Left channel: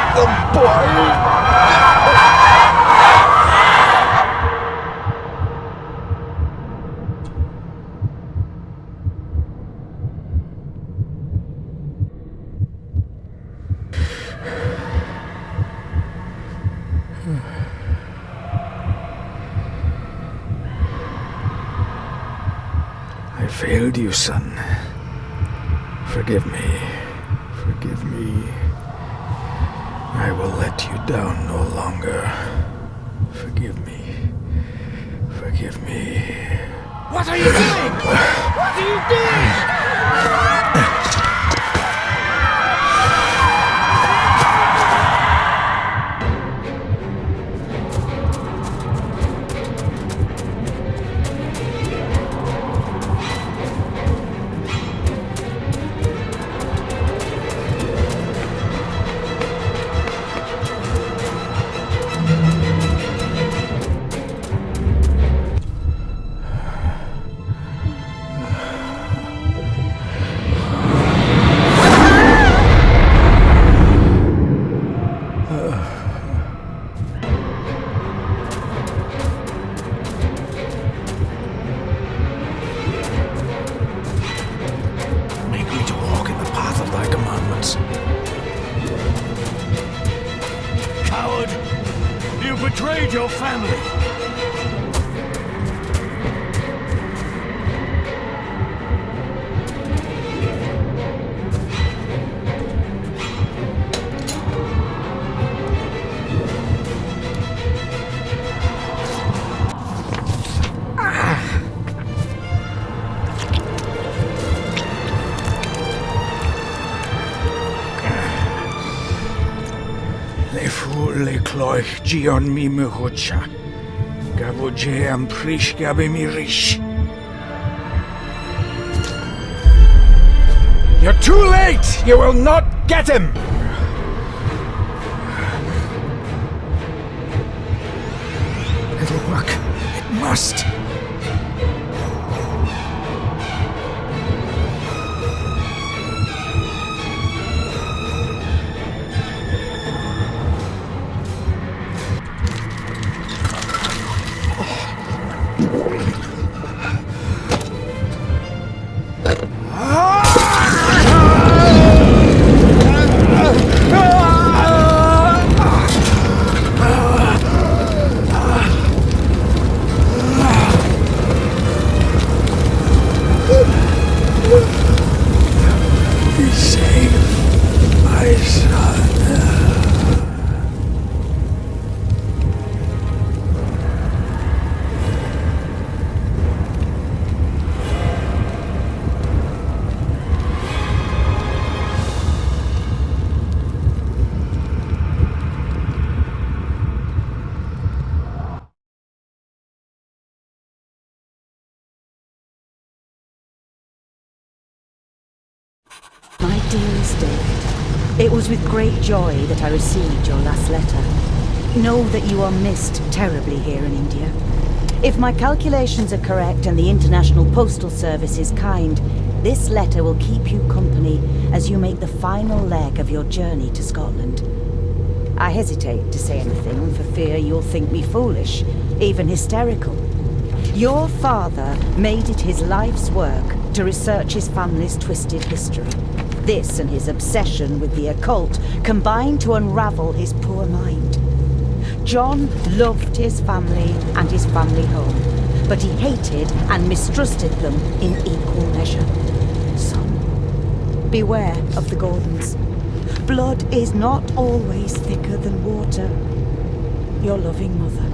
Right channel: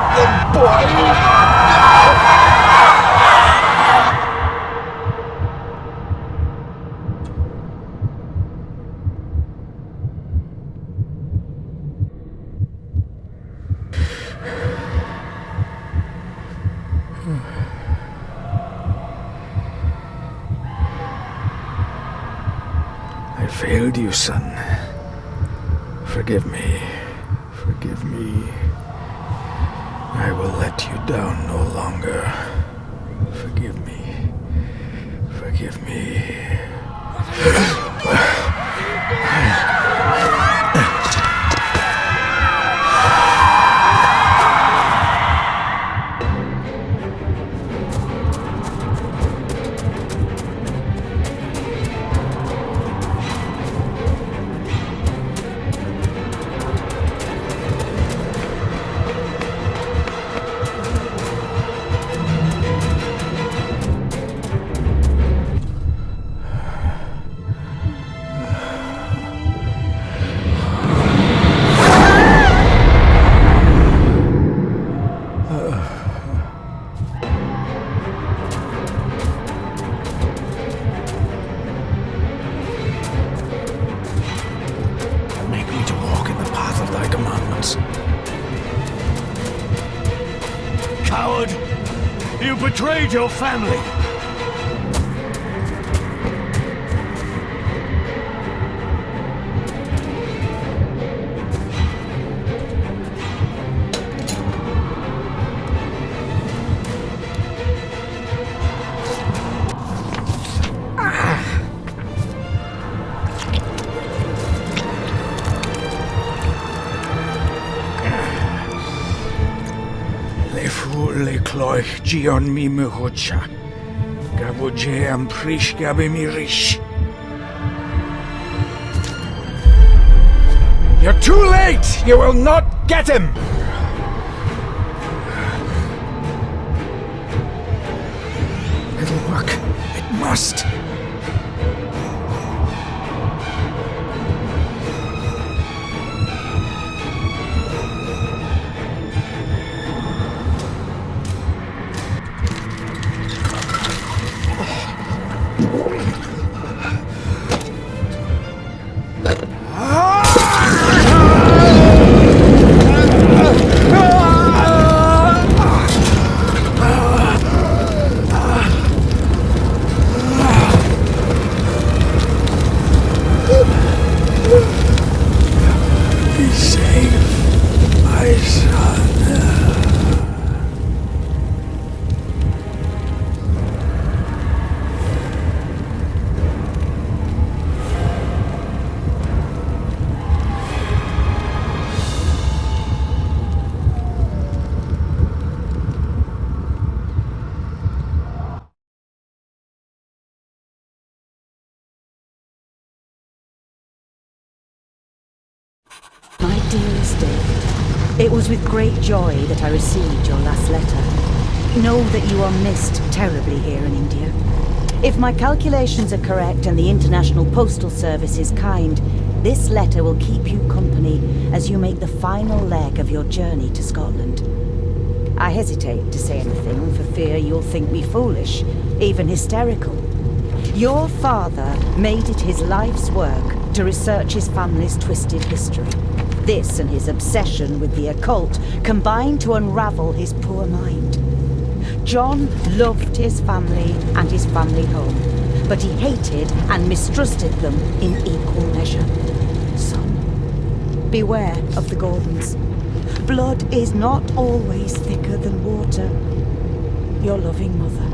Not the boy! I failed you, son. Forgive me. Forgive me. I will let you down no longer. Forgive me. Forgive me. What are you doing? What are you doing? Coward! You betrayed your family! Lekloich Gion mi muhucha. Gabuje am prish gabe mi rish. You're too late! You will not get him! It'll work. It must. My dearest David, it was with great joy that I received your last letter. Know that you are missed terribly here in India. If my calculations are correct and the International Postal Service is kind, this letter will keep you company as you make the final leg of your journey to Scotland. I hesitate to say anything for fear you'll think me foolish, even hysterical. Your father made it his life's work to research his family's twisted history. This and his obsession with the occult combined to unravel his poor mind. John loved his family and his family home, but he hated and mistrusted them in equal measure. Son, beware of the Gordons. Blood is not always thicker than water. Your loving mother.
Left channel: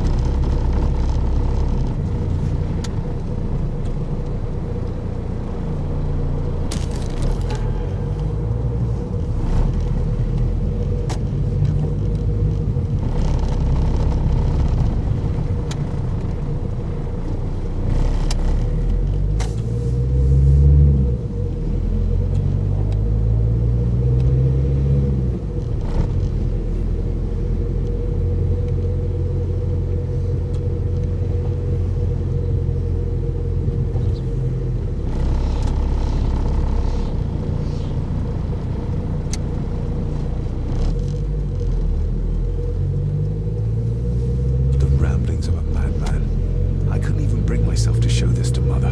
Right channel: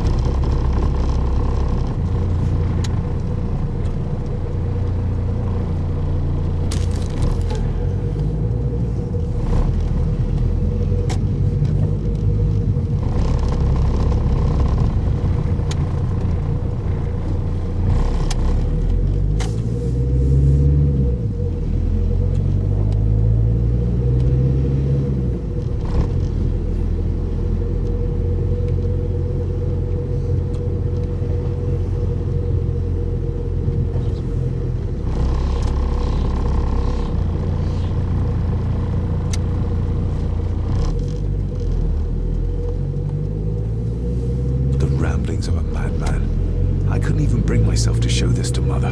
myself to show this to Mother.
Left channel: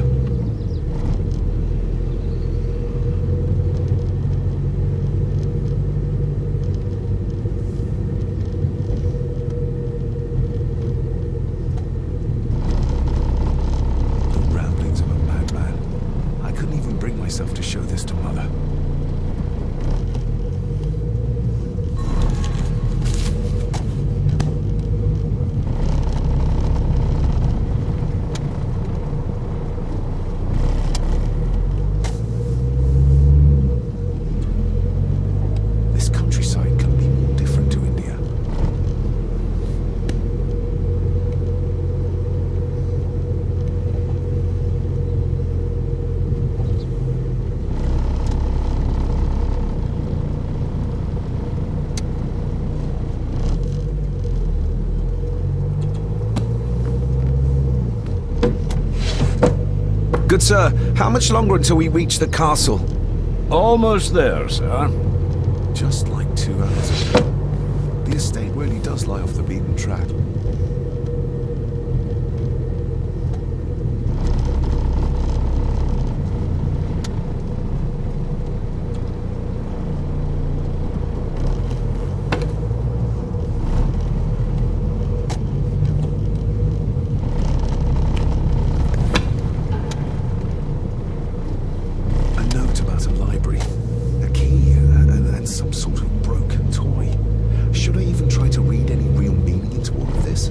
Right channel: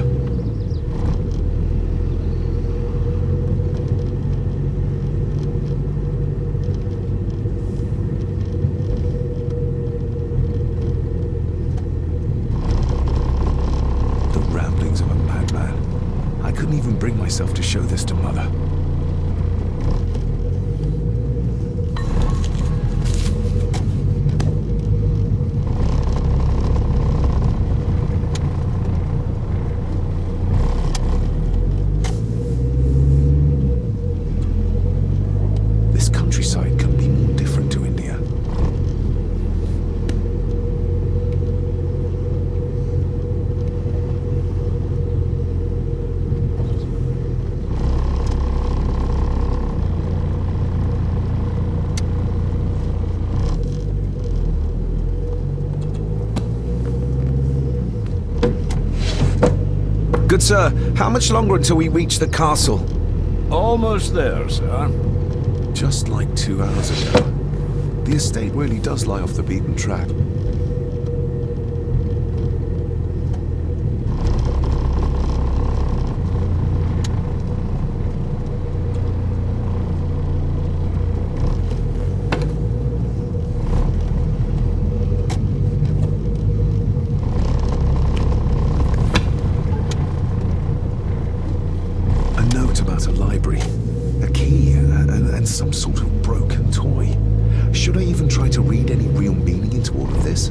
The ramblings of a madman. I couldn't even bring myself to show this to Mother. Good sir, how much longer until we reach the castle? Almost there, sir. Just like 2 hours ago. The estate really does lie off the beaten track. A library, a key, and some sort of broken toy. Should I even try to read any real meaning into all of this?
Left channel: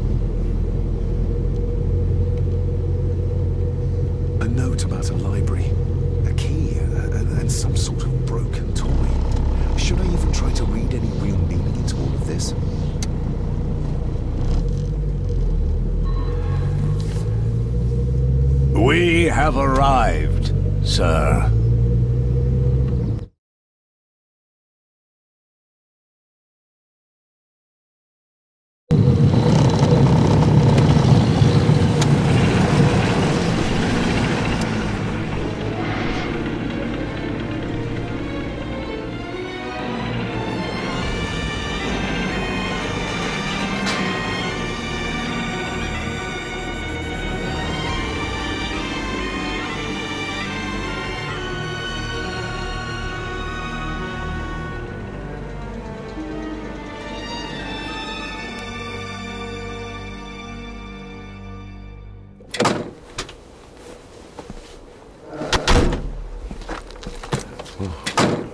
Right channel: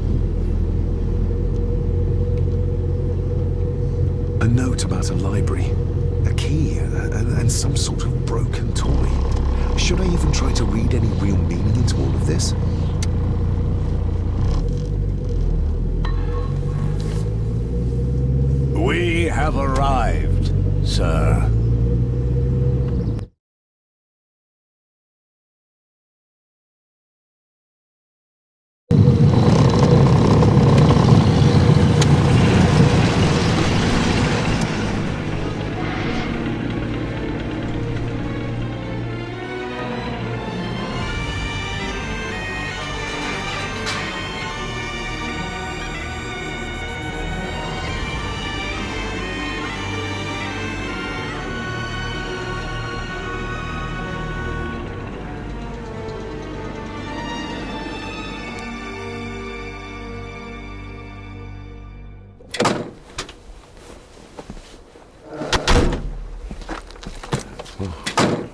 A note about a library, a key, and some sort of broken toy. Should I even try to read any real meaning into all of this? We have arrived, sir.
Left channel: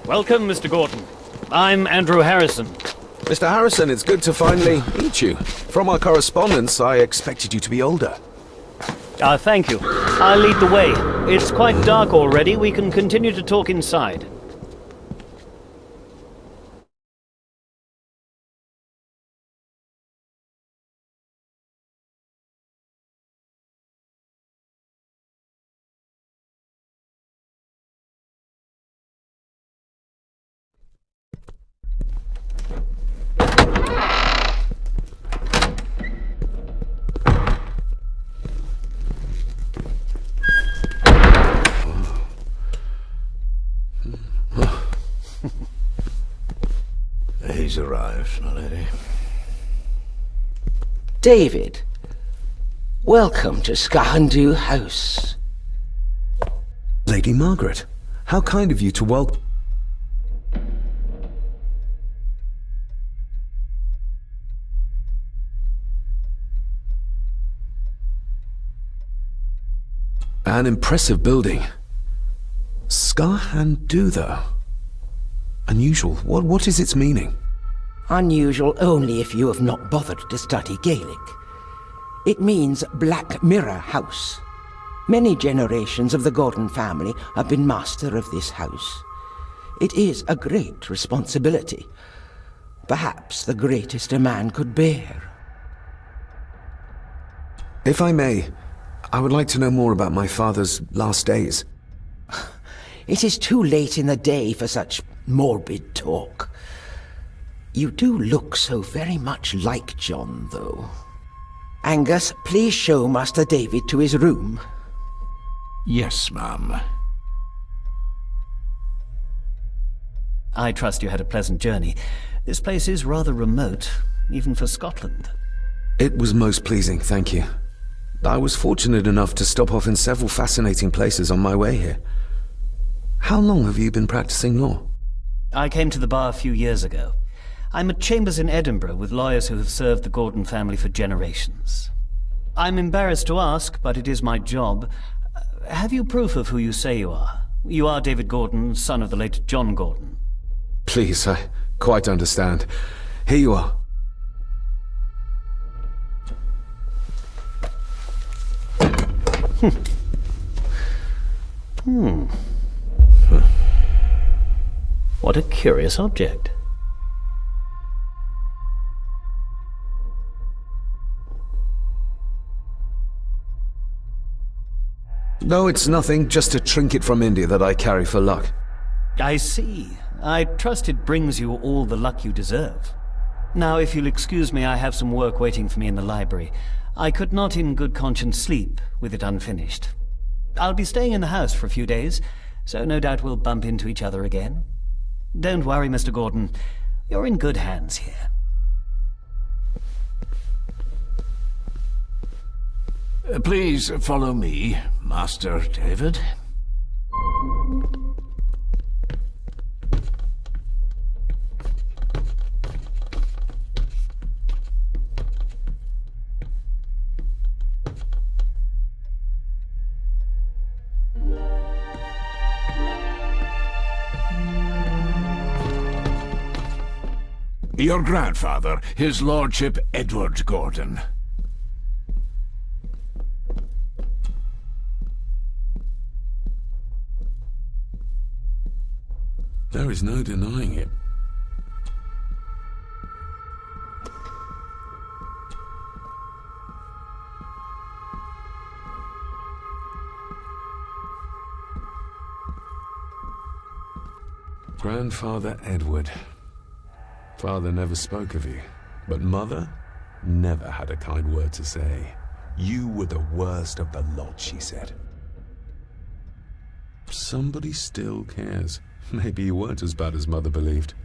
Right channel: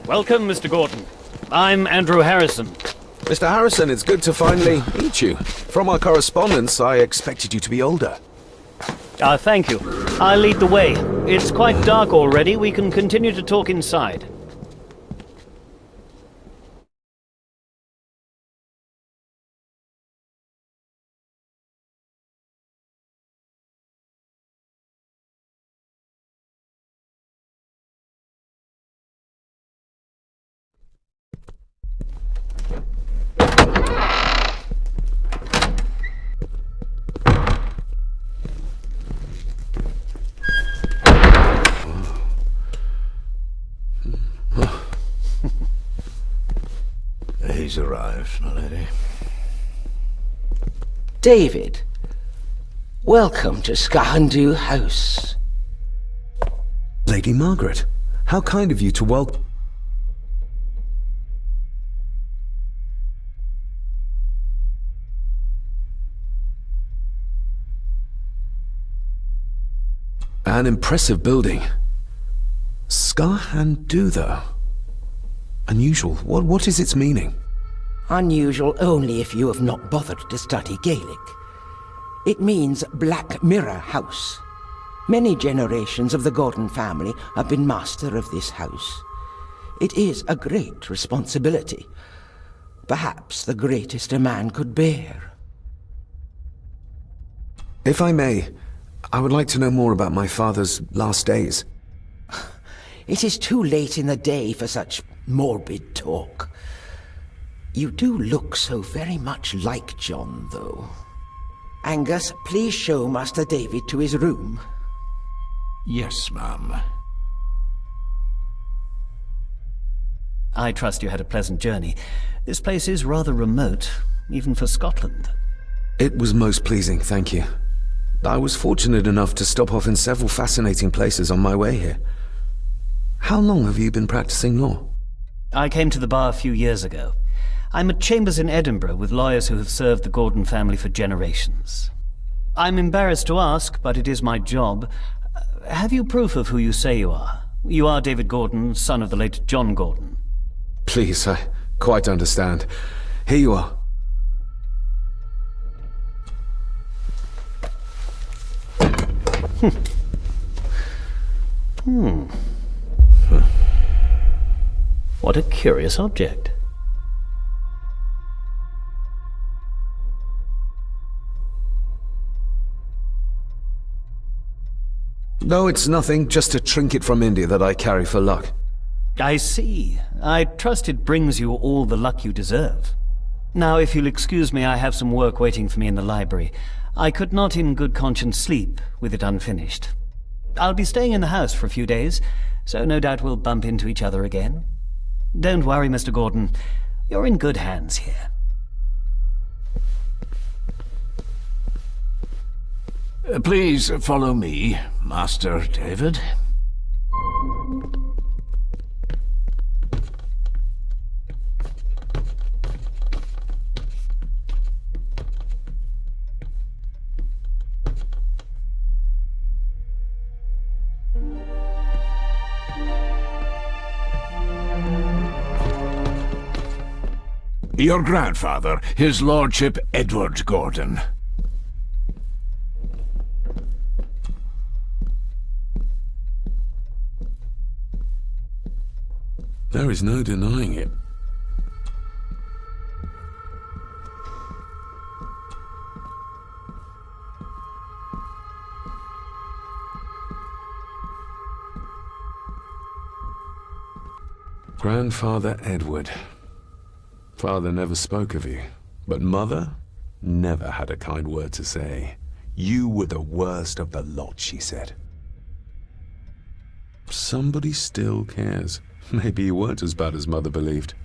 Welcome, Mr. Gordon. I'm Andrew Harrison. Mr. Harrison, it's good to finally meet you. From our correspondence, I expected you to be older. Thank you. I'll lead the way. It's quite dark already. We can continue to talk inside. He's arrived, my lady. David, welcome to Skahandu House. Lady Margaret, how kind of you to welcome... An impressive building. Skahandu, though. Unusual. What is its meaning? Unusual only if you have not bothered to study Gaelic. It means Black Mirror House. Many generations of the Gordon family have been master of this house. It is a great responsibility. Perhaps the greatest a man could bear. If I may, I would like to know more about my father's last days. It is too late in the day for such morbid talk. You do look so very much like John, though. Angus, please show Master David to his room. Yes, ma'am. I trust you had a pleasant journey. This place is rather remote, even for Scotland. It was most pleasing, thank you. I was fortunate enough to stop off in several fascinating places on my way here. How long have you been practicing law? I came to the bar a few years ago. I'm at chambers in Edinburgh with lawyers who have served the Gordon family for generations. I'm embarrassed to ask, but it is my job. Have you proof of who you say you are? You are David Gordon, son of the late John Gordon. Please, I quite understand. Here you are. What a curious object. No, it's nothing, just a trinket from India that I carry for luck. I see. I trust it brings you all the luck you deserve. Now, if you'll excuse me, I have some work waiting for me in the library. I could not in good conscience sleep with it unfinished. I'll be staying in the house for a few days, so no doubt we'll bump into each other again. Don't worry, Mr. Gordon. You're in good hands here. Please follow me, Master David. Your grandfather, His Lordship Edward Gordon. There is no denying it. Grandfather Edward. Father never spoke of you, but Mother never had a kind word to say. You were the worst of the lot, she said. Somebody still cares. Maybe you weren't as bad as Mother believed.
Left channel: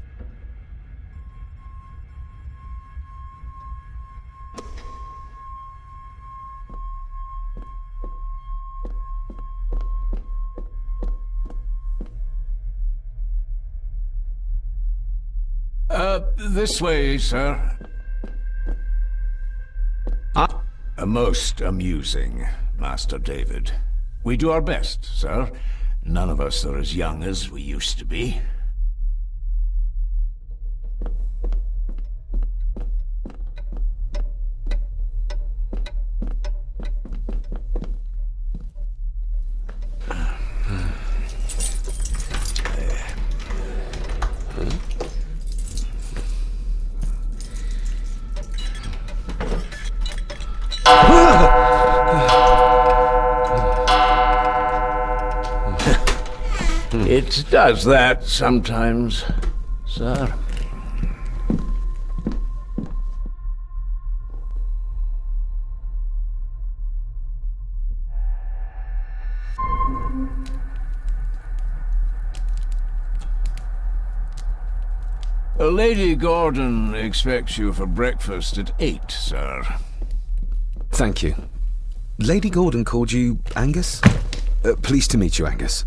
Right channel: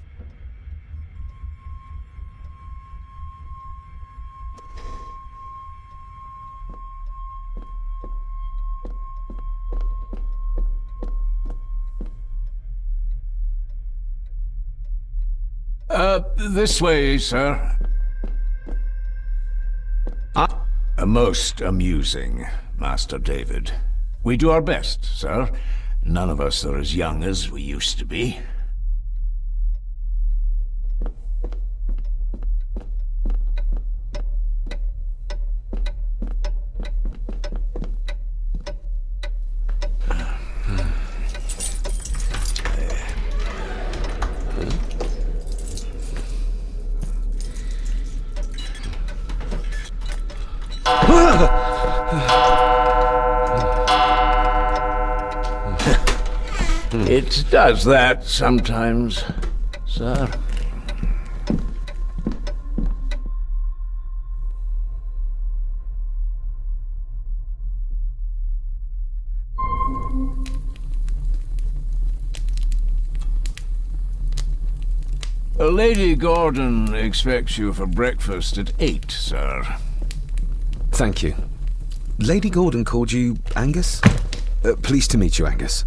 This way, sir. Most amusing, Master David. We do our best, sir. None of us are as young as we used to be. It does that sometimes, sir. Lady Gordon expects you for breakfast at 8, sir. Thank you. Lady Gordon called you Angus? Pleased to meet you, Angus.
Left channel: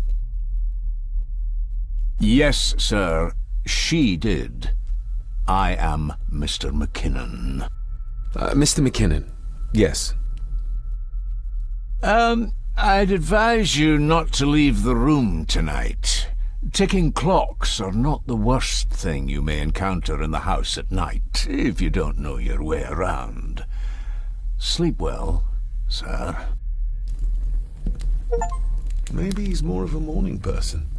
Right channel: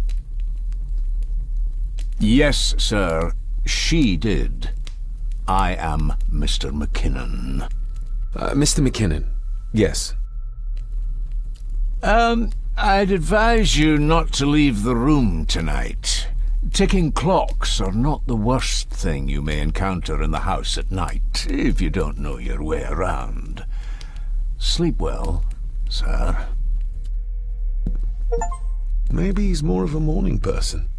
Yes, sir. She did. I am Mr. McKinnon. Mr. McKinnon. Yes. I'd advise you not to leave the room tonight. Ticking clocks are not the worst thing you may encounter in the house at night, if you don't know your way around. Sleep well, sir. Maybe he's more of a morning person.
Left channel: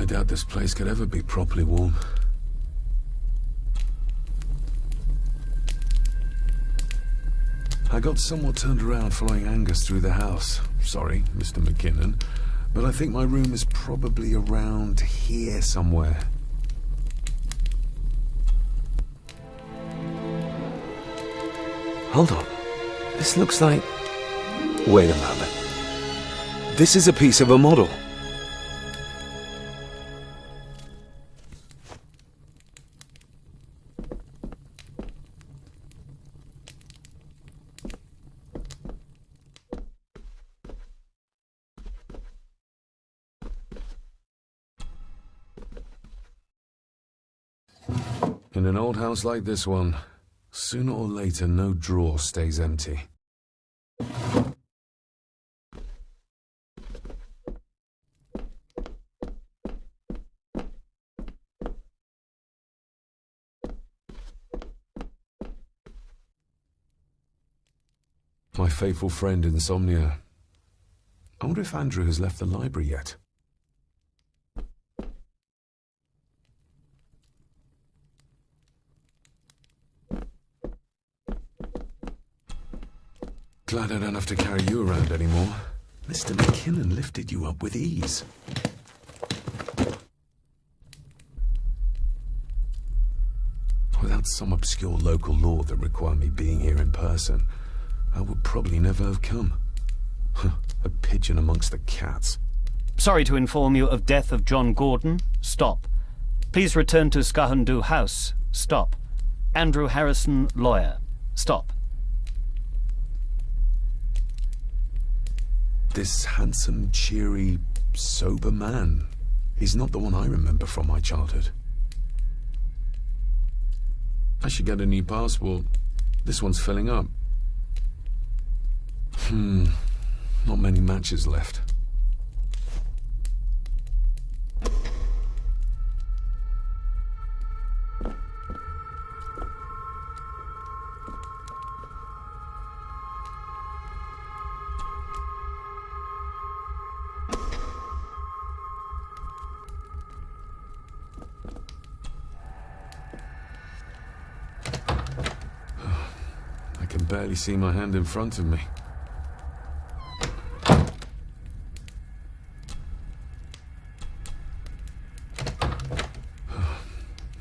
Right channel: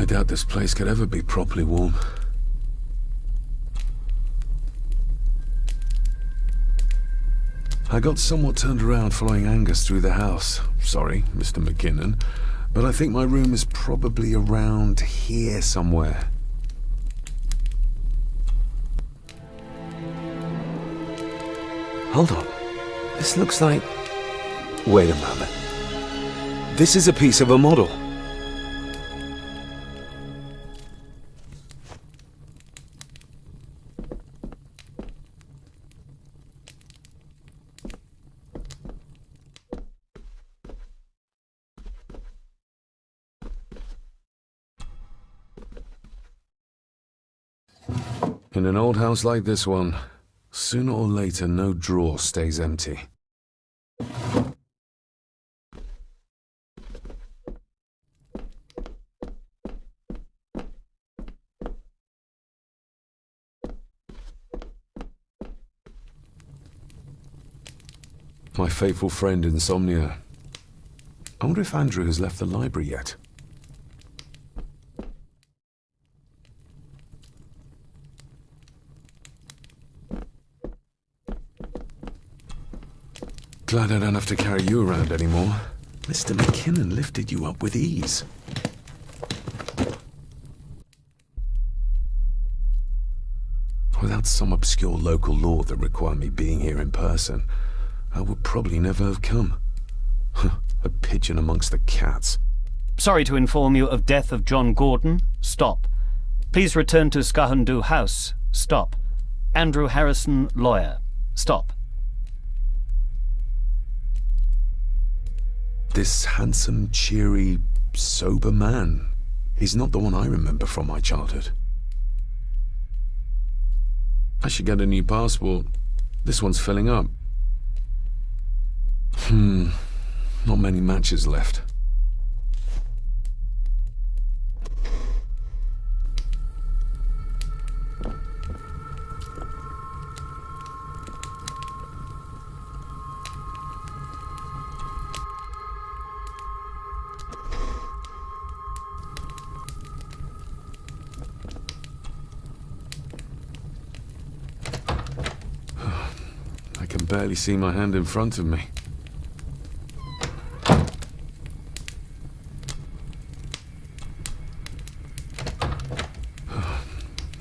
I doubt this place could ever be properly warm. I got somewhat turned around following Angus through the house. Sorry, Mr. McKinnon, but I think my room is probably around here somewhere. Hold on. This looks like... Wait a moment. This is a piece of a model. In an old house like this one, sooner or later no drawer stays empty. My faithful friend Insomnia. I wonder if Andrew has left the library yet. Glad I don't have to carry you around anymore. Mr. McKinnon lifted you up with ease. Without some obscure local law that required me being here in person, I would probably never have come. A pigeon amongst the cats. Sorry to inform you of death of John Gordon. Stop. Please return to Skahundu House. Stop. Andrew Harrison, lawyer. Stop. This handsome, cheery, sober man. He's not the one I remember from my childhood. I should get a new passport. This one's filling up. Not many matches left. I can barely see my hand in front of me.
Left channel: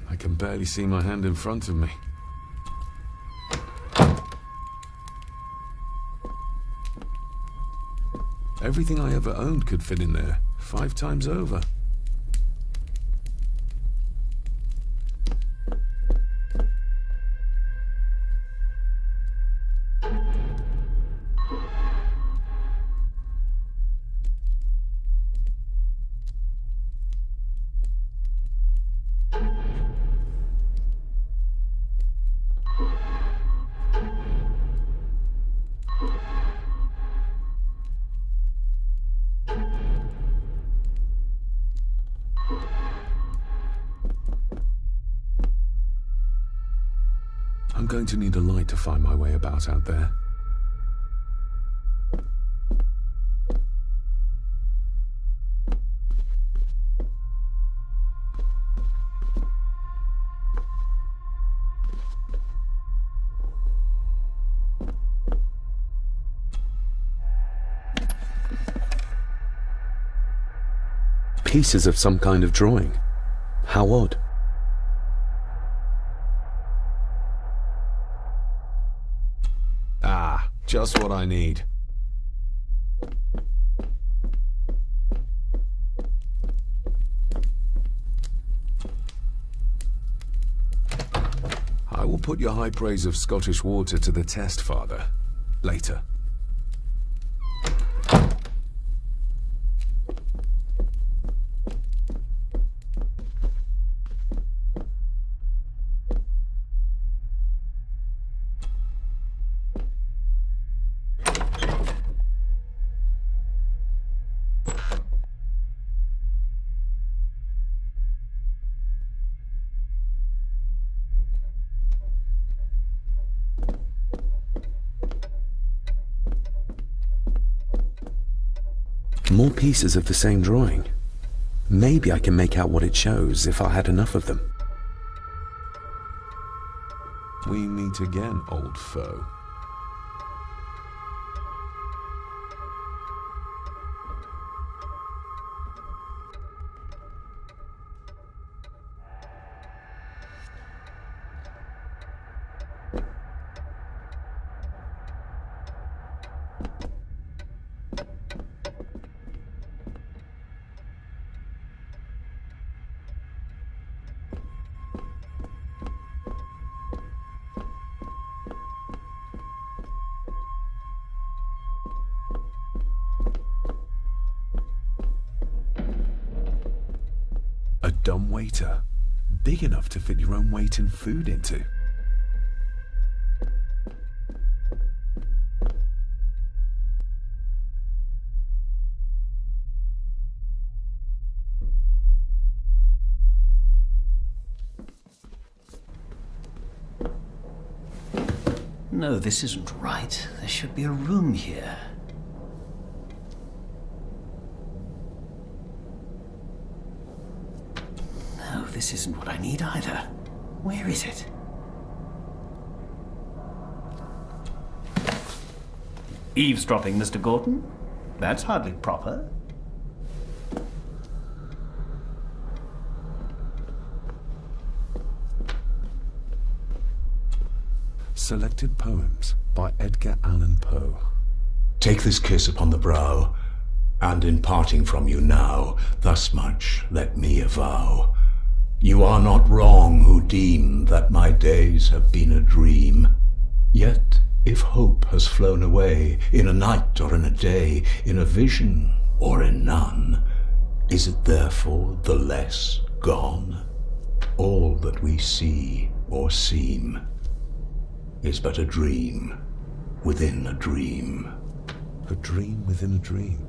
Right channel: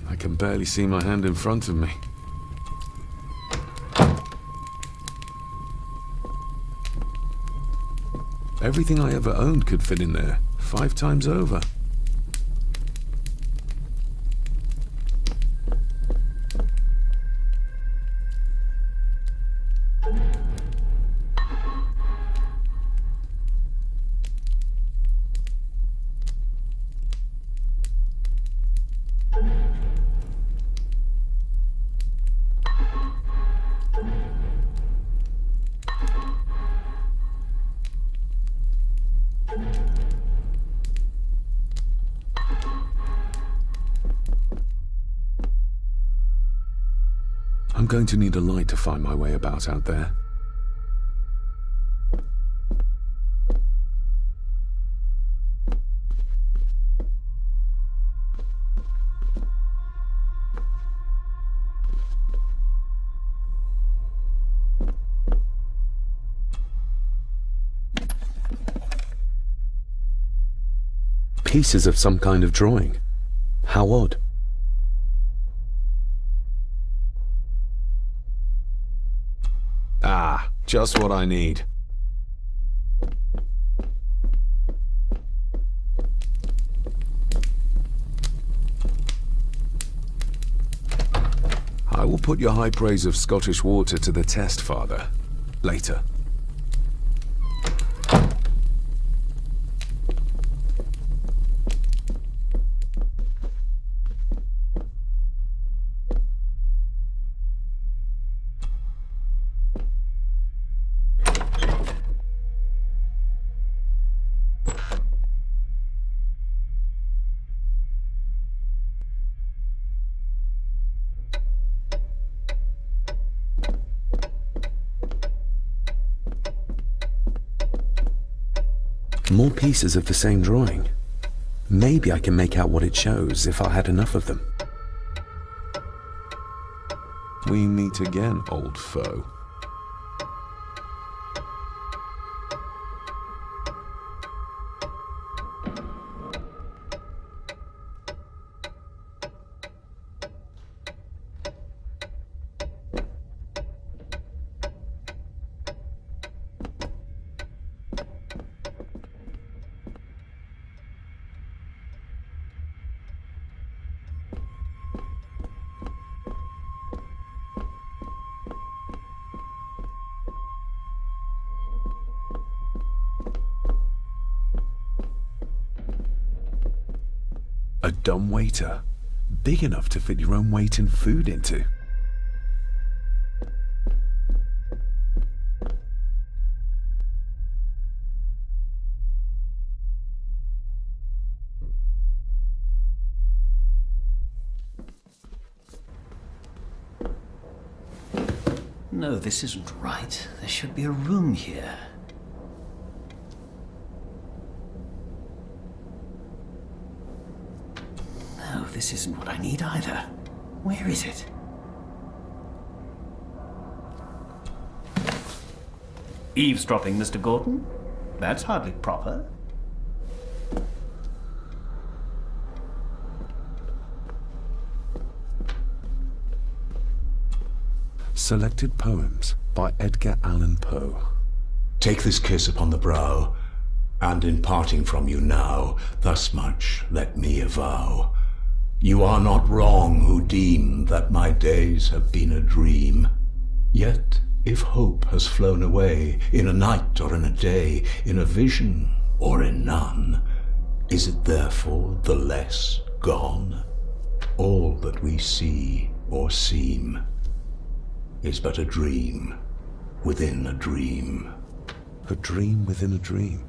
I can barely see my hand in front of me. Everything I ever owned could fit in there, 5 times over. I'm going to need a light to find my way about out there. Pieces of some kind of drawing. How odd. Ah, just what I need. I will put your high praise of Scottish water to the test, Father. Later. More pieces of the same drawing. Maybe I can make out what it shows if I had enough of them. We meet again, old foe. A dumb waiter, big enough to fit your own weight in food into. No, this isn't right. There should be a room here. No, this isn't what I need either. Where is it? Eavesdropping, Mr. Gordon? That's hardly proper. Selected Poems by Edgar Allan Poe. Take this kiss upon the brow, and in parting from you now, thus much let me avow. You are not wrong who deem that my days have been a dream. Yet, if hope has flown away, in a night or in a day, in a vision or in none, is it therefore the less gone? All that we see or seem is but a dream within a dream. A dream within a dream.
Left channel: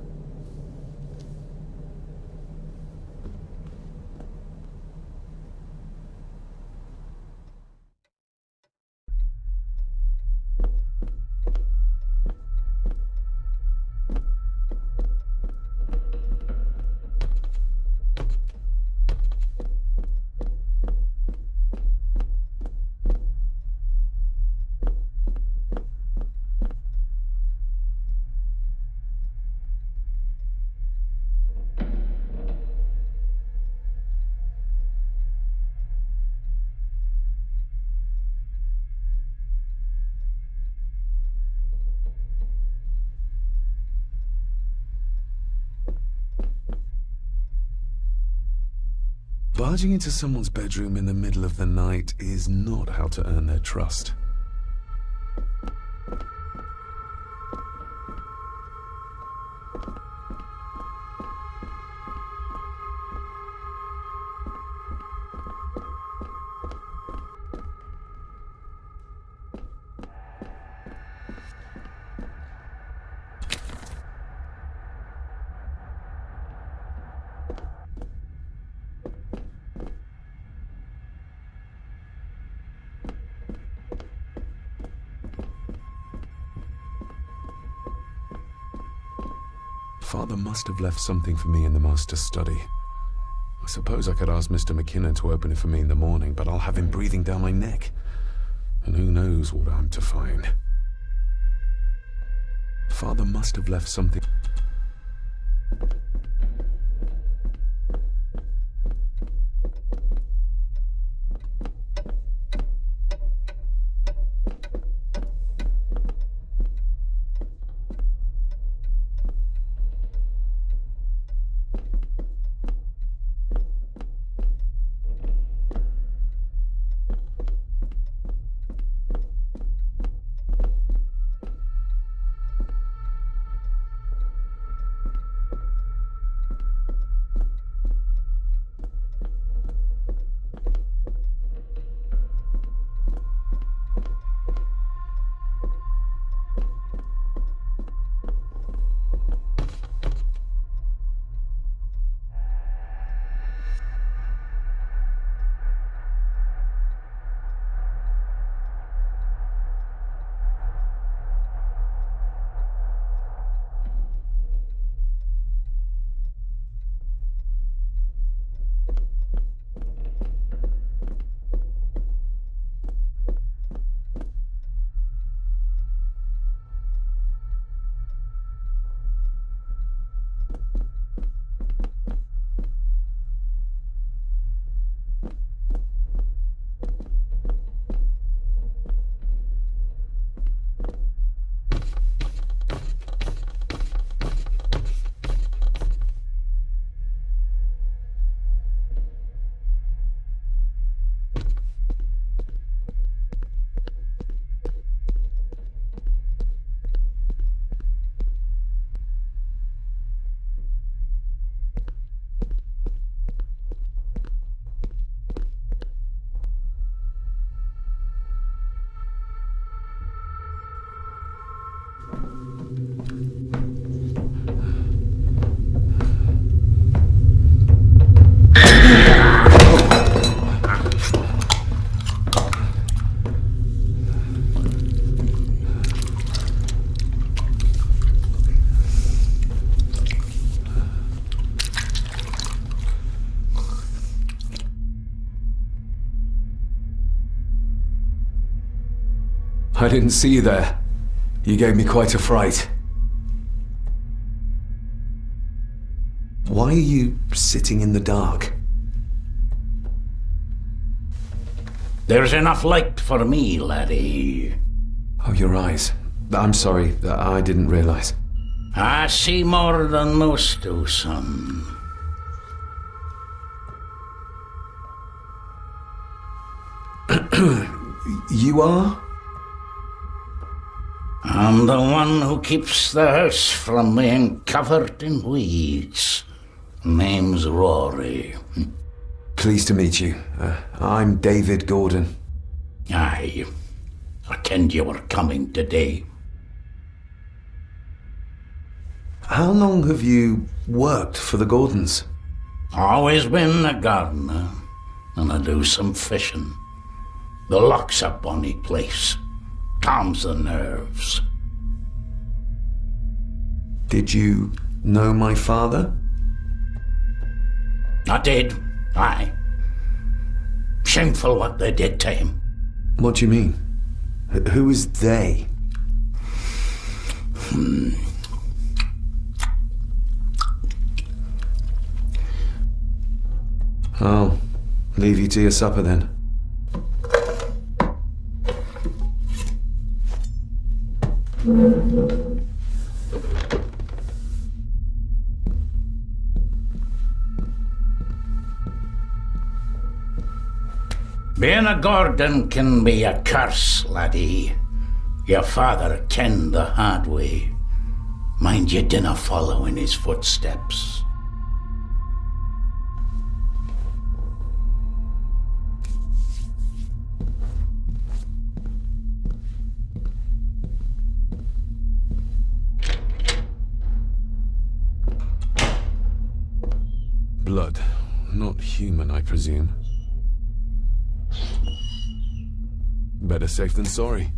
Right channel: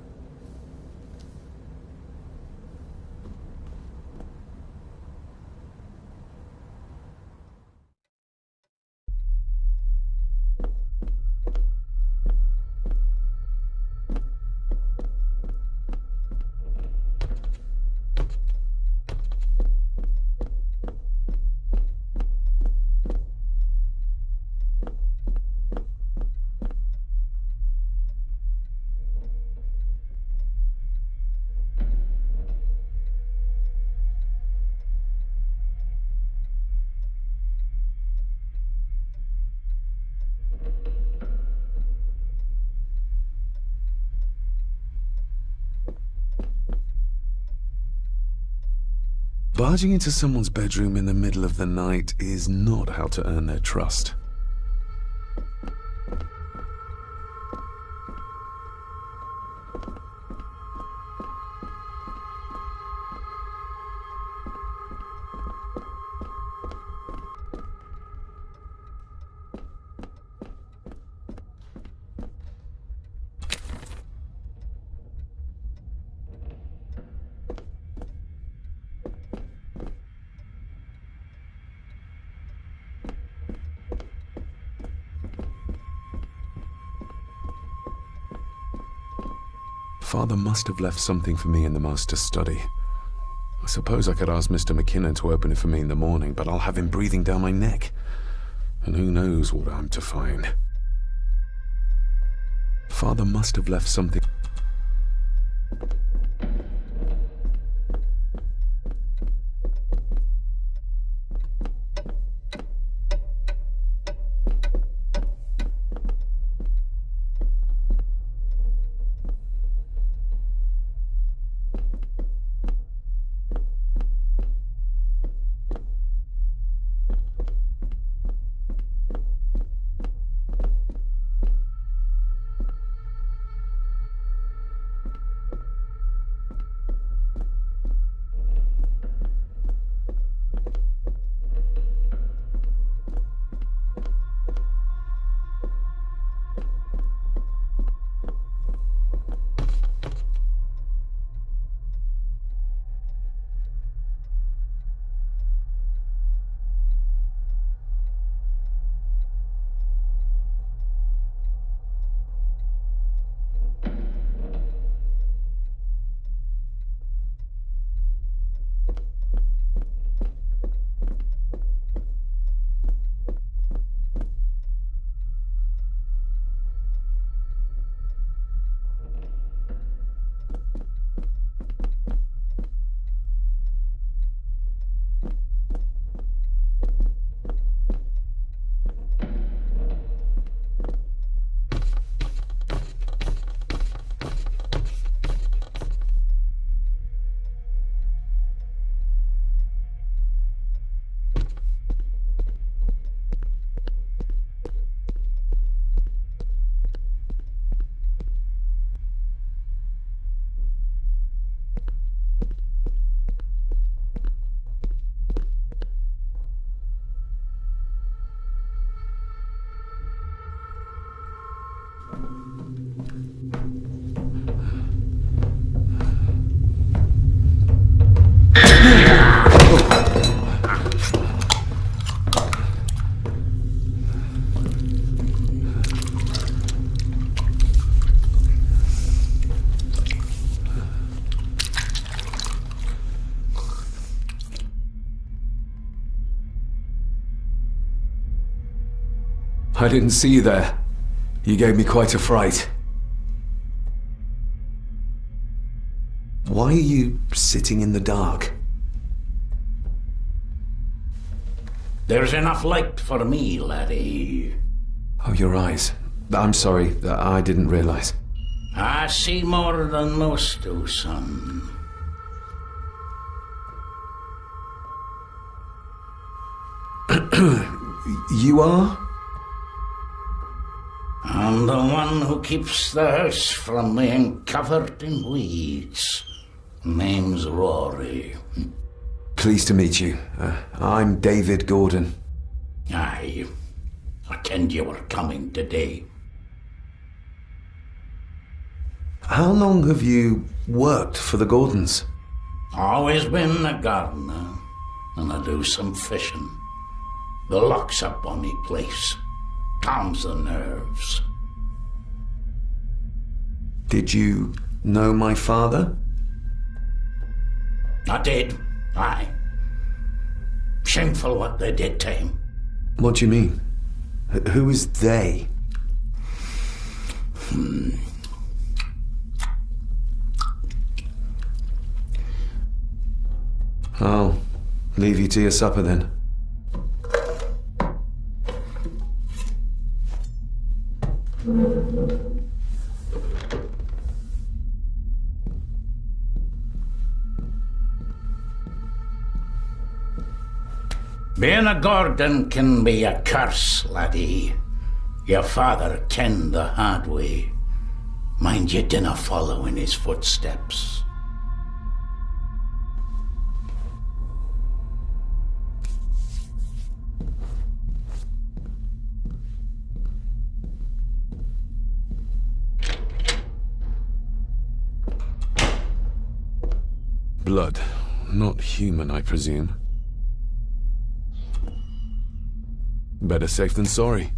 Barging into someone's bedroom in the middle of the night is not how to earn their trust. Father must have left something for me in the master's study. I suppose I could ask Mr. McKinnon to open it for me in the morning, but I'll have him breathing down my neck. And who knows what I'm to find. Father must have left something. I didn't see you there. You gave me quite a fright. Why are you sitting in the dark? There's enough light for me, laddie. Oh, your eyes. I'm sorry, I didn't realize. I see more than most do, son. You are? I'm the one who keeps the house from being covered in weeds. Name's Rory. Pleased to meet you. I'm David Gordon. Aye. I kenned you were coming today. How long have you worked for the Gordons? Always been a gardener, and I do some fishing. The loch's a bonny place. Calms the nerves. Did you know my father? I did, aye. Shameful what they did to him. What do you mean? Who is they? I'll leave you to your supper then. Being a Gordon can be a curse, laddie. Your father kenned the hard way. Mind you dinna follow in his footsteps. Blood. Not human, I presume. Better safe than sorry.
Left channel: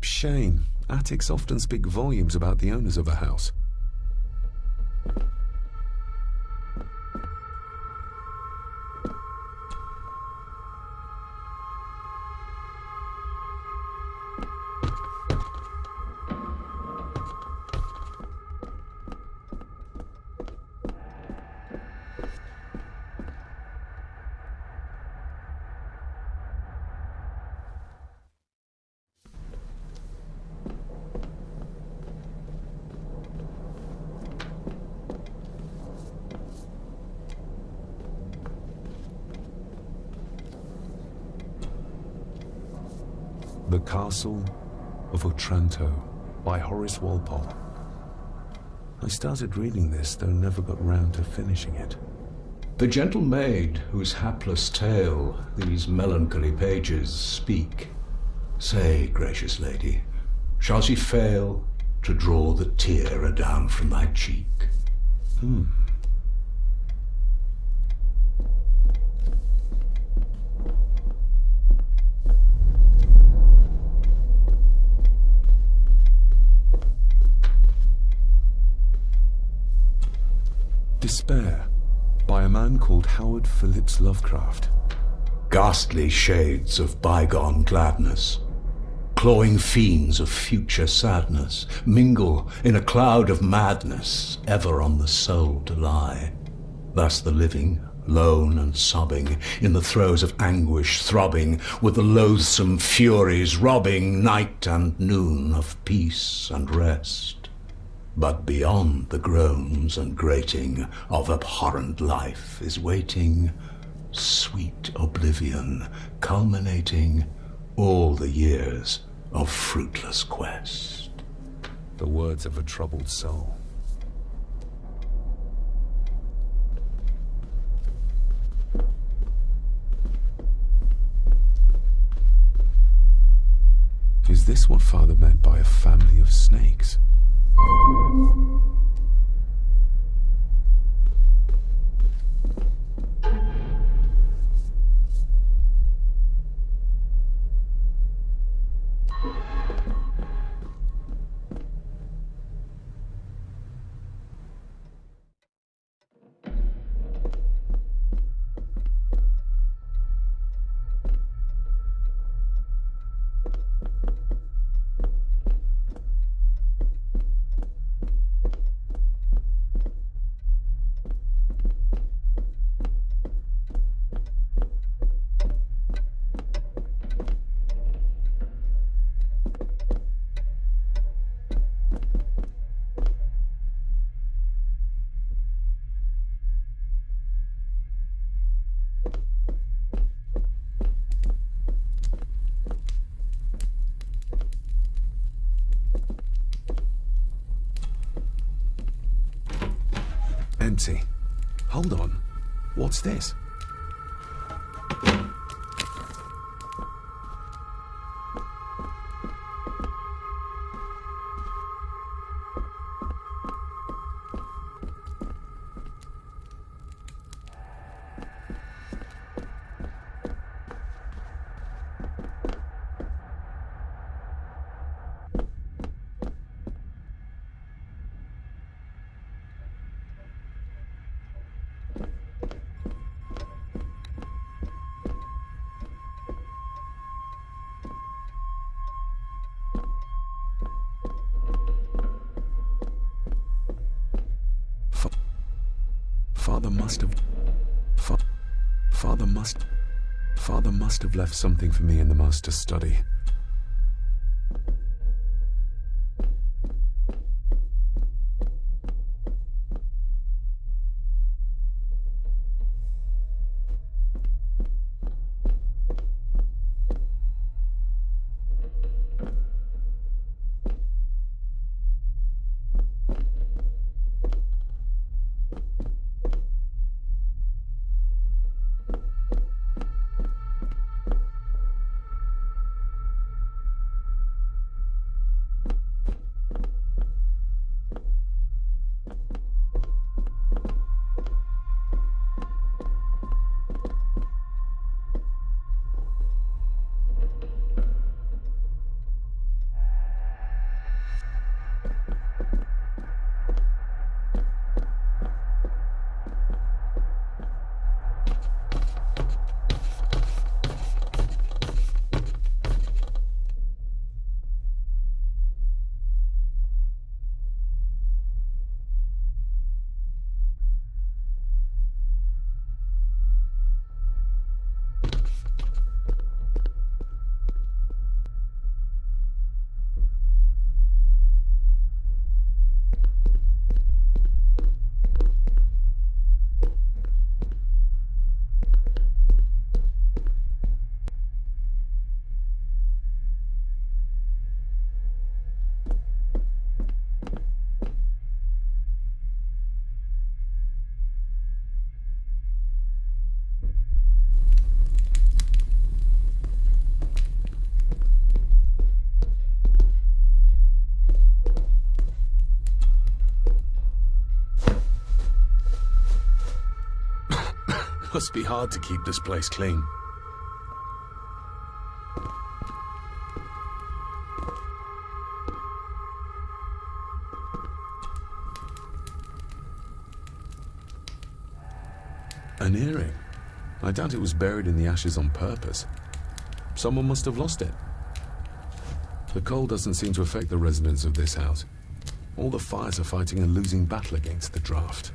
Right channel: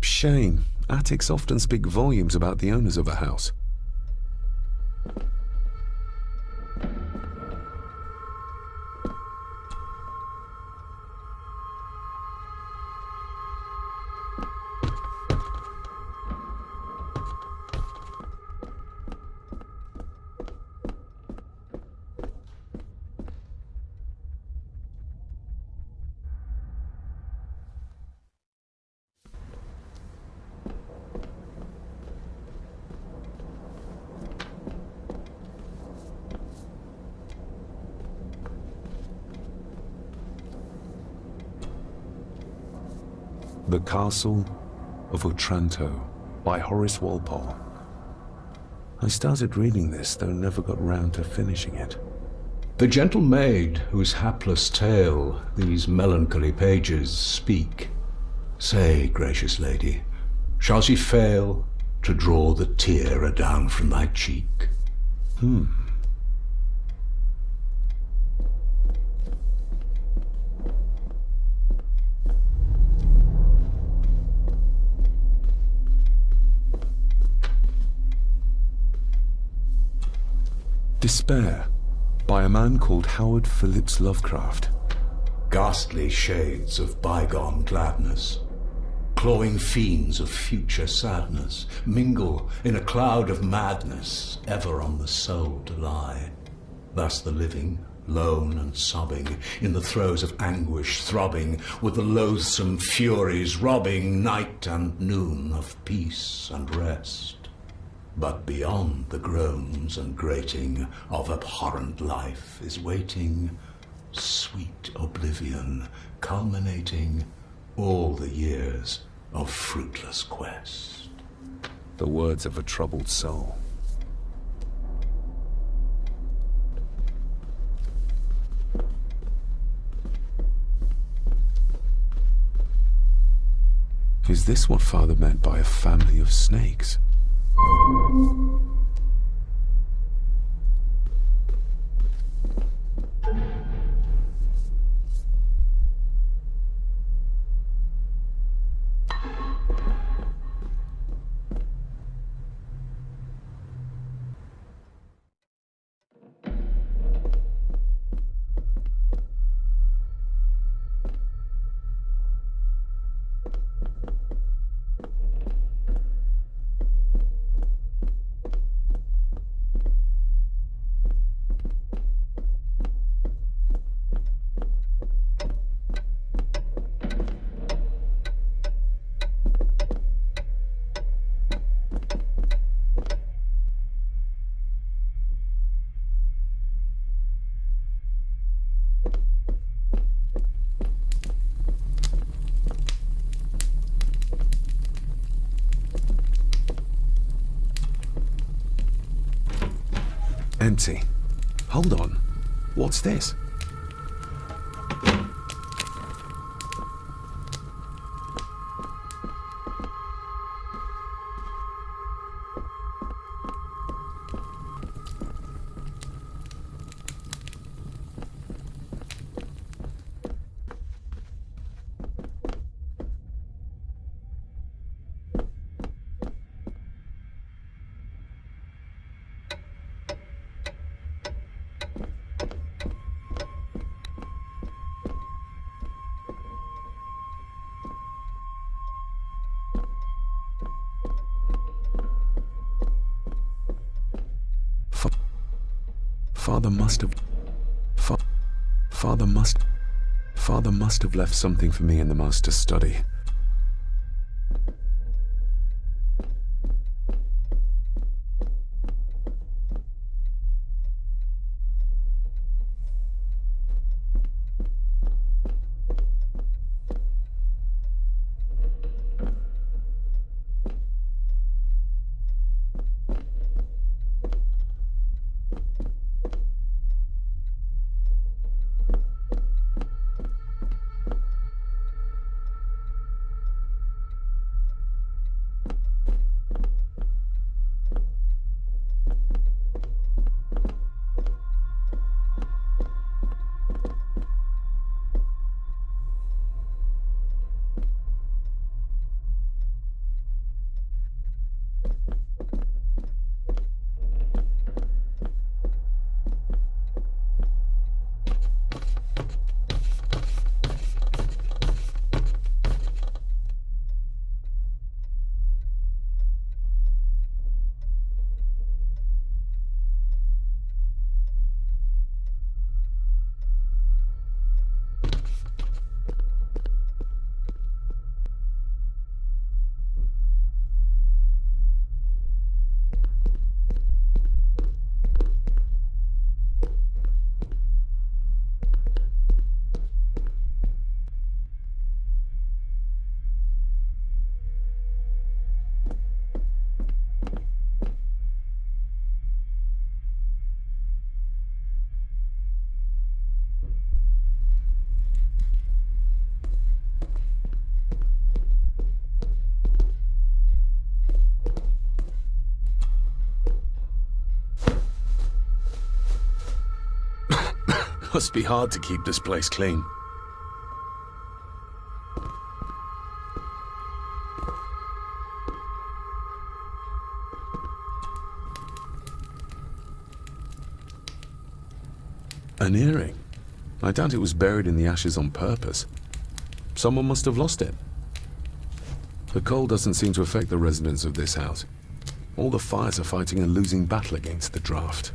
Shame. Attics often speak volumes about the owners of a house. The Castle of Otranto by Horace Walpole. I started reading this, though never got round to finishing it. The gentle maid whose hapless tale these melancholy pages speak. Say, gracious lady, shall she fail to draw the tear adown from thy cheek? Despair, by a man called Howard Phillips Lovecraft. Ghastly shades of bygone gladness, clawing fiends of future sadness, mingle in a cloud of madness, ever on the soul to lie. Thus the living lone and sobbing, in the throes of anguish throbbing, with the loathsome furies robbing night and noon of peace and rest. But beyond the groans and grating of abhorrent life is waiting sweet oblivion, culminating all the years of fruitless quest. The words of a troubled soul. Is this what Father meant by a family of snakes? Empty. Hold on. What's this? Father must have left something for me in the master's study. Must be hard to keep this place clean. An earring. I doubt it was buried in the ashes on purpose. Someone must have lost it. The cold doesn't seem to affect the residents of this house. All the fires are fighting a losing battle against the draft.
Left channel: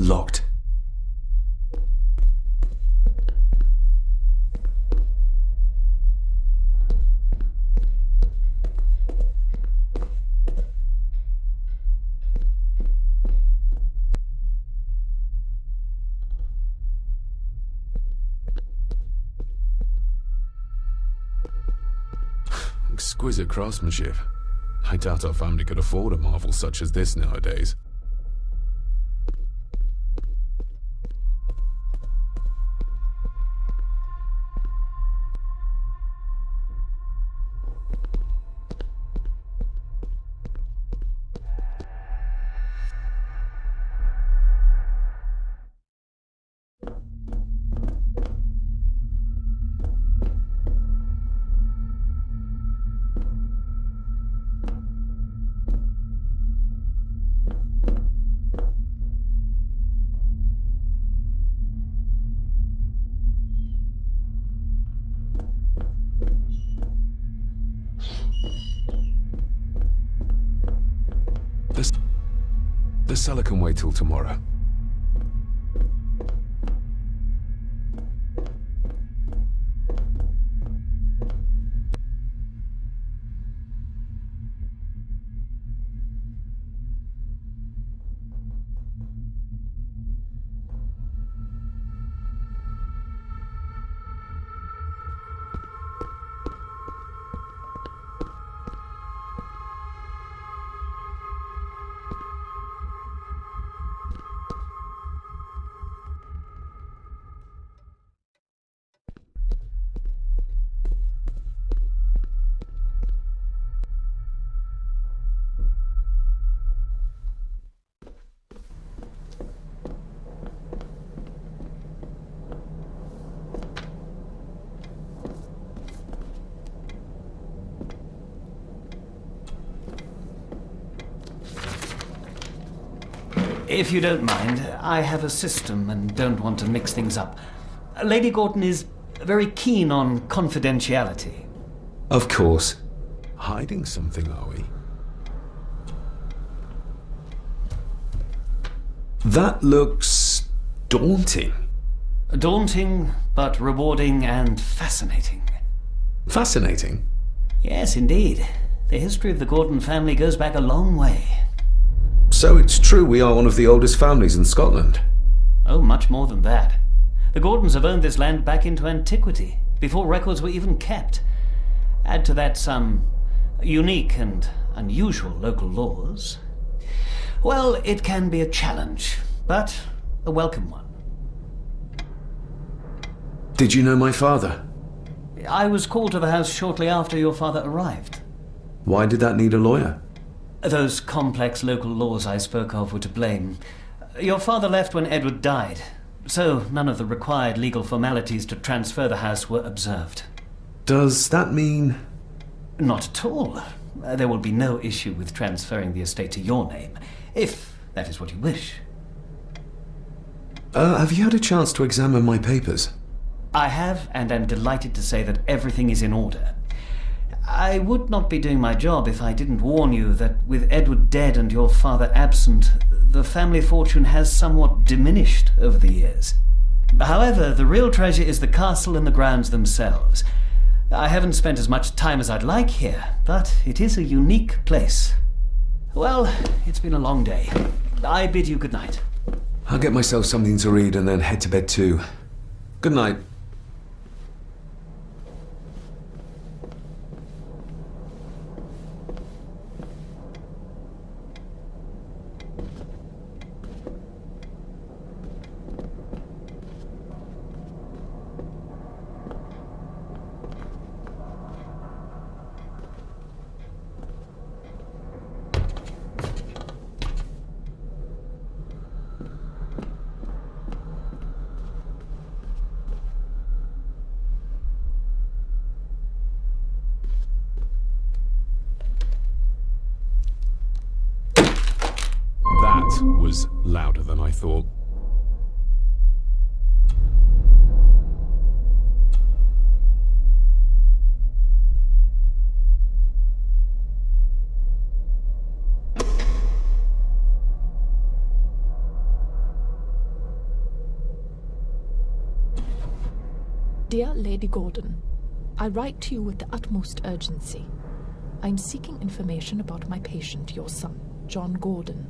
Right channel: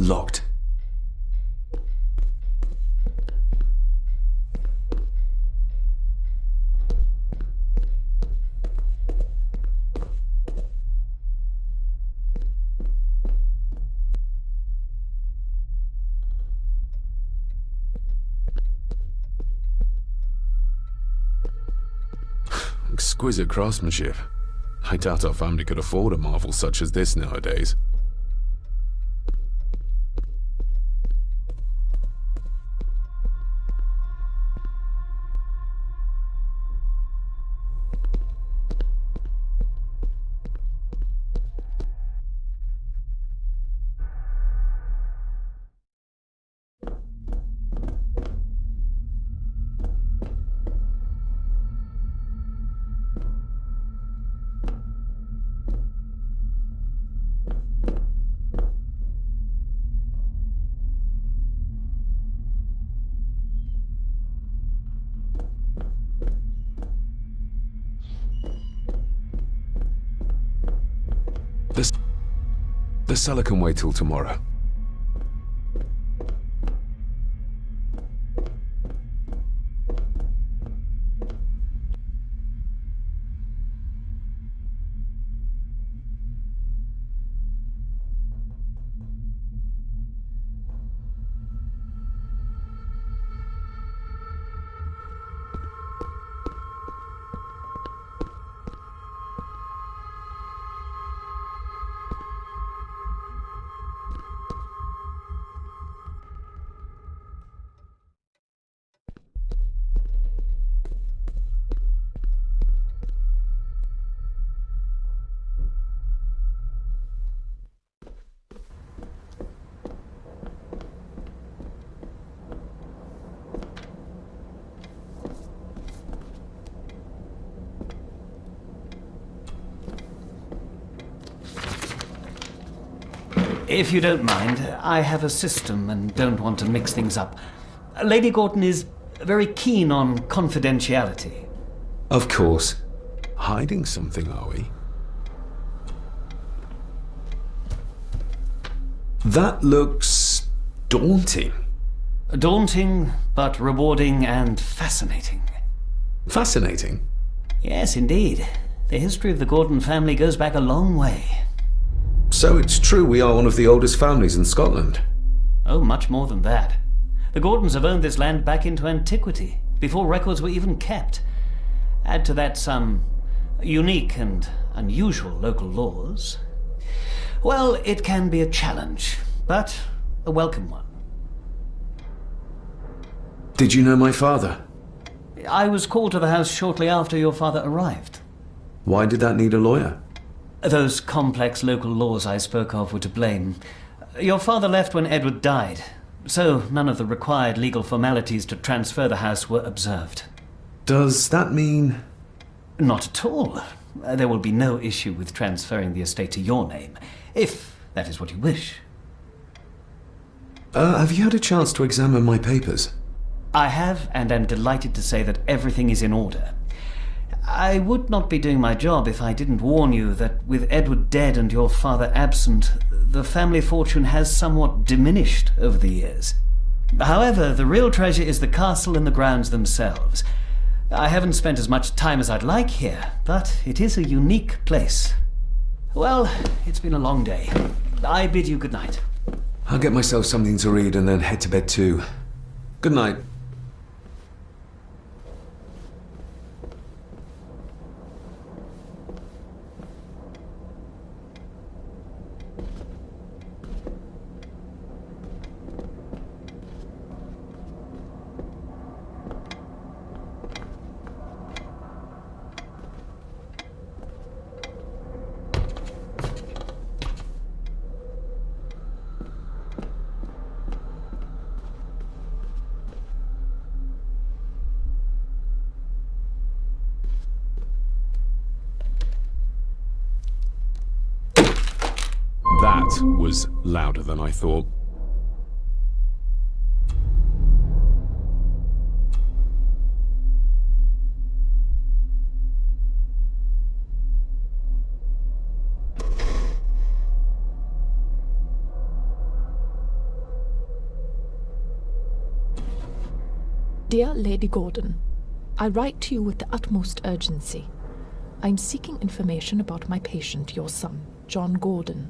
Locked. Exquisite craftsmanship. I doubt our family could afford a marvel such as this nowadays. The cellar can wait till tomorrow. If you don't mind, I have a system and don't want to mix things up. Lady Gordon is very keen on confidentiality. Of course. Hiding something, are we? That looks daunting. Daunting, but rewarding and fascinating. Fascinating? Yes, indeed. The history of the Gordon family goes back a long way. So it's true we are one of the oldest families in Scotland? Oh, much more than that. The Gordons have owned this land back into antiquity, before records were even kept. Add to that some unique and unusual local laws. Well, it can be a challenge, but a welcome one. Did you know my father? I was called to the house shortly after your father arrived. Why did that need a lawyer? Those complex local laws I spoke of were to blame. Your father left when Edward died, so none of the required legal formalities to transfer the house were observed. Does that mean... Not at all. There will be no issue with transferring the estate to your name, if that is what you wish. Have you had a chance to examine my papers? I have, and am delighted to say that everything is in order. I would not be doing my job if I didn't warn you that with Edward dead and your father absent, the family fortune has somewhat diminished over the years. However, the real treasure is the castle and the grounds themselves. I haven't spent as much time as I'd like here, but it is a unique place. Well, it's been a long day. I bid you good night. I'll get myself something to read and then head to bed too. Good night. That was louder than I thought. Dear Lady Gordon, I write to you with the utmost urgency. I am seeking information about my patient, your son, John Gordon.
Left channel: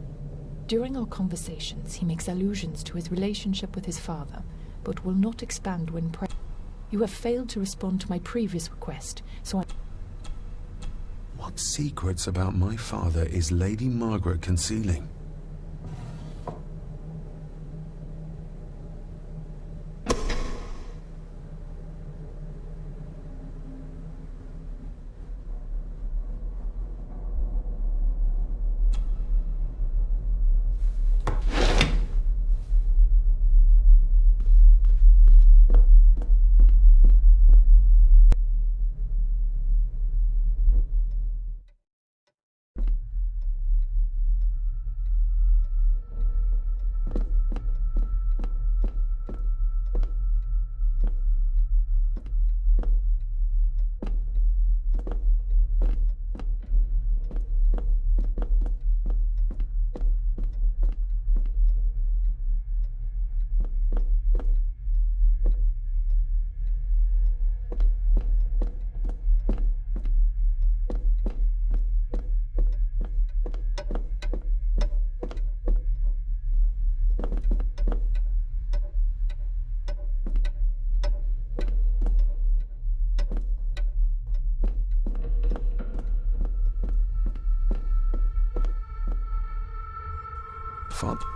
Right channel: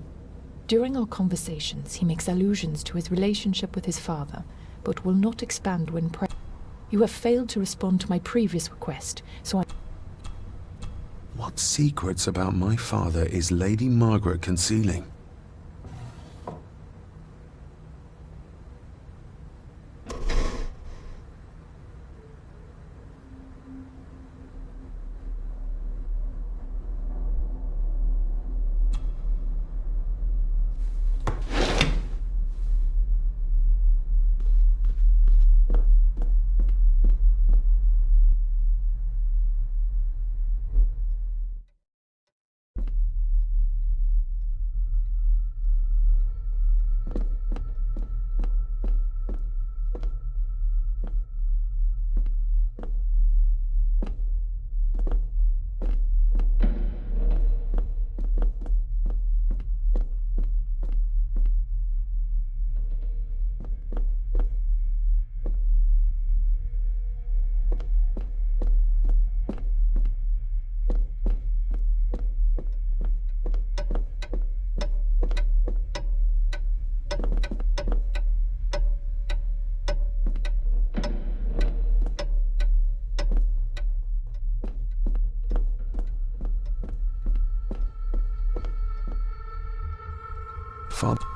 During our conversations, he makes allusions to his relationship with his father, but will not expand when present. You have failed to respond to my previous request, so I... What secrets about my father is Lady Margaret concealing? Father...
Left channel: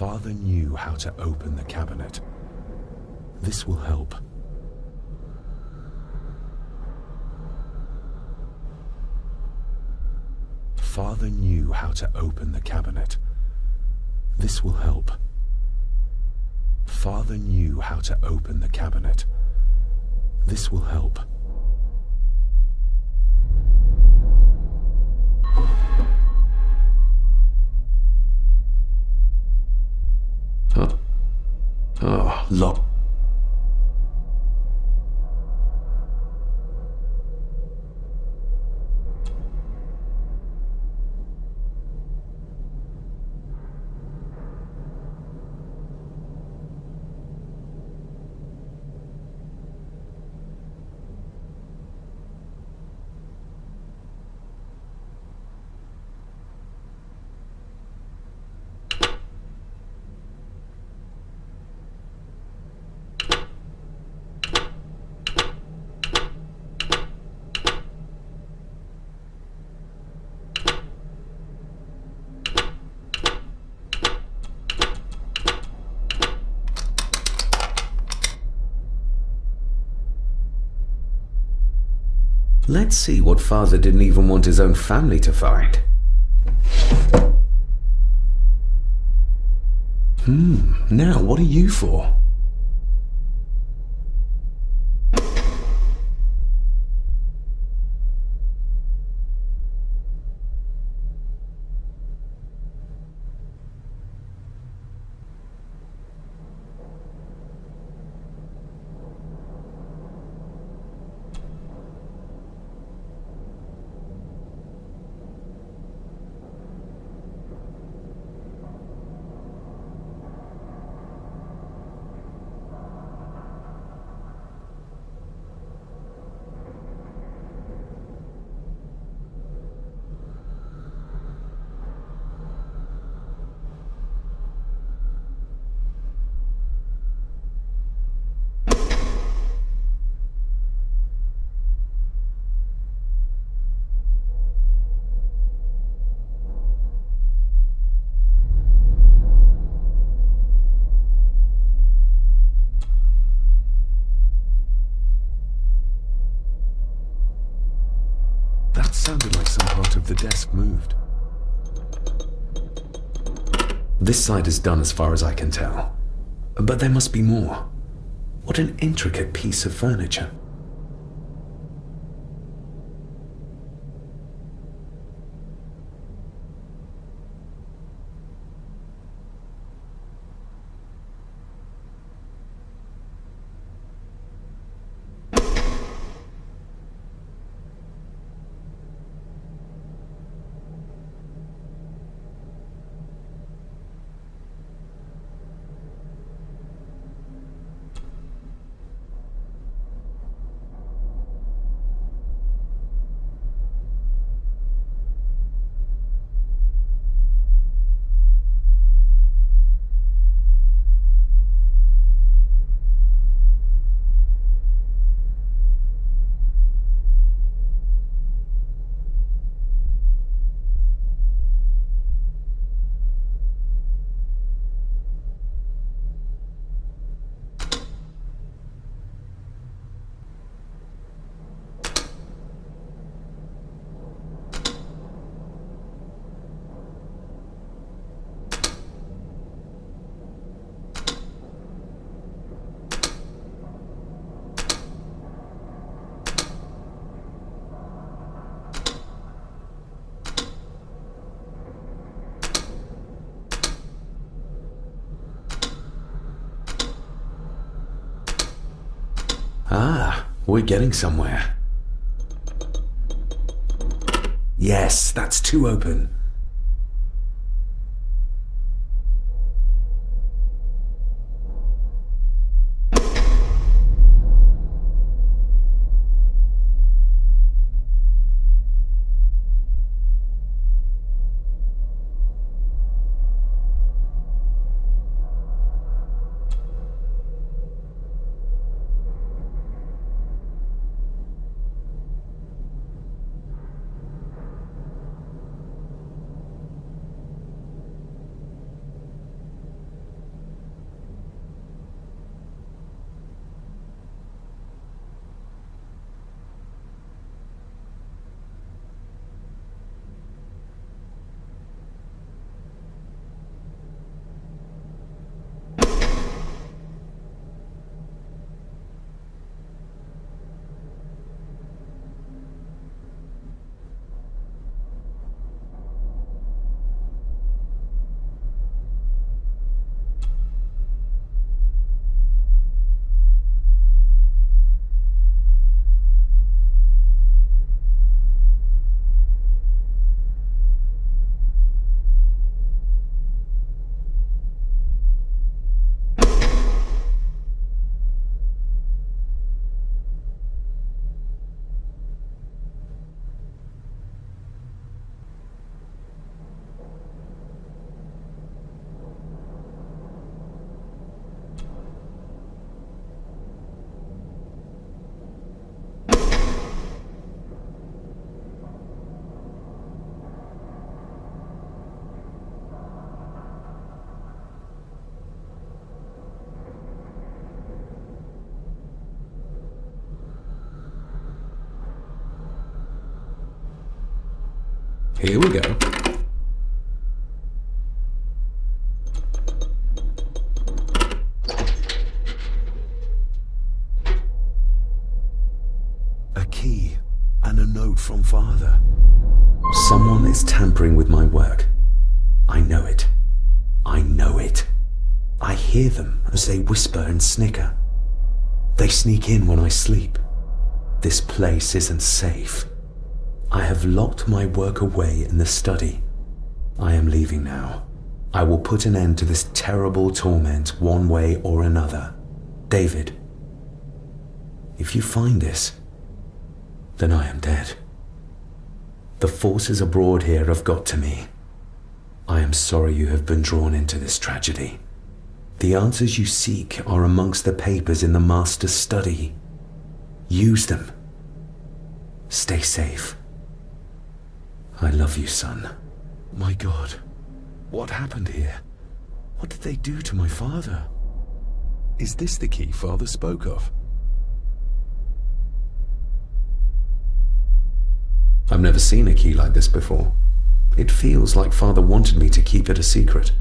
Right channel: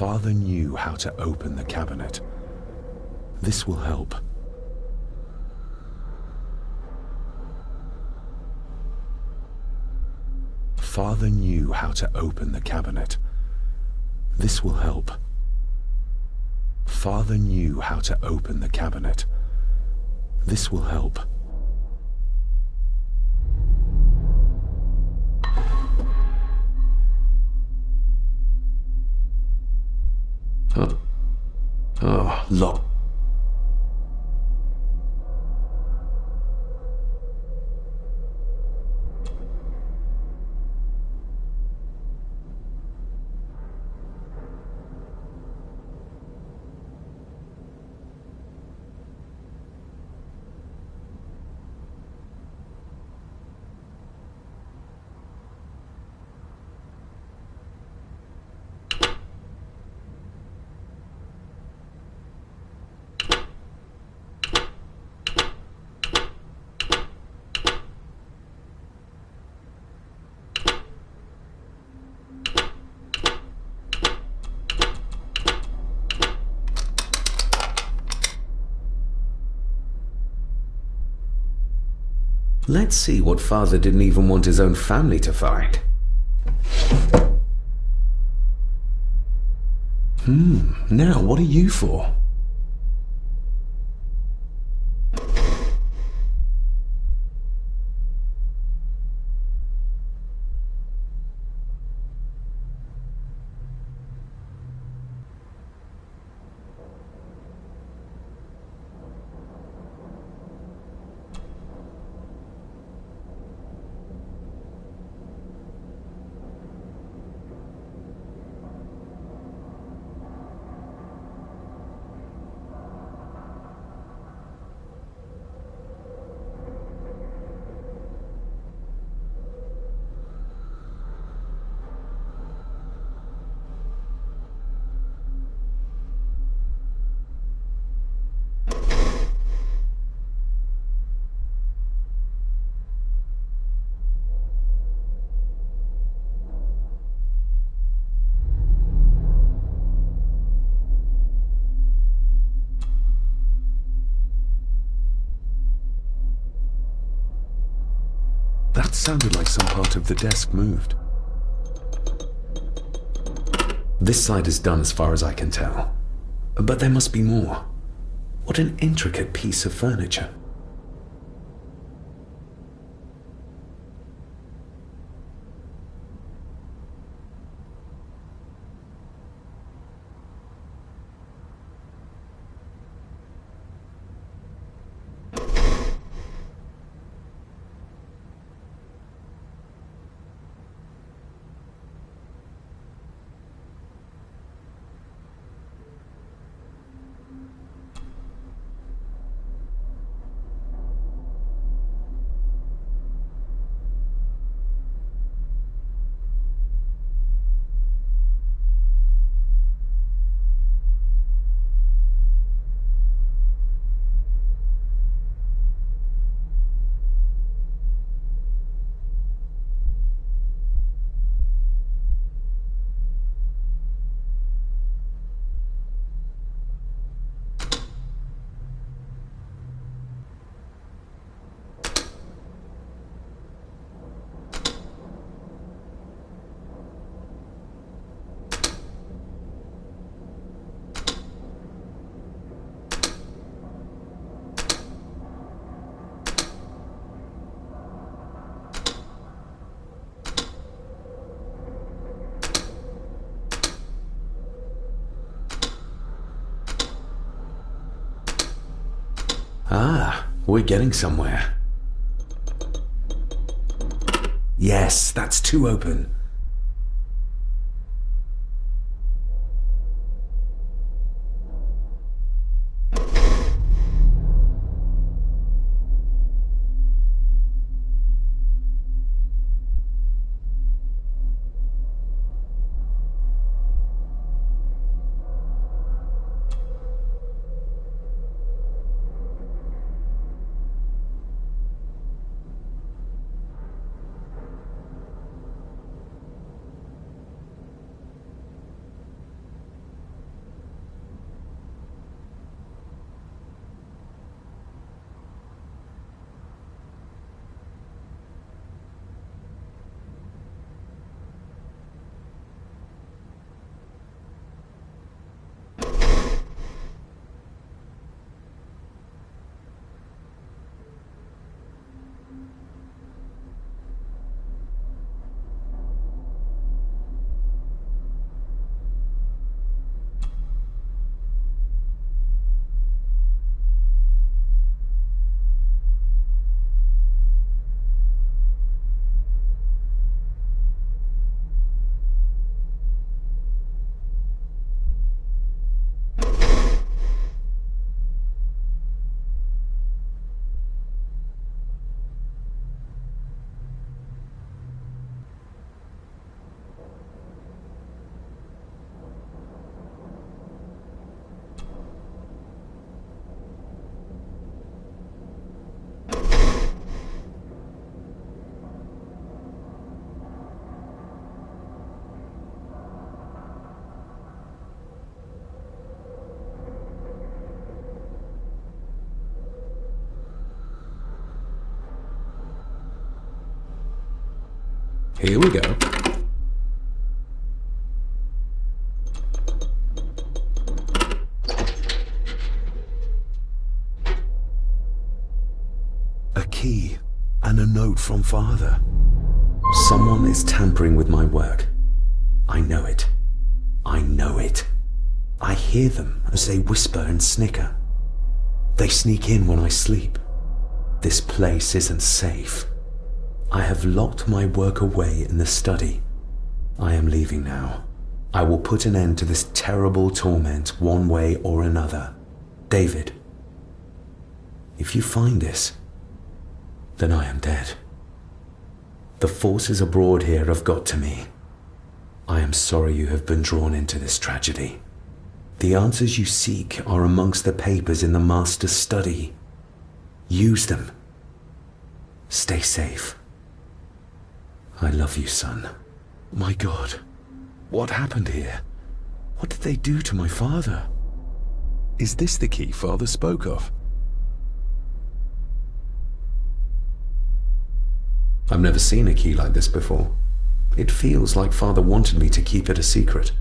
Father knew how to open the cabinet. This will help. Father knew how to open the cabinet. This will help. Father knew how to open the cabinet. This will help. Oh, lock. Let's see what Father didn't even want his own family to find. Now what are you for? That sounded like some part of the desk moved. This side is done as far as I can tell. But there must be more. What an intricate piece of furniture. Ah, we're getting somewhere. Yes, that's 2 open. Here we go. A key and a note from Father. Someone is tampering with my work. I know it. I know it. I hear them as they whisper and snicker. They sneak in when I sleep. This place isn't safe. I have locked my work away in the study. I am leaving now. I will put an end to this terrible torment one way or another. David, if you find this, then I am dead. The forces abroad here have got to me. I am sorry you have been drawn into this tragedy. The answers you seek are amongst the papers in the Master's study. Use them. Stay safe. I love you, son. My God, what happened here? What did they do to my father? Is this the key Father spoke of? I've never seen a key like this before. It feels like Father wanted me to keep it a secret.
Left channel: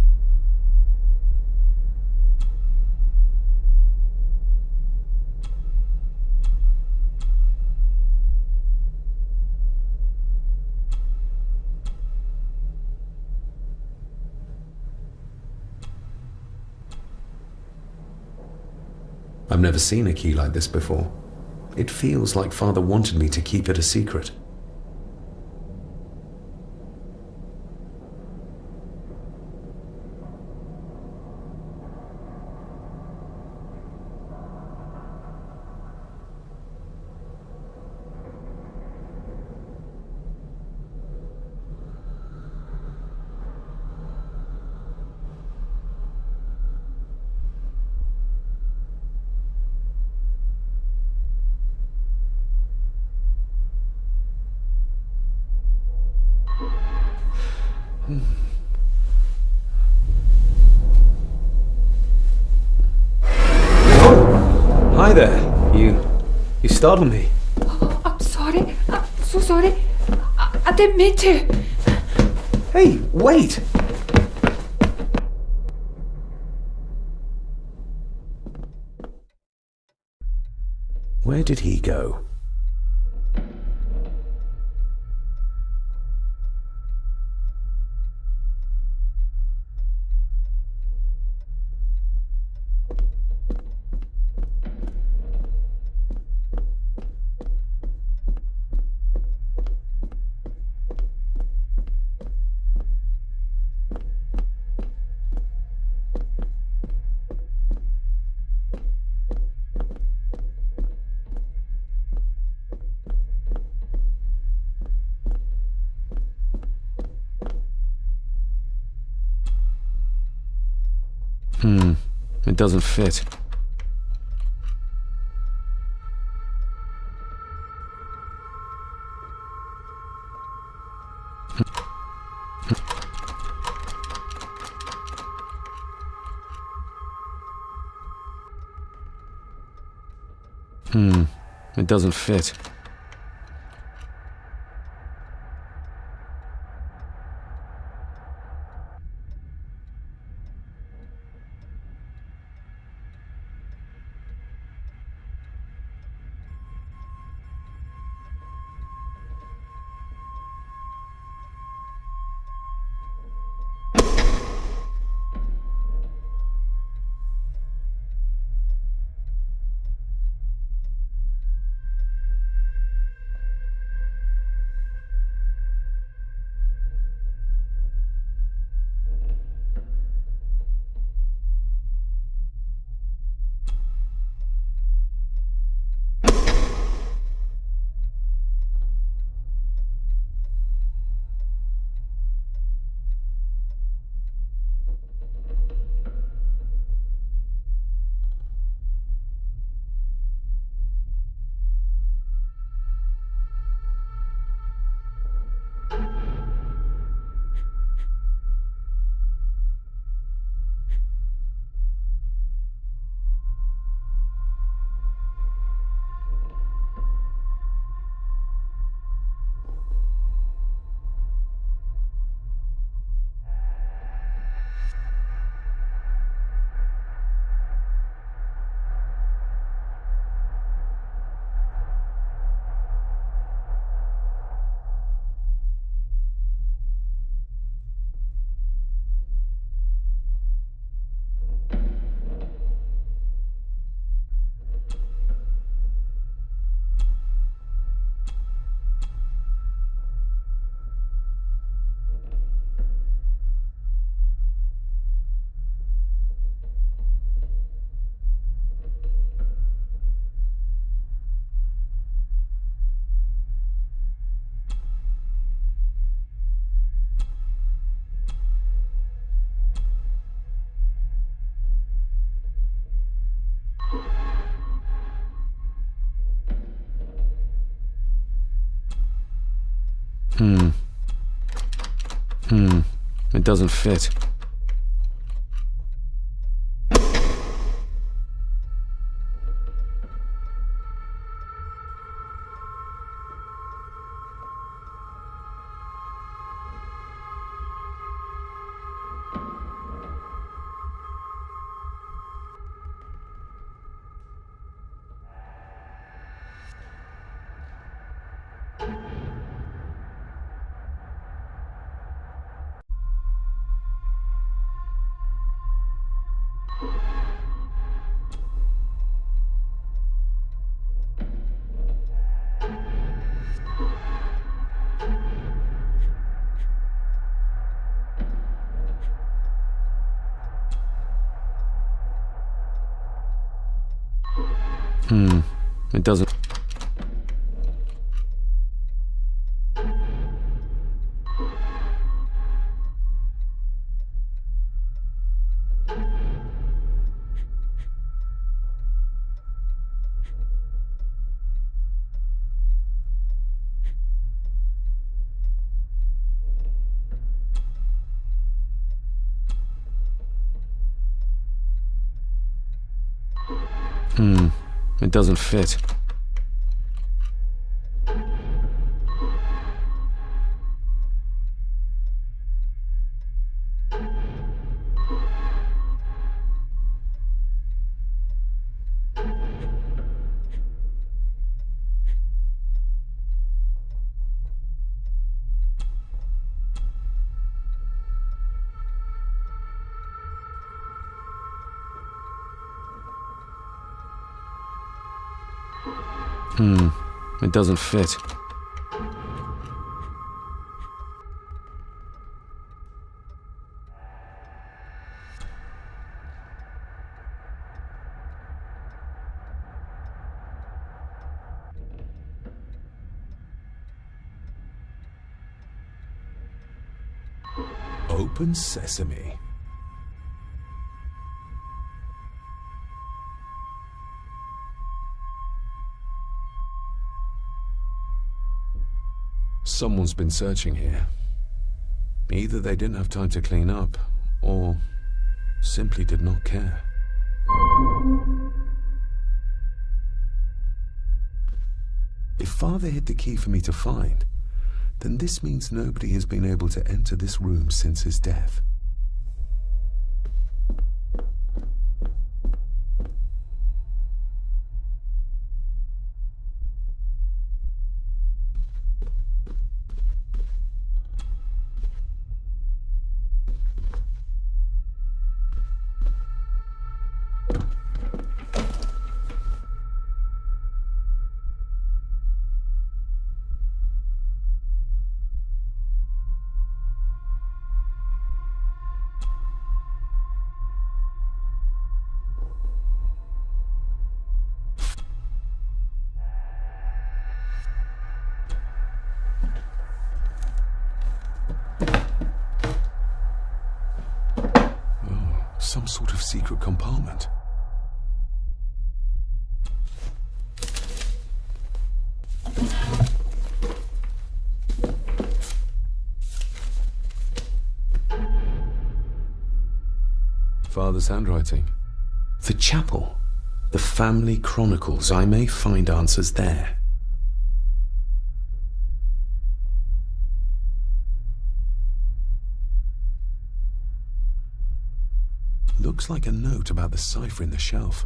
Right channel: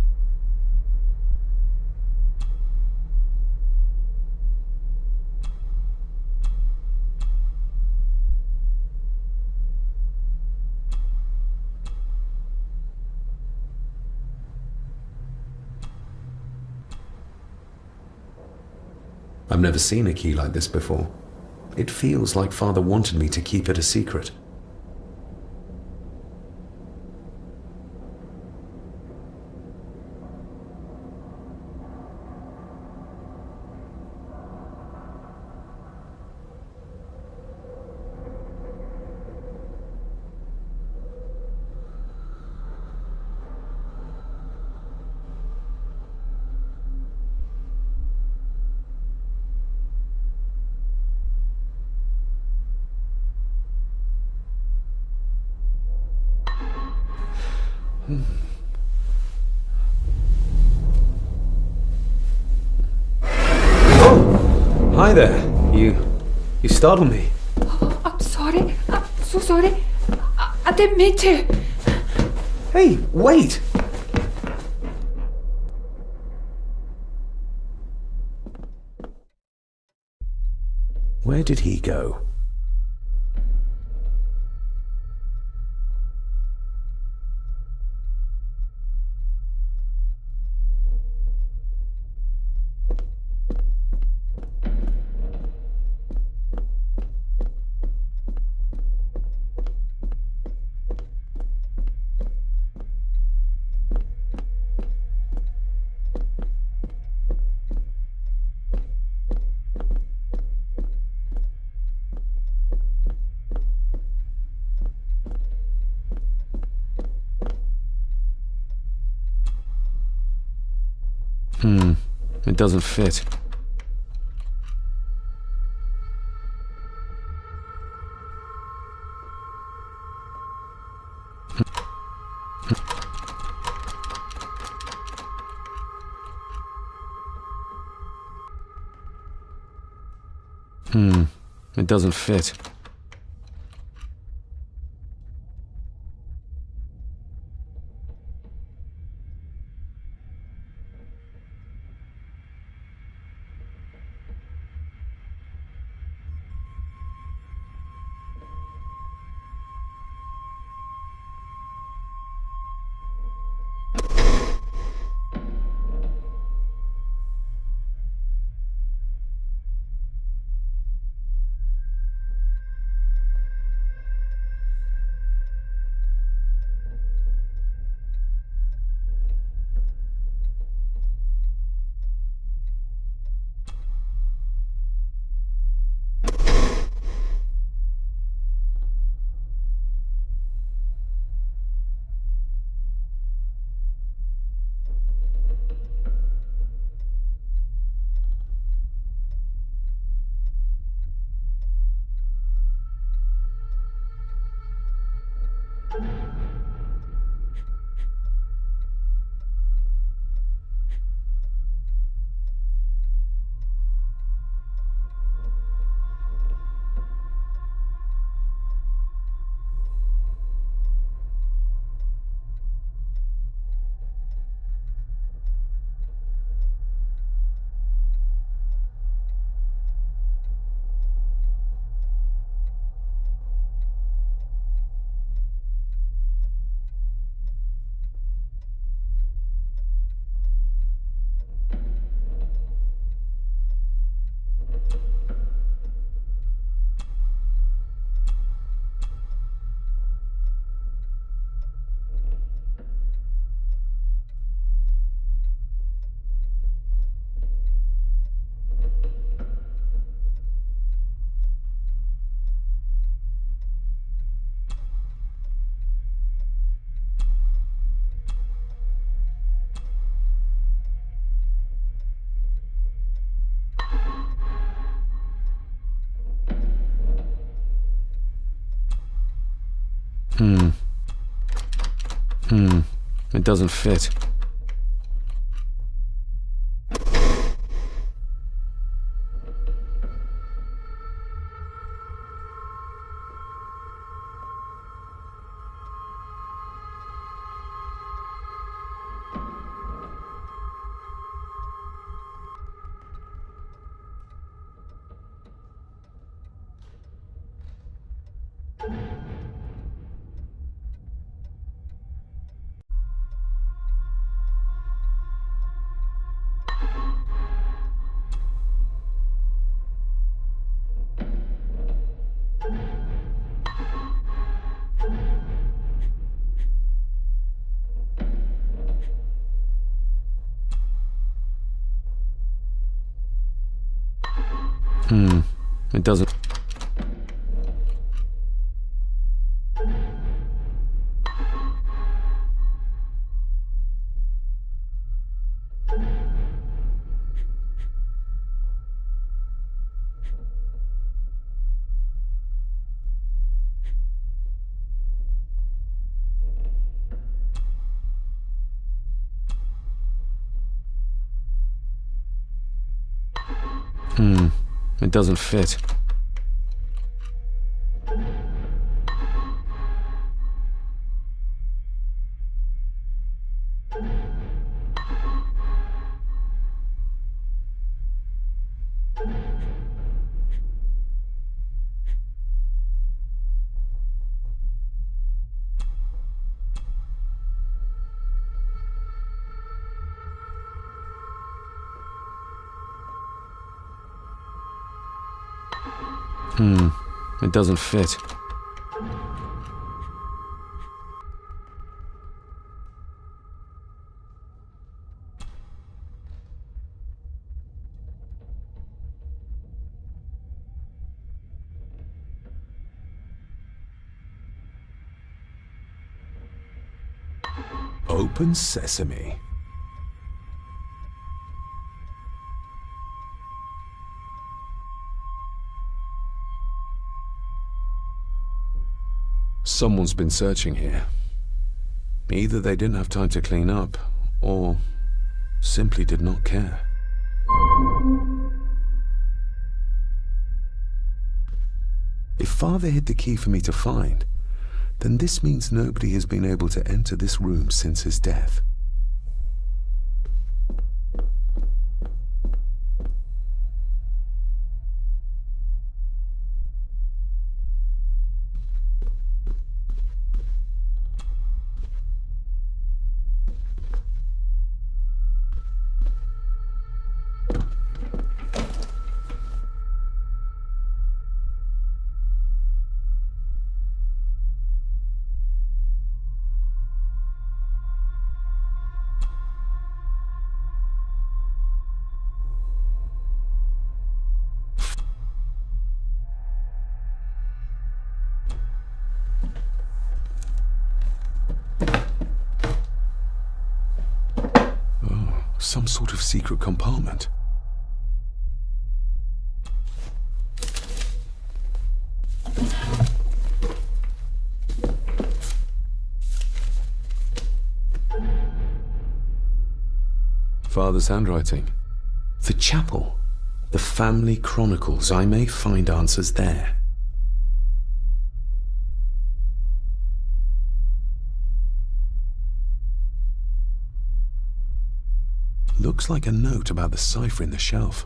I've never seen a key like this before. It feels like Father wanted me to keep it a secret. Oh! Hi there. You startled me. Oh, I'm sorry. I'm so sorry. I didn't mean to. Hey, wait! Where did he go? It doesn't fit. It doesn't fit. It doesn't fit. It doesn't. It doesn't fit. It doesn't fit. Open sesame. Someone's been searching here. Either they didn't have time to clean up, or simply did not care. If Father hid the key for me to find, then this means nobody has been able to enter this room since his death. Some sort of secret compartment. Father's handwriting. The chapel. The family chronicles. I may find answers there. Looks like a note about the cipher in the shelf.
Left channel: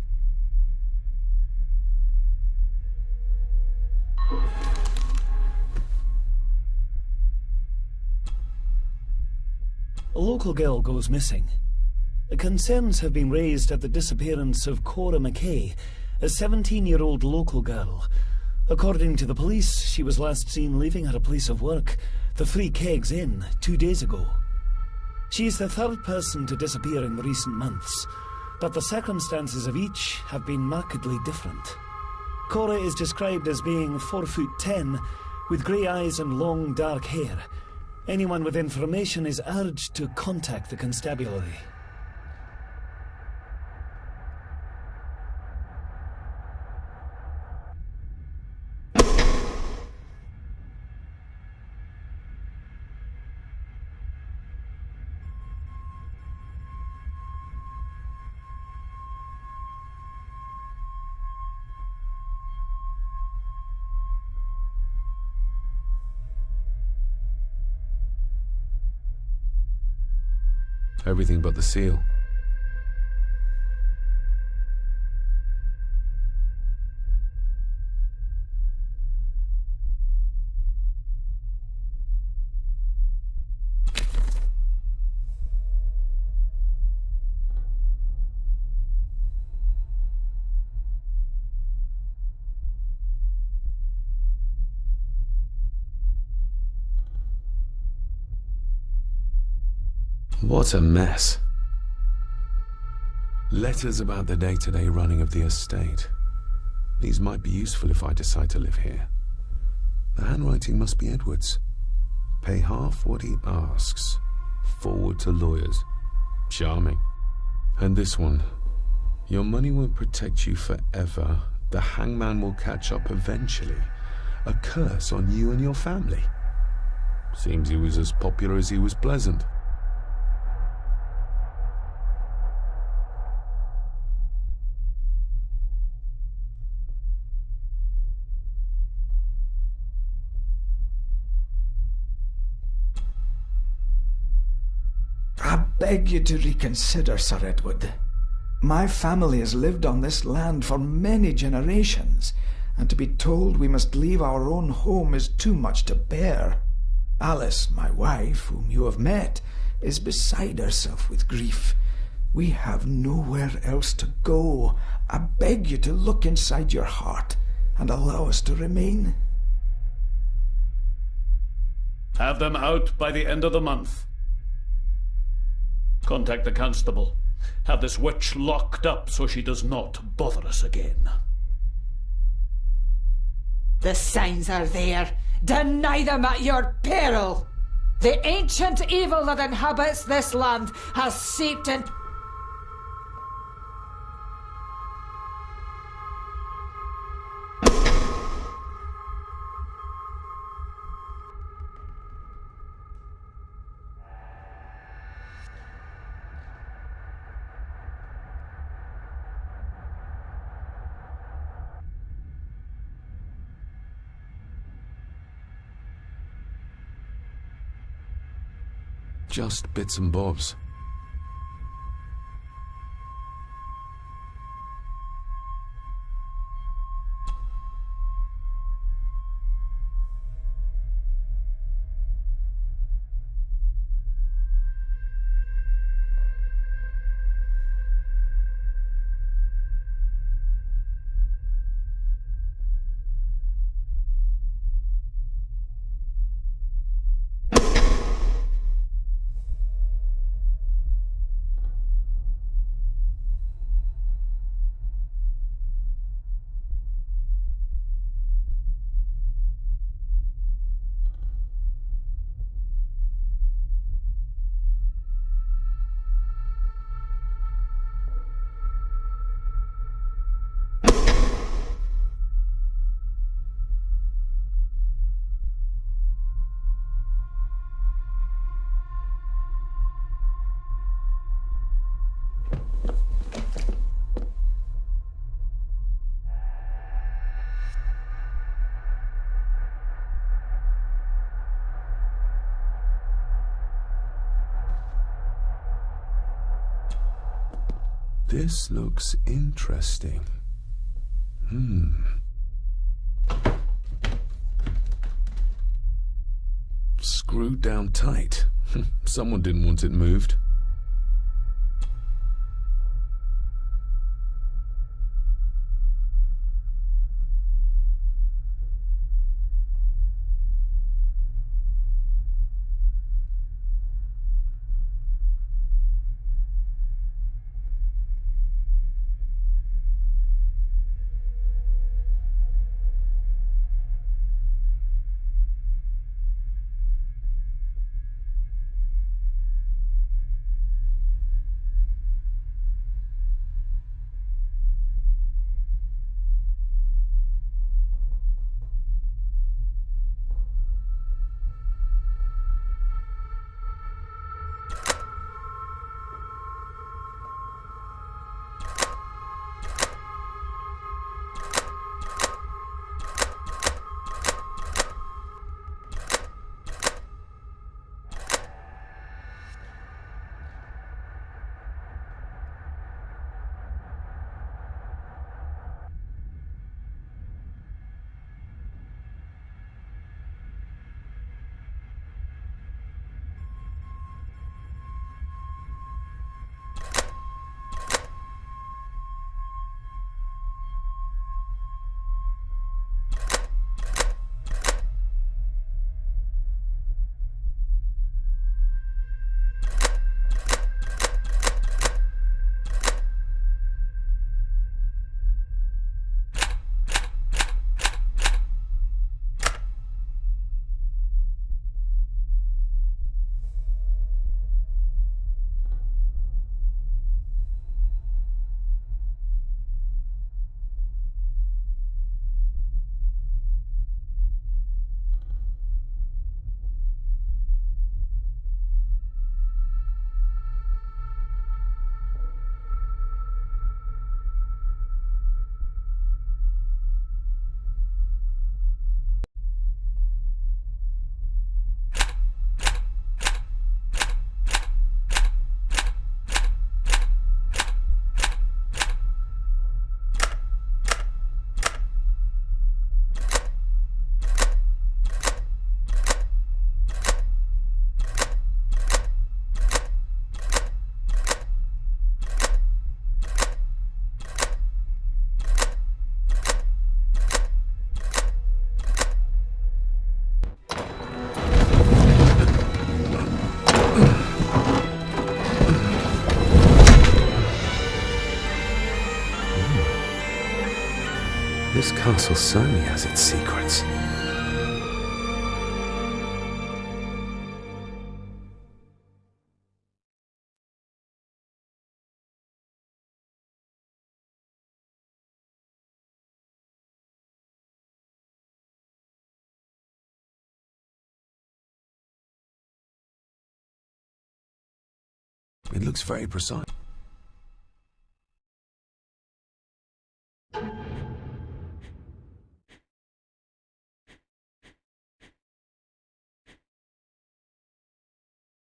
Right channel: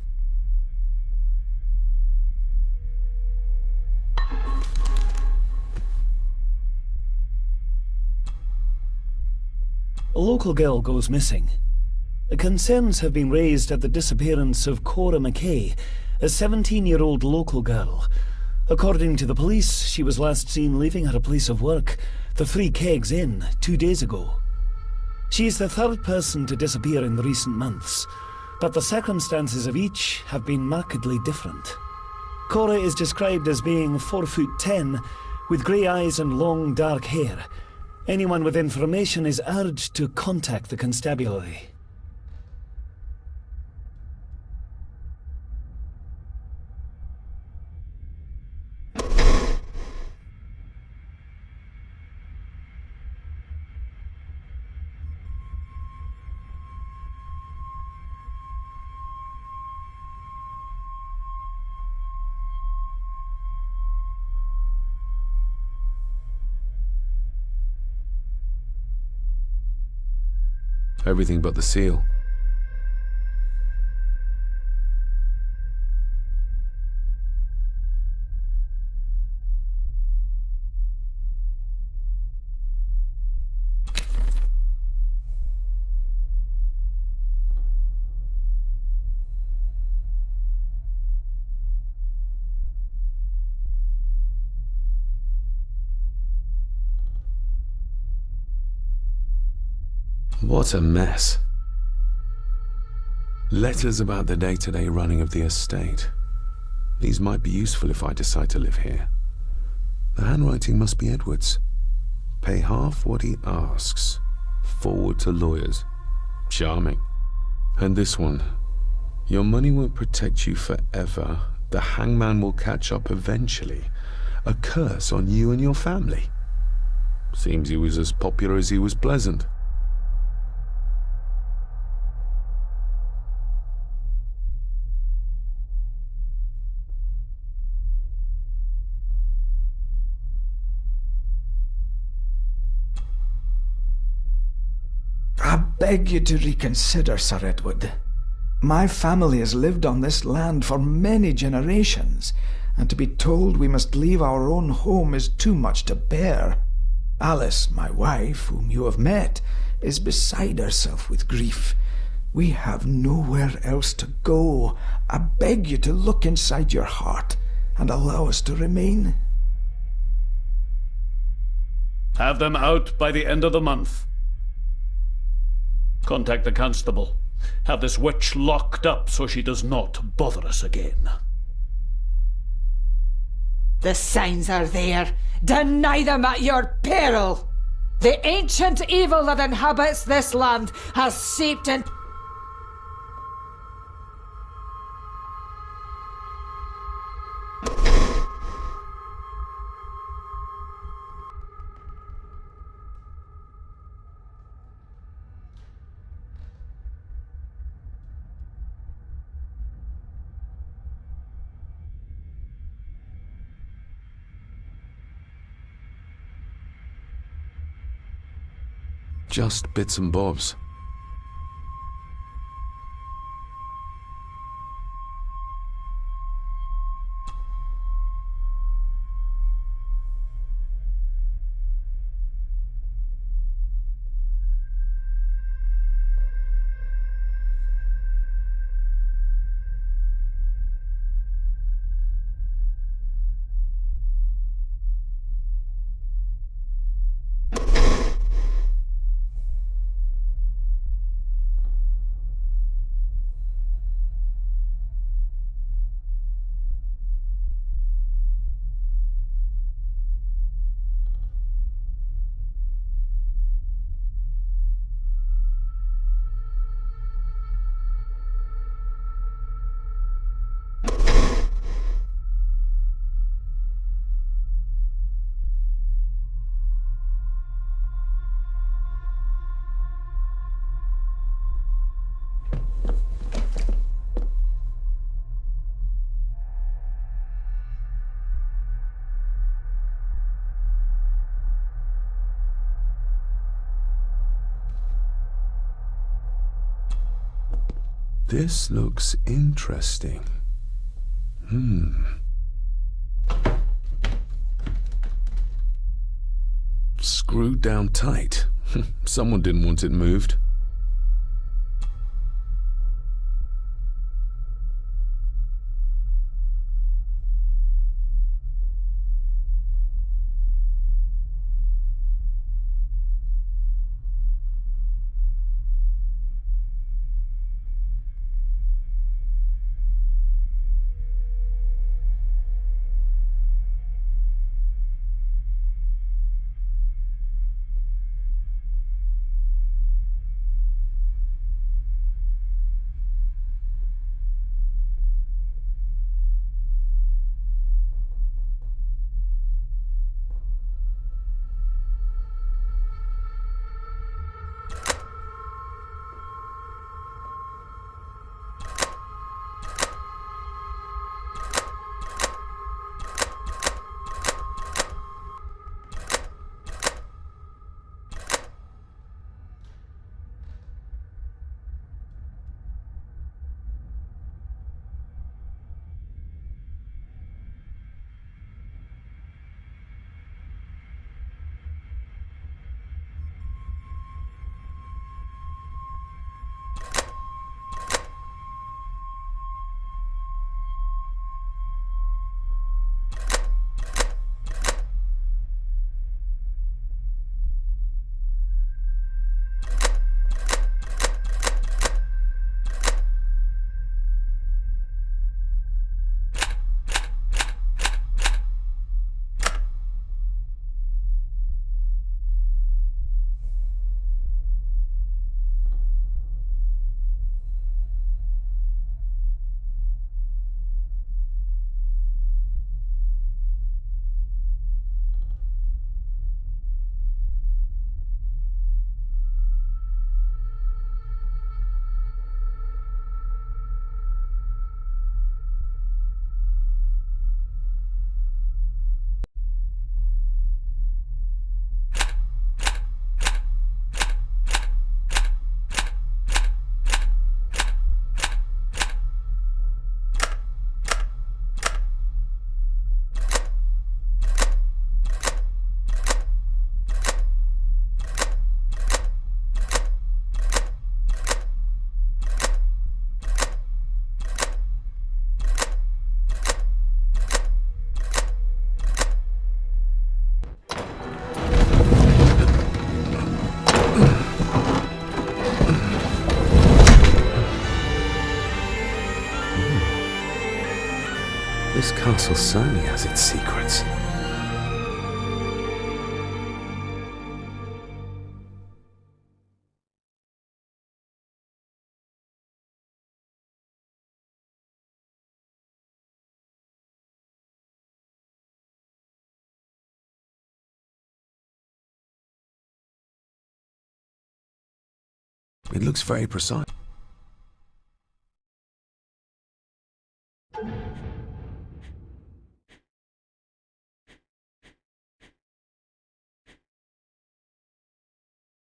A local girl goes missing. Concerns have been raised at the disappearance of Cora McKay, a 17-year-old local girl. According to the police, she was last seen leaving her place of work, the Three Kegs Inn, 2 days ago. She's the third person to disappear in the recent months, but the circumstances of each have been markedly different. Cora is described as being 4'10", with grey eyes and long dark hair. Anyone with information is urged to contact the constabulary. Everything but the seal. What a mess. Letters about the day-to-day running of the estate. These might be useful if I decide to live here. The handwriting must be Edward's. Pay half what he asks. Forward to lawyers. Charming. And this one. Your money won't protect you forever. The hangman will catch up eventually. A curse on you and your family. Seems he was as popular as he was pleasant. I beg you to reconsider, Sir Edward. My family has lived on this land for many generations, and to be told we must leave our own home is too much to bear. Alice, my wife, whom you have met, is beside herself with grief. We have nowhere else to go. I beg you to look inside your heart and allow us to remain. Have them out by the end of the month. Contact the constable. Have this witch locked up so she does not bother us again. The signs are there. Deny them at your peril. The ancient evil that inhabits this land has seeped in. just bits and bobs. This looks interesting. Screwed down tight. Someone didn't want it moved. This castle certainly has its secrets. It looks very precise.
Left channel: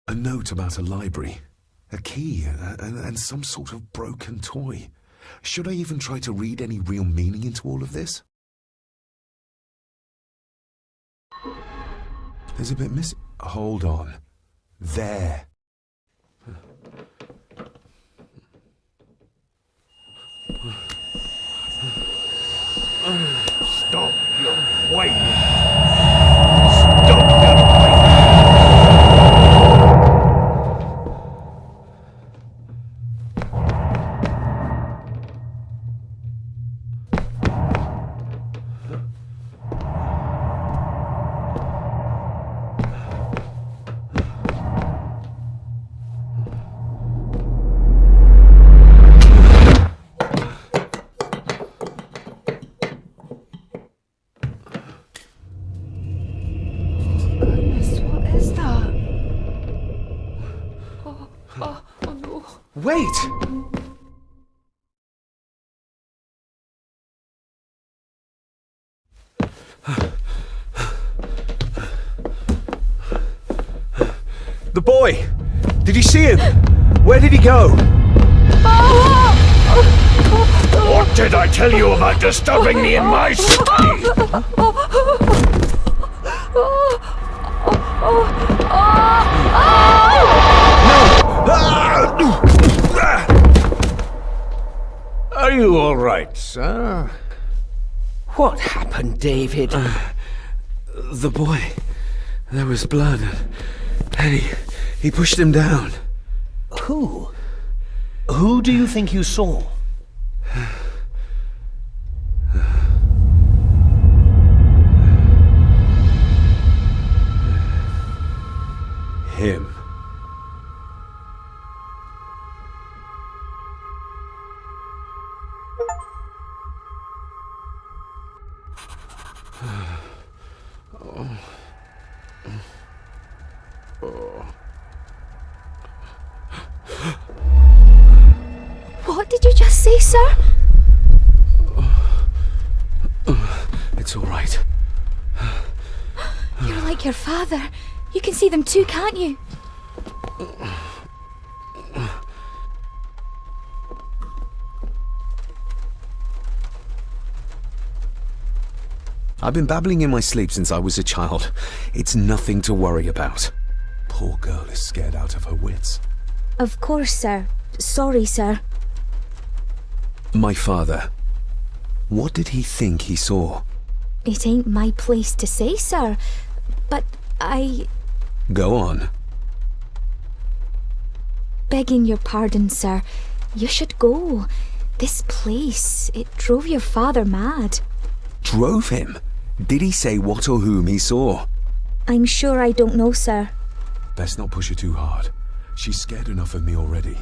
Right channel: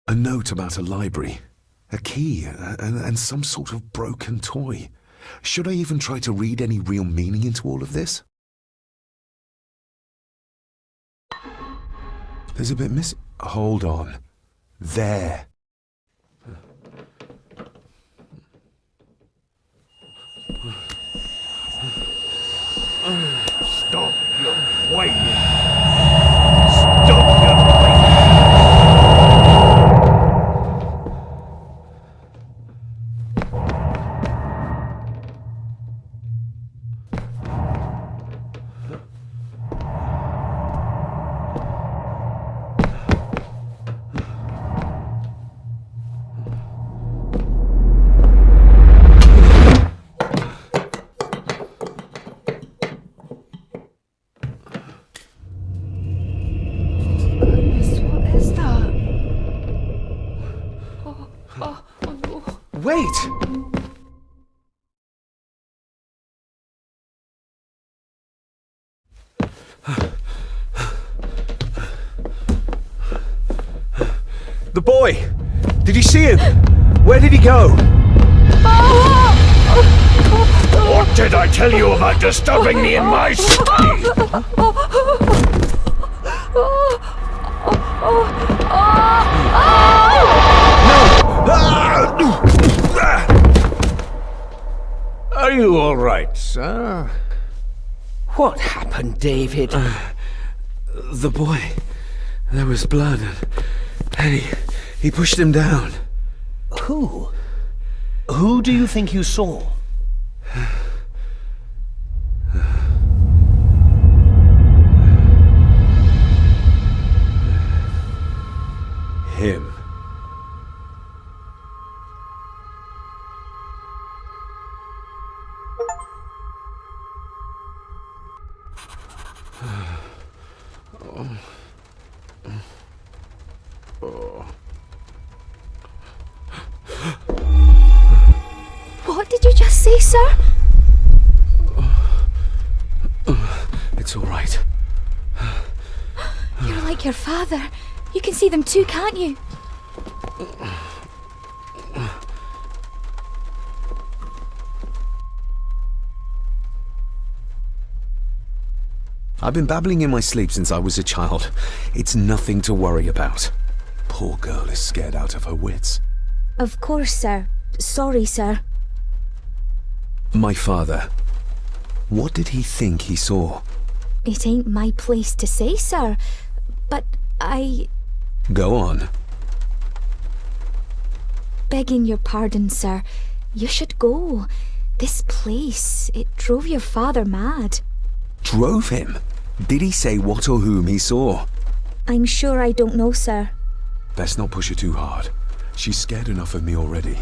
A note about a library, a key, and some sort of broken toy. Should I even try to read any real meaning into all of this? There's a bit missing. Hold on. There. Stop your whining! Stop your whining! Wait! The boy! Did you see him? Where did he go? What did I tell you about disturbing me in my study? Are you all right, sir? What happened, David? The boy. There was blood, and he pushed him down. Who? Who do you think you saw? Him. What did you just say, sir? It's all right. You're like your father. You can see them too, can't you? I've been babbling in my sleep since I was a child. It's nothing to worry about. Poor girl is scared out of her wits. Of course, sir. Sorry, sir. My father. What did he think he saw? It ain't my place to say, sir. But Go on. Begging your pardon, sir. You should go. This place, it drove your father mad. Drove him? Did he say what or whom he saw? I'm sure I don't know, sir. Best not push her too hard. She's scared enough of me already.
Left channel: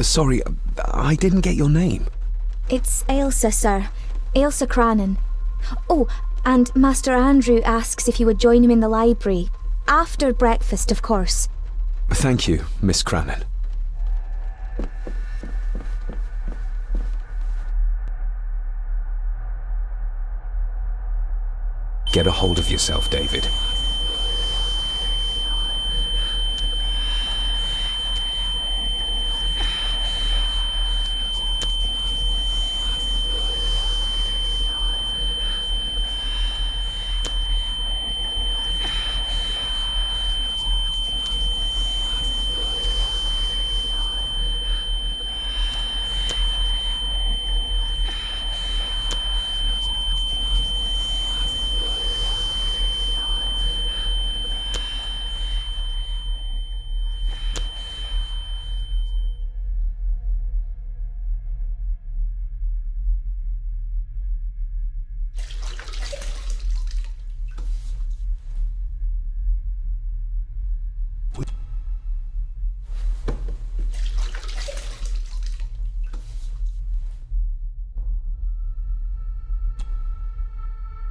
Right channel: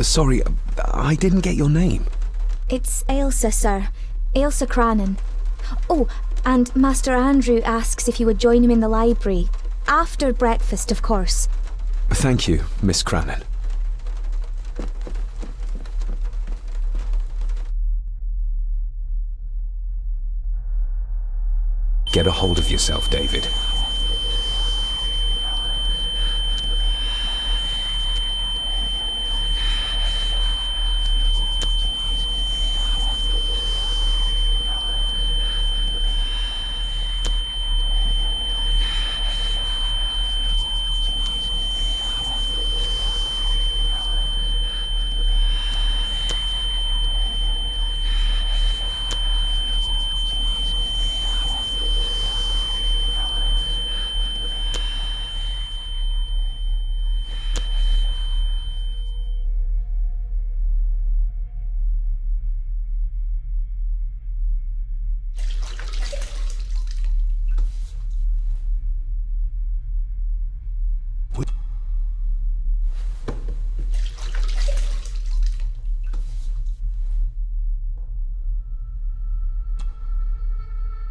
Sorry, I didn't get your name. It's Ailsa, sir. Ailsa Crannan. Oh, and Master Andrew asks if you would join him in the library. After breakfast, of course. Thank you, Miss Crannan. Get a hold of yourself, David.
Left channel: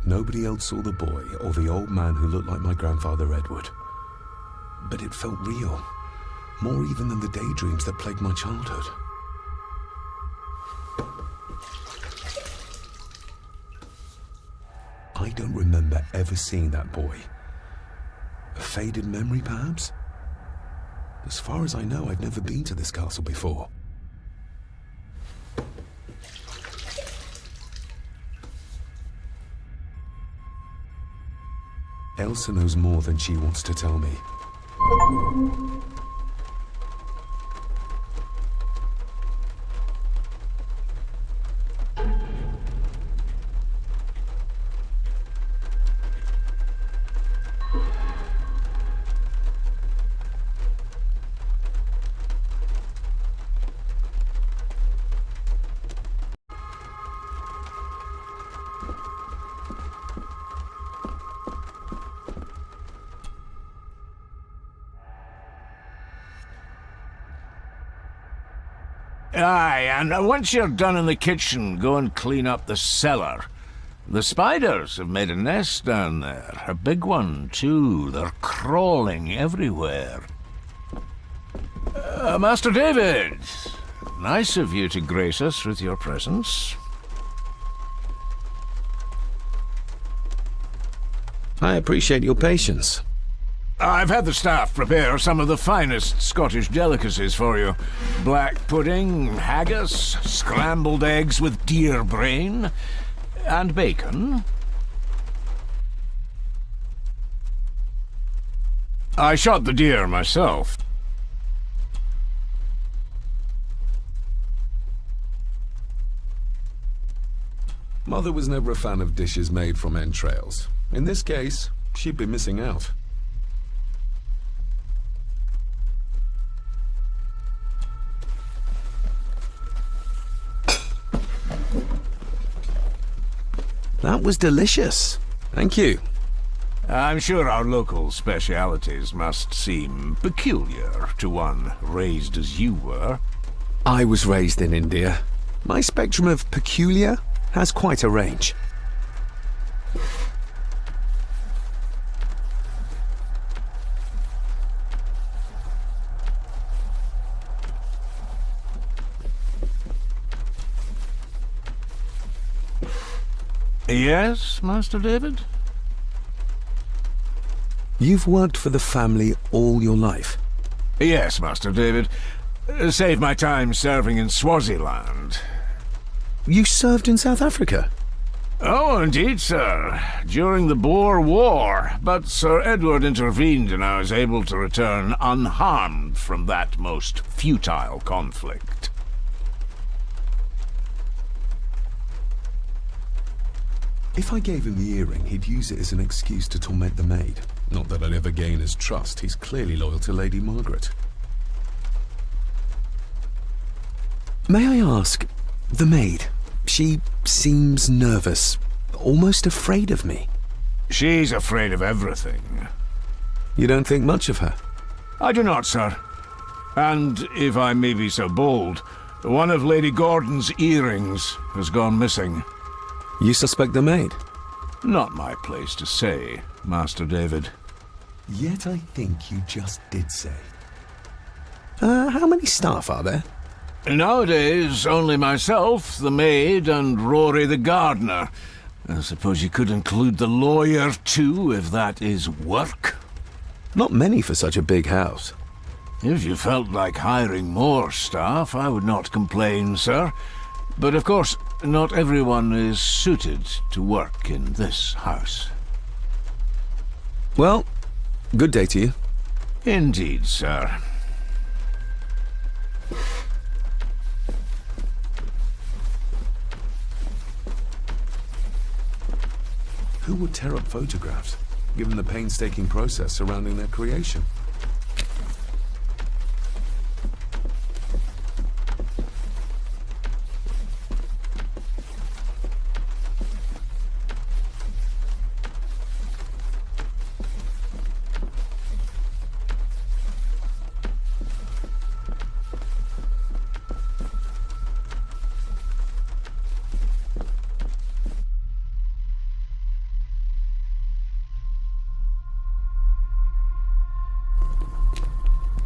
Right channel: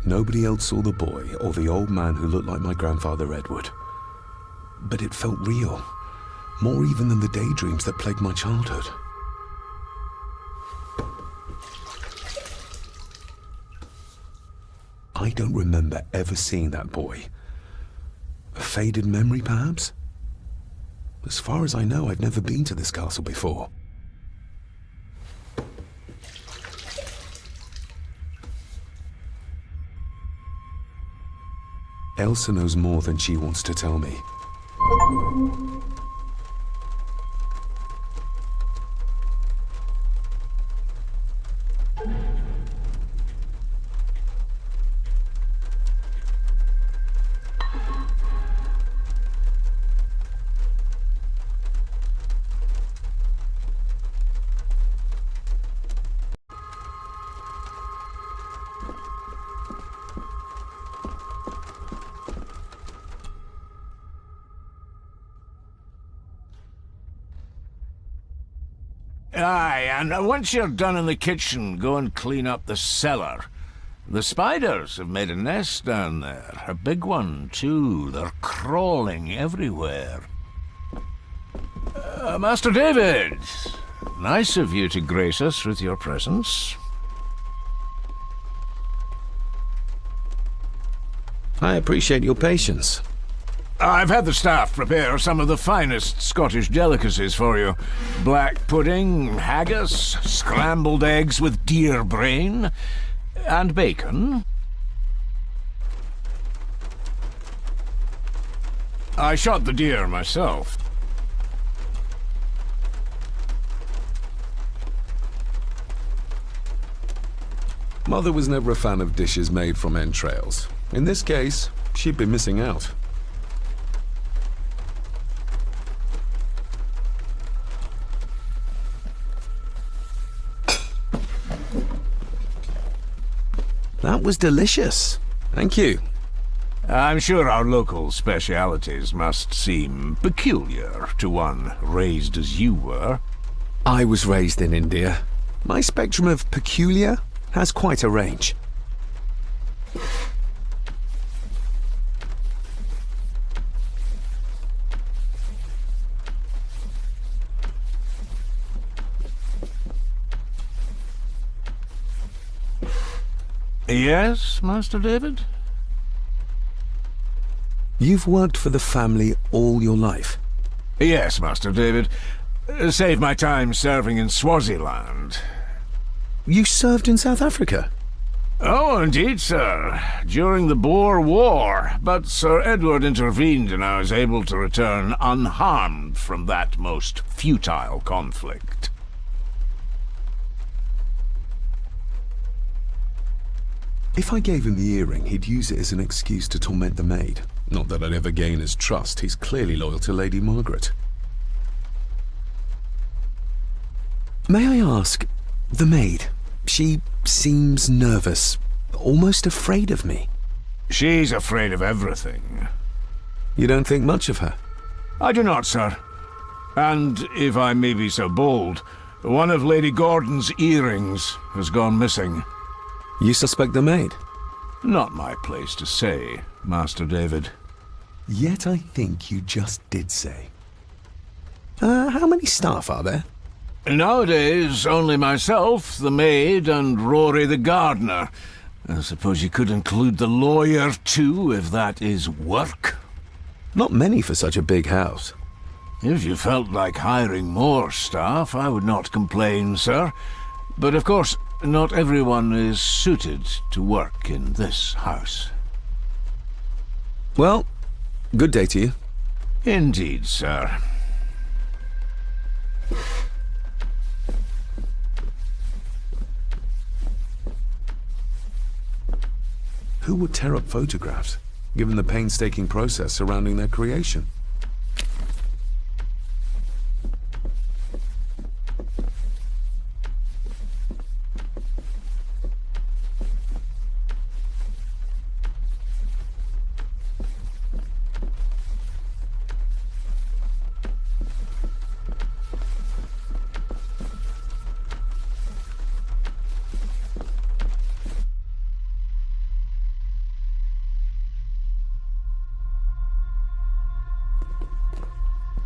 Nobody else saw the boy or the old man who looked like my grandfather Edward. But it felt real, more even than the daydreams that plagued my childhood. I don't remember ever seeing that boy. A faded memory, perhaps? As far as I know, I've never been to this castle before. Elsa knows more than she wants to tell me. Aye, and once you're done in the kitchen, go and clean up the cellar. The spiders have made a nest down there. A big one, too. They're crawling everywhere. Master David, nice of you to grace us with your presence. I appreciate your patience. I've had the staff prepare some of the finest Scottish delicacies for you. Black pudding, haggis, scrambled eggs with deer brain, and bacon. I shot the deer myself. Mother was never a fan of dishes made from entrails. In this case, she'd be missing out. That was delicious. Thank you. I'm sure our local specialities must seem peculiar to one raised as you were. I was raised in India. My spectrum of peculiar has quite a range. Yes, Master David? You've worked for the family all your life? Yes, Master David. Save my time serving in Swaziland. You served in South Africa? Oh, indeed, sir. During the Boer War. But Sir Edward intervened and I was able to return unharmed from that most futile conflict. If I gave him the earring, he'd use it as an excuse to torment the maid. Not that I'd ever gain his trust. He's clearly loyal to Lady Margaret. May I ask, the maid, she seems nervous, almost afraid of me. She's afraid of everything. You don't think much of her? I do not, sir. And, if I may be so bold, one of Lady Gordon's earrings has gone missing. You suspect the maid? Not my place to say, Master David. Yet I think you just did say. How many staff are there? Nowadays, only myself, the maid, and Rory the gardener. I suppose you could include the lawyer, too, if that is work. Not many for such a big house. If you felt like hiring more staff, I would not complain, sir. But of course, not everyone is suited to work in this house. Well, good day to you. Indeed, sir. Who would tear up photographs, given the painstaking process surrounding their creation?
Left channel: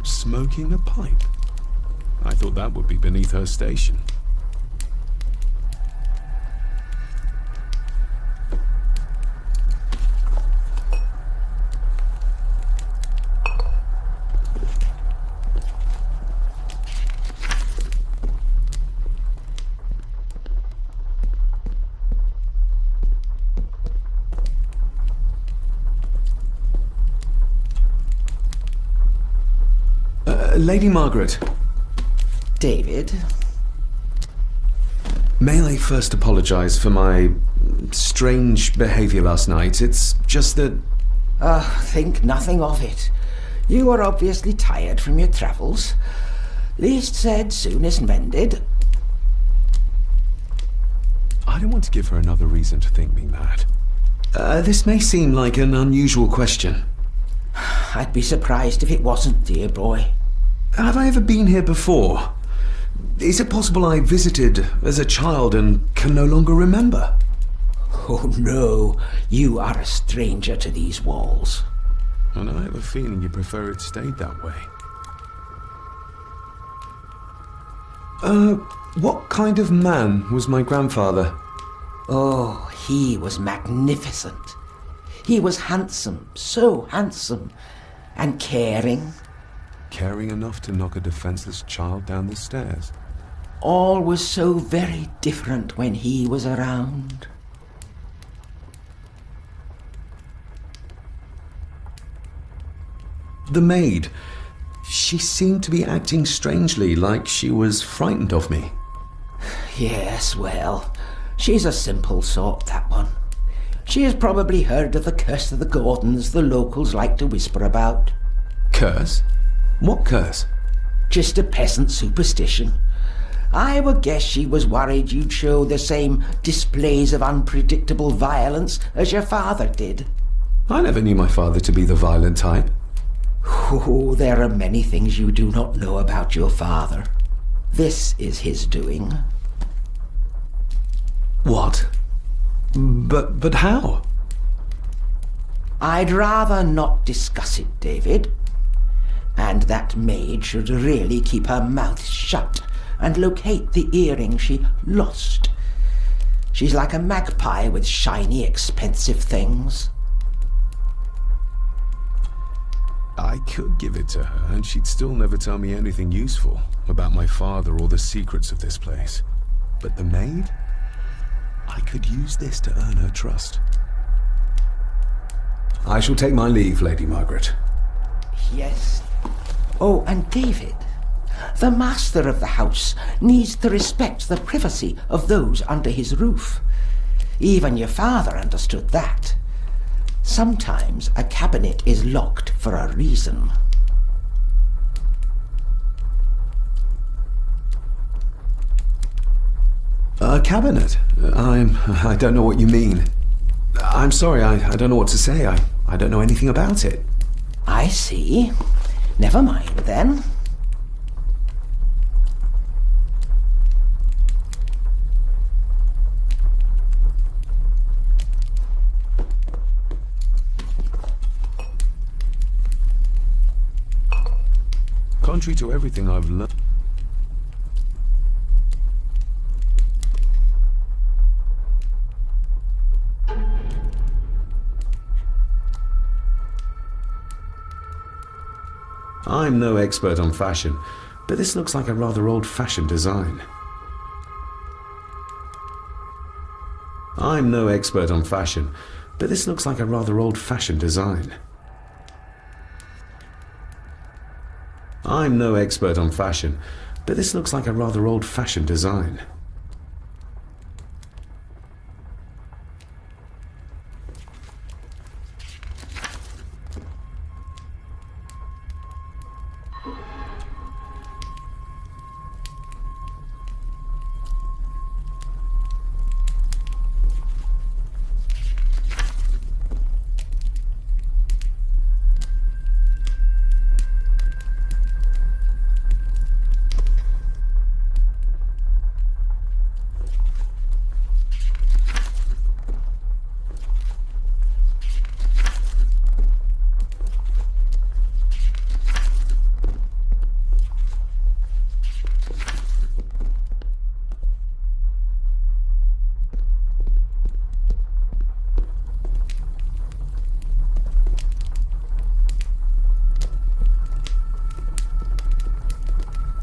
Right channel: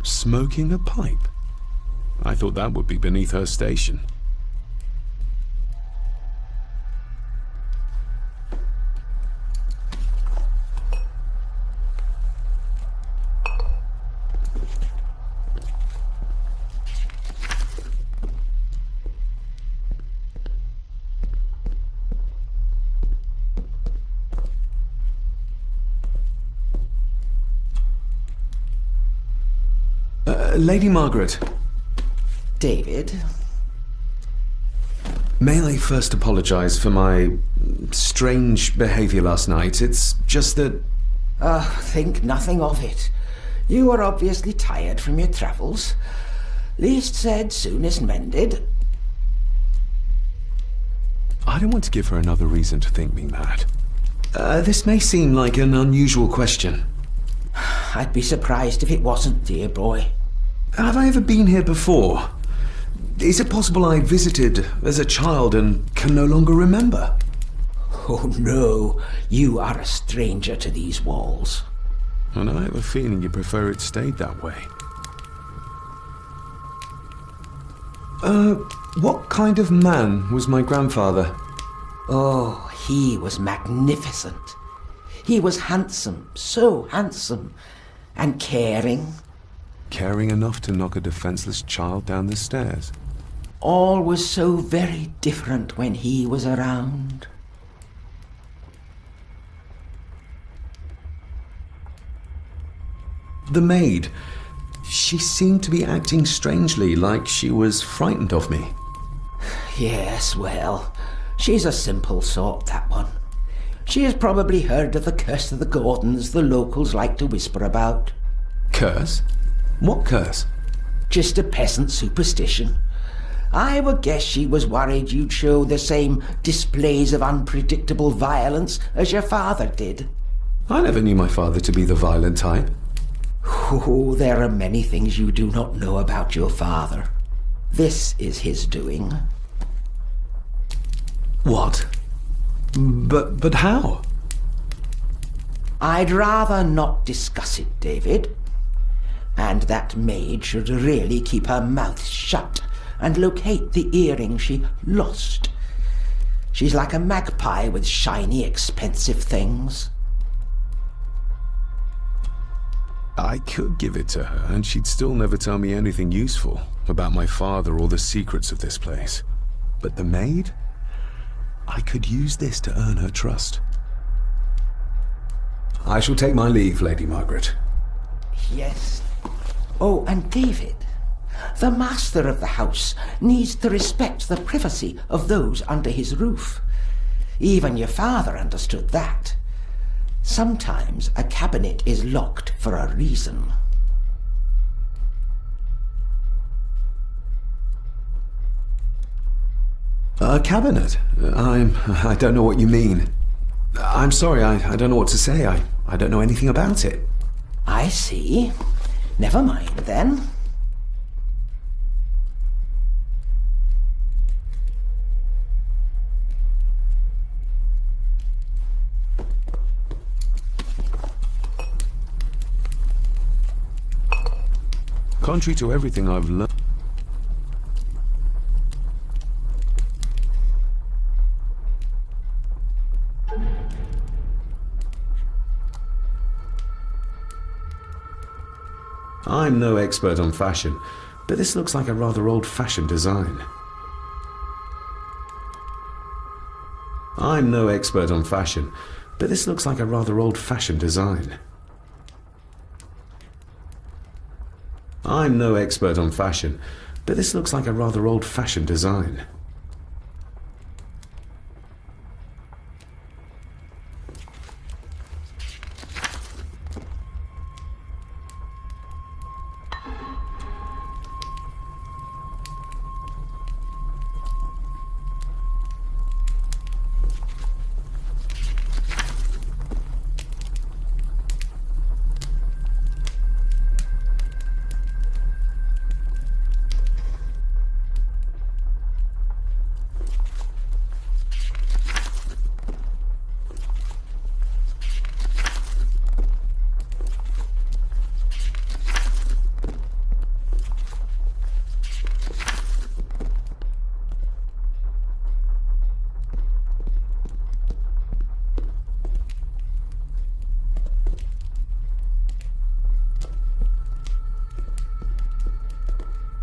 Smoking a pipe? I thought that would be beneath her station. Lady Margaret. David? May I first apologize for my strange behavior last night? It's just that... Think nothing of it. You were obviously tired from your travels. Least said, soonest mended. I don't want to give her another reason to think me mad. This may seem like an unusual question. I'd be surprised if it wasn't, dear boy. Have I ever been here before? Is it possible I visited as a child and can no longer remember? Oh no, you are a stranger to these walls. And I have a feeling you prefer it stayed that way. What kind of man was my grandfather? Oh, he was magnificent. He was handsome, so handsome, and caring. Caring enough to knock a defenseless child down the stairs. All was so very different when he was around. The maid. She seemed to be acting strangely, like she was frightened of me. Yes, well, she's a simple sort, that one. She has probably heard of the curse of the Gordons the locals like to whisper about. Curse? What curse? Just a peasant superstition. I would guess she was worried you'd show the same displays of unpredictable violence as your father did. I never knew my father to be the violent type. Oh, there are many things you do not know about your father. This is his doing. What? But how? I'd rather not discuss it, David. And that maid should really keep her mouth shut and locate the earring she lost. She's like a magpie with shiny, expensive things. I could give it to her, and she'd still never tell me anything useful about my father or the secrets of this place. But the maid? I could use this to earn her trust. I shall take my leave, Lady Margaret. Yes. Oh, and David, the master of the house needs to respect the privacy of those under his roof. Even your father understood that. Sometimes a cabinet is locked for a reason. A cabinet? I don't know what you mean. I'm sorry, I don't know what to say. I don't know anything about it. I see. Never mind, then. Contrary to everything I've learned... I'm no expert on fashion, but this looks like a rather old-fashioned design. I'm no expert on fashion, but this looks like a rather old-fashioned design. I'm no expert on fashion, but this looks like a rather old-fashioned design.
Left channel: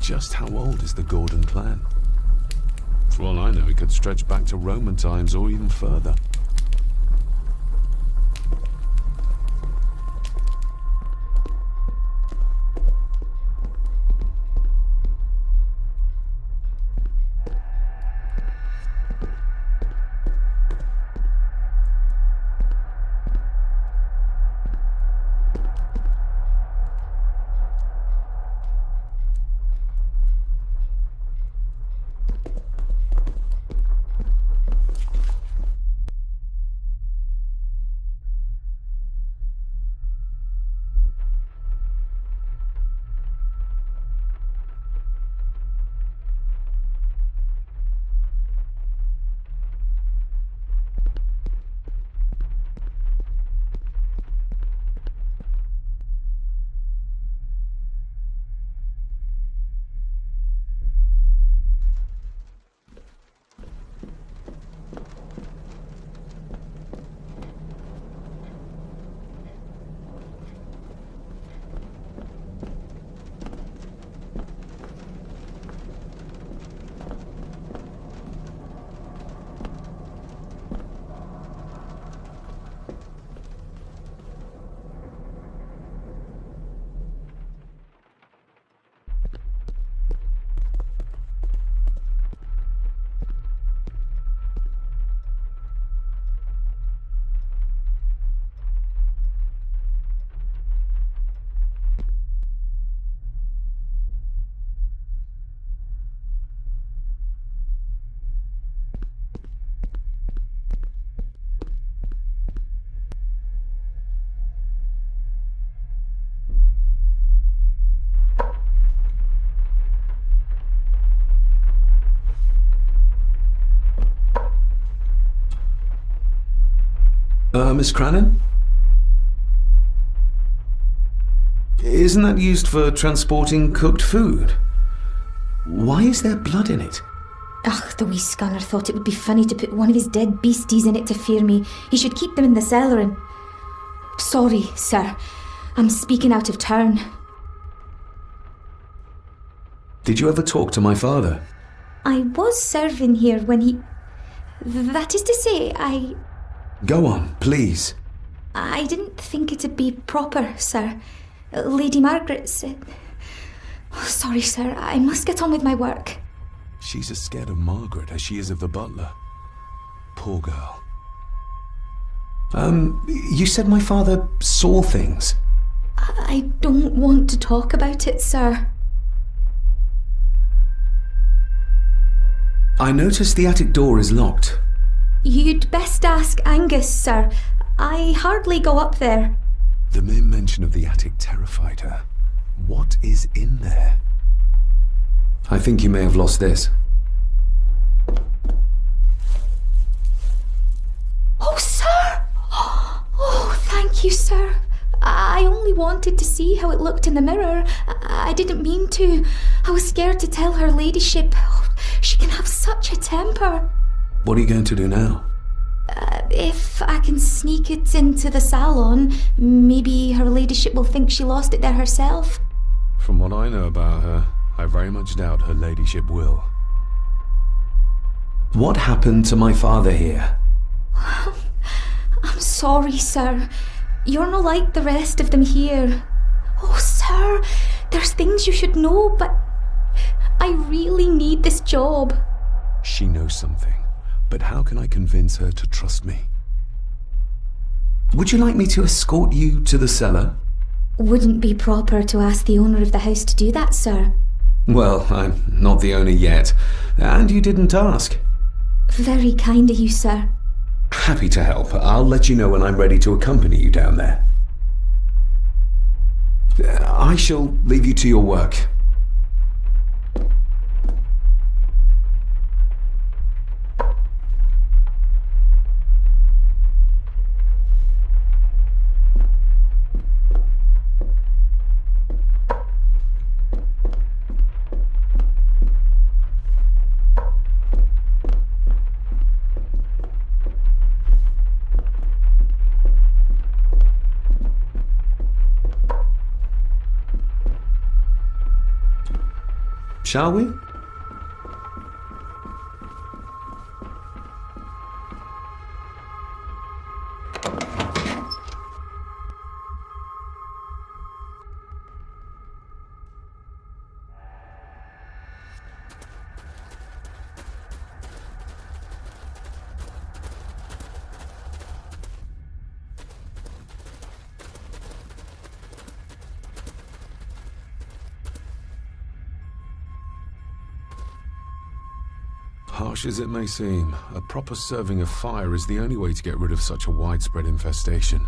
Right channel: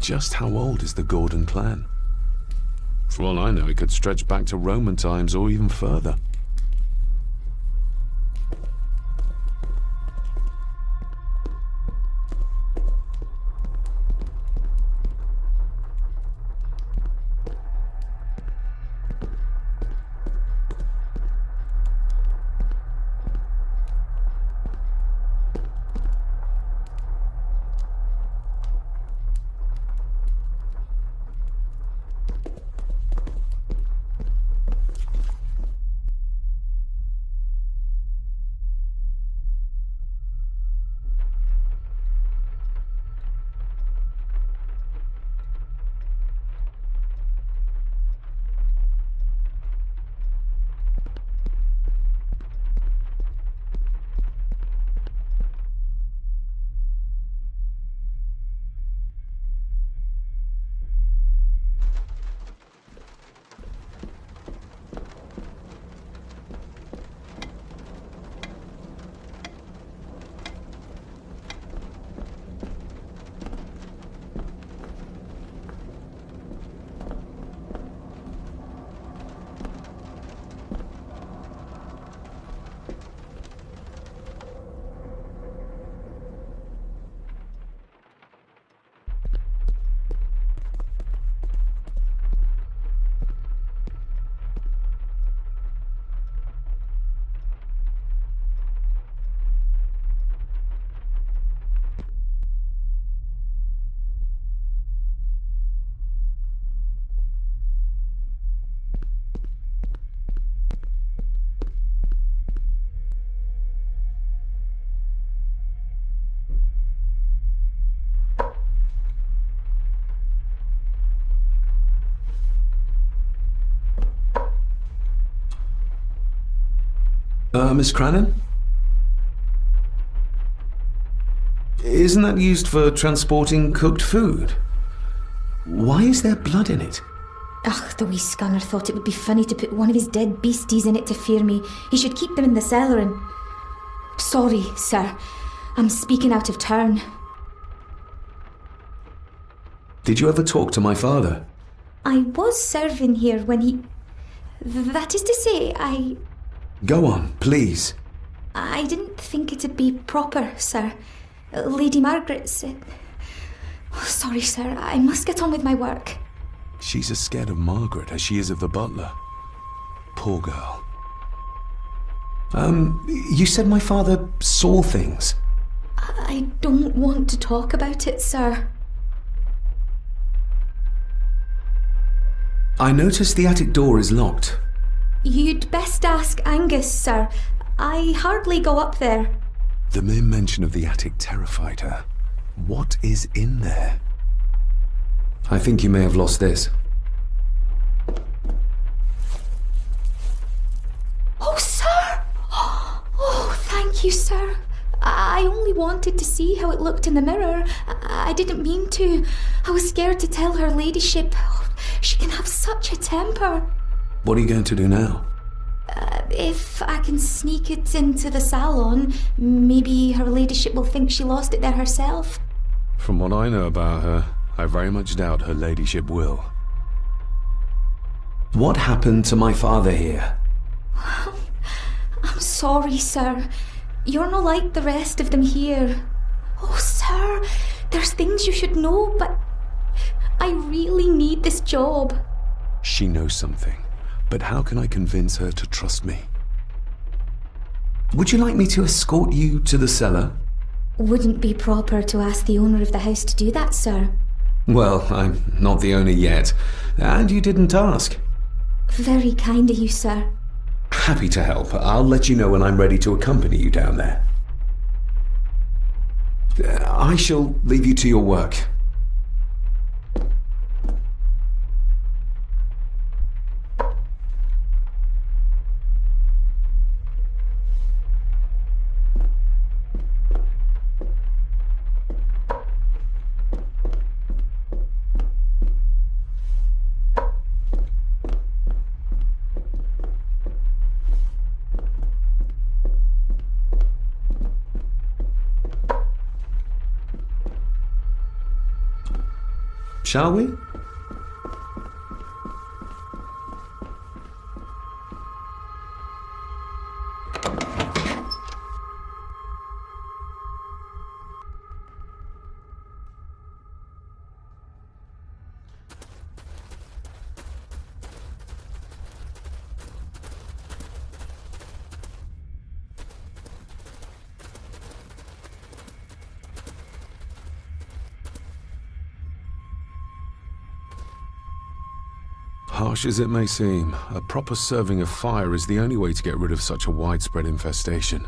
Just how old is the Gordon clan? For all I know, it could stretch back to Roman times or even further. Miss Crannan? Isn't that used for transporting cooked food? Why is there blood in it? Ugh, the wee scunner thought it would be funny to put one of his dead beasties in it to fear me. He should keep them in the cellar and... Sorry, sir. I'm speaking out of turn. Did you ever talk to my father? I was serving here when he... That is to say, Go on, please. I didn't think it'd be proper, sir. Lady Margaret's... Oh, sorry, sir. I must get on with my work. She's as scared of Margaret as she is of the butler. Poor girl. You said my father saw things. I don't want to talk about it, sir. I noticed the attic door is locked. You'd best ask Angus, sir. I hardly go up there. The mere mention of the attic terrified her. What is in there? I think you may have lost this. Oh, sir! Oh, thank you, sir. I only wanted to see how it looked in the mirror. I didn't mean to. I was scared to tell her ladyship. She can have such a temper. What are you going to do now? If I can sneak it into the salon, maybe her ladyship will think she lost it there herself. From what I know about her, I very much doubt her ladyship will. What happened to my father here? I'm sorry, sir. You're not like the rest of them here. Oh, sir, there's things you should know, but I really need this job. She knows something, but how can I convince her to trust me? Would you like me to escort you to the cellar? Wouldn't be proper to ask the owner of the house to do that, sir. Well, I'm not the owner yet, and you didn't ask. Very kind of you, sir. Happy to help. I'll let you know when I'm ready to accompany you down there. I shall leave you to your work. Shall we? Harsh as it may seem, a proper serving of fire is the only way to get rid of such a widespread infestation.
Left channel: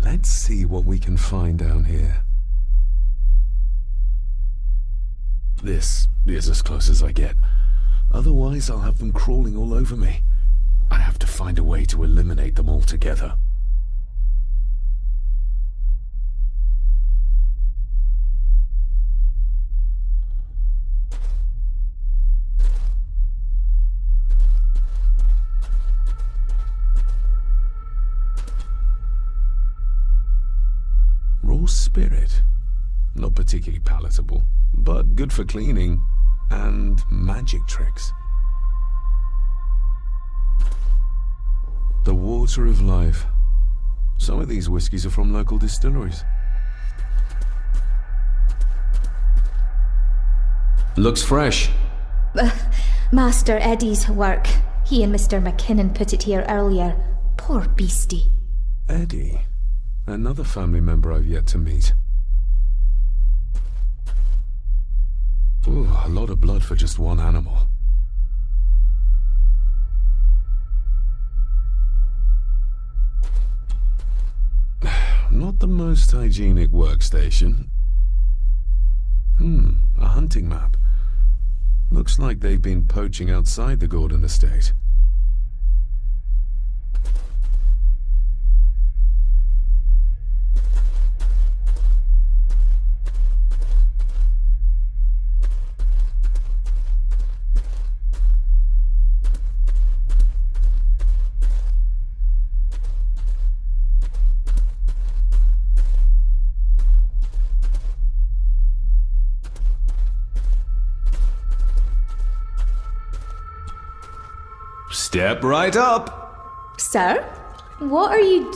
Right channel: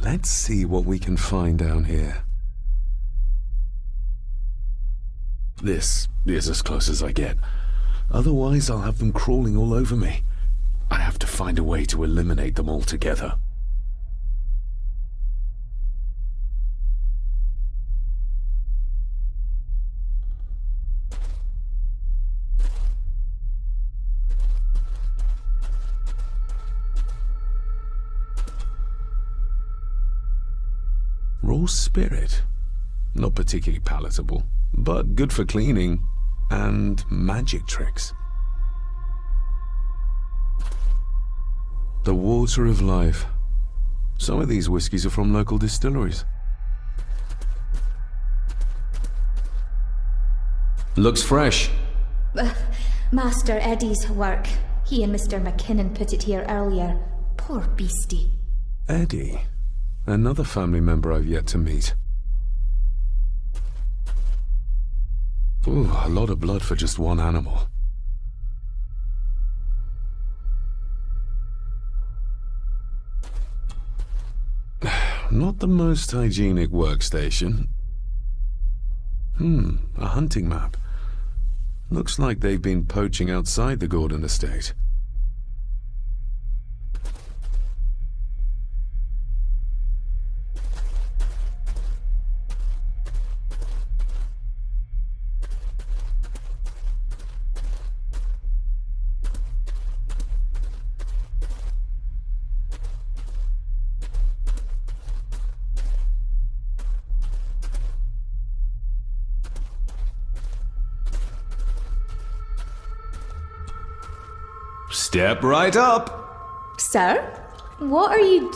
Let's see what we can find down here. This is as close as I get. Otherwise, I'll have them crawling all over me. I have to find a way to eliminate them altogether. Raw spirit. Not particularly palatable, but good for cleaning and magic tricks. The water of life. Some of these whiskies are from local distilleries. Looks fresh. Master Eddie's work. He and Mr. McKinnon put it here earlier. Poor beastie. Eddie? Another family member I've yet to meet. Ooh, a lot of blood for just one animal. Not the most hygienic workstation. A hunting map. Looks like they've been poaching outside the Gordon estate. Step right up. Sir? What are you...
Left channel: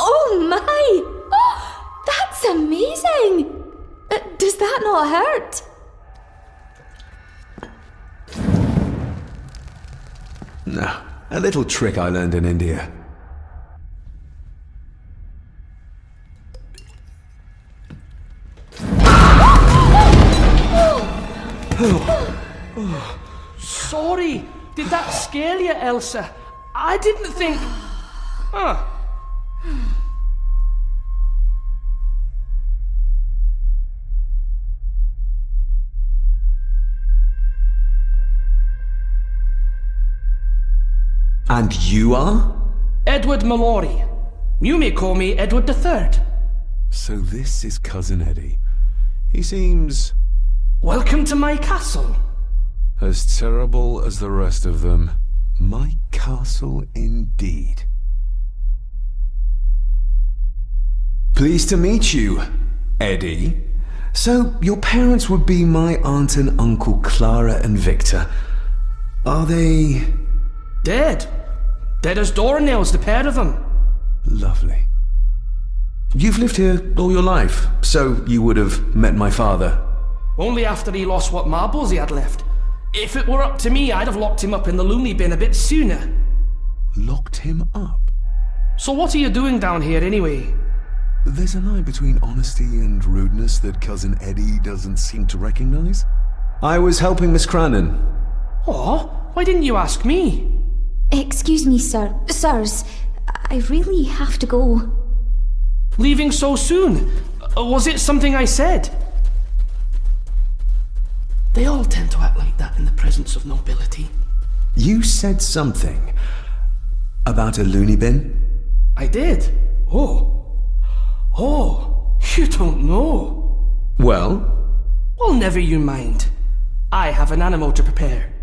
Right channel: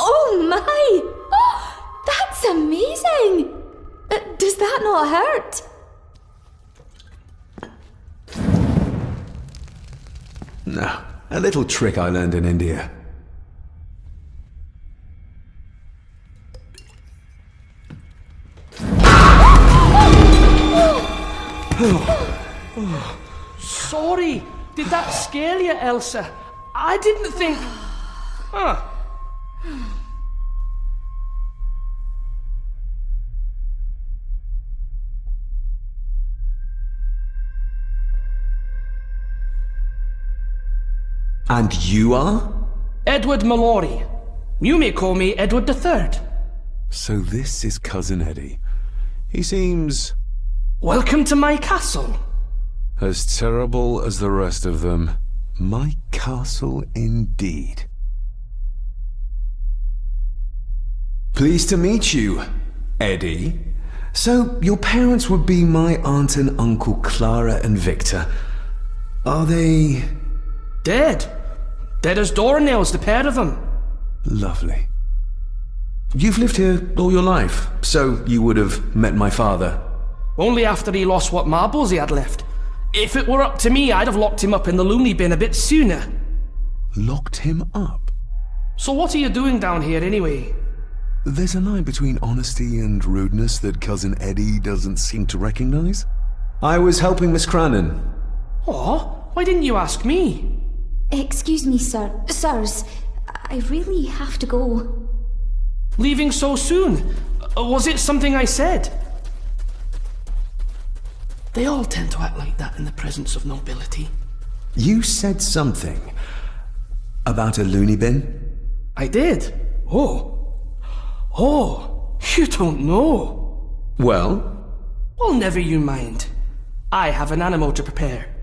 Oh my! Oh, that's amazing! Does that not hurt? No, a little trick I learned in India. Sorry, did that scare you, Elsa? I didn't think... And you are? Edward Mallory. You may call me Edward III. So this is Cousin Eddie. He seems... Welcome to my castle. as terrible as the rest of them. My castle indeed. Pleased to meet you, Eddie. So, your parents would be my aunt and uncle Clara and Victor. Are they... Dead. Dead as doornails, the pair of them. Lovely. You've lived here all your life, so you would have met my father. Only after he lost what marbles he had left. If it were up to me, I'd have locked him up in the loony bin a bit sooner. Locked him up? So what are you doing down here anyway? There's a line between honesty and rudeness that Cousin Eddie doesn't seem to recognize. I was helping Miss Crannan. Oh, why didn't you ask me? Excuse me, sirs. I really have to go. Leaving so soon? Was it something I said? They all tend to act like that in the presence of nobility. You said something about a loony bin? I did. Oh, you don't know. Well? Well, never you mind. I have an animal to prepare.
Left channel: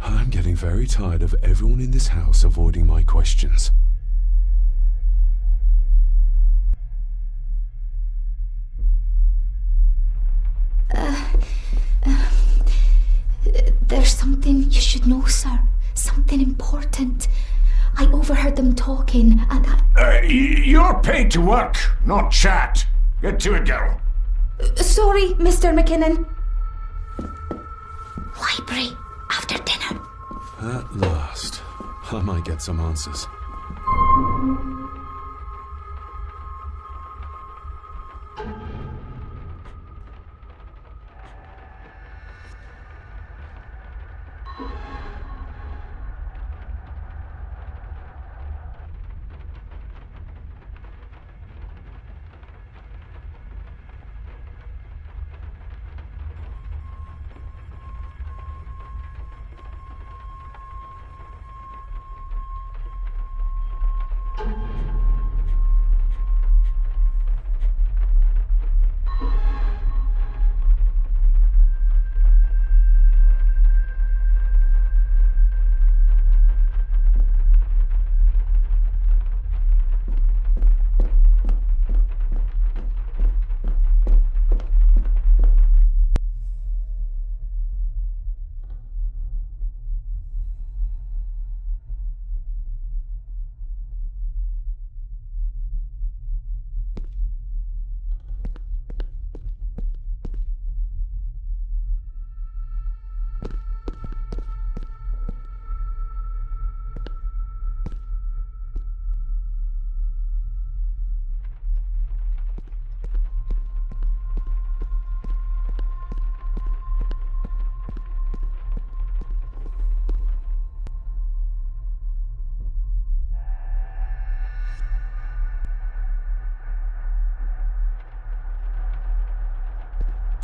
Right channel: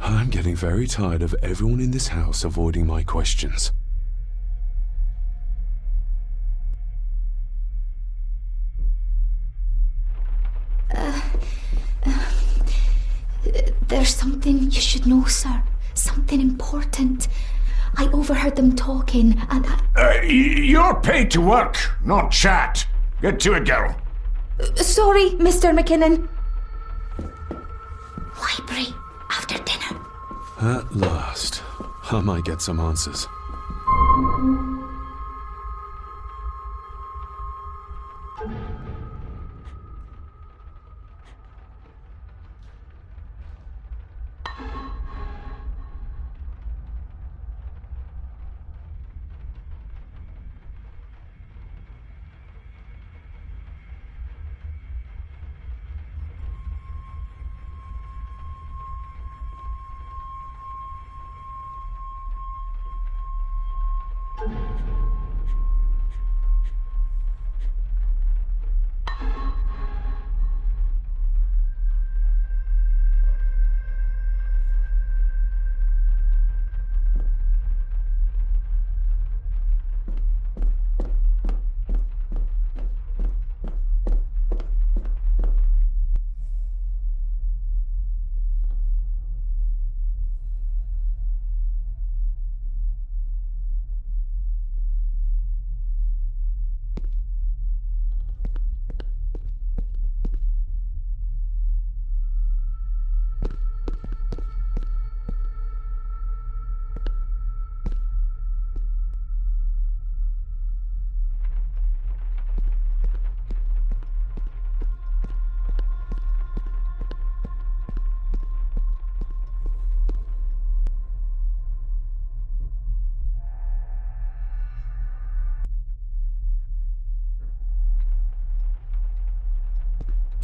I'm getting very tired of everyone in this house avoiding my questions. There's something you should know, sir. Something important. I overheard them talking, and You're paid to work, not chat. Get to it, girl. Sorry, Mr. McKinnon. Library, after dinner. At last. I might get some answers.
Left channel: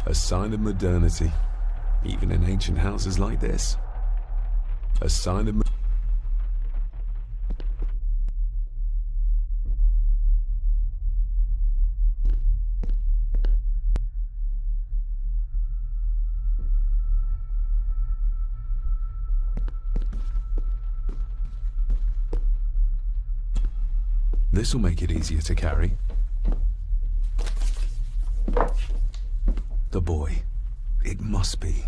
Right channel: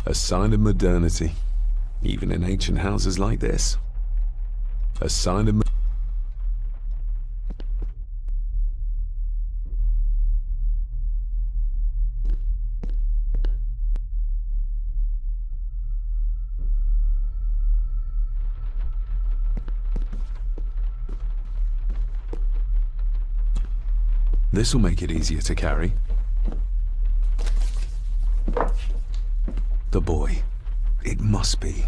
A sign of modernity, even in ancient houses like this. A sign of... This'll make it easier to carry. The boy. It must be.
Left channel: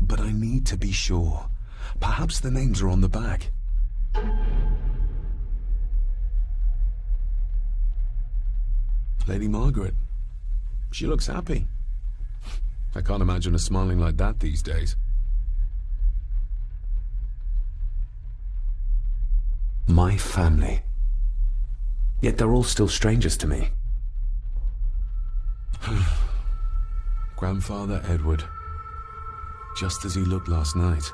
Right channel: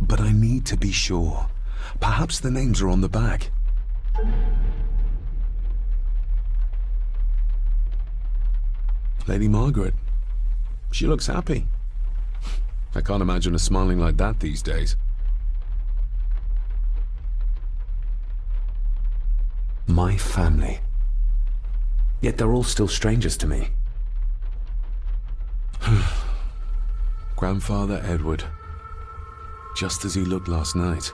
But I need to be sure. Perhaps the names are on the back. Lady Margaret. She looks happy. I can't imagine her smiling like that these days. My family. Yet they're all still strangers to me. Grandfather Edward. Just as he looked last night.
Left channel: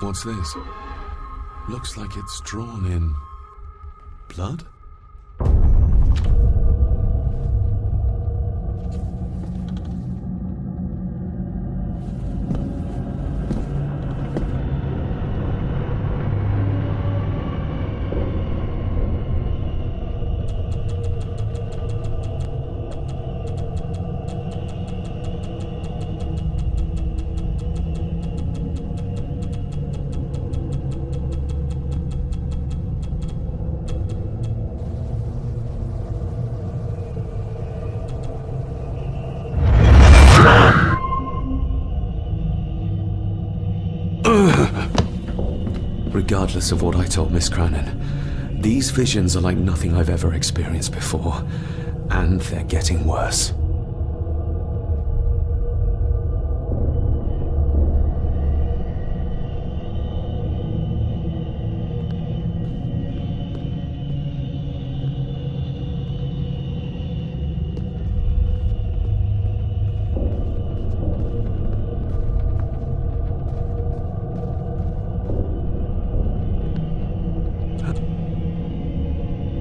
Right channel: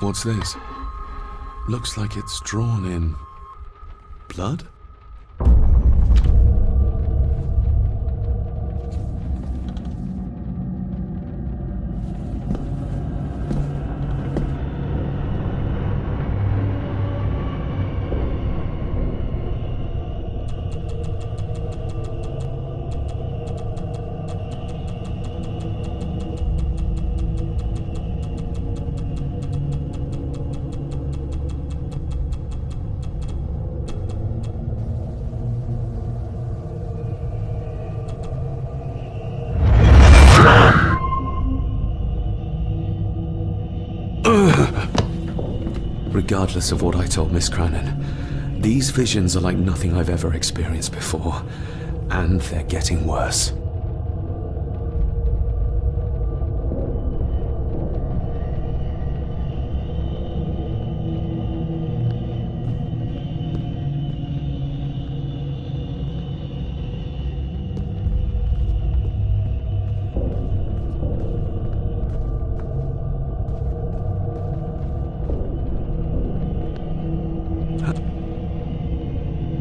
What's this? Looks like it's drawn in... blood? Regardless of what I told Miss Cranon, these visions are like nothing I've ever experienced before, and they're getting worse.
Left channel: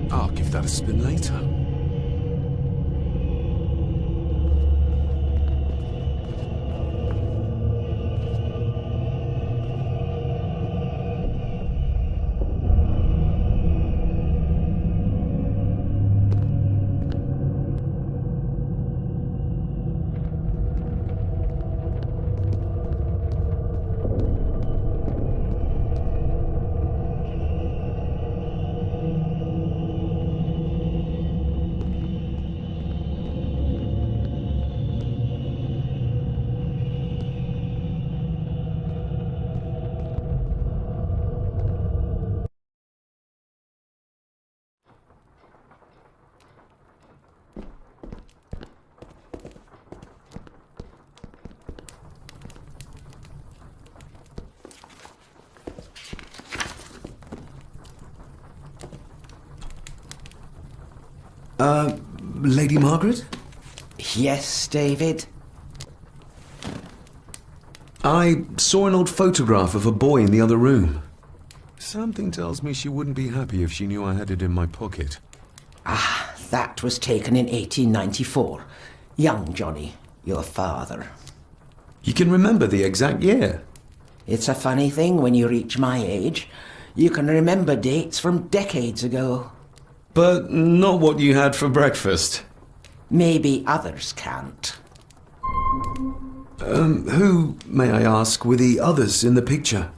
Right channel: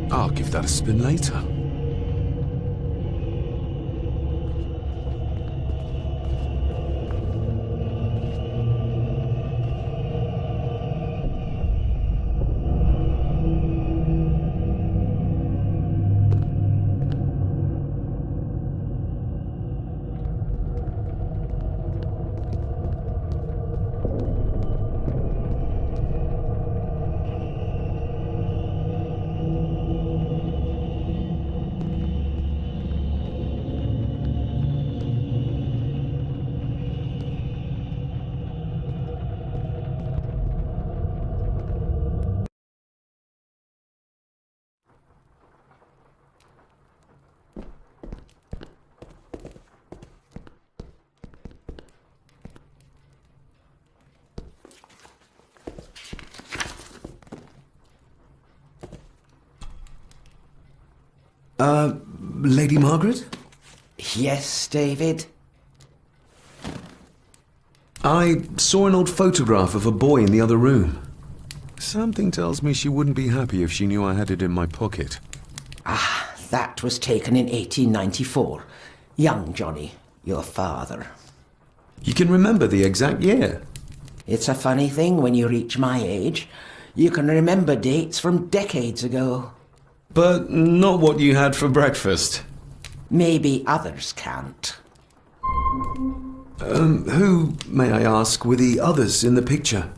I'll give that a spin later. Lady Margaret? Yes, David? I saw an old photograph of a boy in the other room. Something tells me she wouldn't be happy if she knew I had it in my pocket. Ah, that was taken in 1894. Young Johnny, your father. You can remember the exact year? It's a funny thing when you reach my age. You can remember dates from decades ago. But not what you had for breakfast. Maybe others can't. Who, may I ask, were the others in the picture?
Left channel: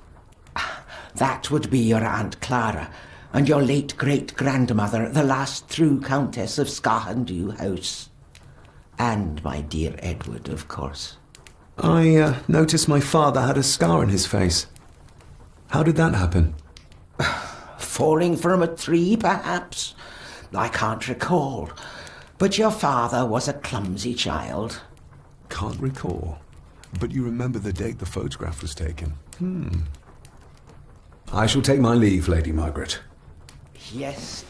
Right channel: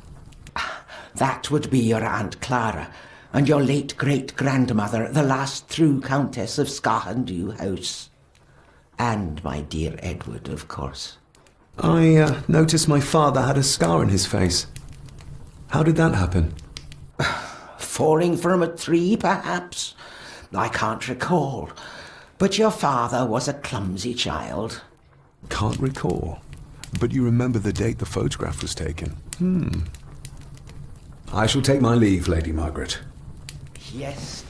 That would be your Aunt Clara and your late great-grandmother, the last true Countess of Scahandew House. And my dear Edward, of course. I noticed my father had a scar on his face. How did that happen? Falling from a tree, perhaps? I can't recall. But your father was a clumsy child. Can't recall. But you remember the date the photograph was taken. I shall take my leave, Lady Margaret. Yes.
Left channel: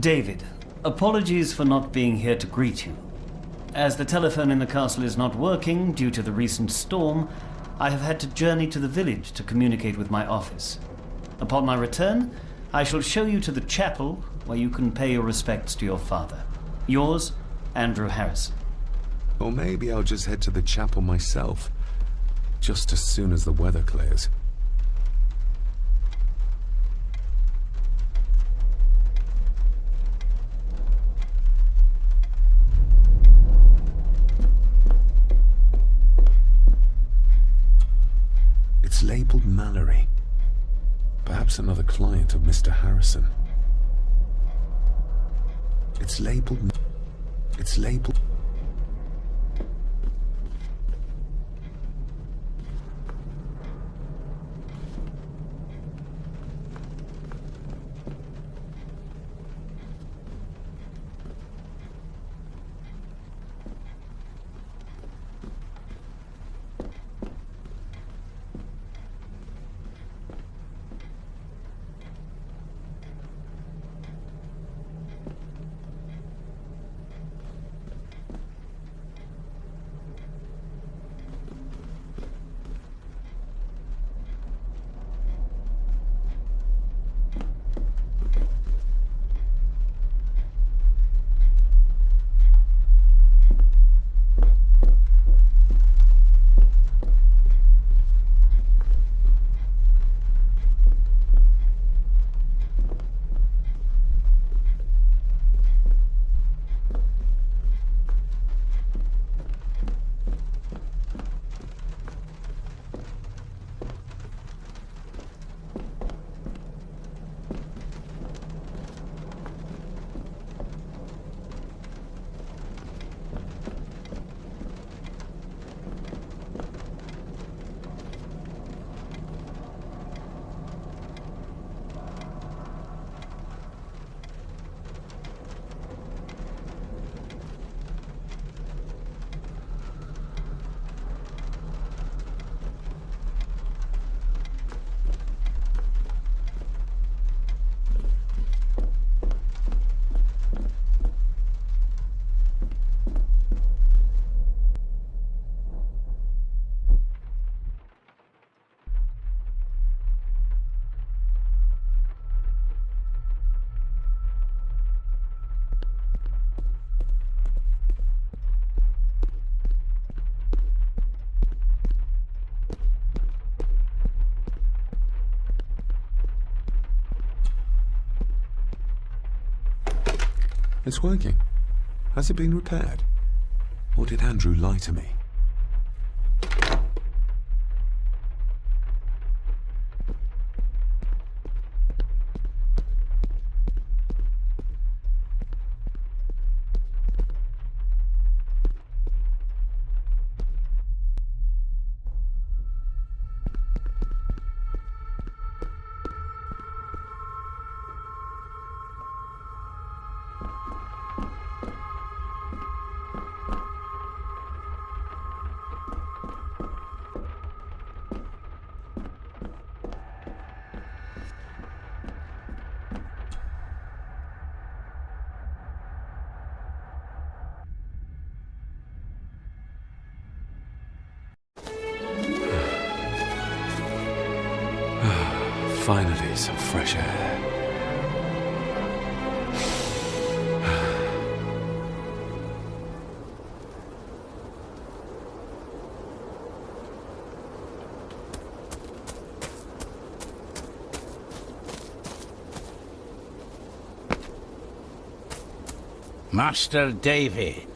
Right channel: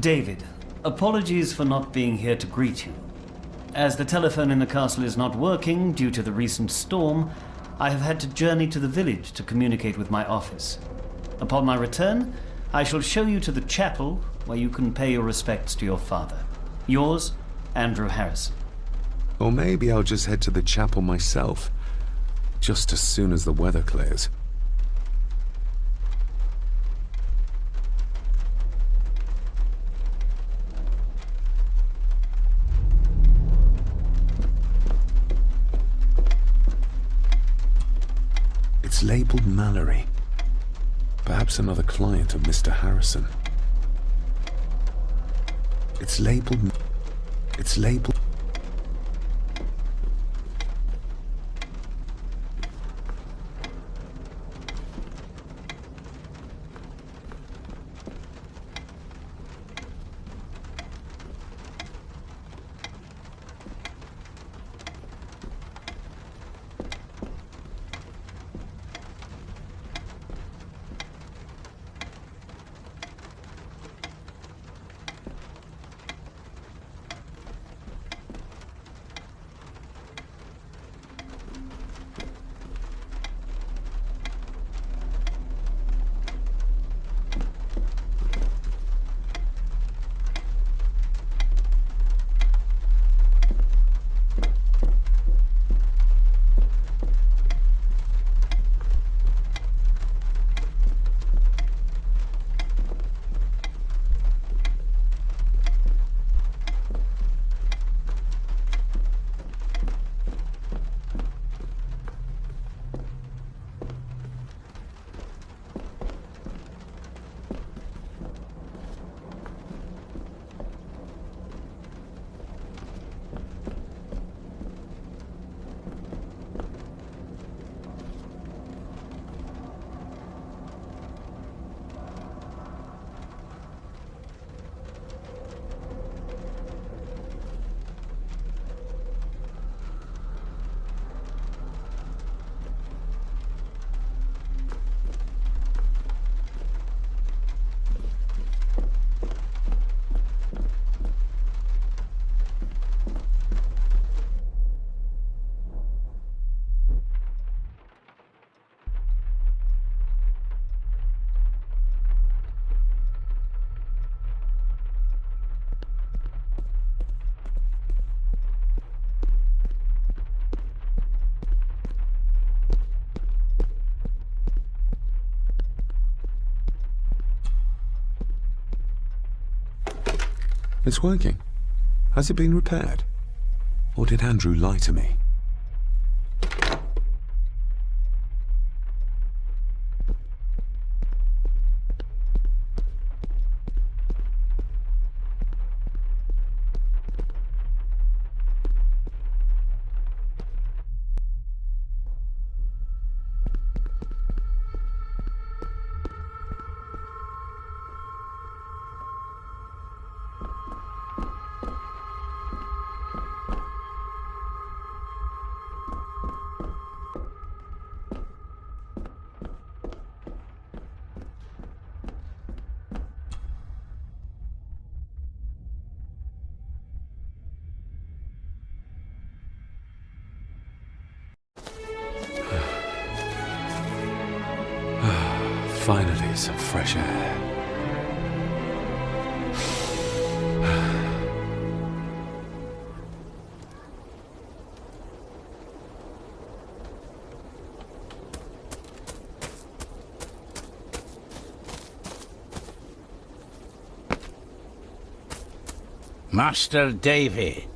David, apologies for not being here to greet you. As the telephone in the castle is not working due to the recent storm, I have had to journey to the village to communicate with my office. Upon my return, I shall show you to the chapel where you can pay your respects to your father. Yours, Andrew Harrison. Or maybe I'll just head to the chapel myself, just as soon as the weather clears. It's labeled Mallory. Perhaps another client of Mr. Harrison. It's labeled... It's working. Has it been repaired? Or did Andrew lie to me? Finally, some fresh air. Master David.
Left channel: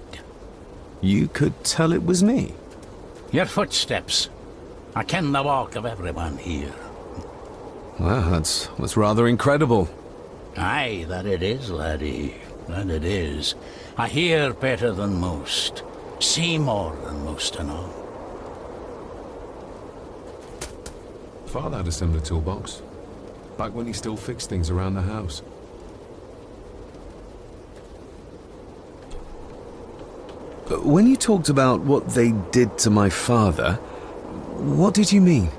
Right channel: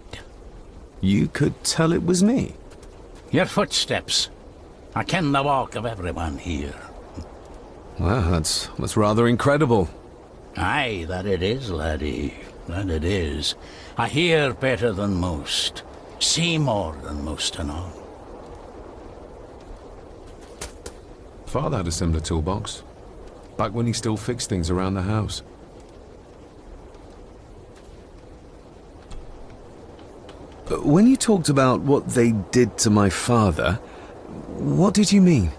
You could tell it was me. Your footsteps. I ken the walk of everyone here. Well, that's rather incredible. Aye, that it is, laddie. That it is. I hear better than most. See more than most and all. Father had a similar toolbox. Back when he still fixed things around the house. When you talked about what they did to my father, what did you mean?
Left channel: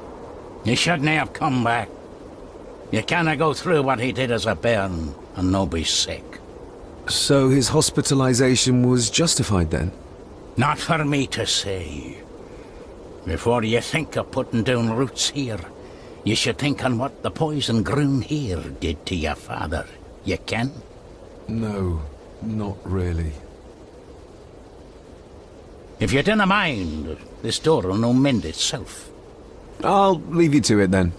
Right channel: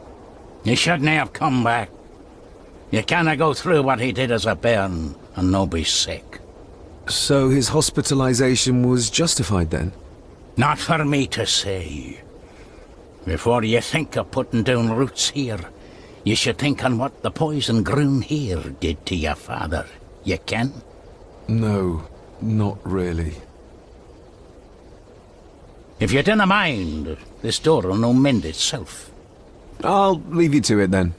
You shouldn't have come back. You canna go through what he did as a bairn and no be sick. So his hospitalization was justified then? Not for me to say. Before you think of putting down roots here, you should think on what the poison grown here did to your father. You can? No, not really. If you dinna mind, this door will no mend itself. I'll leave you to it then.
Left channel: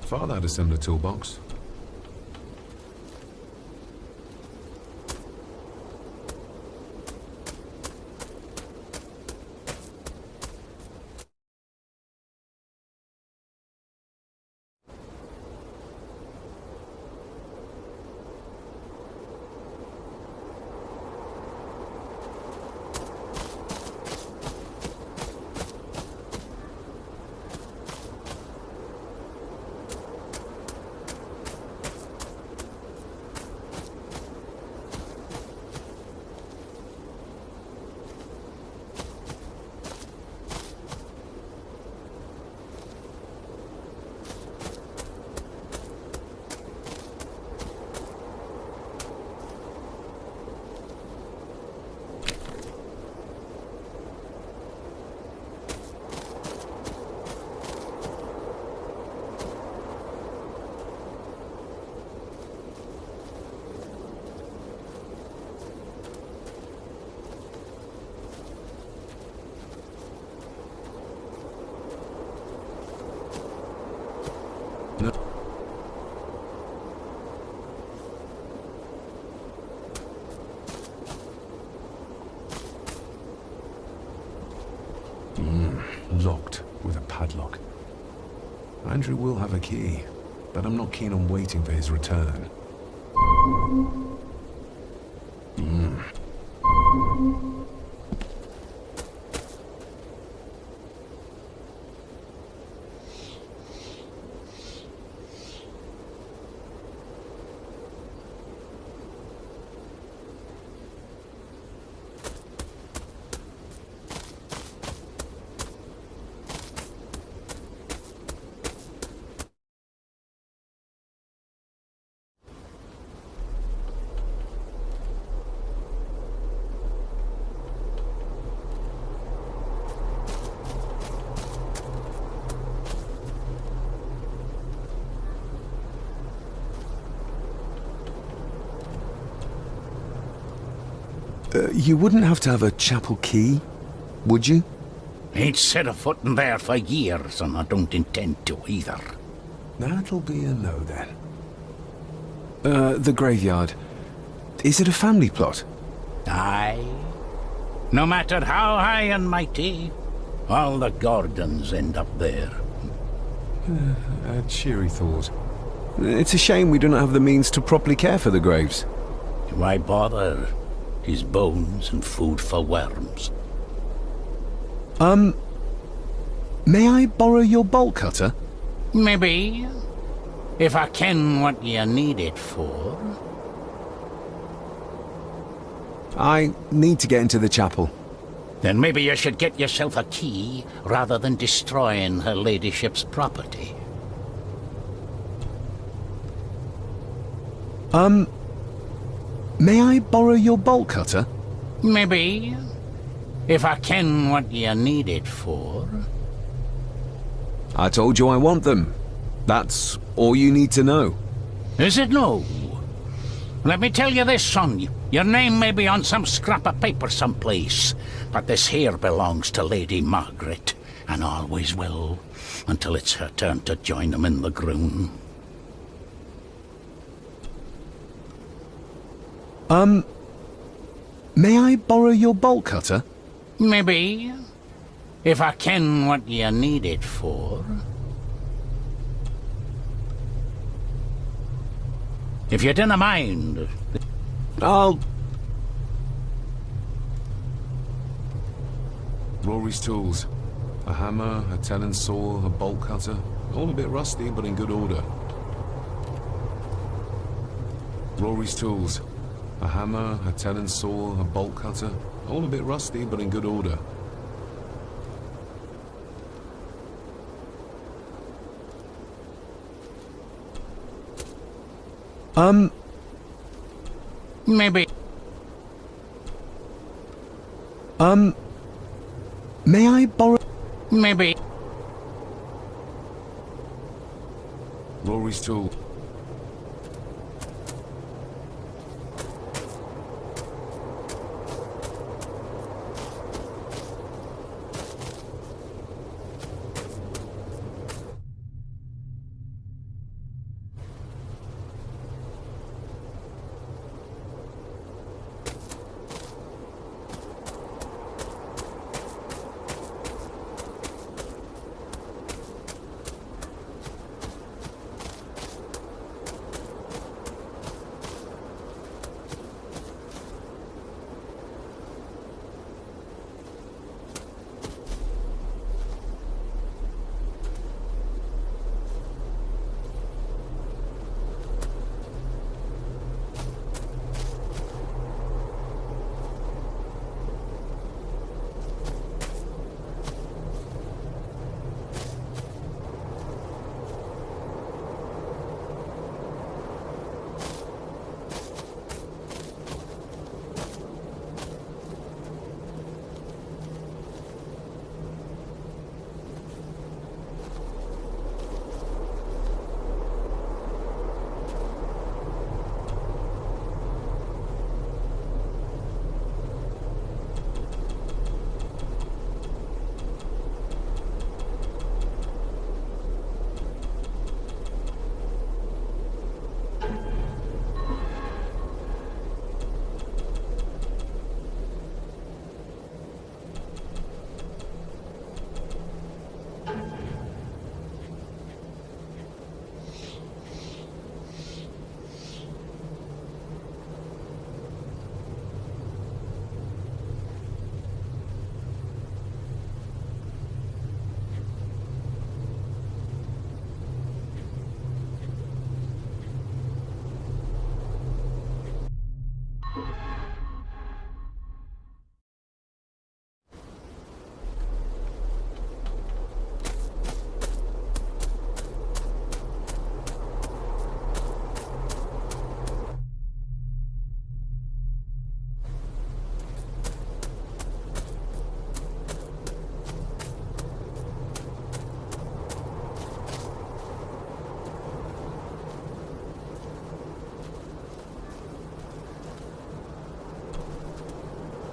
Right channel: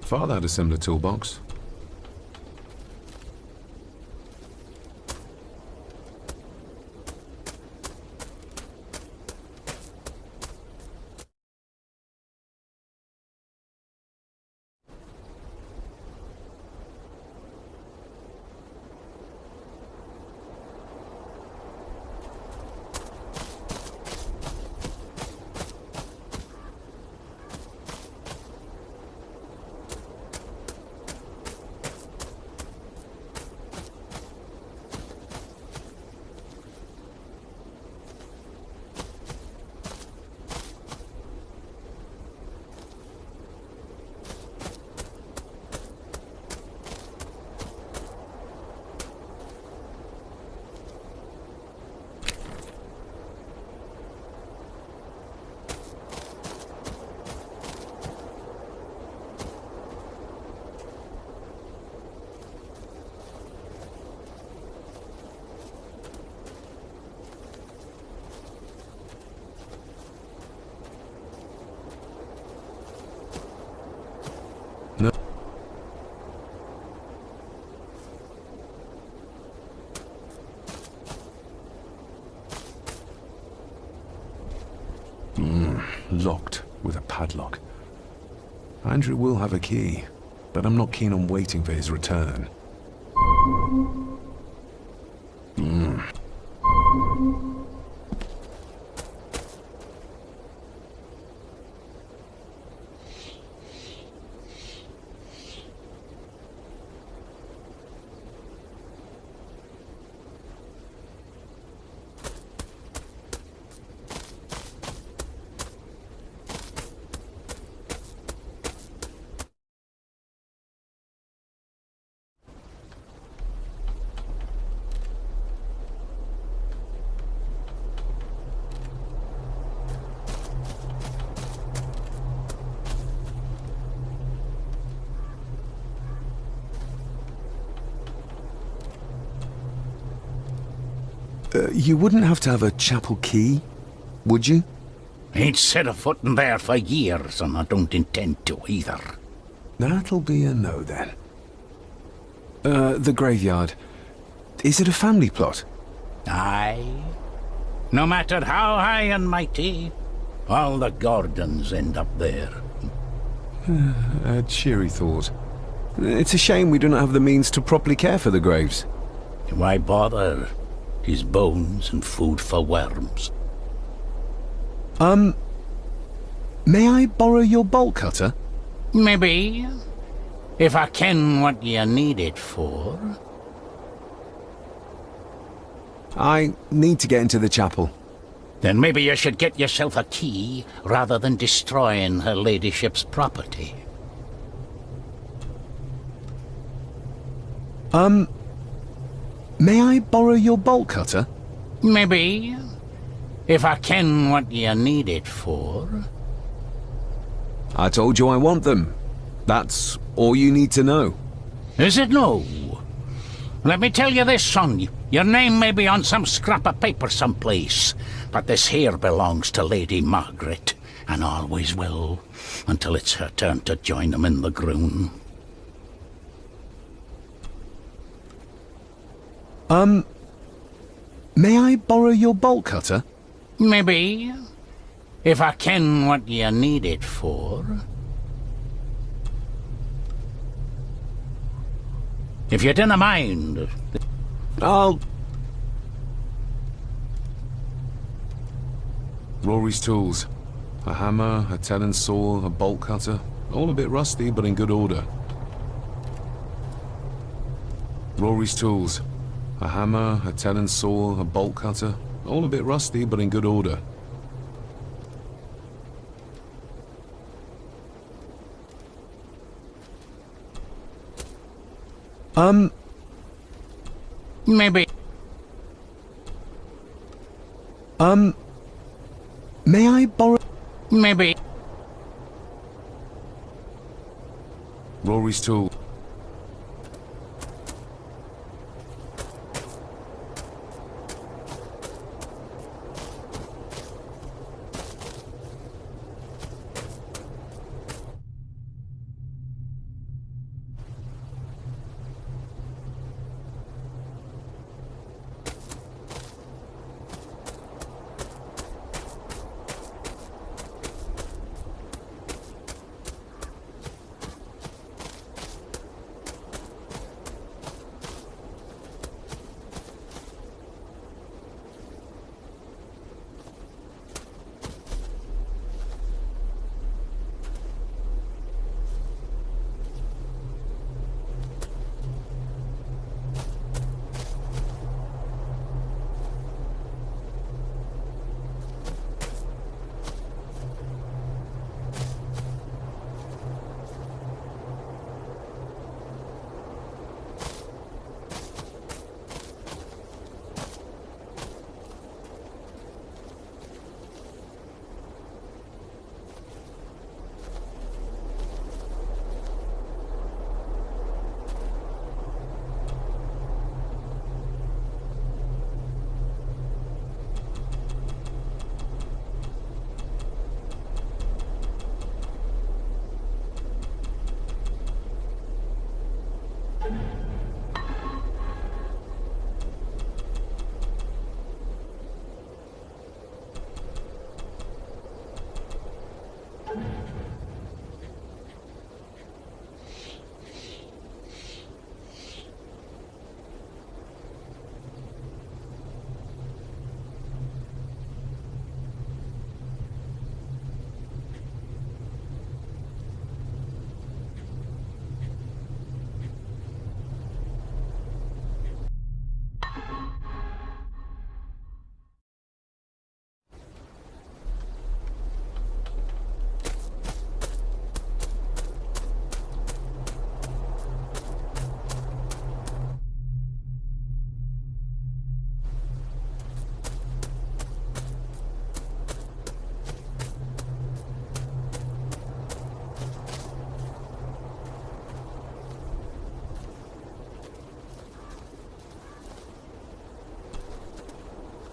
Father had a similar toolbox. No. Locked with a padlock. Andrew will have a key, but I'm not keen on waiting for his return. You wouldn't have to have a chapel key, would you? Ain't set a foot in there for years, and I don't intend to either. That'll be a no then. The graveyard. Is it a family plot? Aye. No matter how high and mighty, all the Gordons end up there. A cheery thought. It's a shame we do not have the means to properly care for the graves. Why bother? His bones and food for worms. May I borrow your bolt cutter? Maybe. If I ken what you need it for. I need to get into the chapel. Then maybe you should get yourself a key, rather than destroying her ladyship's property. May I borrow your bolt cutter? Maybe. If I ken what you need it for. I told you I want them. That's all you need to know. Is it no? Let me tell you this, son. Your name may be on some scrap of paper someplace, but this here belongs to Lady Margaret, and always will, until it's her turn to join them in the groon. May I borrow your bolt cutter? Maybe. If I ken what you need it for. If you dinna mind. I'll... Rory's tools. A hammer, a tenon saw, a bolt cutter. All a bit rusty, but in good order. Rory's tools. A hammer, a tenon saw, a bolt cutter. All a bit rusty, but in good order. Maybe. May I borrow... Maybe. Rory's tool.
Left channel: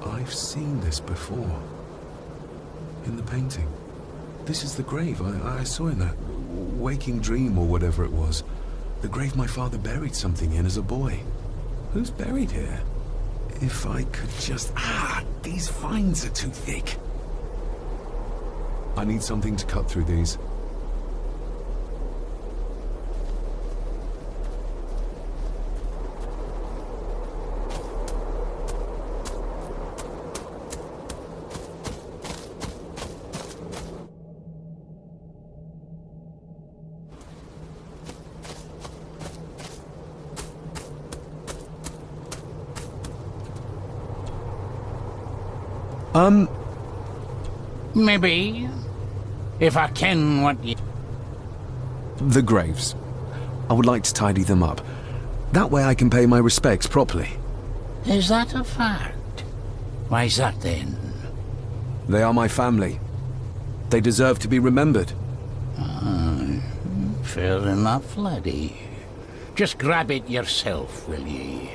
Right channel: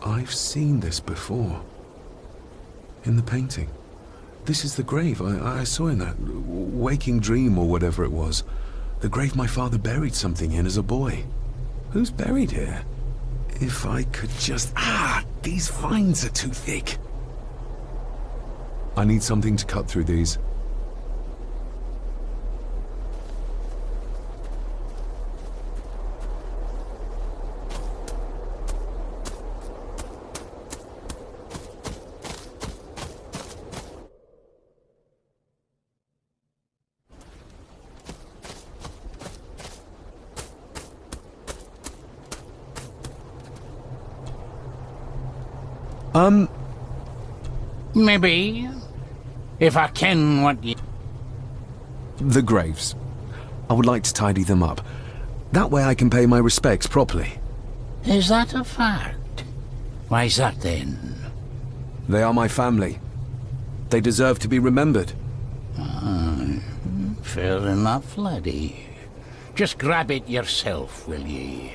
I've seen this before. In the painting. This is the grave I saw in that waking dream or whatever it was. The grave my father buried something in as a boy. Who's buried here? If I could just... these vines are too thick. I need something to cut through these. Maybe. If I can, what you... The graves. I would like to tidy them up. That way I can pay my respects properly. Is that a fact? Why's that then? They are my family. They deserve to be remembered. Fair enough, laddie. Just grab it yourself, will ye?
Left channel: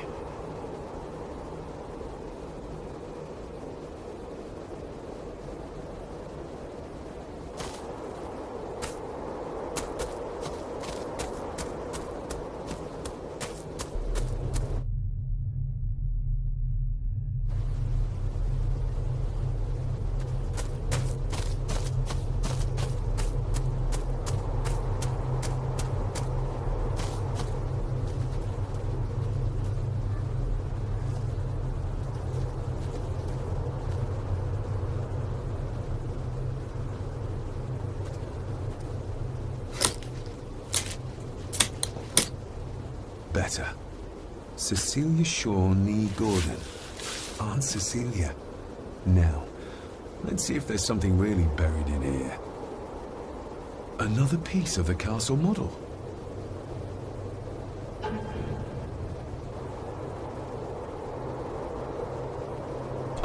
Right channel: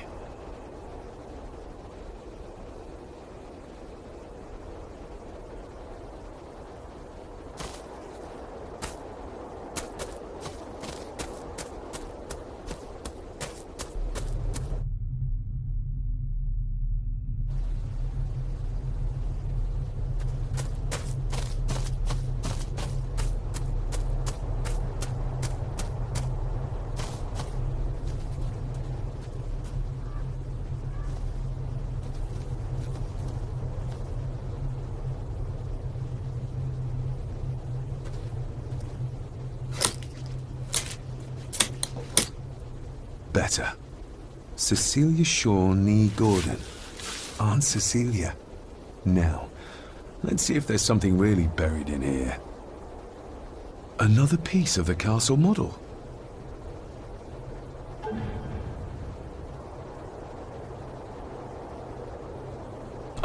Better. Cecilia Shaw Nee Gordon. Aunt Cecilia. Now, let's see if there's something really buried in here. Another piece of the castle model.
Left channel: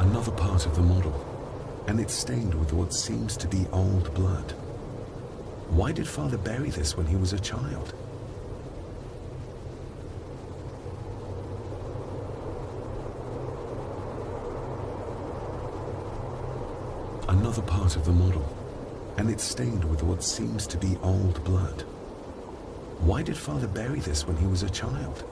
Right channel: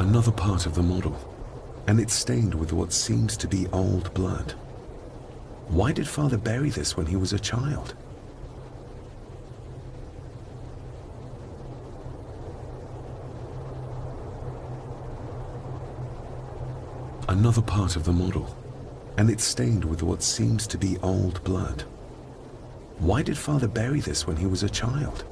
Another part of the model, and it's stained with what seems to be old blood. Why did Father bury this when he was a child? Another part of the model, and it's stained with what seems to be old blood. Why did Father bury this when he was a child?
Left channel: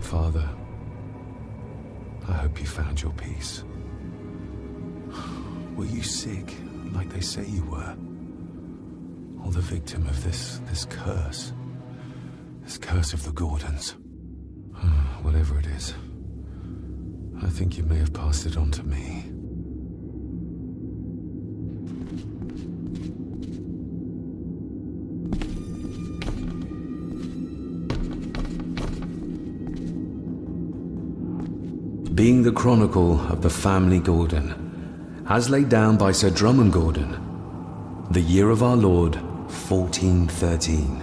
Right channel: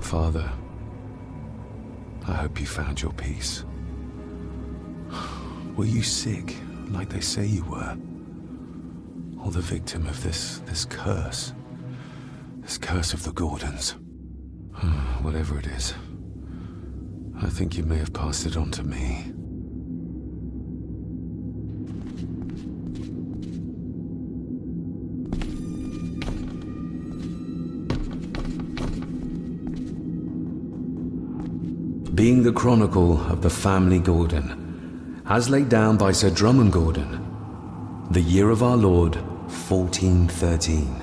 Father, I hope you found your peace. Were you sick, like they say you were? Or the victim of this curse? This curse of the Gordons? Whatever it is, I think you may have passed it on to me. Being the chronicle of the family Gordon, as laid down by Sir Drummond Gordon, the year of our Lord, 1413.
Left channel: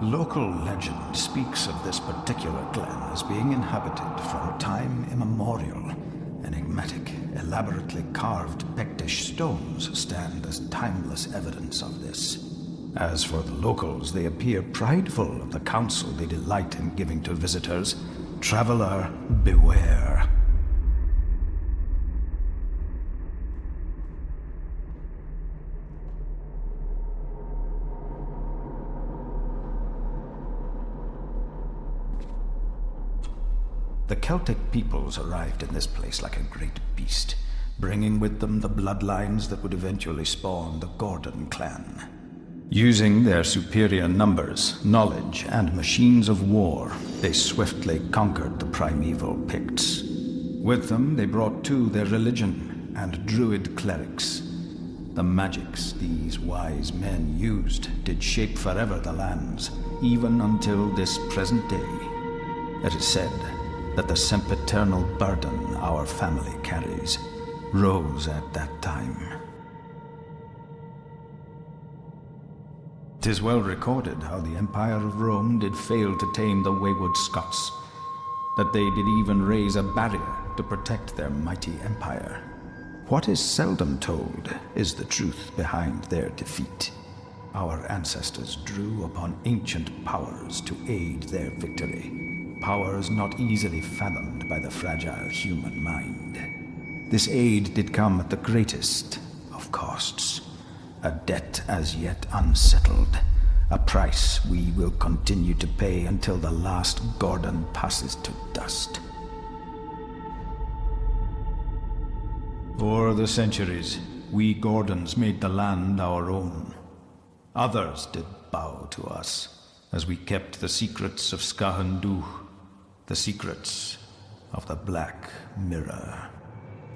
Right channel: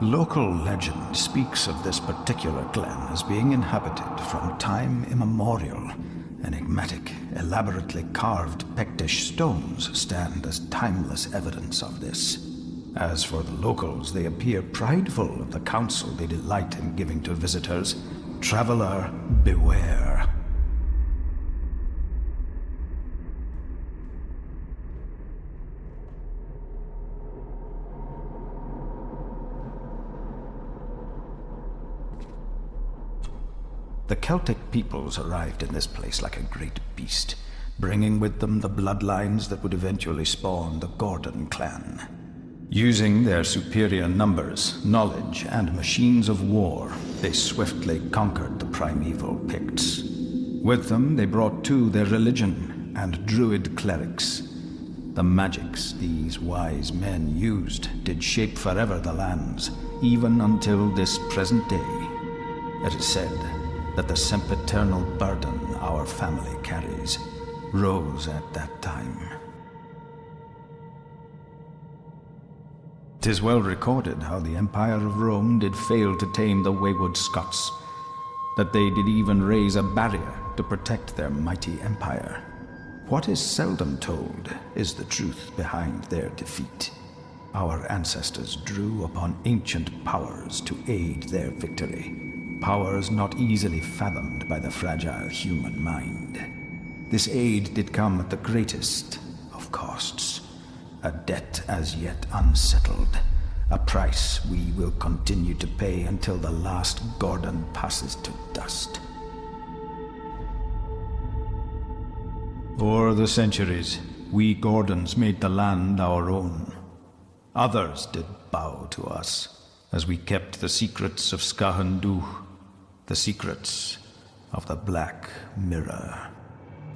Local legend speaks of this particular glen as being inhabited from time immemorial. Enigmatic, elaborately carved Pictish stones stand as timeless evidence of this. As for the locals, they appear prideful of the counsel they delight in giving to visitors. Traveler, beware. The Celtic peoples arrived in this place like a great beast, bringing with them the bloodlines that would eventually spawn the Gordon clan. Using their superior numbers, knowledge, and machines of war, they swiftly conquered the primeval Picts. With them, they brought too their religion and druid clerics. The magics these wise men used did shape forever the lands, even until this present day. It is said that the sempiternal burden our family carries rose at that time. 'Tis well recorded how the Empire of Rome did fail to tame the wayward Scots, that they did even raise a barrier to protect their mighty empire. What is seldom told is the truth behind their defeat. Our ancestors drew upon ancient powers to aid their victory, powers not easily fathomed by the fragile human mind. This aid did come at the greatest of costs, a debt as yet unsettled, a price we will continue to pay until the last Gordon passes to dust. O'er the centuries, we Gordons made the land our own. Others did bow to us, as we kept the secrets of Scahandu, the secrets of the Black Mirror.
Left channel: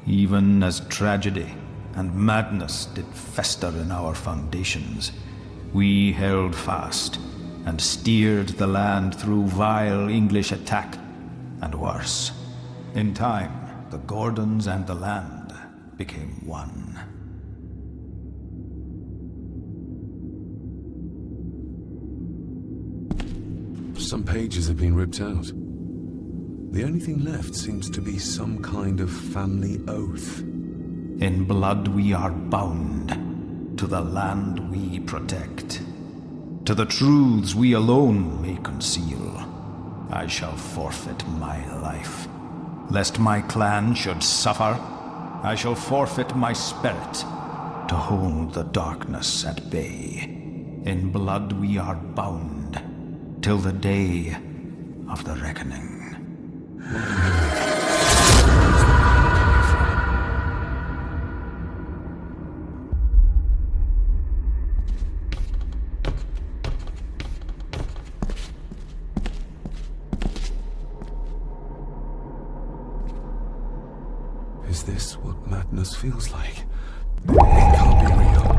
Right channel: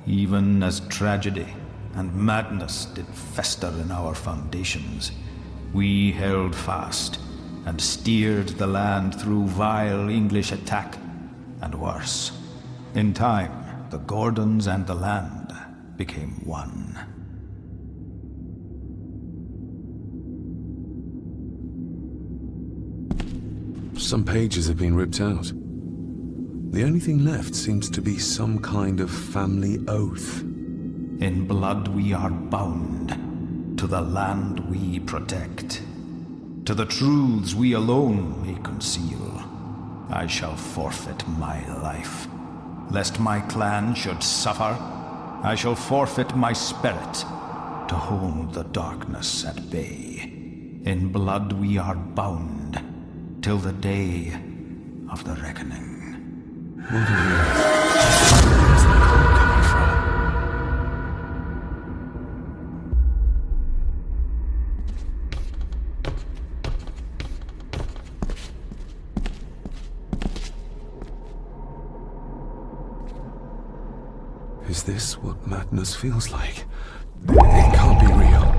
Even as tragedy and madness did fester in our foundations, we held fast and steered the land through vile English attack and worse. In time, the Gordons and the land became one. Some pages have been ripped out. The only thing left seems to be some kind of family oath. In blood we are bound to the land we protect, to the truths we alone may conceal. I shall forfeit my life, lest my clan should suffer I shall forfeit my spirit to hold the darkness at bay. In blood we are bound till the day of the reckoning. What are you? Where's the call coming from? Is this what madness feels like? It can't be real.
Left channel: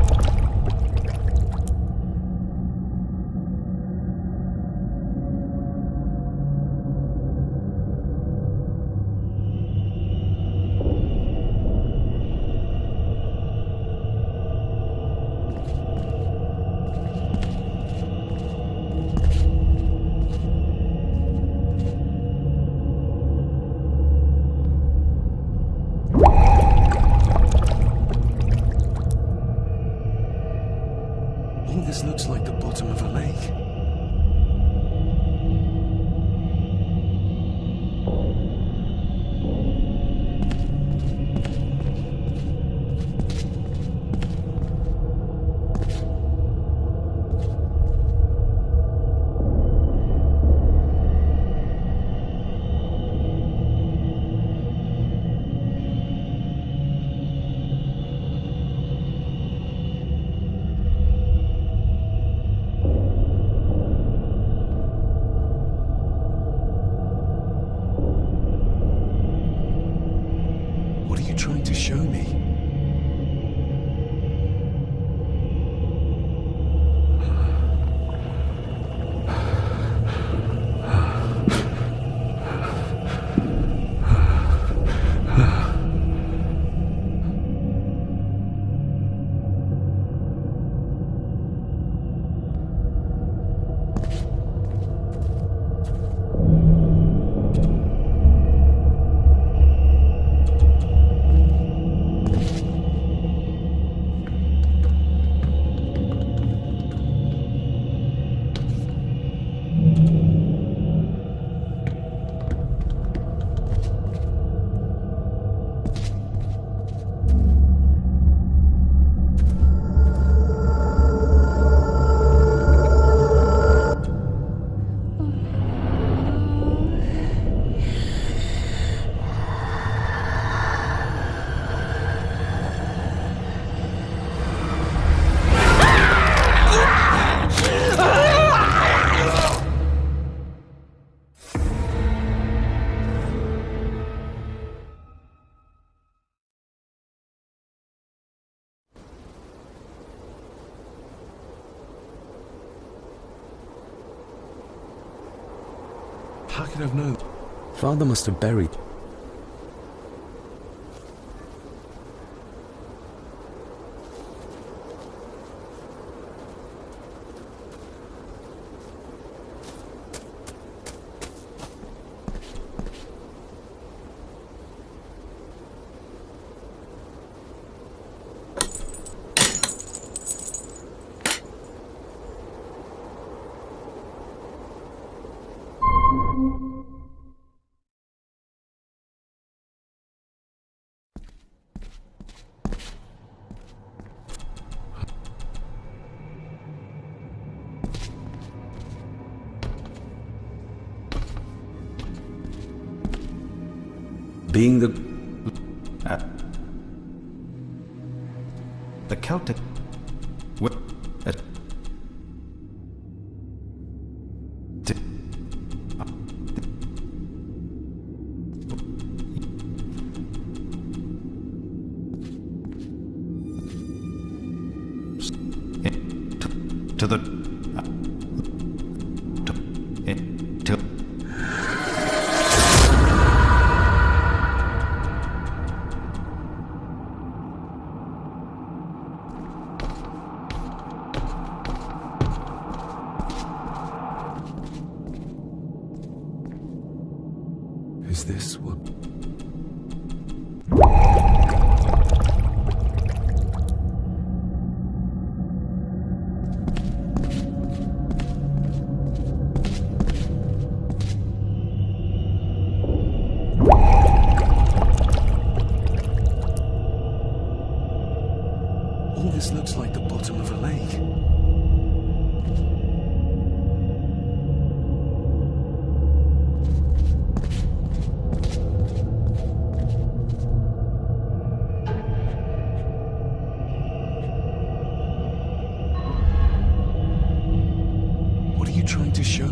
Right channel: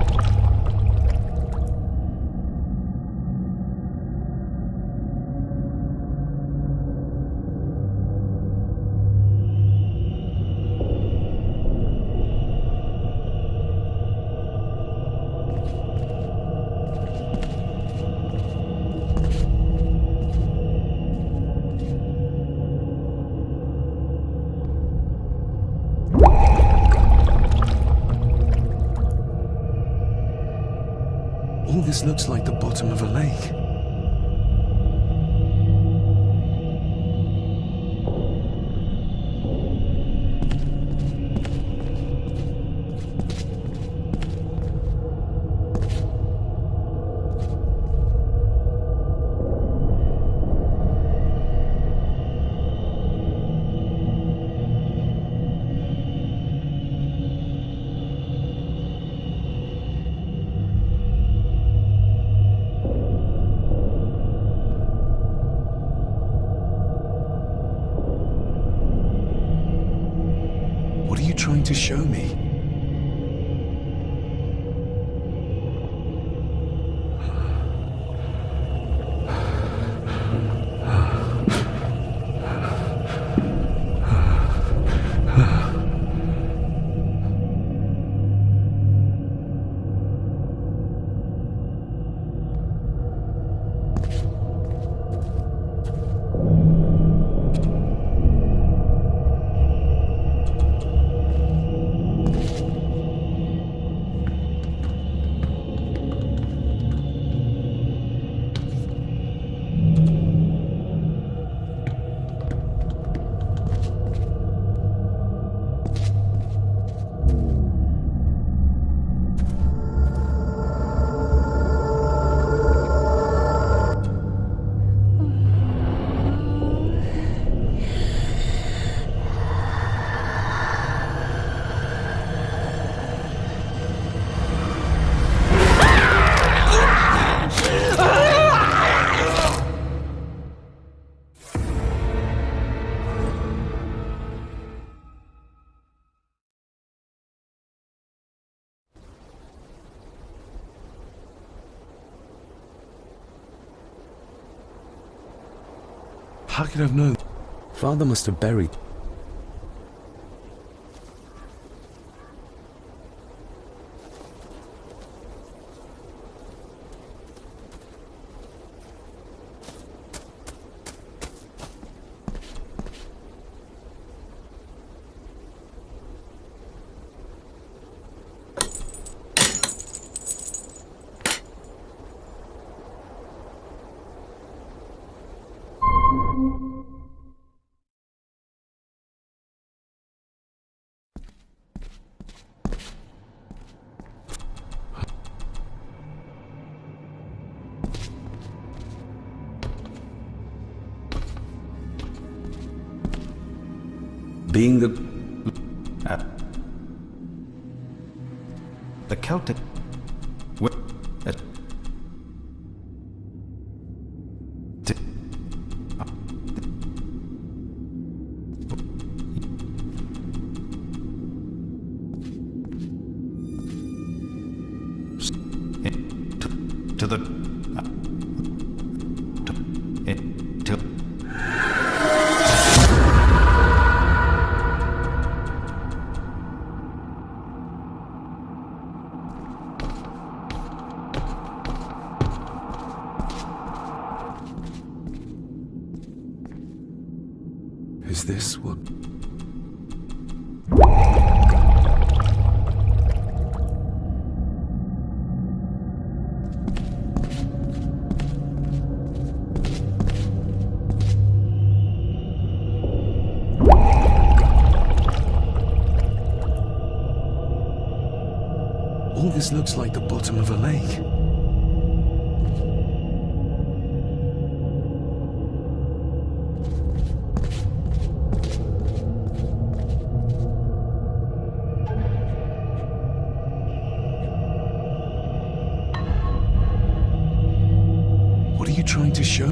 All this looks like the bottom of a lake. What are you trying to show me? How could I have known? Father must have buried. Being the Celtic to the Is this what... All this looks like the bottom of a lake. What are you trying to show?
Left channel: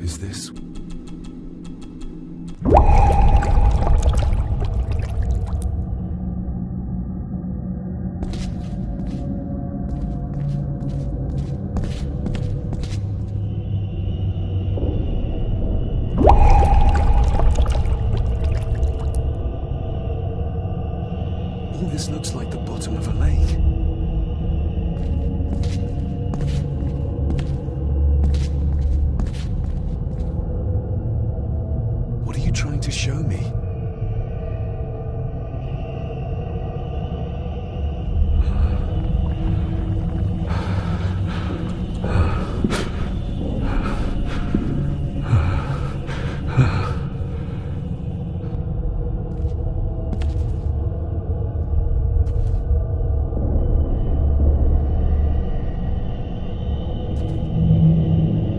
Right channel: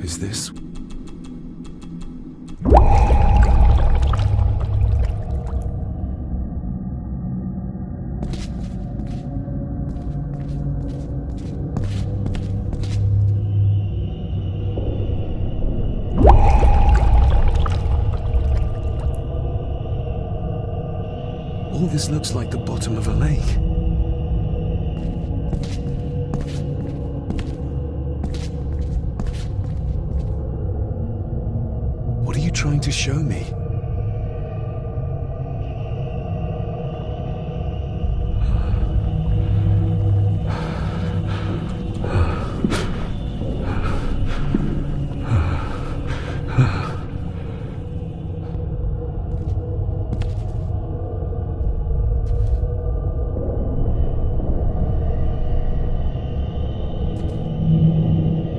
Is this? All this looks like the bottom of a lake. What are you trying to show me?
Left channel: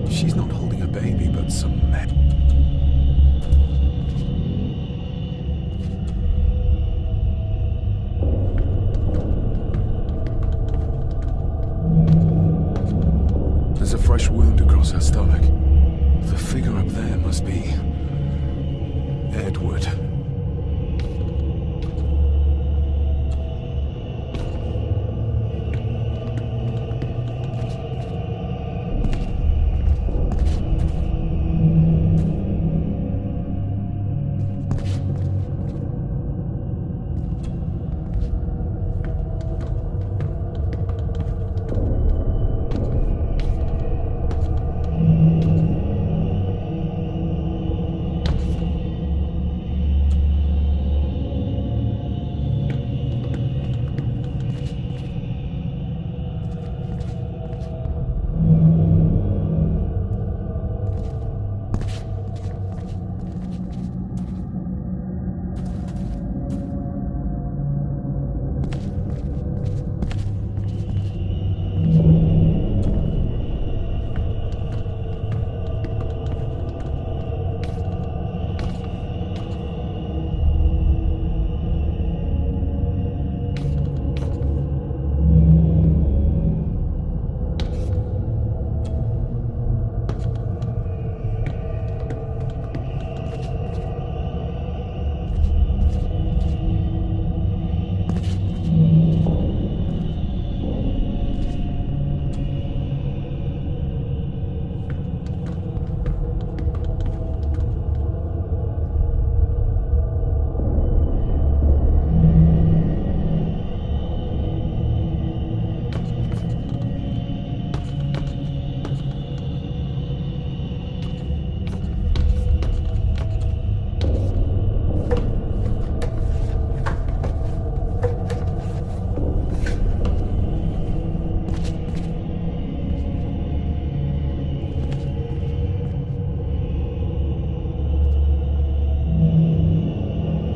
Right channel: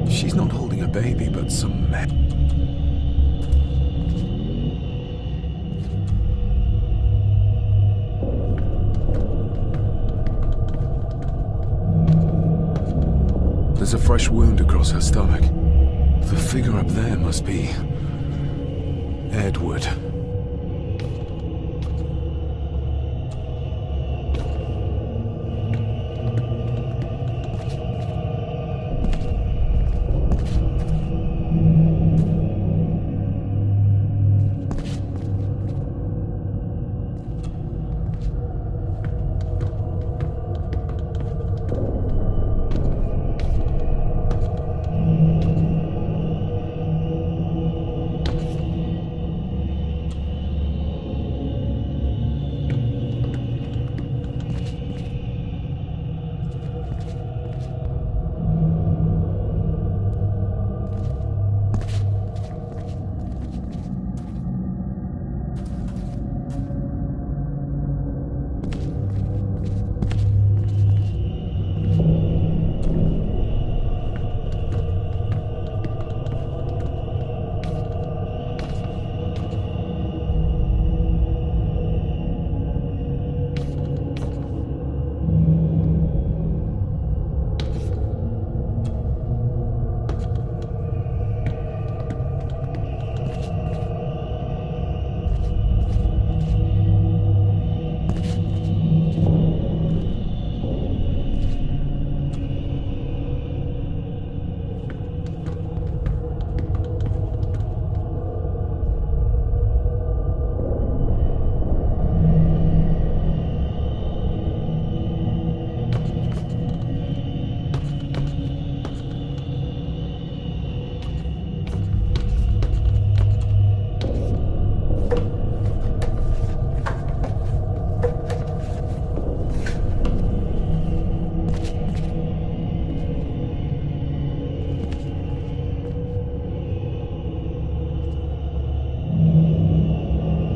She's not holding a baby, but some men. There's a fresh wound across her stomach. The figure up there must be Edward.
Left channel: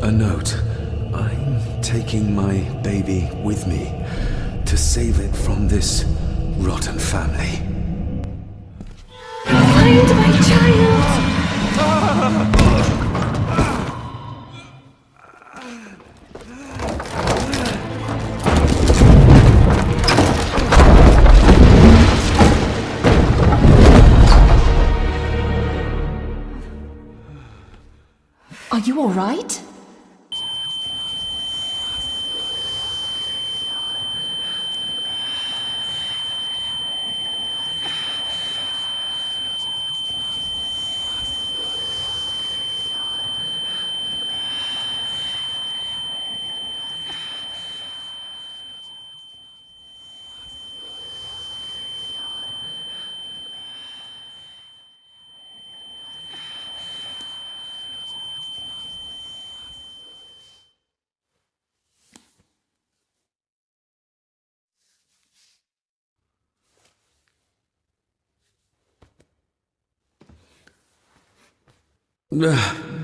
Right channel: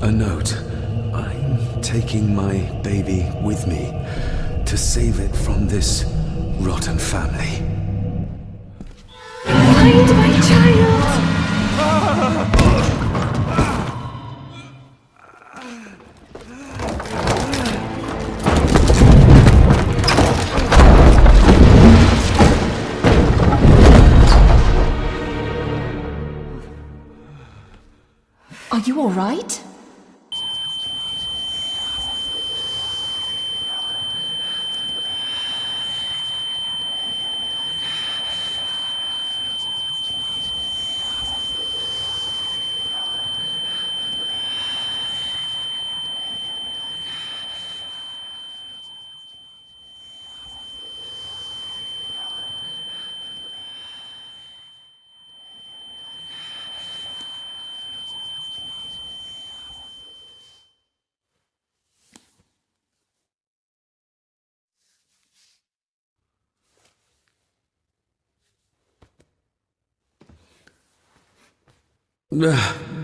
A note. I'm taking my baby with me to save it from this rotten family. Find my child! Are you all right?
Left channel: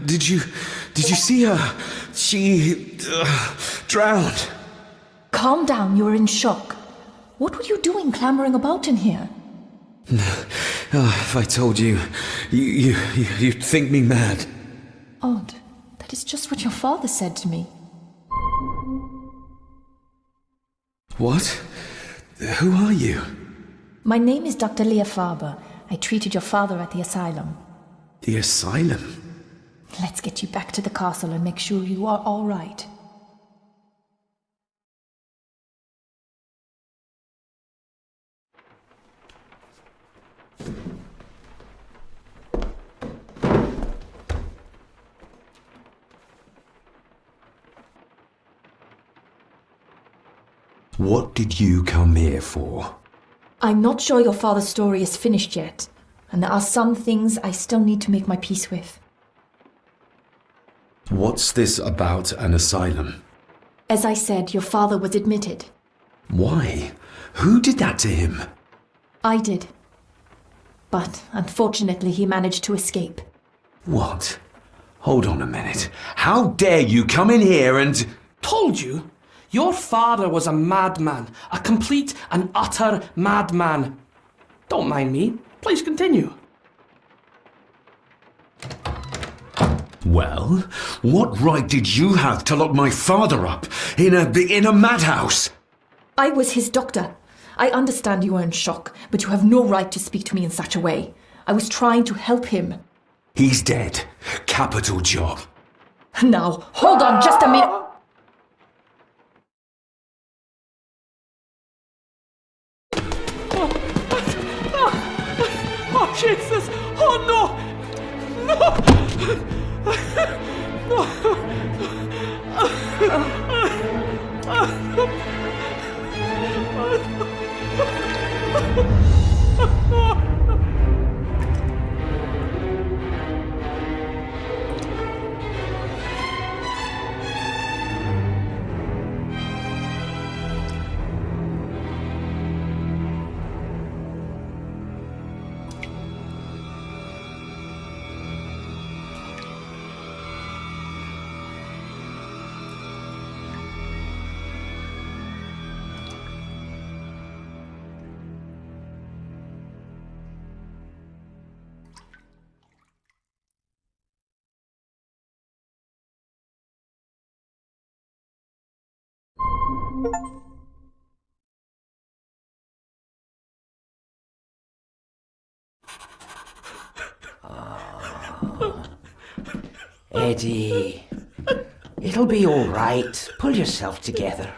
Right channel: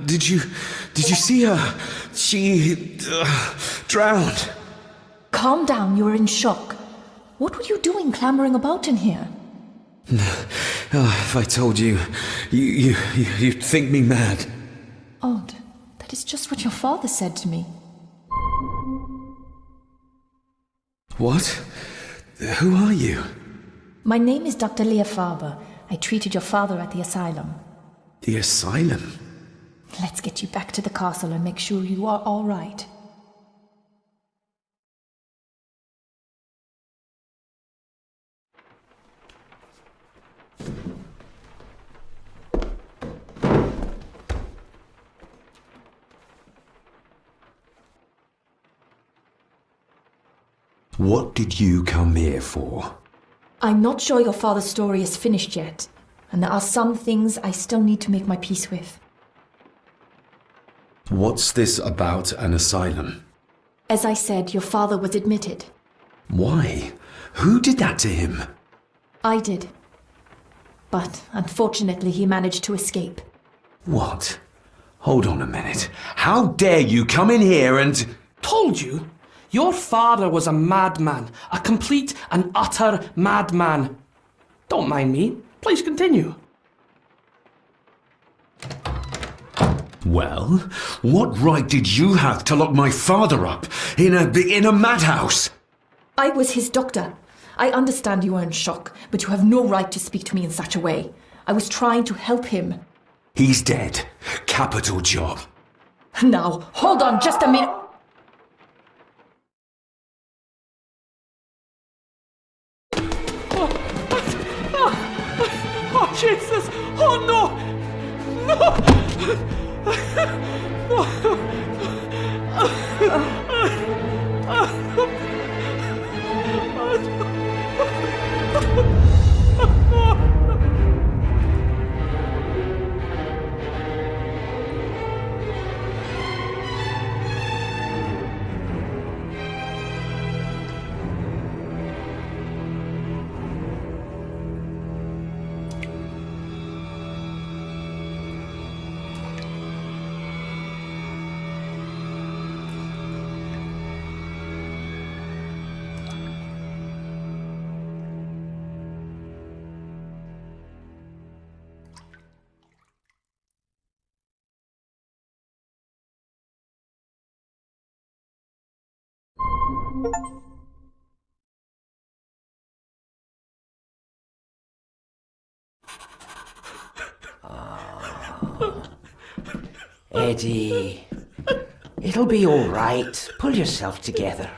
Did you see her? She drowned. Calm down, you were in shock. What were you doing clambering about in here? If I told you, you'd think me mad. Odd. That is just what your father said to me. What? Who are you? My name is Dr. Leah Farber. I treated your father at the asylum. The asylum? Let's get you back to the castle and make sure you are all right. What did you come here for? I'm not sure your father's story is finished yet, and there are some things I still need to make my peace with. What's this about an asylum? As I said, your father was admitted. Why? Who did that to him? I did. But unfortunately, he managed to escape. What? Hold on a minute. How dare you come in here and... Told you? Your father was a madman. A complete and utter madman. Don't mind me. Please continue. Well, what right did you have to lock my father up in a madhouse? I was his doctor. I understand you are in shock, but you have no right to speak to me in such a way. I was trying to help him. He's dead. Capital job. Now, hold on just a minute. Oh, Jesus! Oh, no! Eddie, it'll be all right. Pull yourself together.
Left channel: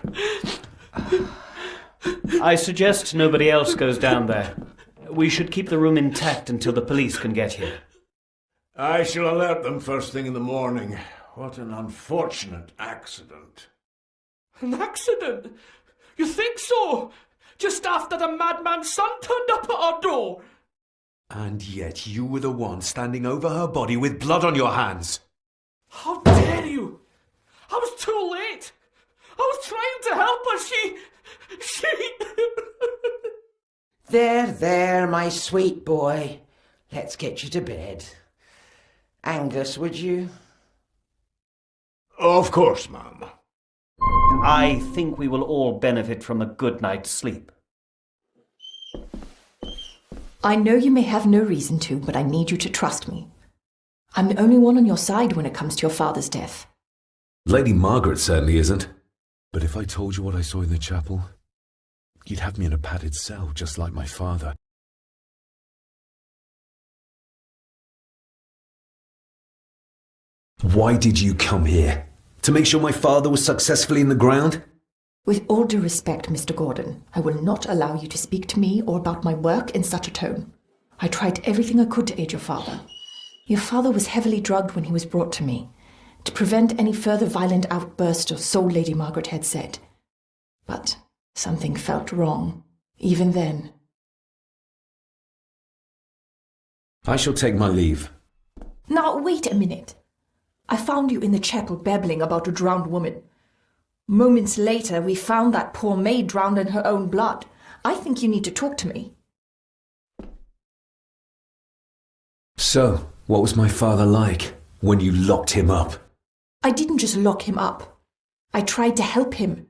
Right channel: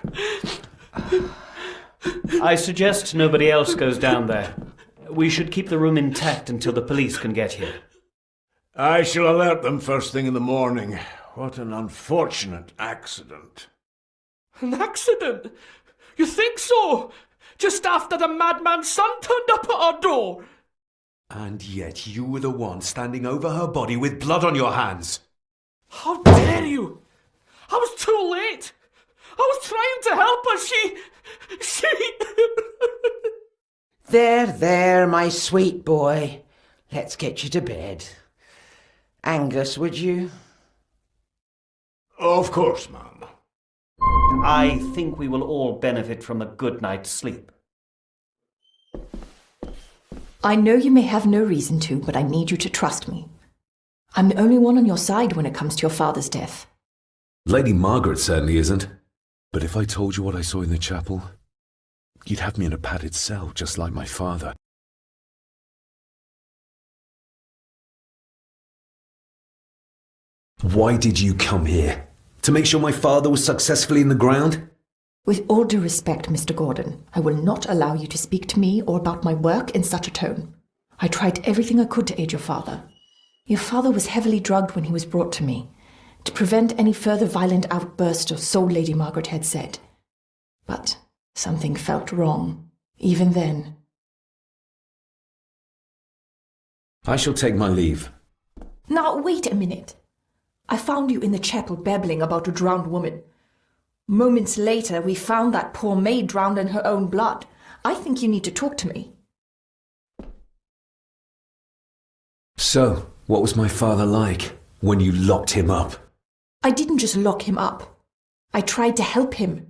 I suggest nobody else goes down there. We should keep the room intact until the police can get here. I shall alert them first thing in the morning. What an unfortunate accident. An accident? You think so? Just after the madman's son turned up at our door? And yet you were the one standing over her body with blood on your hands. How dare you! I was too late! I was trying to help her, she... There, my sweet boy. Let's get you to bed. Angus, would you? Of course, ma'am. I think we will all benefit from a good night's sleep. I know you may have no reason to, but I need you to trust me. I'm the only one on your side when it comes to your father's death. Lady Margaret certainly isn't. But if I told you what I saw in the chapel, you'd have me in a padded cell, just like my father. Why did you come here? To make sure my father was successfully in the ground? With all due respect, Mr. Gordon, I will not allow you to speak to me or about my work in such a tone. I tried everything I could to aid your father. Your father was heavily drugged when he was brought to me, to prevent any further violent outburst, or so Lady Margaret had said. But something felt wrong, even then. I shall take my leave. Now, wait a minute. I found you in the chapel babbling about a drowned woman. Moments later, we found that poor maid drowned in her own blood. I think you need to talk to me. So, what was my father like when you locked him up? I didn't just lock him up. I tried to help him.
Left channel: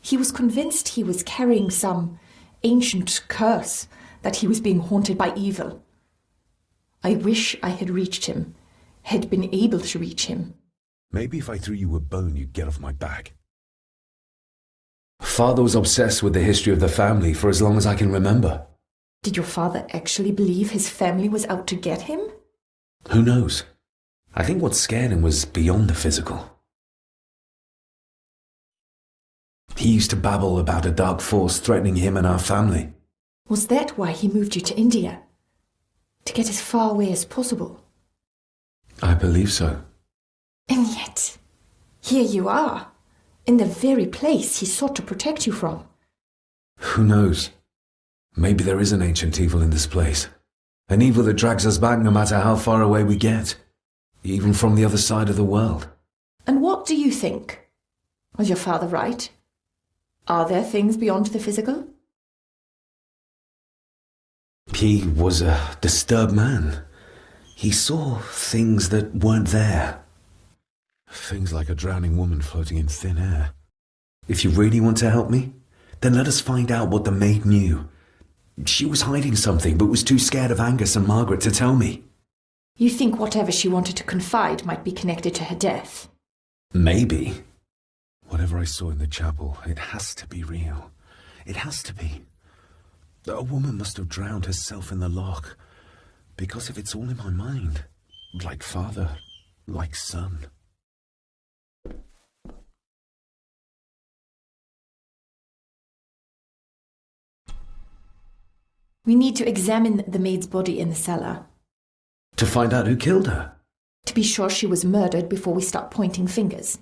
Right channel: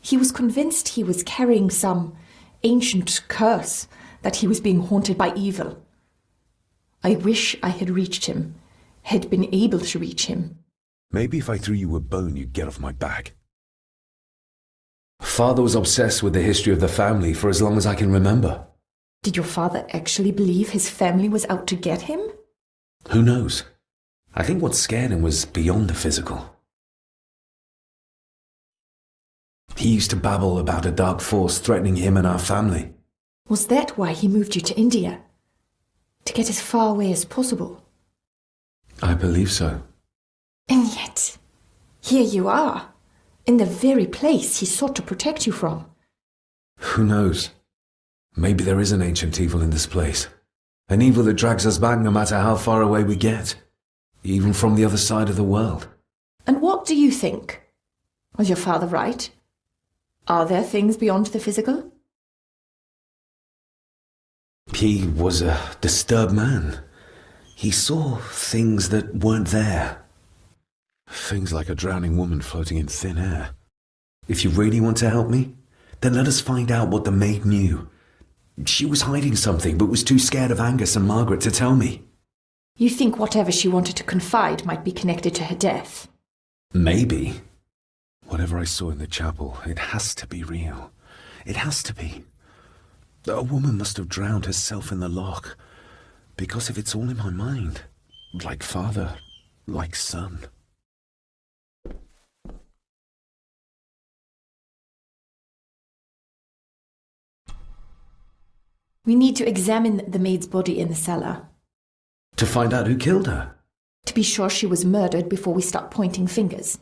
He was convinced he was carrying some ancient curse, that he was being haunted by evil. I wish I had reached him, had been able to reach him. Maybe if I threw you a bone, you'd get off my back. Father was obsessed with the history of the family for as long as I can remember. Did your father actually believe his family was out to get him? Who knows? I think what scared him was beyond the physical. He used to babble about a dark force threatening him and our family. Was that why he moved you to India? To get as far away as possible? I believe so. And yet, here you are, in the very place he sought to protect you from. Who knows? Maybe there is an ancient evil in this place. An evil that drags us back no matter how far away we get. Even from the other side of the world. And what do you think? Was your father right? Are there things beyond the physical? He was a disturbed man. He saw things that weren't there. Things like a drowning woman floating in thin air. If you really want to help me, then let us find out what the maid knew. She was hiding something, but was too scared of Angus and Margaret to tell me. You think whatever she wanted to confide might be connected to her death? Maybe. Whatever I saw in the chapel, it has to be real. It has to be. A woman must have drowned herself in the loch. Because if it's all in my mind, like father, like son. We need to examine the maid's body in the cellar. To find out who killed her? To be sure she was murdered before we start pointing fingers.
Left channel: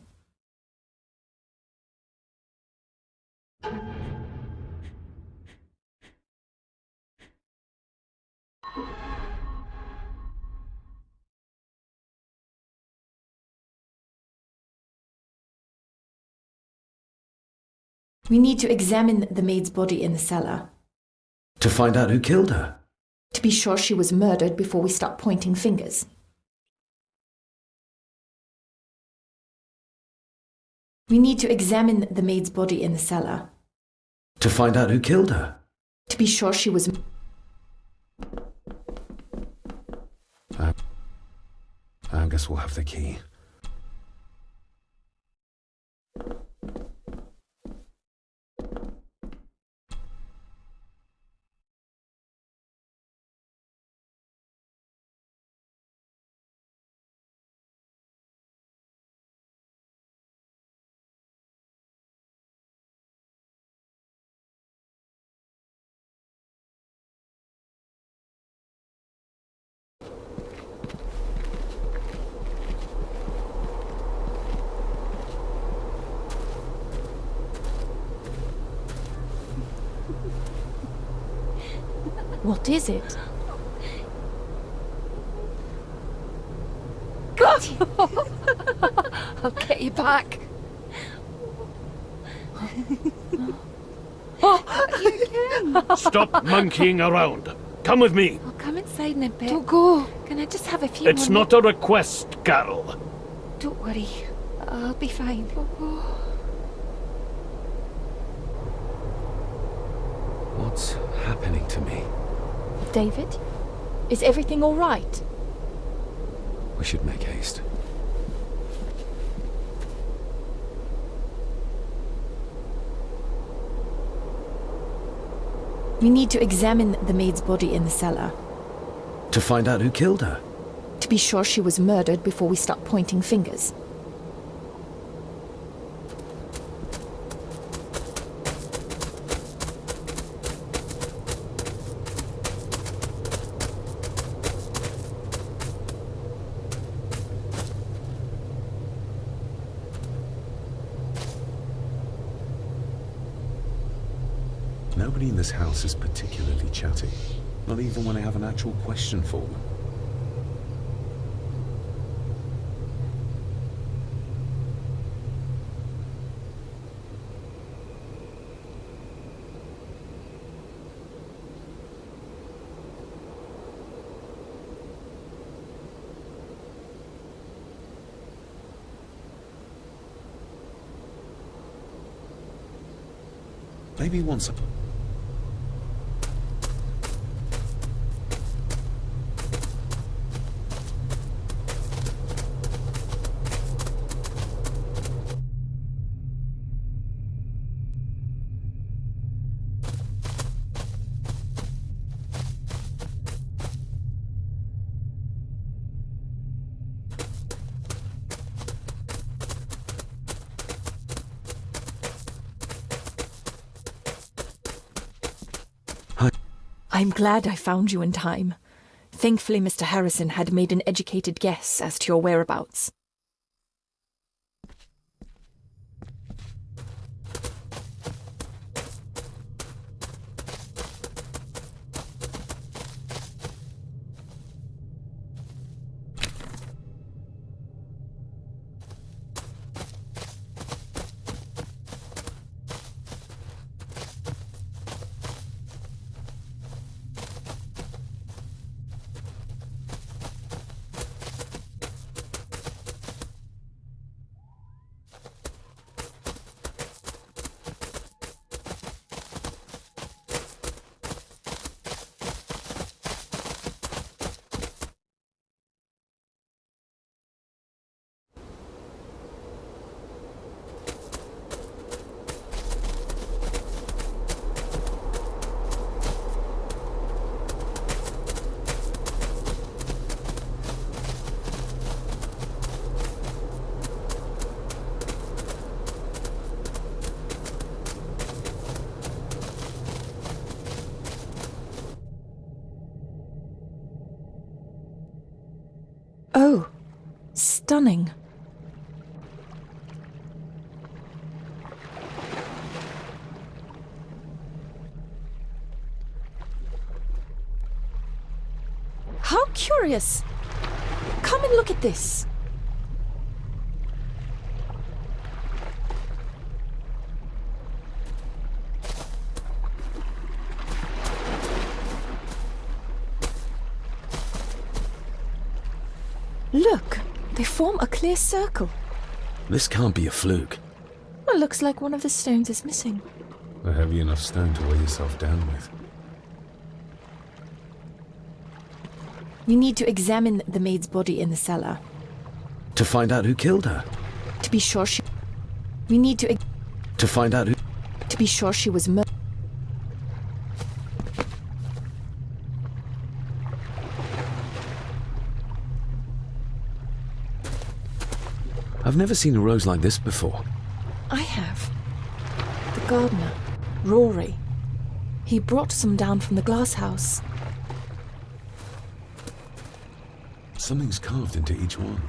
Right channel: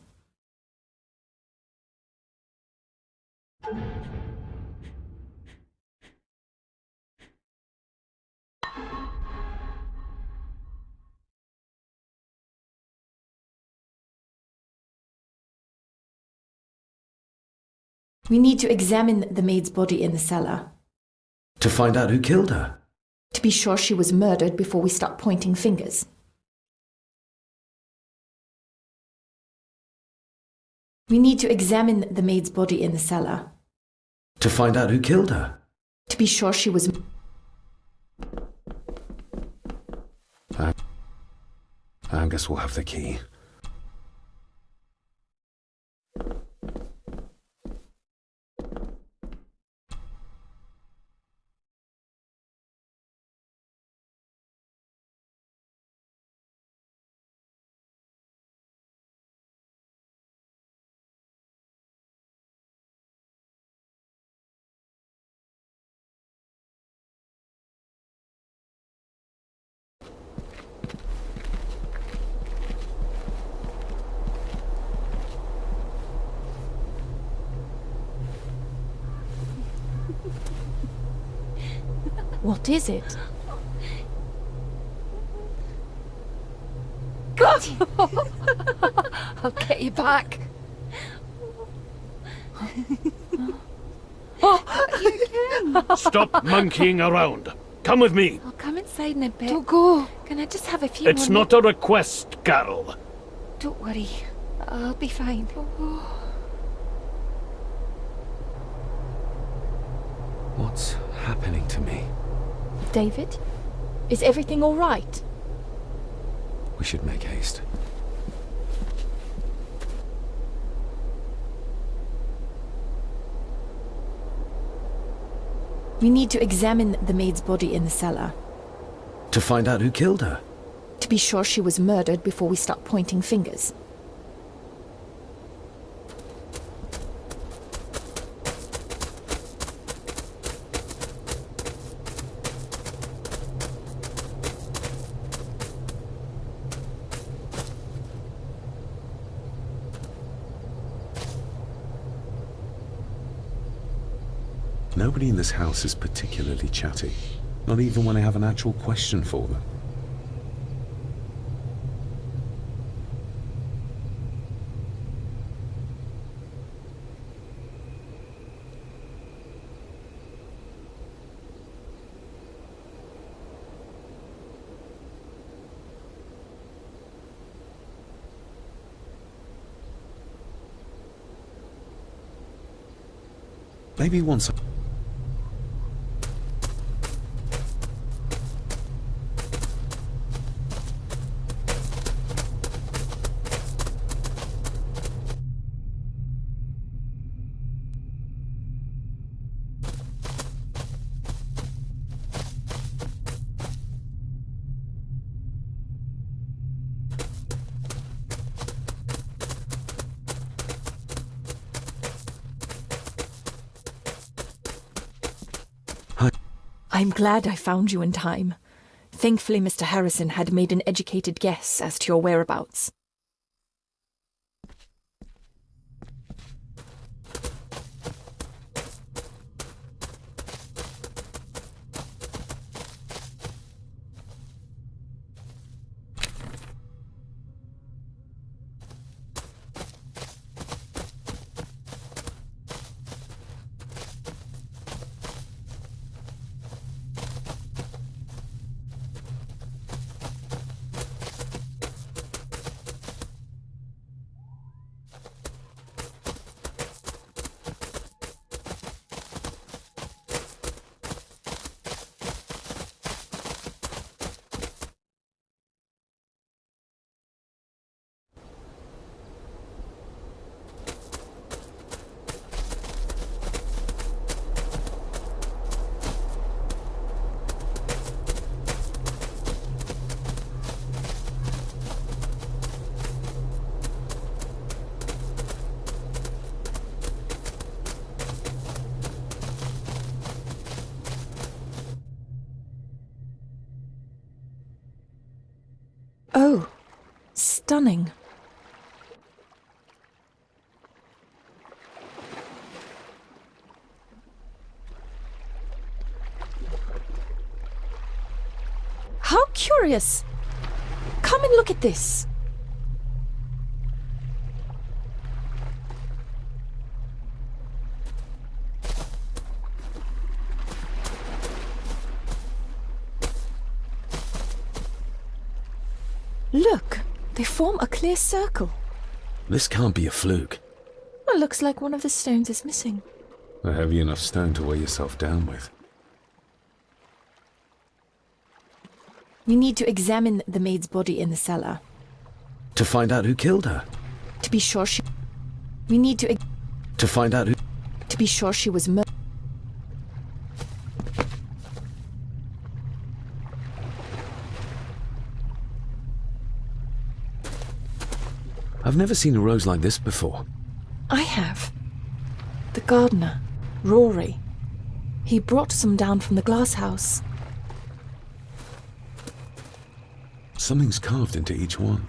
We need to examine the maid's body in the cellar. To find out who killed her? To be sure she was murdered before we start pointing fingers. We need to examine the maid's body in the cellar. To find out who killed her? To be sure she was... Angus will have the key. What is it? I'll get you back. Stop monkeying around. Come with me. I'll come inside in a bit. Don't go. Can I just have a few It's more not a request, Carol. Don't worry. I'll be fine. What's happening to me? David? Is everything all right? We should make haste. We need to examine the maid's body in the cellar. To find out who killed her? To be sure she was murdered before we start pointing fingers. Nobody in this house is particularly chatty, not even when I have an actual question for them. Maybe once... I'm glad I found you in time. Thankfully, Mr. Harrison had made an educated guess as to your whereabouts. Oh, stunning. How curious! Come and look at this. Look, they form a clear circle. This can't be a fluke. Well, looks like one of the stones is missing. A heavy enough stone to weigh yourself down with. You need to examine the maid's body in the cellar. To find out who killed her? To be sure she... We need to... To find out who... To be sure she was murdered. I've never seen a rose like this before. I have. The gardener, Rory. He brought some down from the glass house. Something's carved into each one.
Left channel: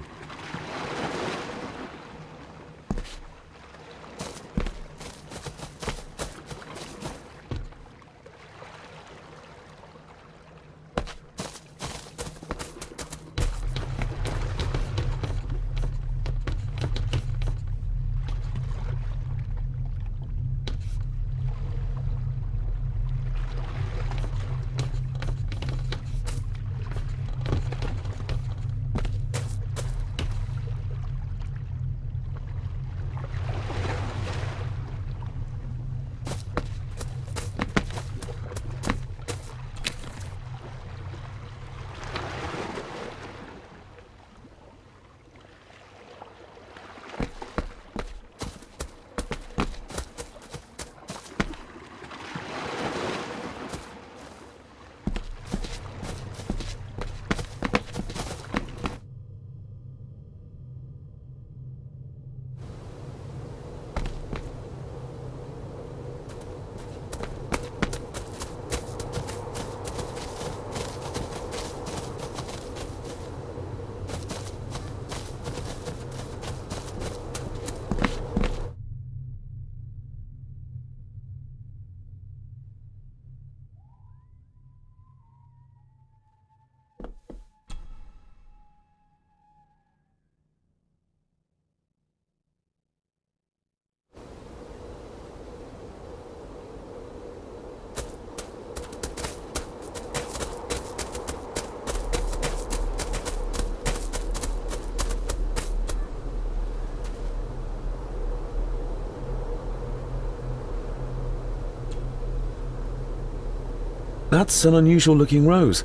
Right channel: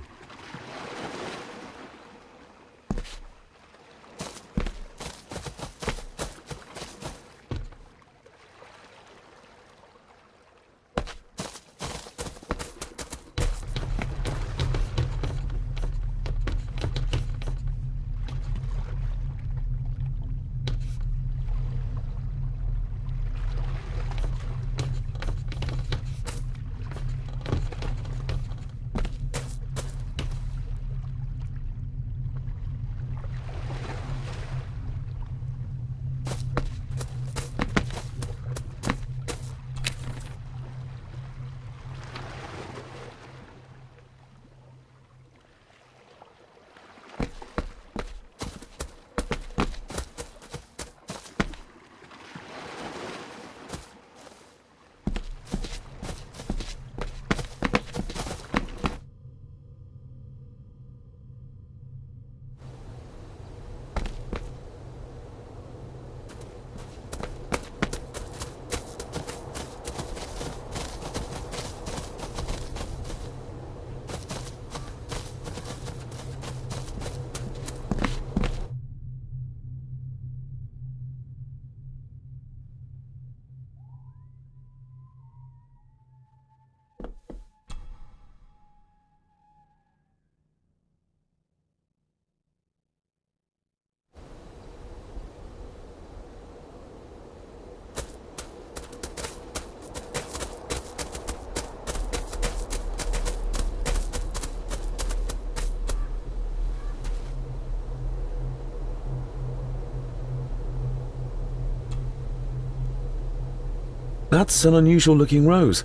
That's an unusual looking rose.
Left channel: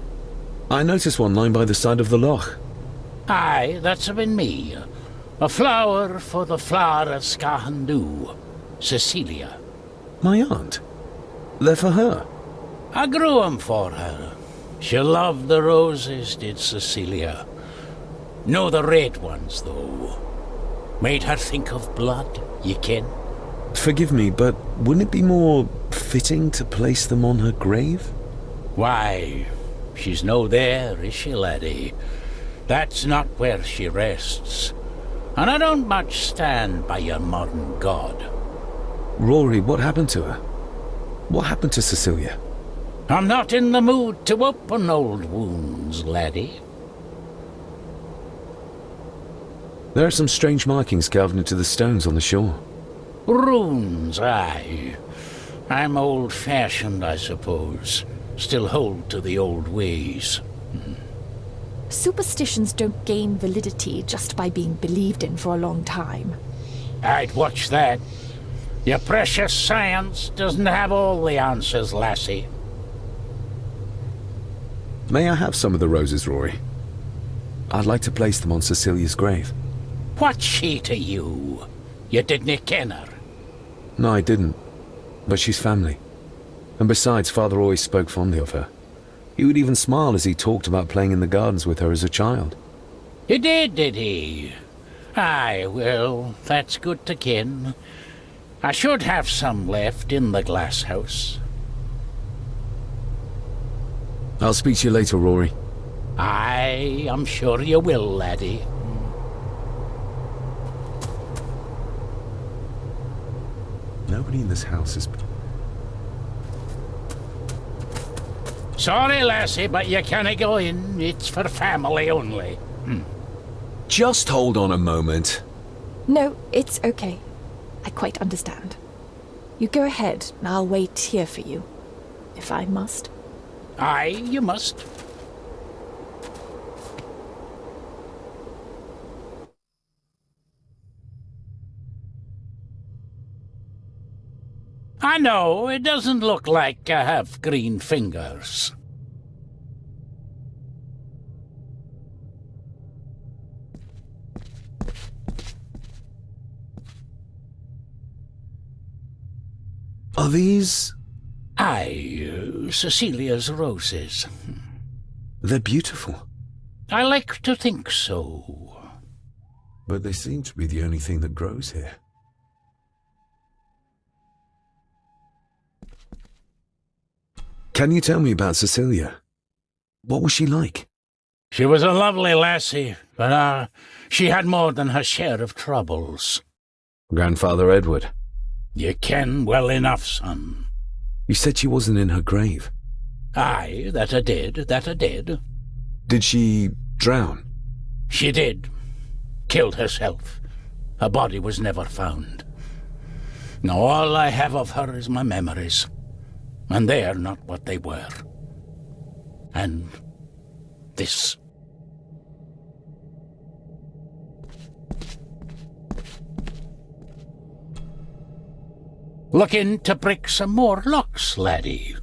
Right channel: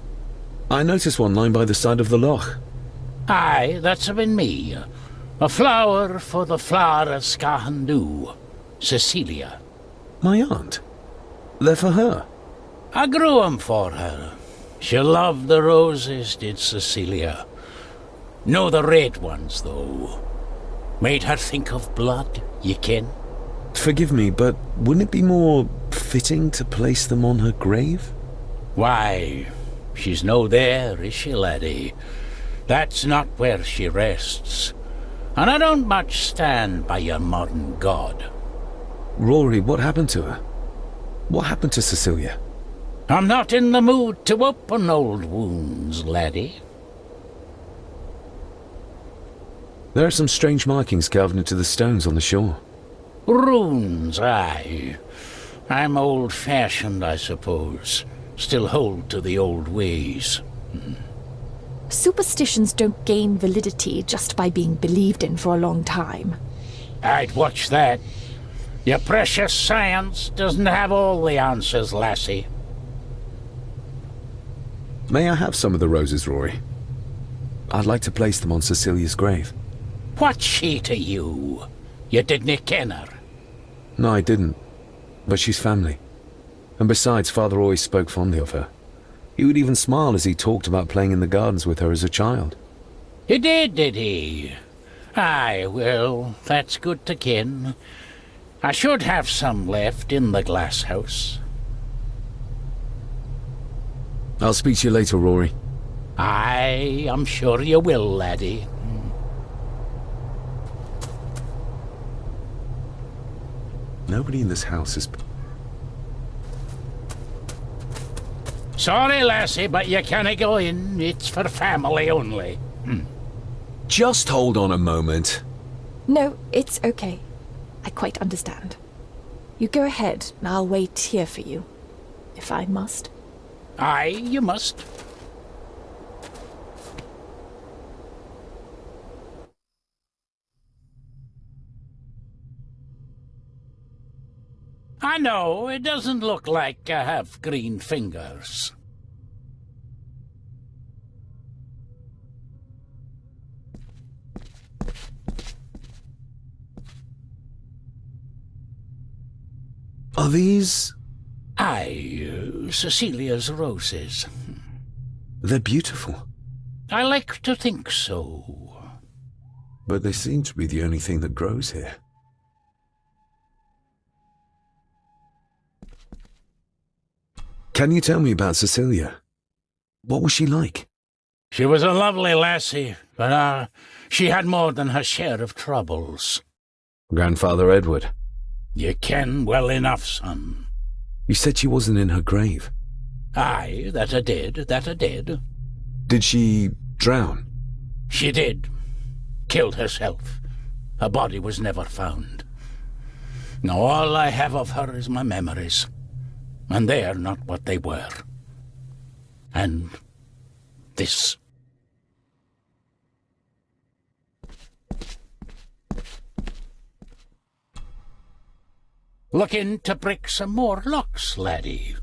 I noticed one lying by the side of the loch. Aye, that's been me. A flower for the flower of Scahandoo, Cecilia. My aunt? They're for her? I grew 'em for her. She loved the roses, did Cecilia. No the red ones, though. Made her think of blood, ye ken. Forgive me, but wouldn't it be more fitting to place them on her grave? Why, she's no there, is she, laddie? That's not where she rests. And I don't much stand by your modern god. Rory, what happened to her? What happened to Cecilia? I'm not in the mood to open old wounds, laddie. There are some strange markings carved into the stones on the shore. Runes, aye. I'm old-fashioned, I suppose. Still hold to the old ways. Superstitions don't gain validity just by being believed in for a long time. I'd watch that. Your precious science doesn't have all the answers, lassie. May I have some of the roses, Rory? I'd like to place them on Cecilia's grave. What's she to you? You didn't ken her? No, I didn't. But she's family. And besides, Father always spoke fondly of her. He would even smile as he talked about playing in the gardens with her as a child. He did he? Aye, well, that's good to ken. I should have some left in the glass house. I'll speak to you later, Rory. Aye, I'm sure you will, laddie. Nobody in this house is... Sorry, lassie, but you can't go in. It's for family only. Just hold on a moment. No, it's okay. I quite understand. You go ahead, and I'll wait here for you. If I must. Aye, you must. I know, it doesn't look like I have green fingers. Are these... Aye, Cecilia's roses. They're beautiful. I like to think so. But they seem to be the only thing that grows here. Can you tell me about Cecilia? What was she like? She was a lovely lassie, but she had more than her share of troubles. Grandfather Edward. You ken well enough, son. You said she wasn't in her grave. Aye, that I did. Did she drown? She did. Killed herself. Her body was never found. Now all I have of her is my memories. And they are not what they were. And this. Looking to break some more locks, laddie.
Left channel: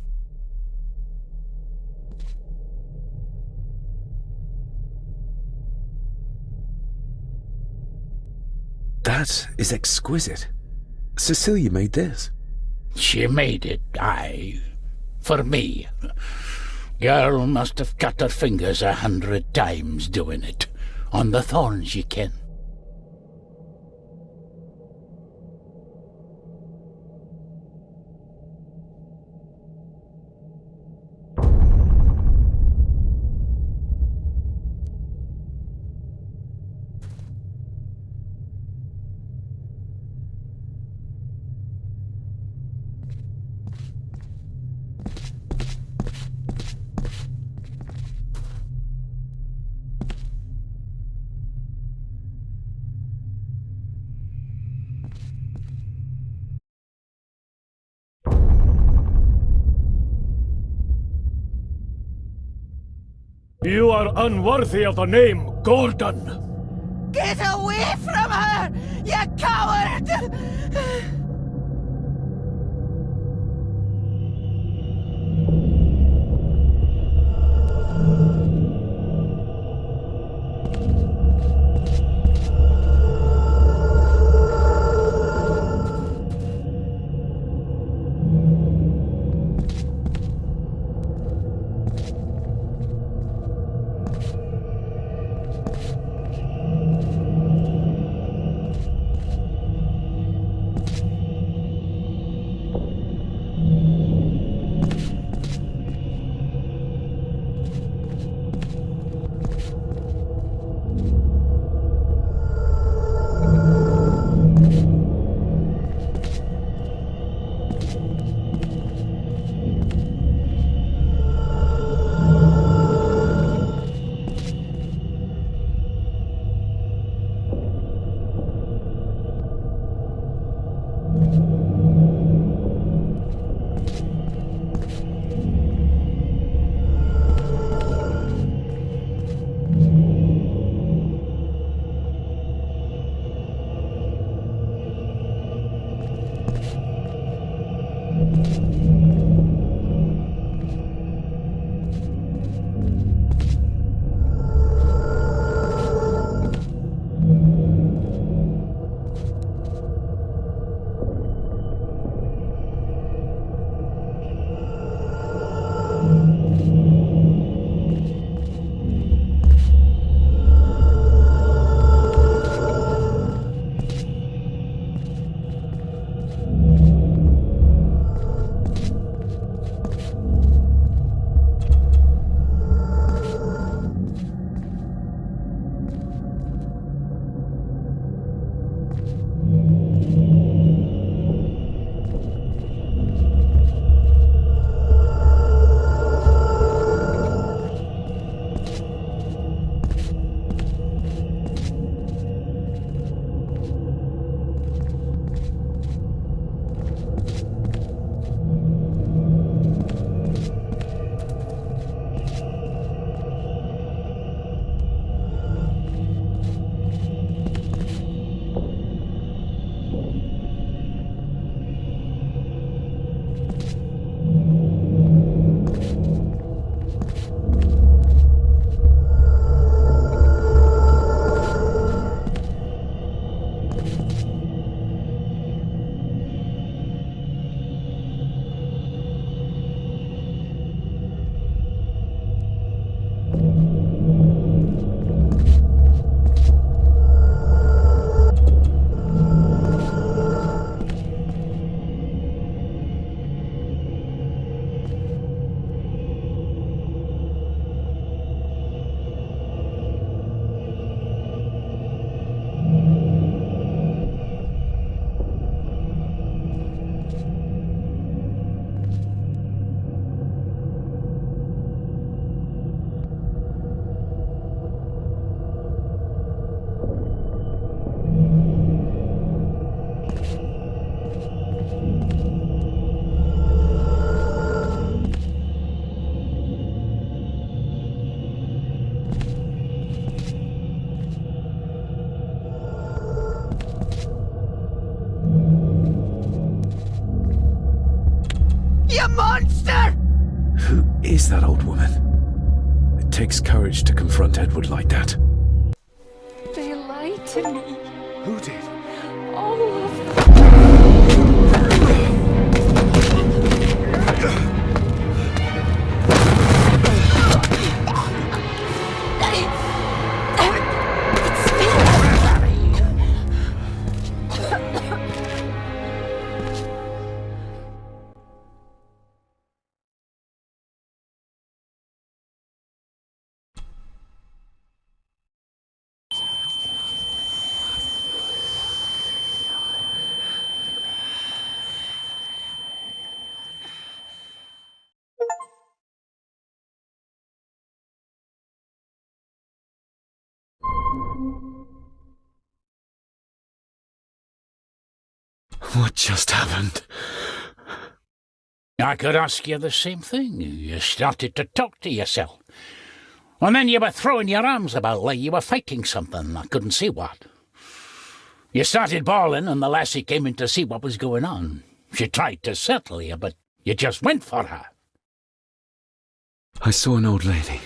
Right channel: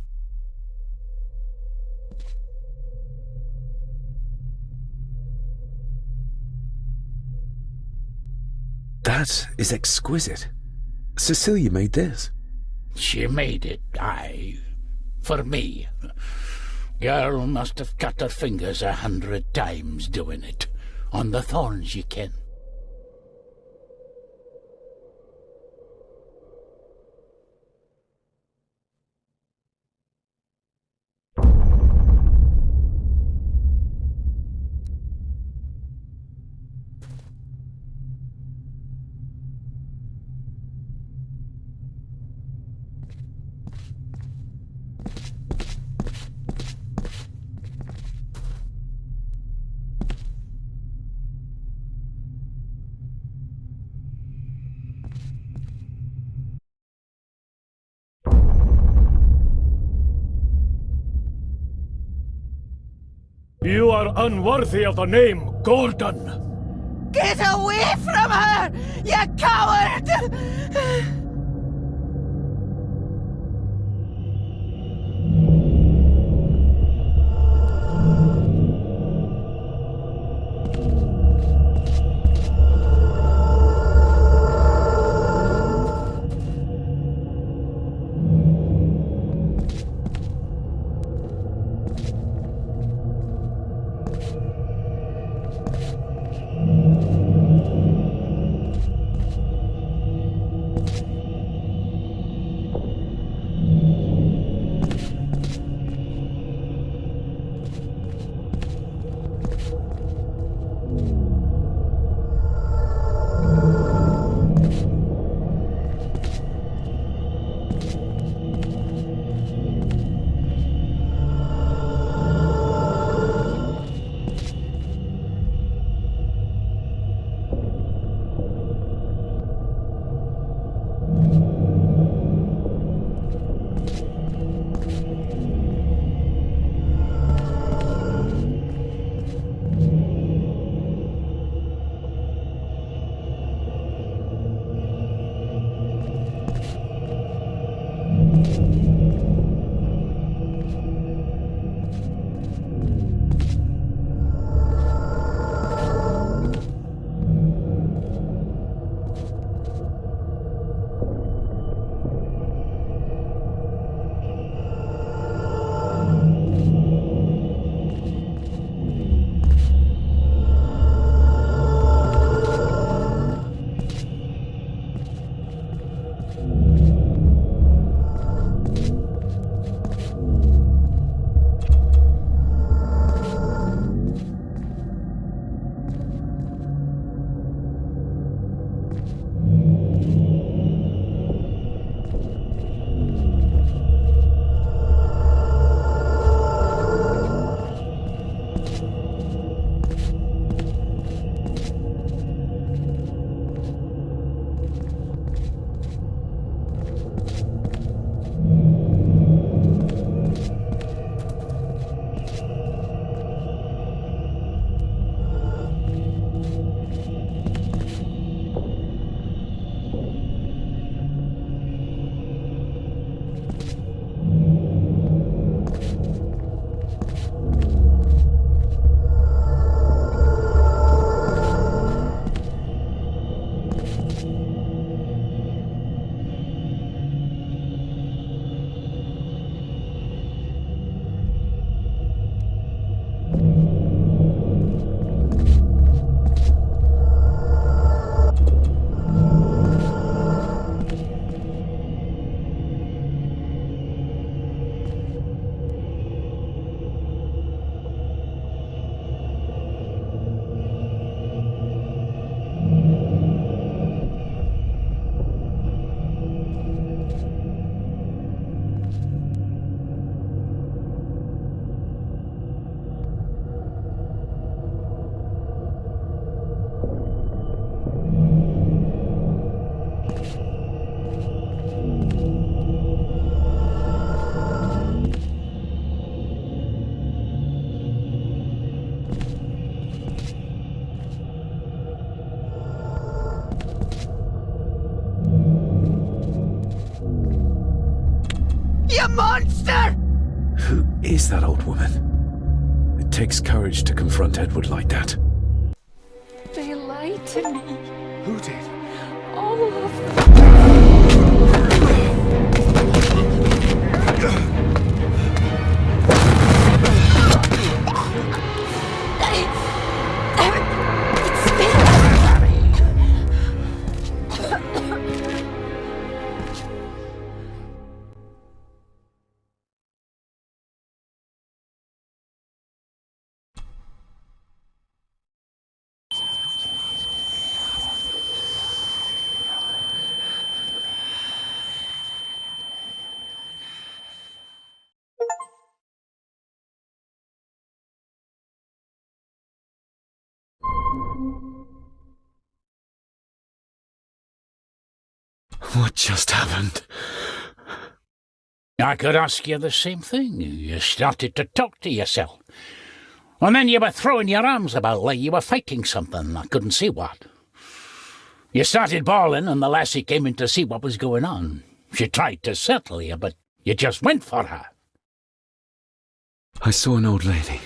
That is exquisite. Cecilia made this. She made it, aye. For me. Girl must have cut her fingers 100 times doing it. On the thorns, ye ken. You are unworthy of the name Gordon. Get away from her, you coward! You monster! Who is that old woman? It takes courage to confront Edward like that. They lied to me. Who did? All of them. What just happened? I could ask you the same thing. You started to talk to yourself. And then you were throwing your arms about like you were fighting something. I couldn't see what. You started bawling and the lassie came in to see what was going on. She tried to settle you, but you just went for her. I saw an old lady.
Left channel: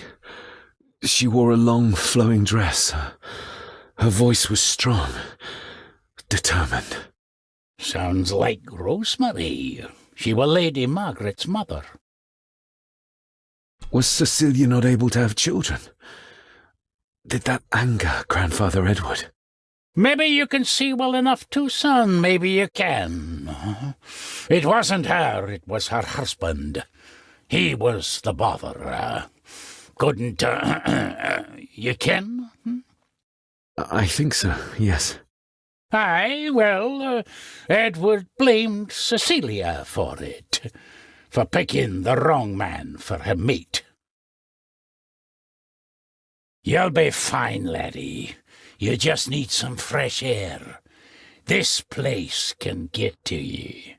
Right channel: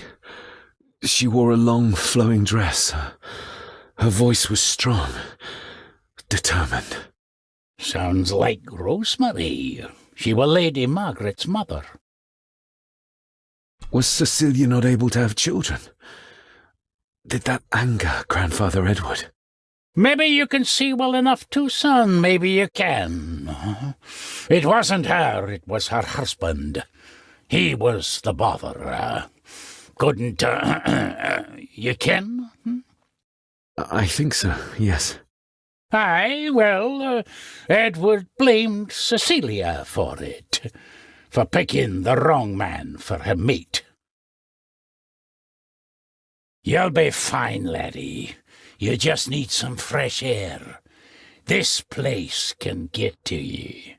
She wore a long, flowing dress. Her voice was strong, determined. Sounds like Rosemary. She was Lady Margaret's mother. Was Cecilia not able to have children? Did that anger Grandfather Edward? Maybe you can see well enough too, son. Maybe you can. It wasn't her. It was her husband. He was the bother. Couldn't, you ken? I think so, yes. Aye, well, Edward blamed Cecilia for it, for picking the wrong man for her mate. You'll be fine, laddie. You just need some fresh air. This place can get to ye.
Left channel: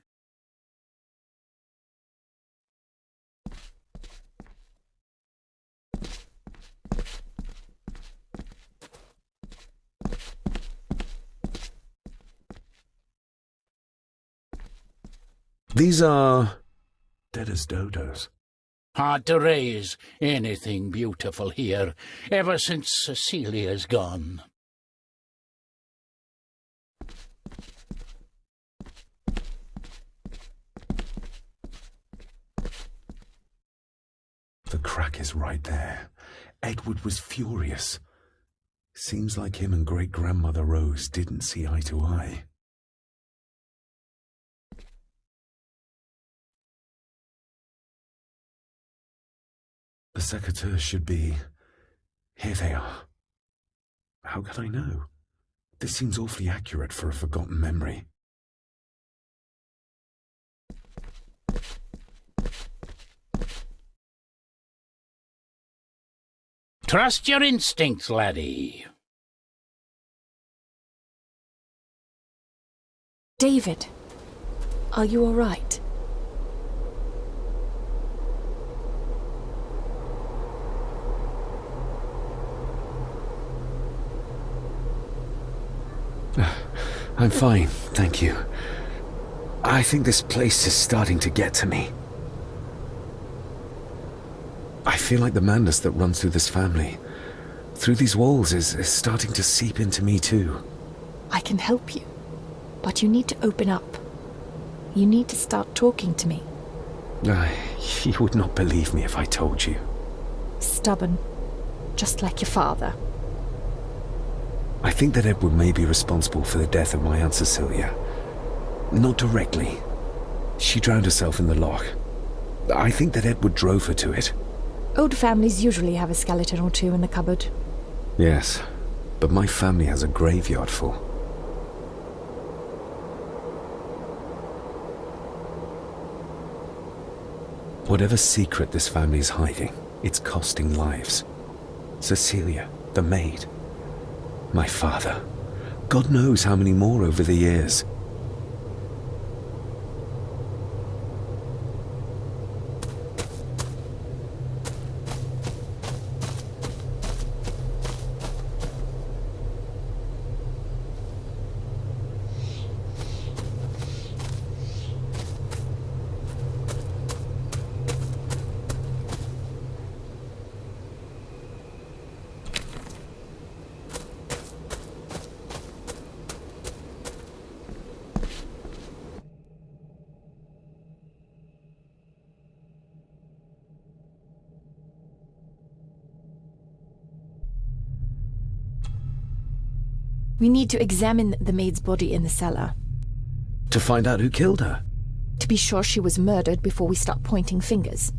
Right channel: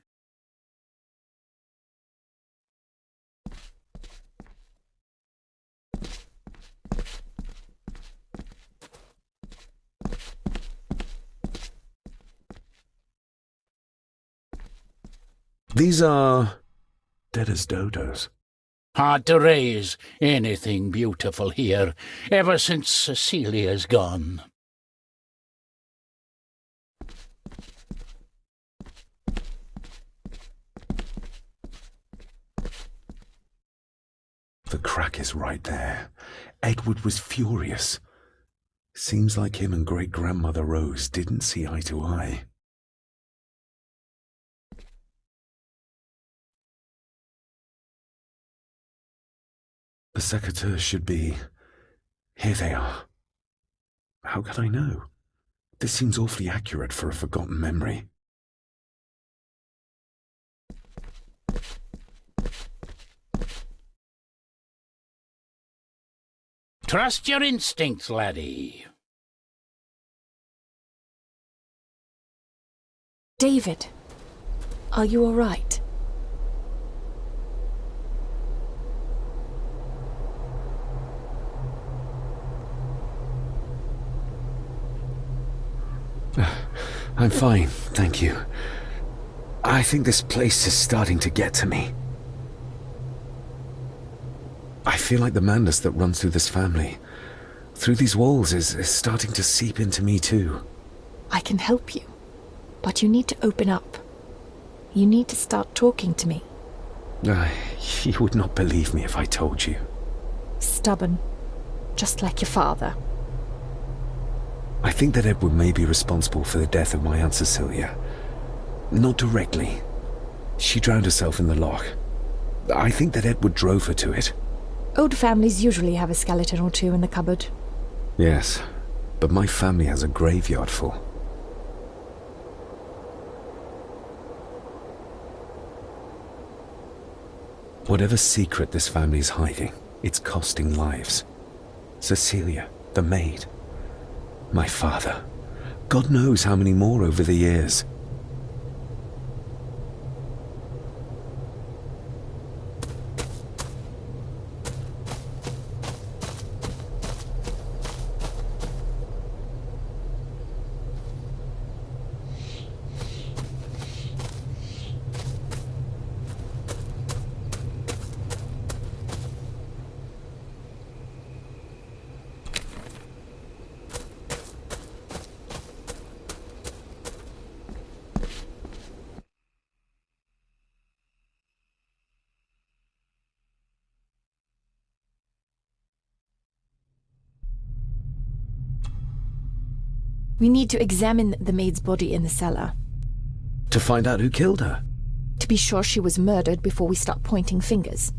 These are dead as dodos. Hard to raise anything beautiful here, ever since Cecilia's gone. The crack is right there. Edward was furious. Seems like him and great-grandmother Rose didn't see eye to eye. The secateurs should be... Here they are. How could I know? This seems awfully accurate for a forgotten memory. Trust your instincts, laddie. David, are you all right? I'm fine, thank you. I think this place is starting to get to me. I feel like the madness that runs through this family, through these walls, is starting to seep into me too. I can help you, but you need to open up. You need to start talking to me. You would not believe me if I told you. Stubborn, just like your father. I think that Edward may be responsible for the death of my Aunt Cecilia. Not directly. She drowned herself in the loch. I think that Edward drove her to it. Old families usually have a skeleton or two in the cupboard. Yes, but my family has a graveyard full. Whatever secret this family is hiding, it's costing lives. Cecilia, the maid. My father. God knows how many more over the years. We need to examine the maid's body in the cellar. To find out who killed her? To be sure she was murdered before we start pointing fingers.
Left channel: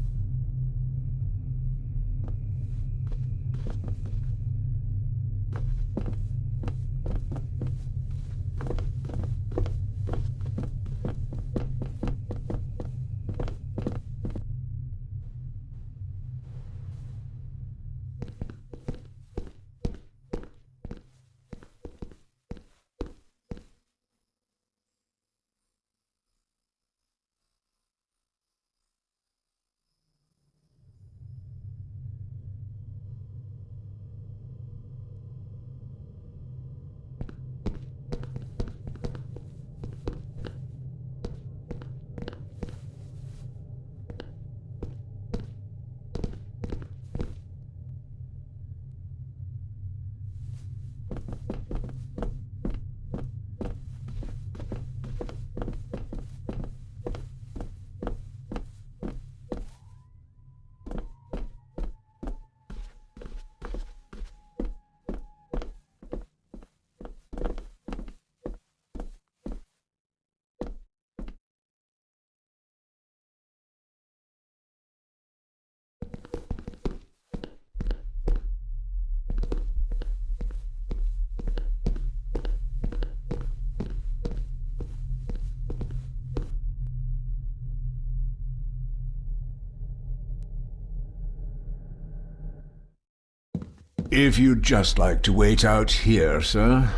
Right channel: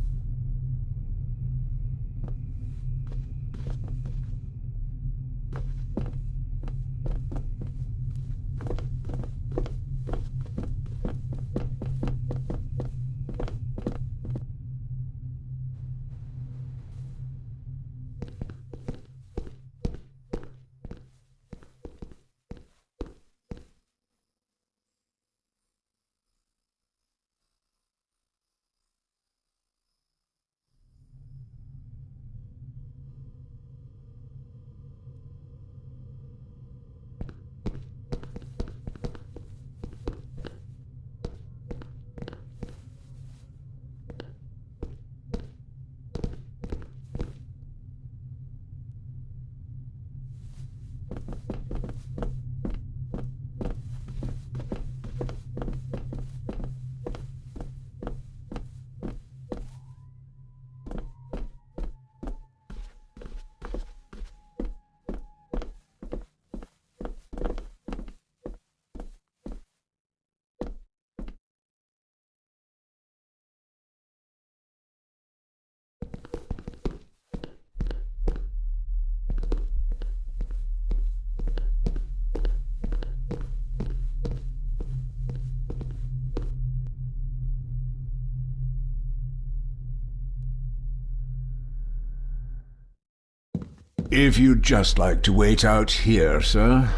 If you'd just like to wait out here, sir.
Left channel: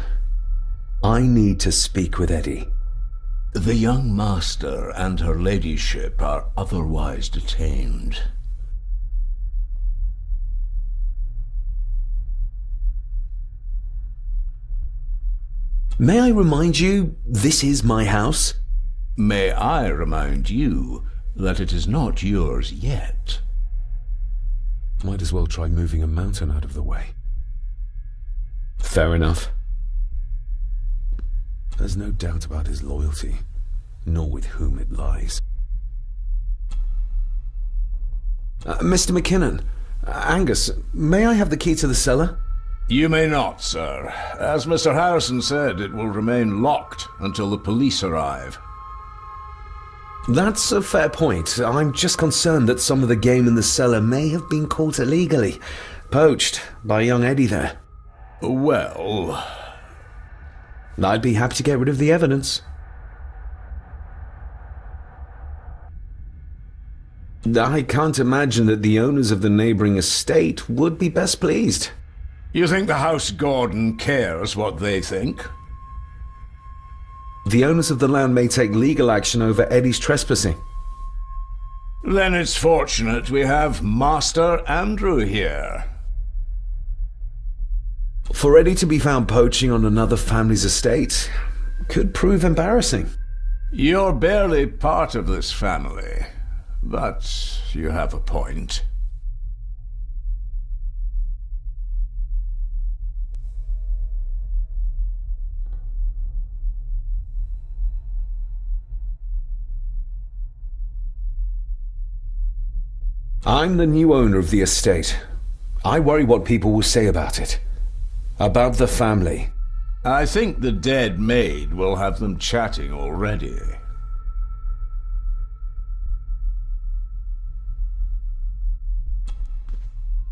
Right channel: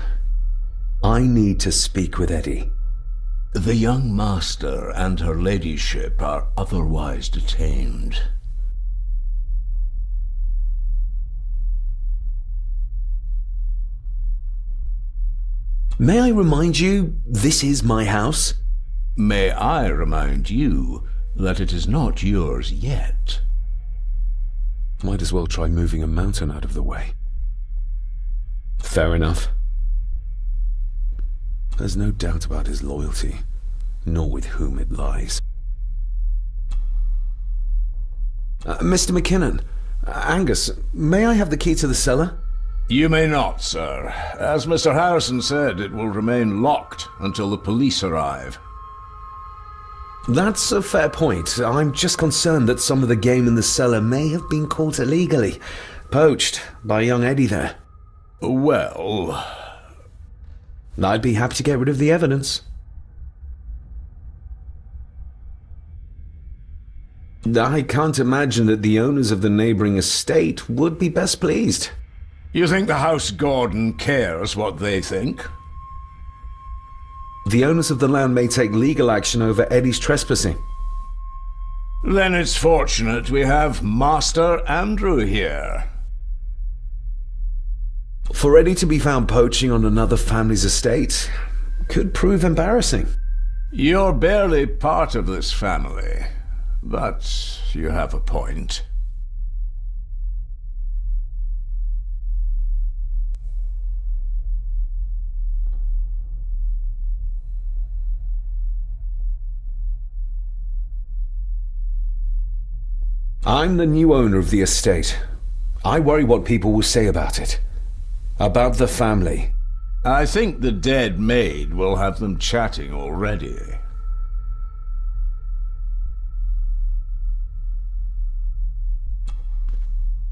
I need to speak with Eddie. The young master and her ladyship are otherwise detained. May I remind you, this is my house? May I remind you that it is not yours yet? Might as well try moving a mountain out of the way. Fair enough. There's no doubt about his loyalty, nor with whom it lies. Mr. McKinnon, Angus, may I have the key to the cellar? You may not, sir. As Mr. Harrison said, it will remain locked until the police arrive. That's a fair point. I'm just concerned that some of the game in the cellar may have been caught illegally, poached by young Eddie there. Well, I'd be happy to get rid of the evidence. I can't imagine that the owners of the neighboring estate would be best pleased. You think the House Gordon cares what they think? The owners of the land may take legal action over Eddie's trespassing. Then it's fortunate we have Master Andrew here. For Eddie to be found poaching on another family's estate could prove embarrassing. You're barely part of this family, but you have a point. I'm the new owner of the estate. I worry what people will say about it. About the family. I think the dead maid will have them chatting already.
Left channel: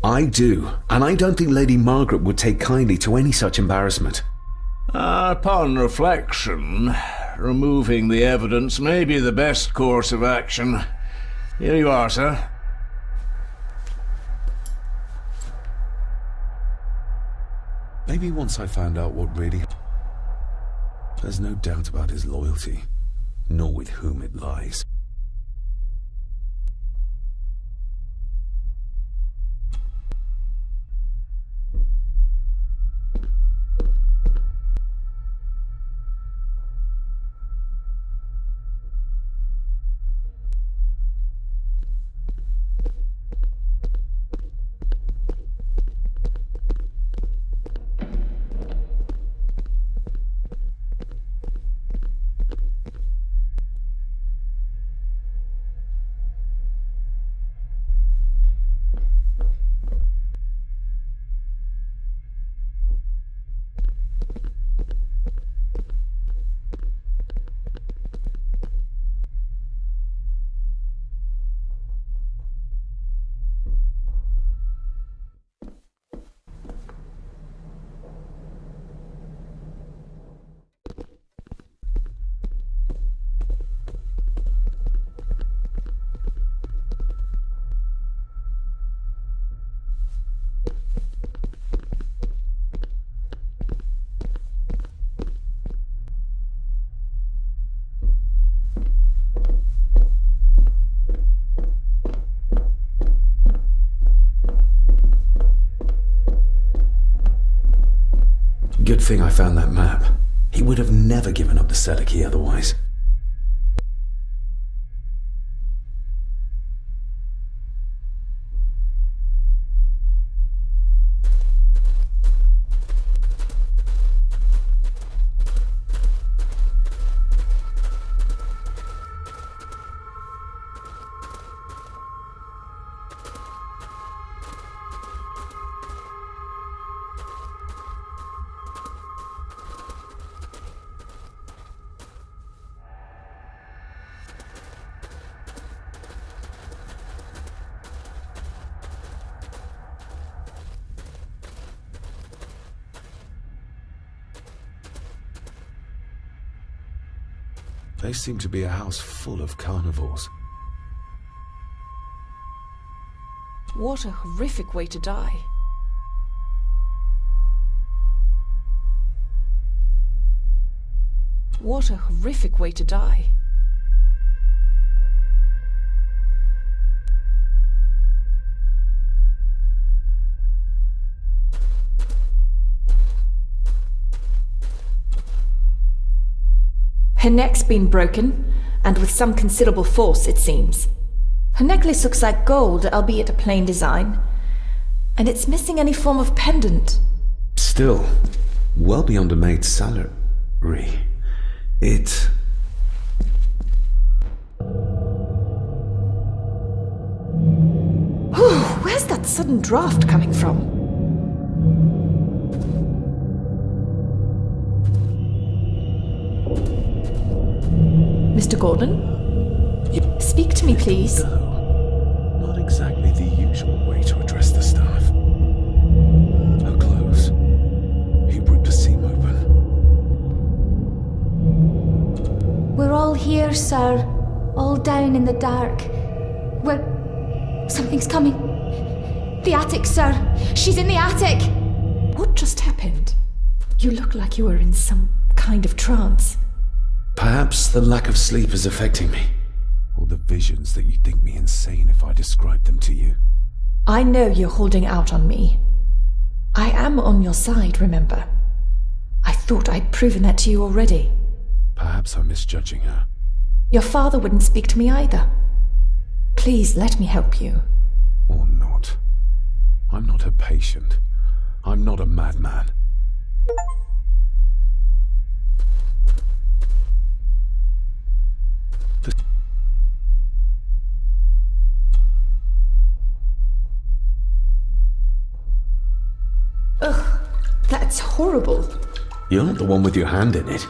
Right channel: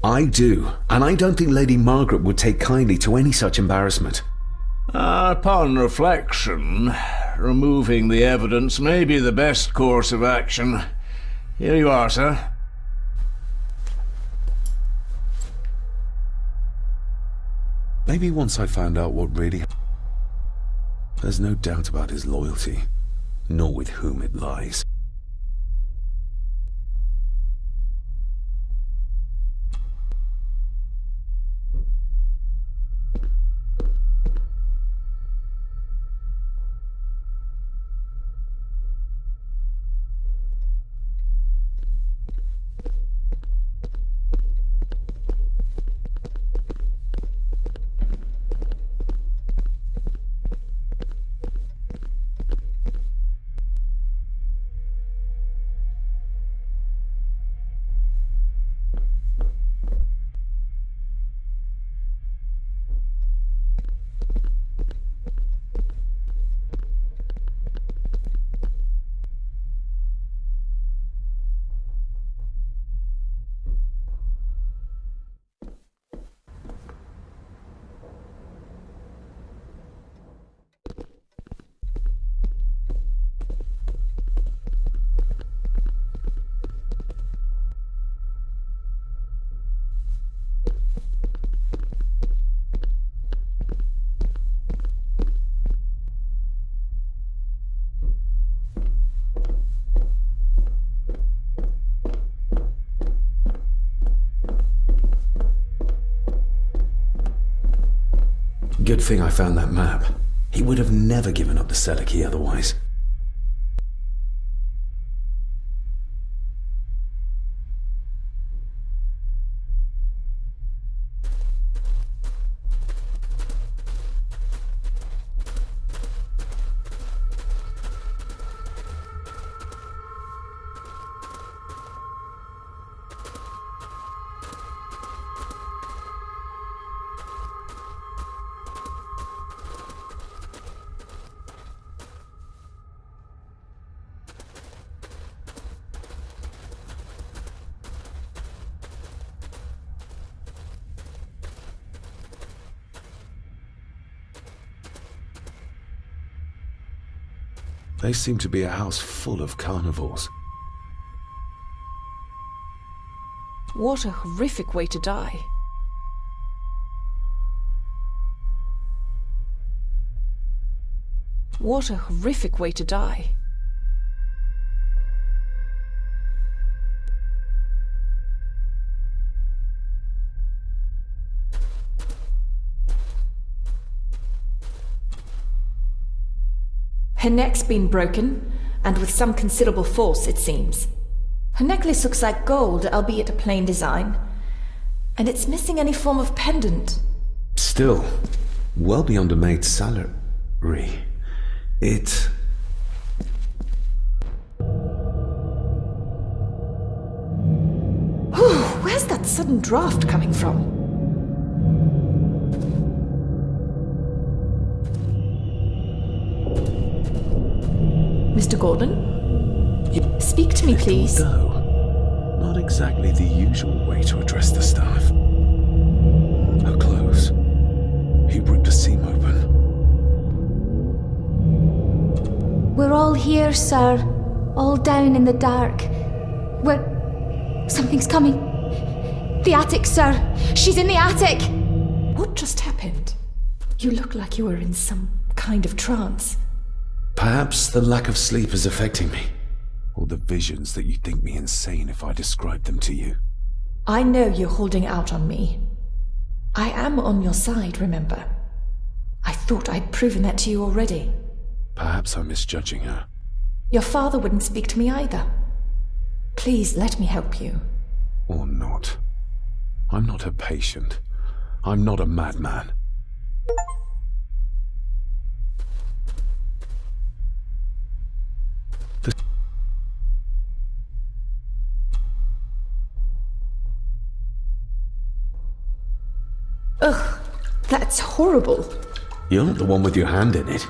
I do, and I don't think Lady Margaret would take kindly to any such embarrassment. Upon reflection, removing the evidence may be the best course of action. Here you are, sir. Maybe once I found out what really... There's no doubt about his loyalty, nor with whom it lies. Good thing I found that map. He would have never given up the cellar key otherwise. They seem to be a house full of carnivores. What a horrific way to die. What a horrific way to die. Her neck's been broken, and with some considerable force, it seems. Her necklace looks like gold, albeit a plain design. And it's missing any form of pendant. Still, well beyond a maid's salary. It... Where's that sudden draft coming from? Mr. Gordon? Speak to me, please. No, not exactly the usual way to address the staff. Her clothes. He ripped a seam open. We're all here, sir. All down in the dark. Something's coming. The attic, sir. She's in the attic. What just happened? You look like you were in some kind of trance. Perhaps the lack of sleep is affecting me. Or the visions that you'd think me insane if I described them to you. I know you're holding out on me. I am on your side, remember? I thought I'd proven that to you already. Perhaps I'm misjudging her. Your father wouldn't speak to me either. Please let me help you. Or not. I'm not her patient. I'm not a madman. Ugh, that's horrible. You're not the one with your hand in it.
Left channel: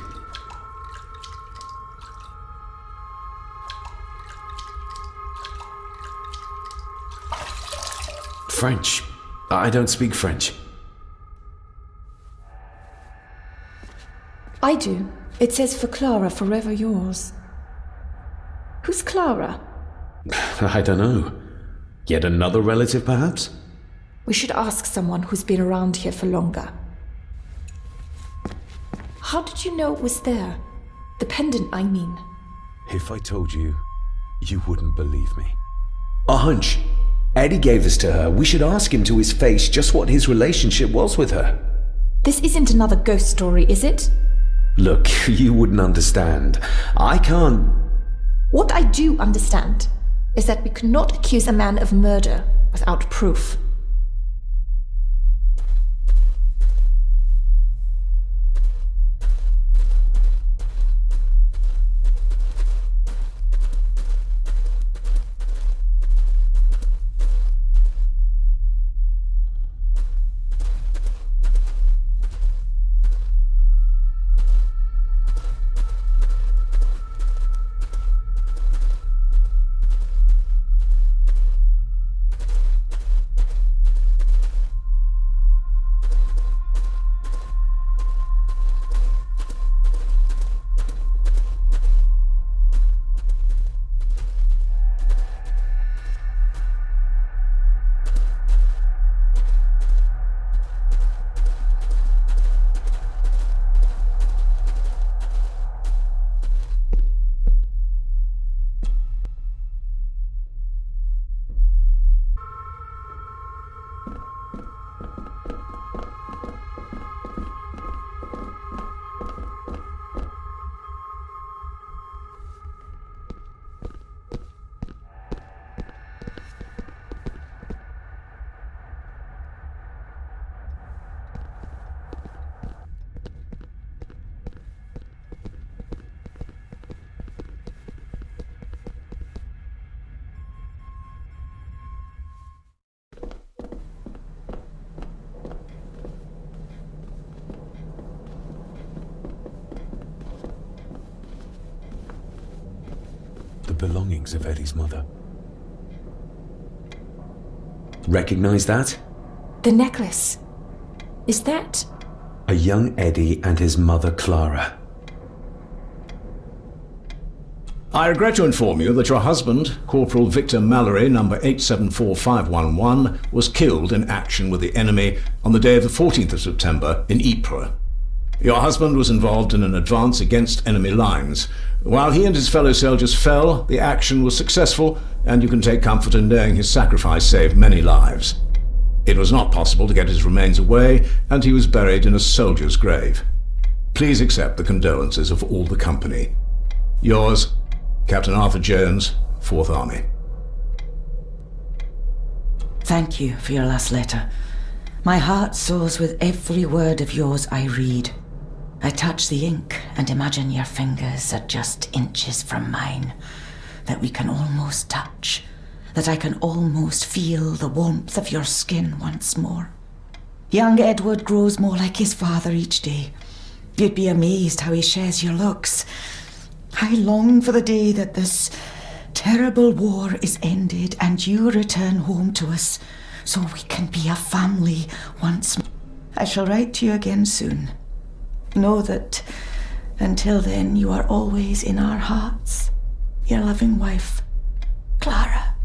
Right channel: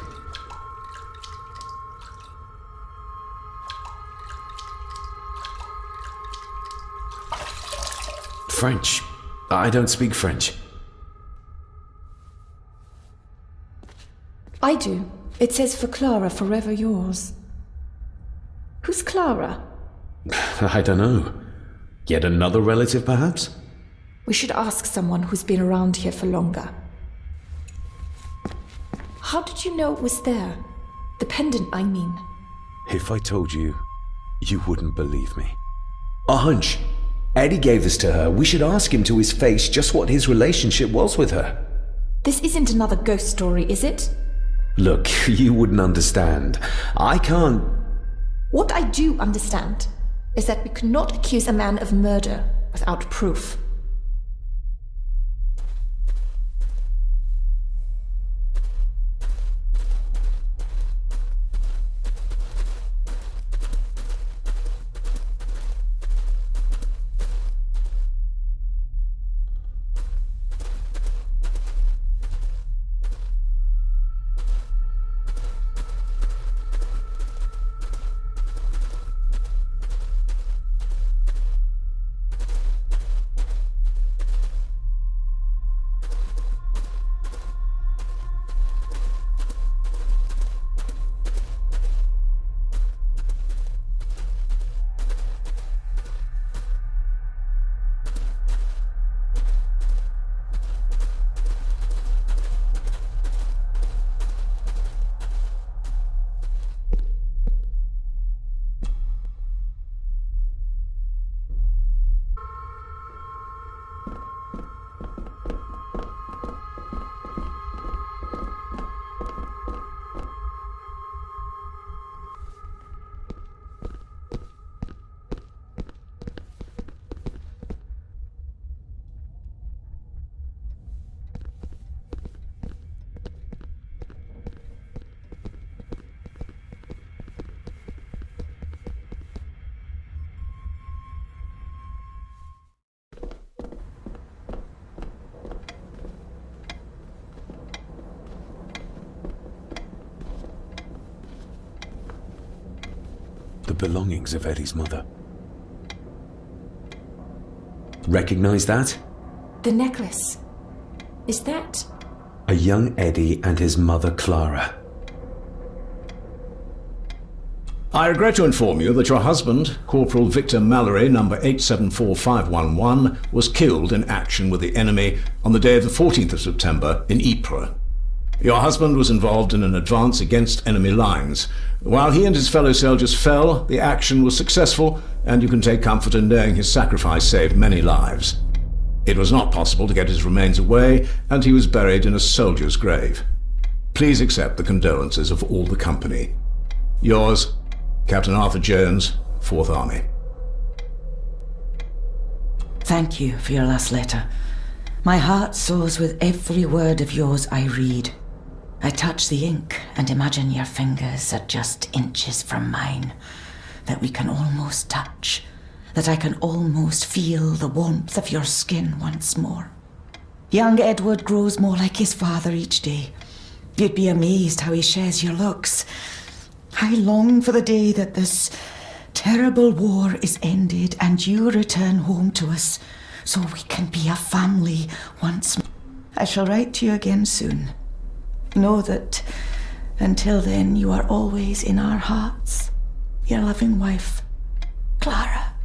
French. I don't speak French. I do. It says for Clara, forever yours. Who's Clara? I don't know. Yet another relative, perhaps? We should ask someone who's been around here for longer. How did you know it was there? The pendant, I mean. If I told you, you wouldn't believe me. A hunch. Eddie gave this to her. We should ask him to his face just what his relationship was with her. This isn't another ghost story, is it? Look, you wouldn't understand. I can't... What I do understand is that we could not accuse a man of murder without proof. belongings of Eddie's mother. Recognize that? The necklace. Is that... A young Eddie and his mother Clara. I regret to inform you that your husband, Corporal Victor Mallory, number 874511, was killed in action with the enemy on the day of the 14th of September in Ypres. Your husband was involved in an advance against enemy lines. While he and his fellow soldiers fell, the action was successful, and you can take comfort in knowing his sacrifice saved many lives. It was not possible to get his remains away, and he was buried in a soldier's grave. Please accept the condolences of all the company. Yours, Captain Arthur Jones, 4th Army. Thank you for your last letter. My heart soars with every word of yours I read. I touch the ink and imagine your fingers are just inches from mine, that we can almost touch, that I can almost feel the warmth of your skin once more. Young Edward grows more like his father each day. You'd be amazed how he shares your looks. I long for the day that this terrible war is ended and you return home to us, so we can be a family once more. I shall write to you again soon. Know that until then you are always in our hearts. Your loving wife, Clara.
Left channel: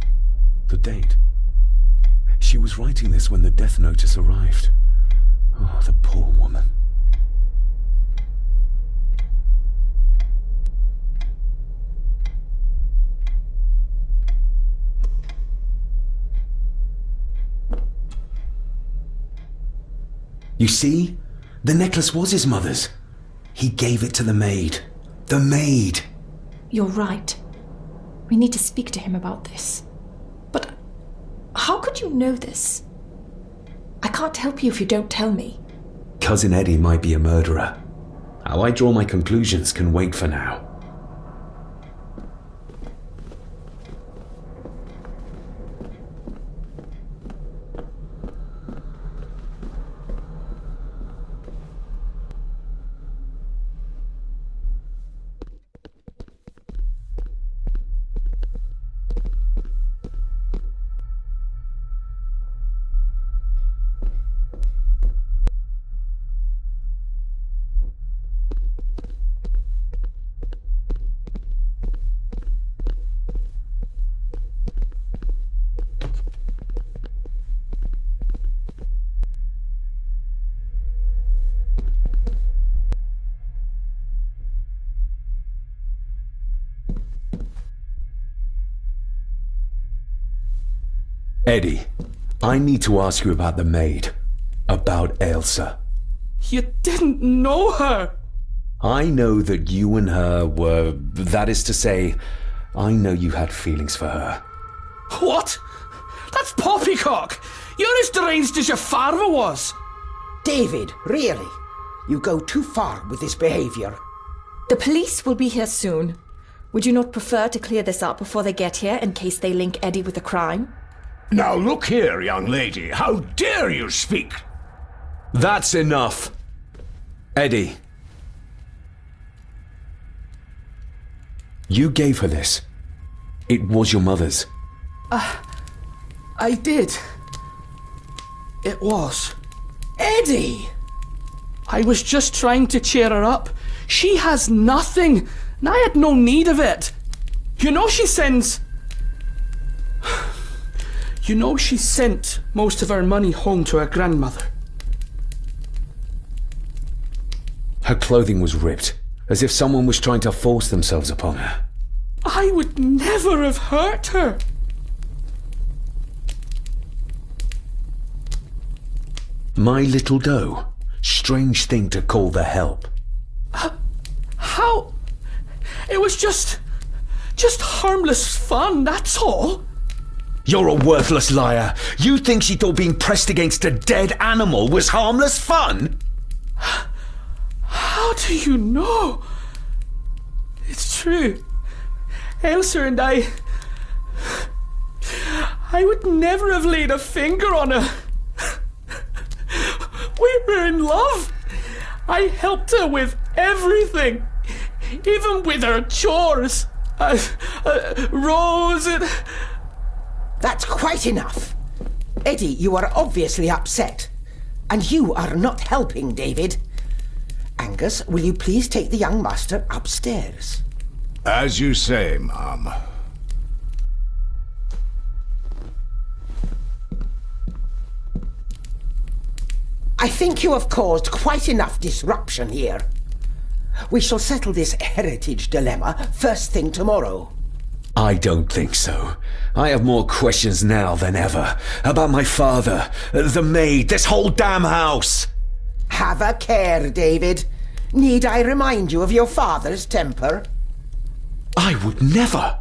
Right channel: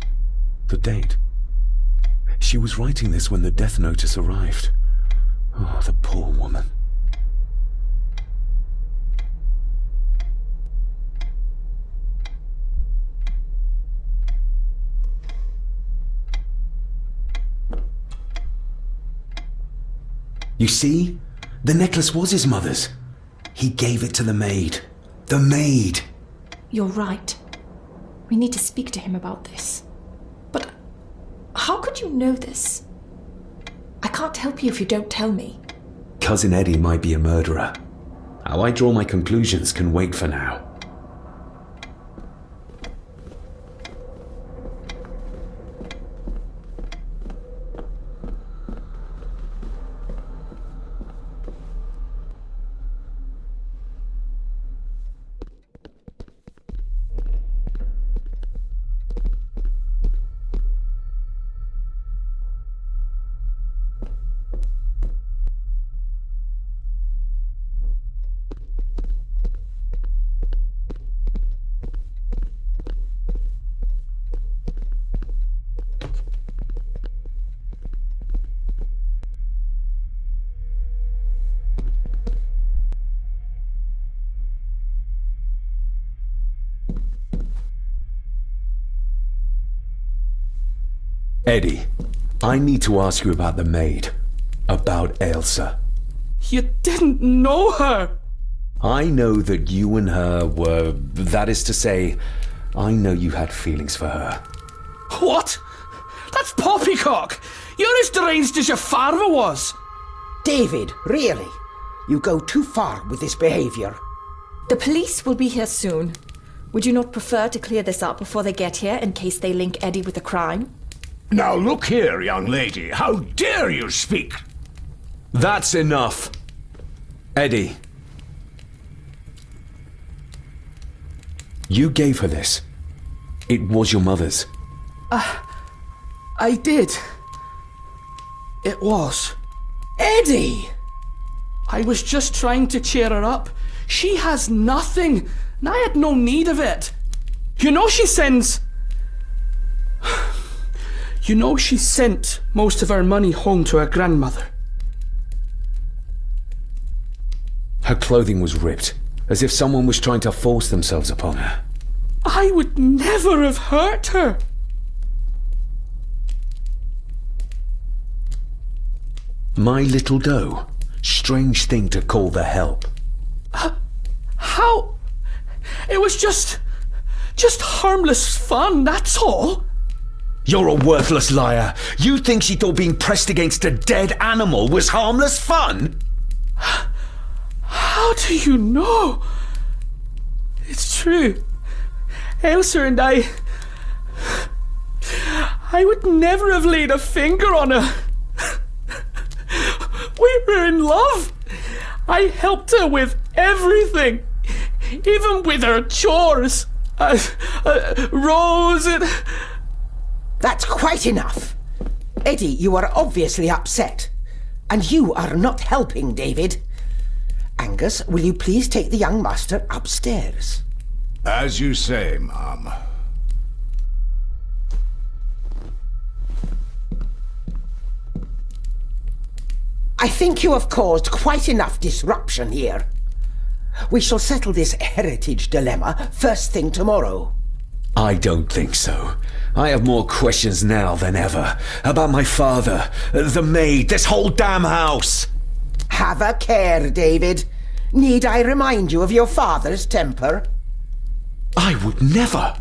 The date. She was writing this when the death notice arrived. Oh, the poor woman. You see? The necklace was his mother's. He gave it to the maid. The maid! You're right. We need to speak to him about this. But how could you know this? I can't help you if you don't tell me. Cousin Eddie might be a murderer. How I draw my conclusions can wait for now. Eddie, I need to ask you about the maid. About Ailsa. You didn't know her! I know that you and her were... That is to say, I know you had feelings for her. What? That's poppycock! You're as deranged as your father was! David, really? You go too far with this behavior. The police will be here soon. Would you not prefer to clear this up before they get here in case they link Eddie with the crime? Now look here, young lady. How dare you speak? That's enough. Eddie. You gave her this. It was your mother's. I did. It was. Eddie! I was just trying to cheer her up. She has nothing, and I had no need of it. You know she sends... You know she sent most of her money home to her grandmother. Her clothing was ripped, as if someone was trying to force themselves upon her. I would never have hurt her. My little doe. Strange thing to call the help. How? It was just harmless fun, that's all. You're a worthless liar. You think she thought being pressed against a dead animal was harmless fun? How do you know? It's true. Ailsa and I would never have laid a finger on her. We were in love. I helped her with everything, even with her chores. Rose! That's quite enough. Eddie, you are obviously upset. And you are not helping, David. Angus, will you please take the young master upstairs? As you say, Mum. I think you have caused quite enough disruption here. We shall settle this heritage dilemma first thing tomorrow. I don't think so. I have more questions now than ever. About my father, the maid, this whole damn house! Have a care, David. Need I remind you of your father's temper? I would never!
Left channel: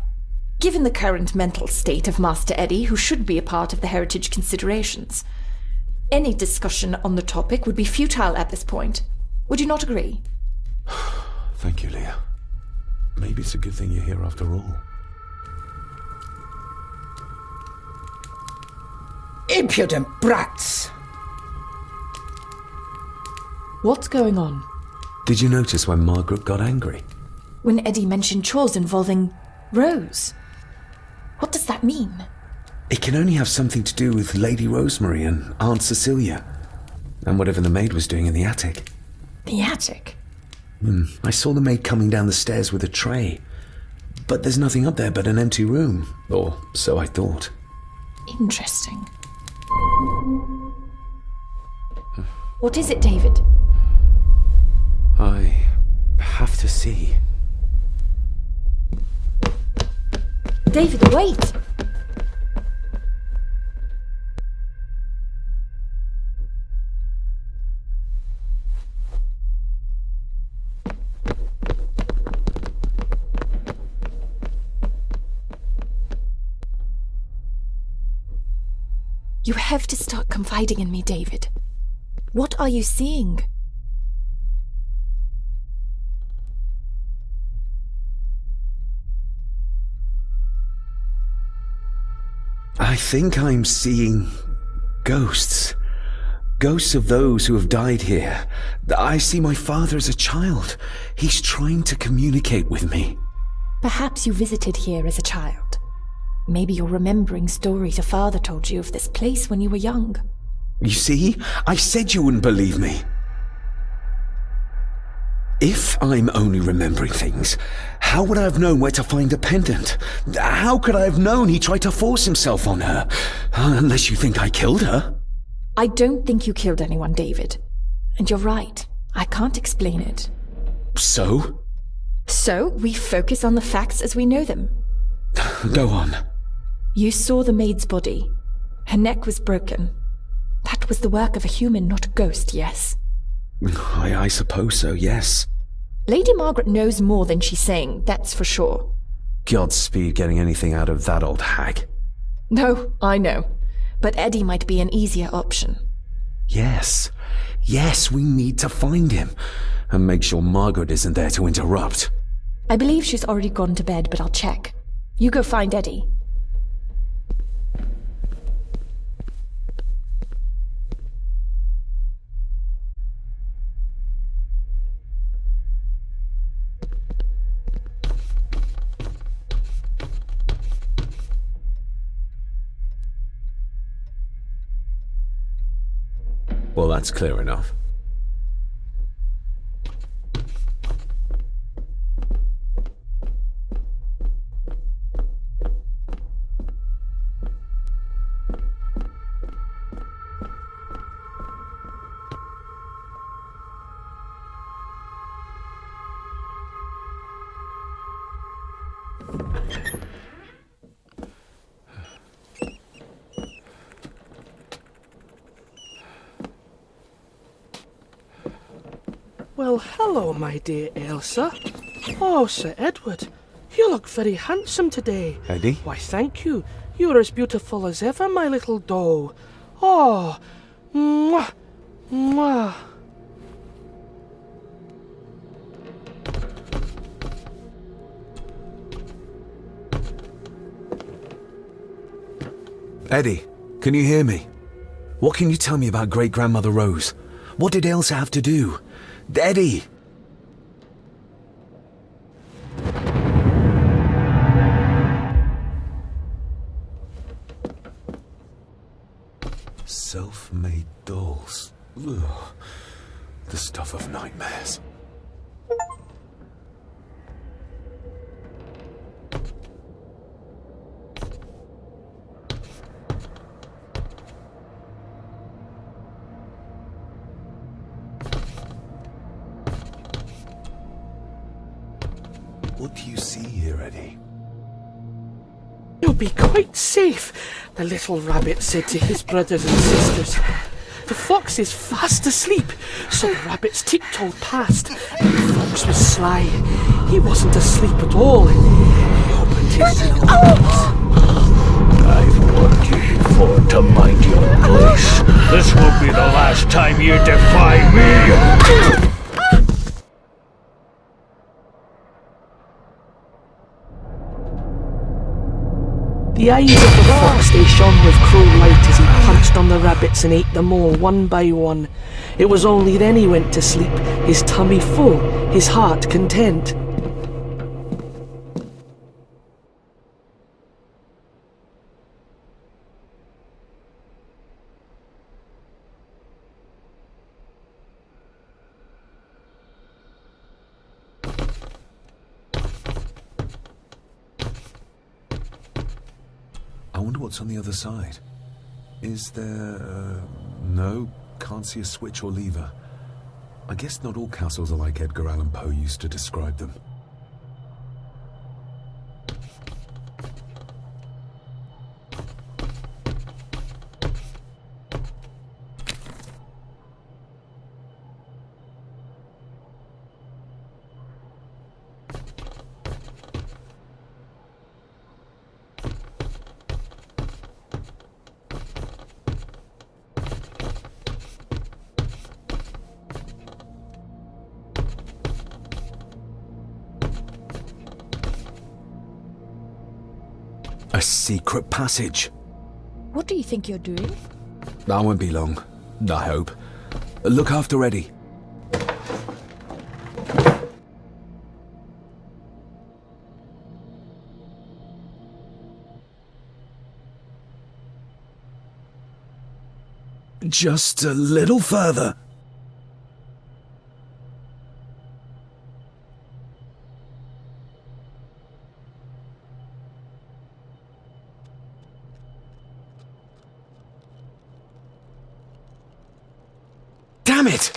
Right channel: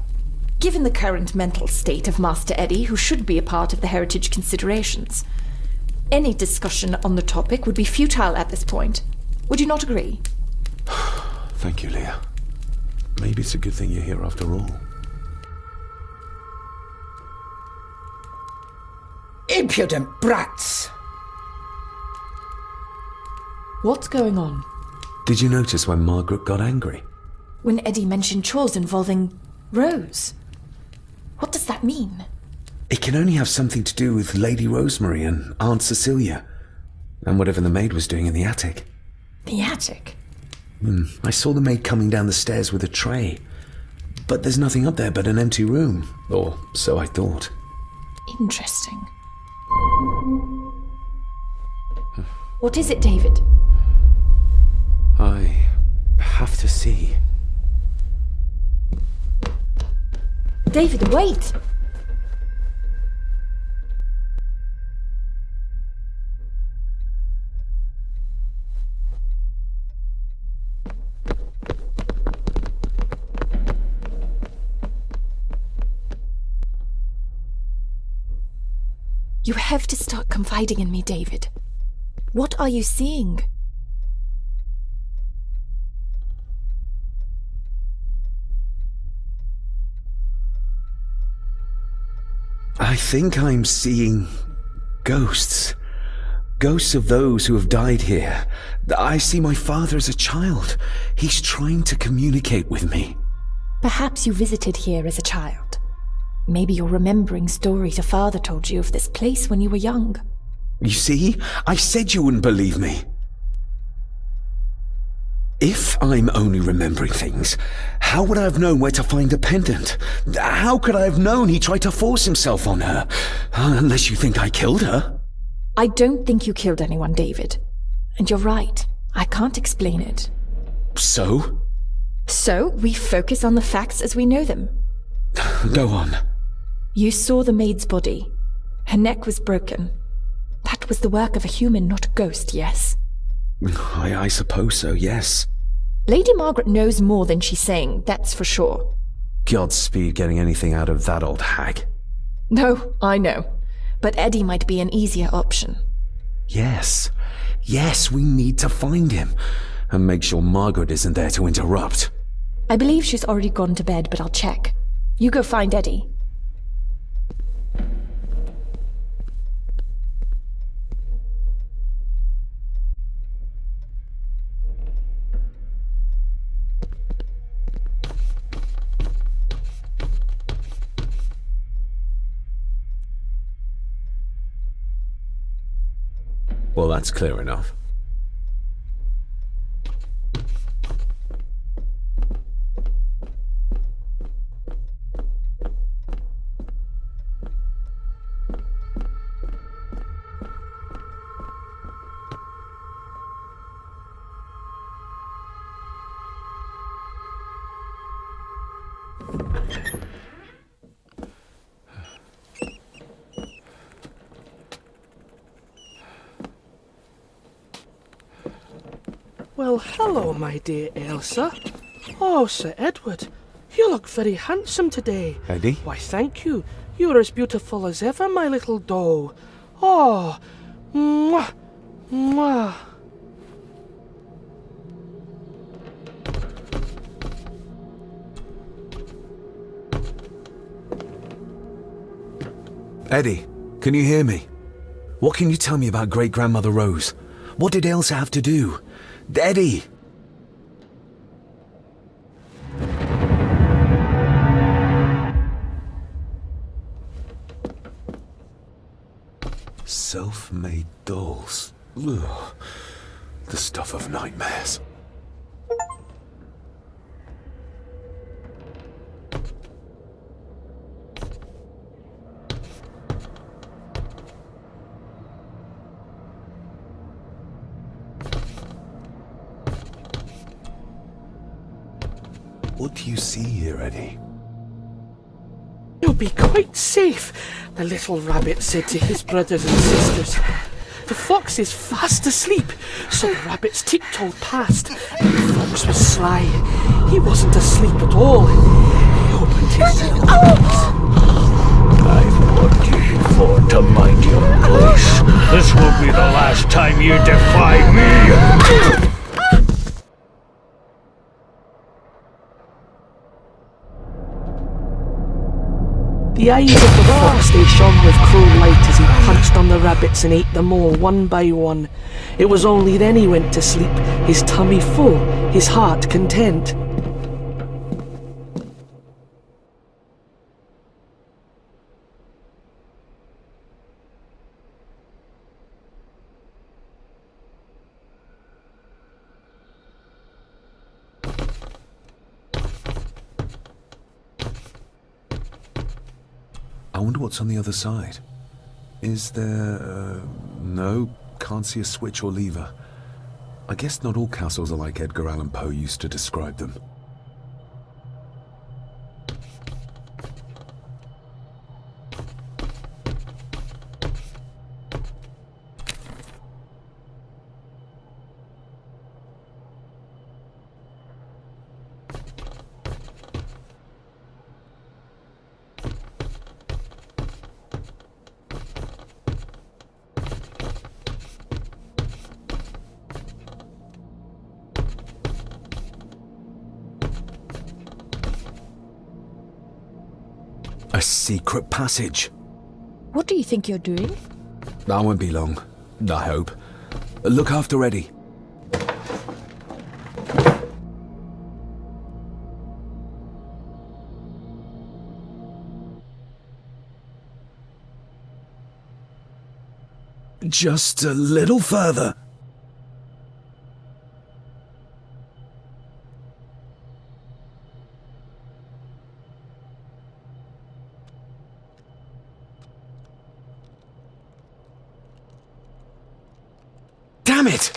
Given the current mental state of Master Eddie, who should be a part of the heritage considerations, any discussion on the topic would be futile at this point. Would you not agree? Thank you, Leah. Maybe it's a good thing you're here after all. Impudent brats! What's going on? Did you notice when Margaret got angry? When Eddie mentioned chores involving Rose. What does that mean? It can only have something to do with Lady Rosemary and Aunt Cecilia, and whatever the maid was doing in the attic. The attic? I saw the maid coming down the stairs with a tray, but there's nothing up there but an empty room, or so I thought. Interesting. What is it, David? I have to see. David, wait! You have to start confiding in me, David. What are you seeing? I think I'm seeing ghosts. Ghosts of those who have died here. I see my father as a child. He's trying to communicate with me. Perhaps you visited here as a child. Maybe you're remembering stories your father told you of this place when you were young. You see? I said you wouldn't believe me. If I'm only remembering things, how would I have known where to find a pendant? How could I have known he tried to force himself on her? Unless you think I killed her. I don't think you killed anyone, David. And you're right. I can't explain it. So? So, we focus on the facts as we know them. Go on. You saw the maid's body. Her neck was broken. That was the work of a human, not a ghost, yes? I suppose so, yes. Lady Margaret knows more than she's saying, that's for sure. Godspeed getting anything out of that old hag. No, I know. But Eddie might be an easier option. Yes. Yes, we need to find him. And make sure Margaret isn't there to interrupt. I believe she's already gone to bed, but I'll check. You go find Eddie. Well, that's clear enough. Well, hello, my dear Elsa. Oh, Sir Edward, you look very handsome today. Eddie? Why, thank you. You're as beautiful as ever, my little doll. Oh, mwah, mwah. Eddie, can you hear me? What can you tell me about Great-Grandmother Rose? What did Elsa have to do? Eddie! Self-made dolls. Ugh. The stuff of nightmares. What do you see here, Eddie? You'll be quite safe, the little rabbit said to his brothers and sisters. The fox is fast asleep, so the rabbits tiptoed past. The fox was sly. He wasn't asleep at all. He opened his little eyes. I've warned you before to mind your place. This will be the last time you defy me! The eyes of the fox, they shone with cruel light as he punched on the rabbits and ate them all one by one. It was only then he went to sleep, his tummy full, his heart content. I wonder what's on the other side. Is there... no, can't see a switch or lever. I guess not all castles are like Edgar Allan Poe used to describe them. A secret passage. What do you think you're doing? I won't be long, I hope. Look after Eddie. Just a little further. Damn it!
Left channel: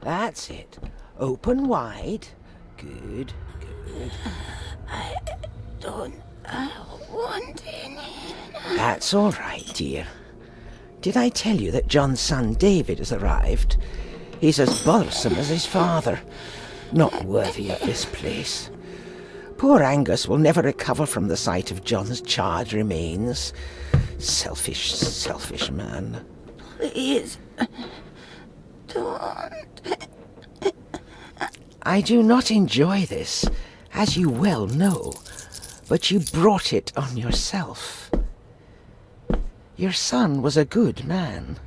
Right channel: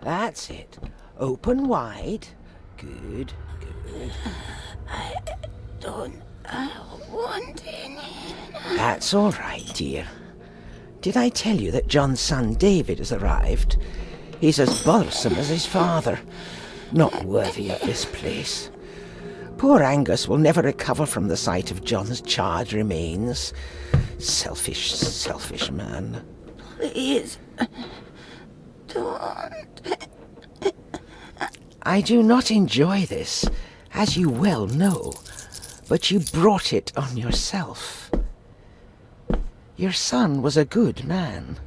That's it. Open wide. Good, good. I don't want any. That's all right, dear. Did I tell you that John's son David has arrived? He's as bothersome as his father. Not worthy of this place. Poor Angus will never recover from the sight of John's charred remains. Selfish, selfish man. Please, don't. I do not enjoy this, as you well know, but you brought it on yourself. Your son was a good man.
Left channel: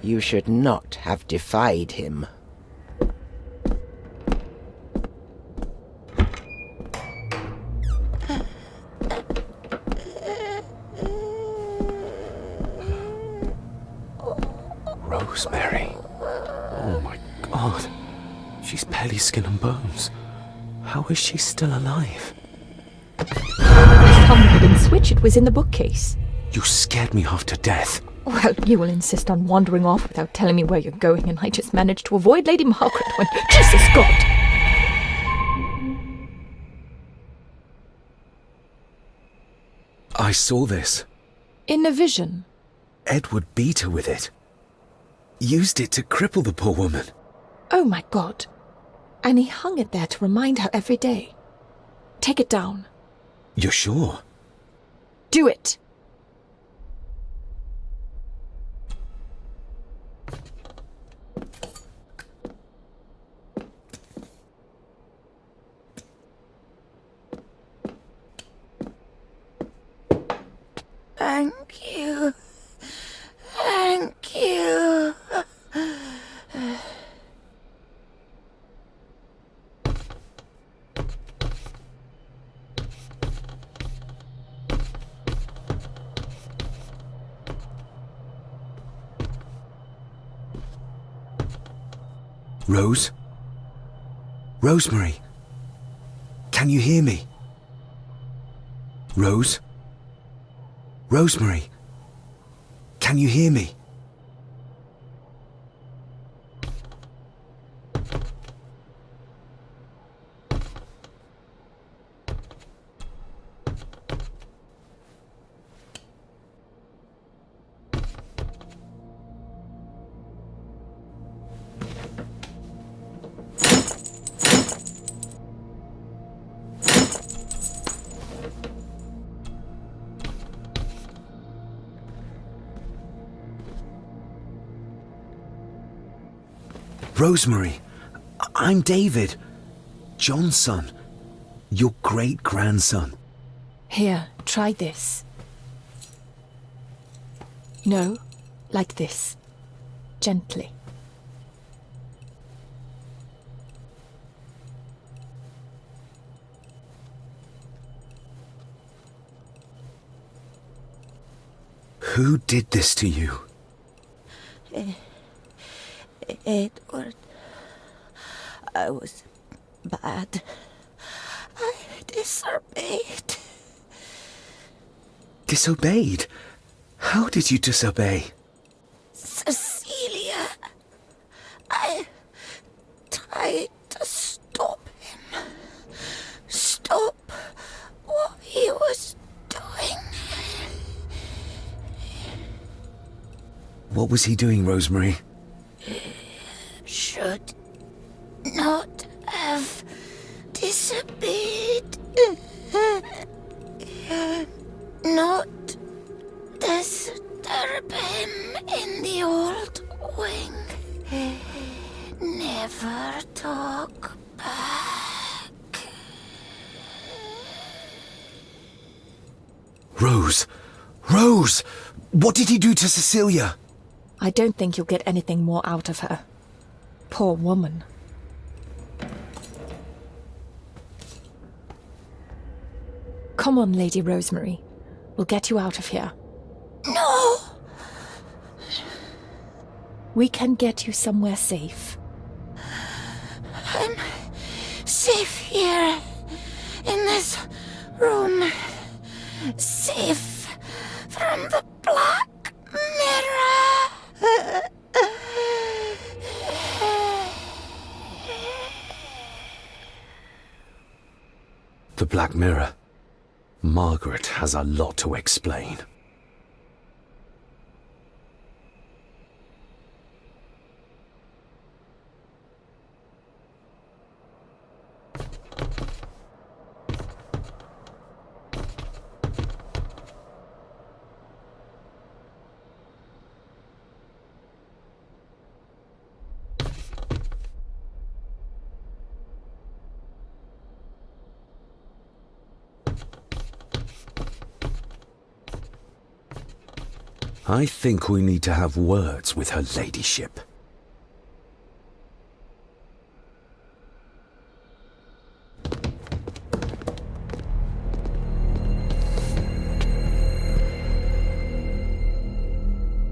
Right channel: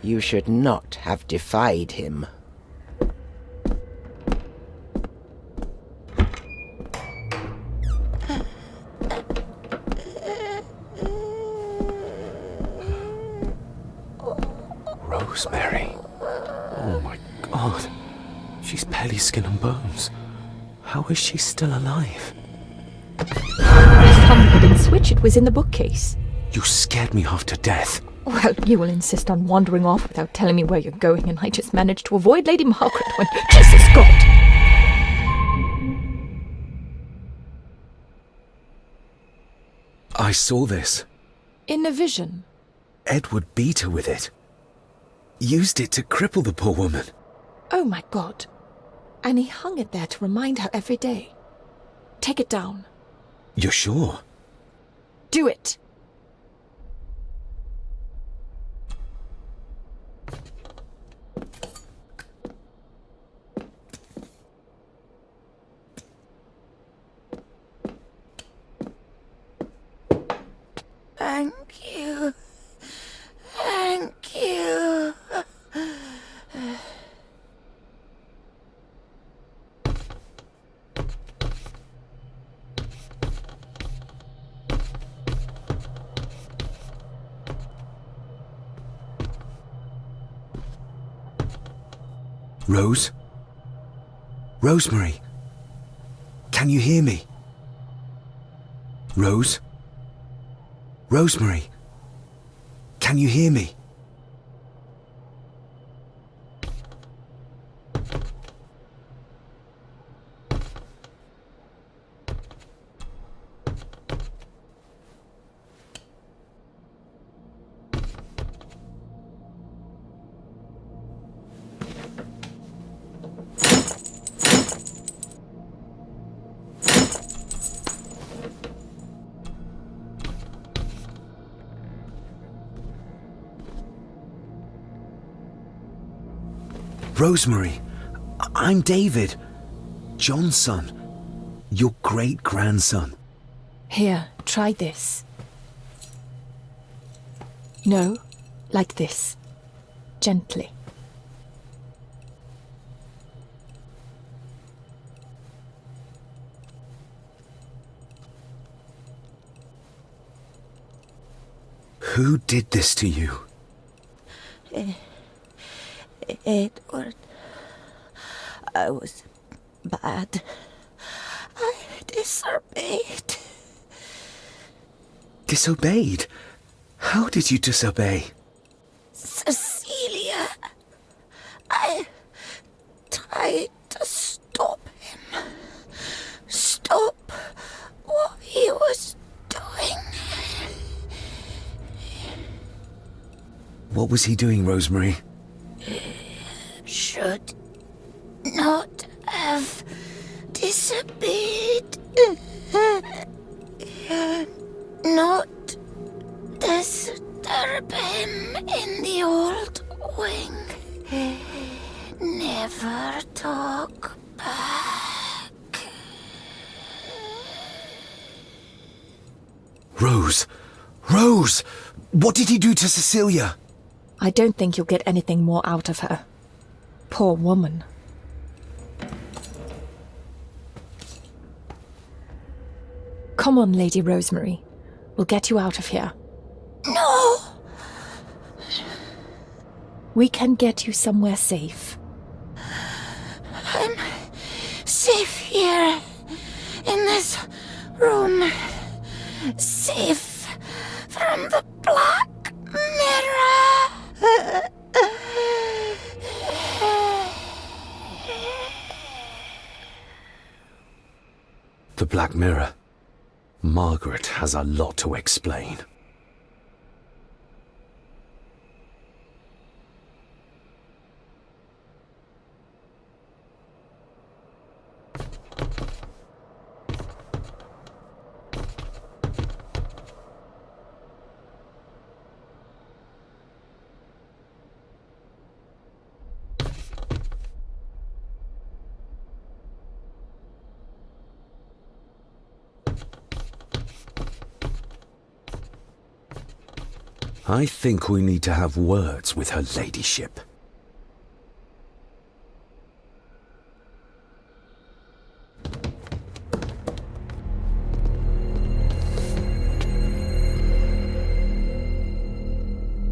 You should not have defied him. Rosemary. Oh my God. She's barely skin and bones. How is she still alive? I found the hidden switch. It was in the bookcase. You scared me half to death. Well, you will insist on wandering off without telling me where you're going, and I just managed to avoid Lady Margaret when... Jesus God! I saw this. In a vision? Edward beat her with it. Used it to cripple the poor woman. Oh my God. And he hung it there to remind her every day. Take it down. You're sure? Do it! Thank you. Thank you. Rose? Rosemary? Can you hear me? Rose? Rosemary? Can you hear me? Rosemary, I'm David, John's son, your great-grandson. Here, try this. No, like this. Gently. Who did this to you? Edward, I was bad. I disobeyed. Disobeyed? How did you disobey? Cecilia, I tried to stop him. Stop what he was doing. What was he doing, Rosemary? Should not have disobeyed. Not disturb him in the old wing. Never talk back. Rose! Rose! What did he do to Cecilia? I don't think you'll get anything more out of her. Poor woman. Come on, Lady Rosemary. We'll get you out of here. No! We can get you somewhere safe. I'm safe here, in this room. Safe from the Black Mirror. The Black Mirror. Margaret has a lot to explain. I think we need to have words with her ladyship.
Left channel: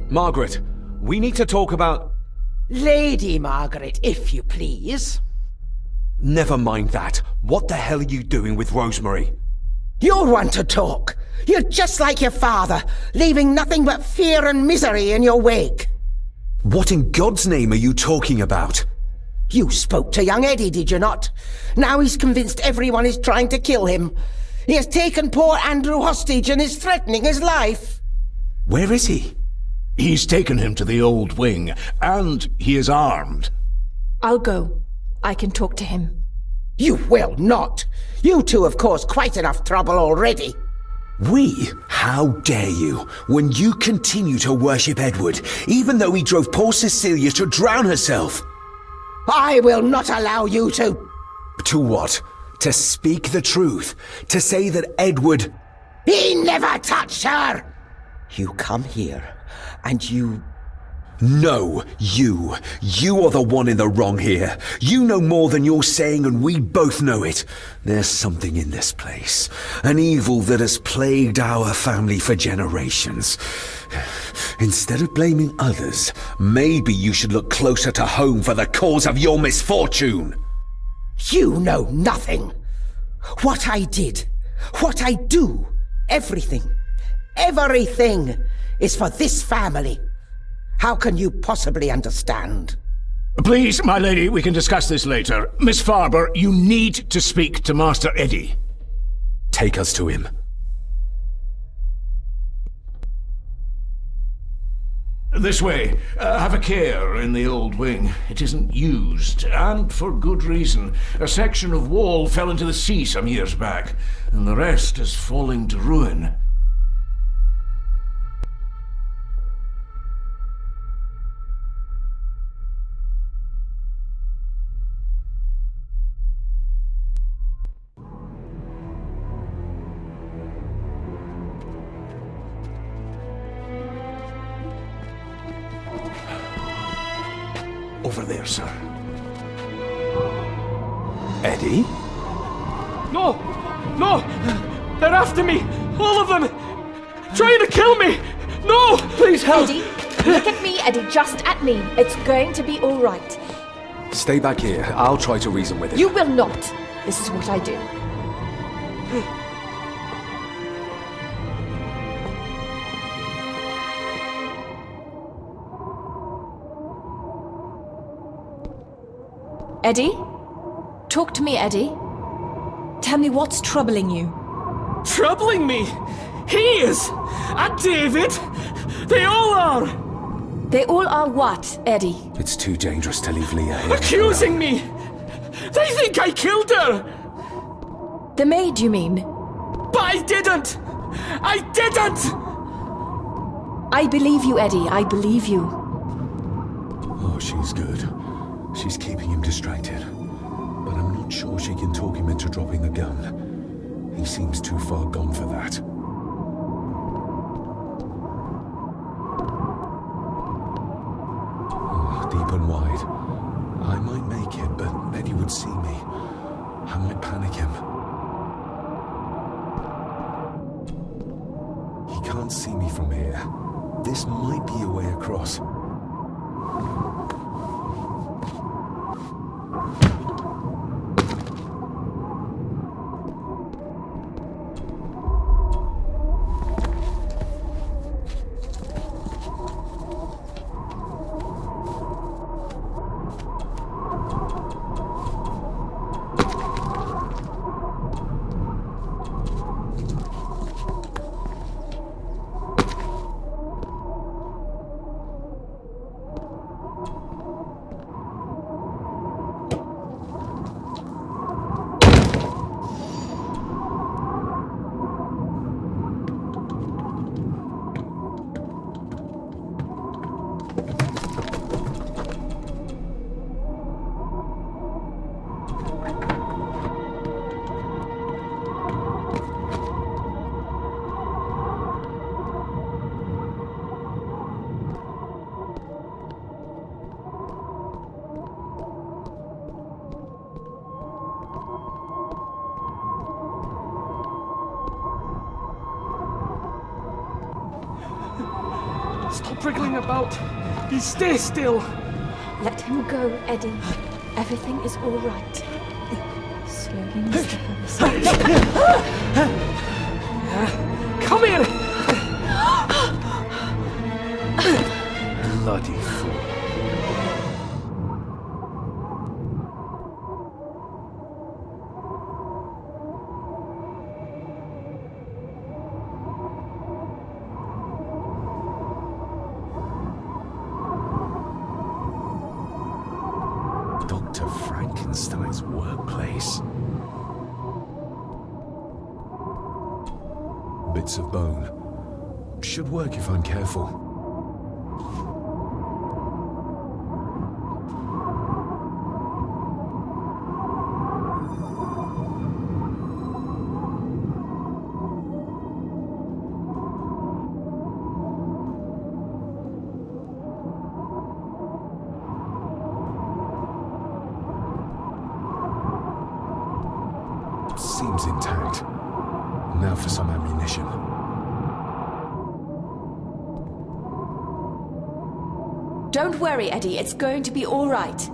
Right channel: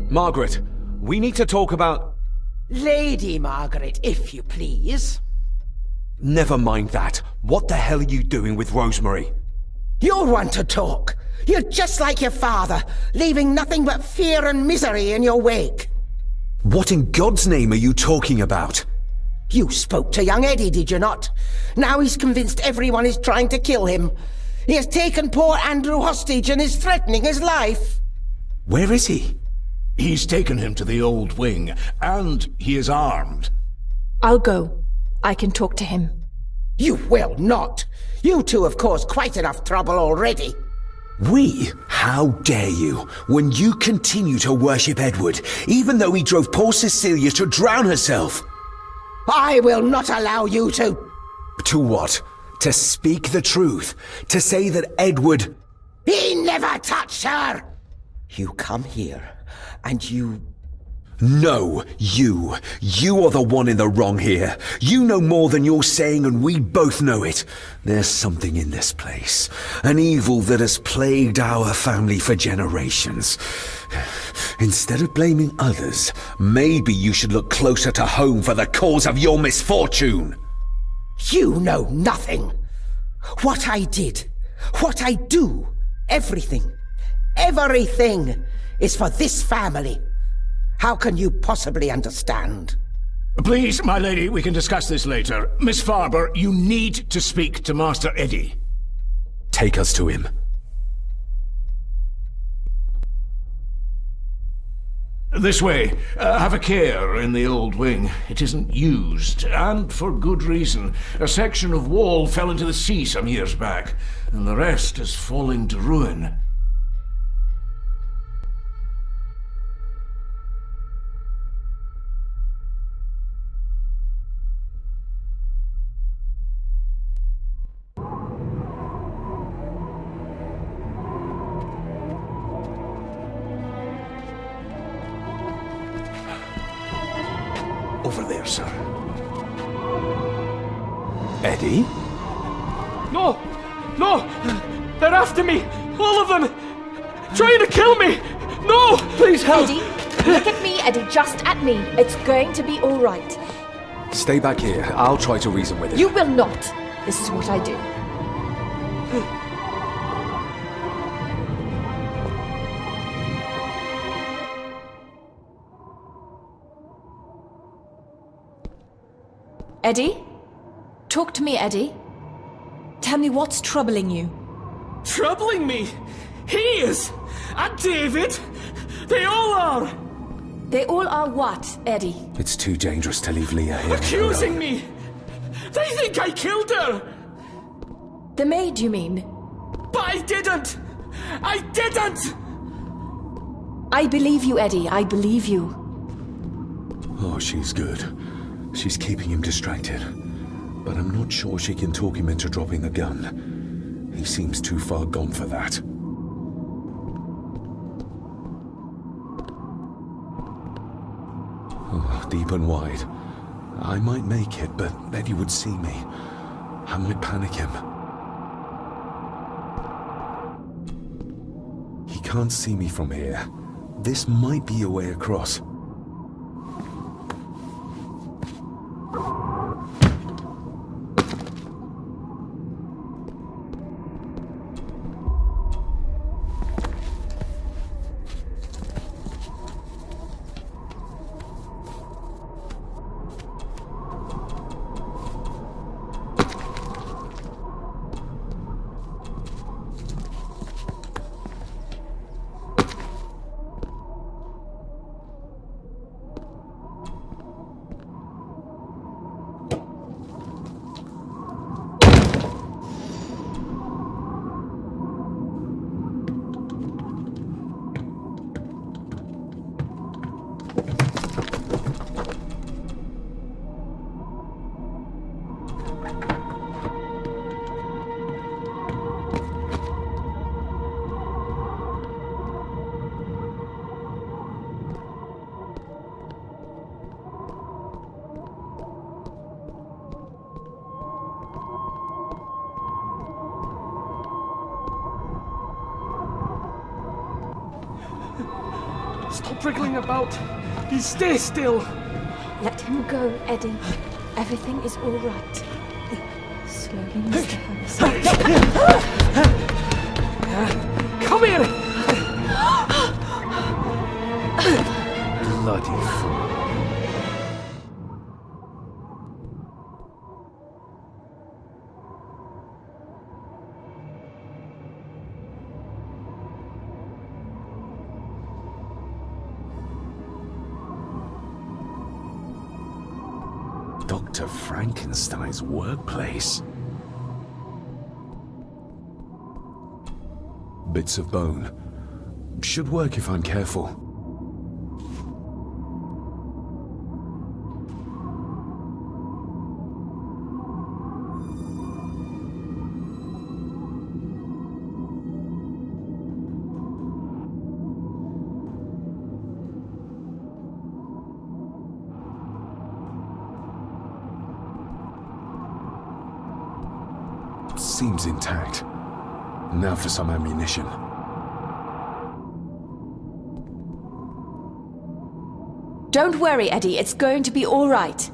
Margaret, we need to talk about... Lady Margaret, if you please. Never mind that. What the hell are you doing with Rosemary? You're one to talk. You're just like your father, leaving nothing but fear and misery in your wake. What in God's name are you talking about? You spoke to young Eddie, did you not? Now he's convinced everyone is trying to kill him. He has taken poor Andrew hostage and is threatening his life. Where is he? He's taken him to the old wing, and he is armed. I'll go. I can talk to him. You will not. You two have caused quite enough trouble already. We? How dare you, when you continue to worship Edward, even though he drove poor Cecilia to drown herself? I will not allow you to... To what? To speak the truth? To say that Edward... He never touched her! You come here, and you... No, you. You are the one in the wrong here. You know more than you're saying, and we both know it. There's something in this place. An evil that has plagued our family for generations. Instead of blaming others, maybe you should look closer to home for the cause of your misfortune. You know nothing. What I did, what I do, everything is for this family. How can you possibly understand? Please, my lady, we can discuss this later. Miss Farber, you need to speak to Master Eddie. Take us to him. This way. Have a care in the old wing. It isn't used, and for good reason. A section of wall fell into the sea some years back, and the rest is falling to ruin. Over there, sir. Eddie? No! No! They're after me! All of them! Trying to kill me! No! Please help! Eddie, look at me, Eddie, just at me. It's going to be all right. Stay back here. I'll try to reason with him. You will not. This is what I do. Eddie? Talk to me, Eddie. Tell me what's troubling you. Troubling me? He is! And David! They all are! They all are what, Eddie? It's too dangerous to leave Leah here. Accusing me! They think I killed her! The maid, you mean? But I didn't! I didn't! I believe you, Eddie. I believe you. Oh, she's good. She's keeping him distracted. But I'm not sure she can talk him into dropping the gun. He seems too far gone for that. Oh, deep and wide. I might make it, but Eddie would see me. I might panic him. He can't see me from here. This might be a way across. Stop wriggling about. You stay still. Let him go, Eddie. Everything is all right. Slowly, Mr. Harrison. Come here! Bloody fool. Dr. Frankenstein's workplace. Bits of bone. Should work if I'm careful. seems intact. Now for some ammunition. Don't worry, Eddie. It's going to be all right.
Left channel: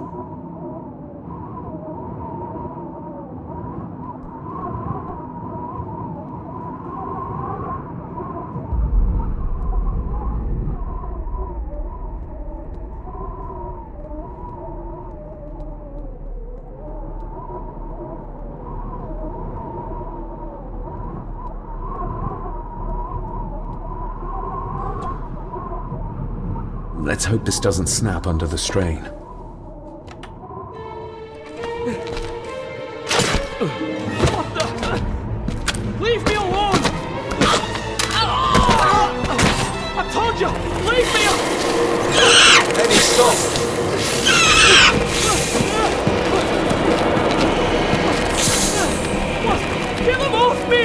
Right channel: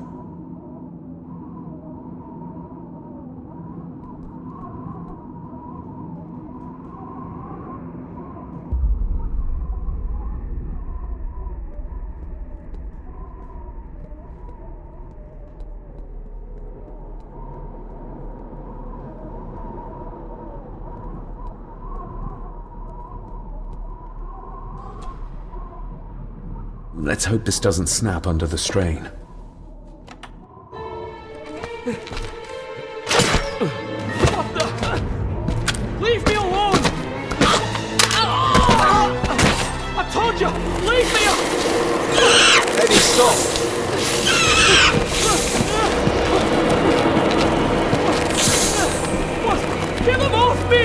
Let's hope this doesn't snap under the strain. What the? Leave me alone! I told you, leave me alone! Eddie, stop! What? Get them off me!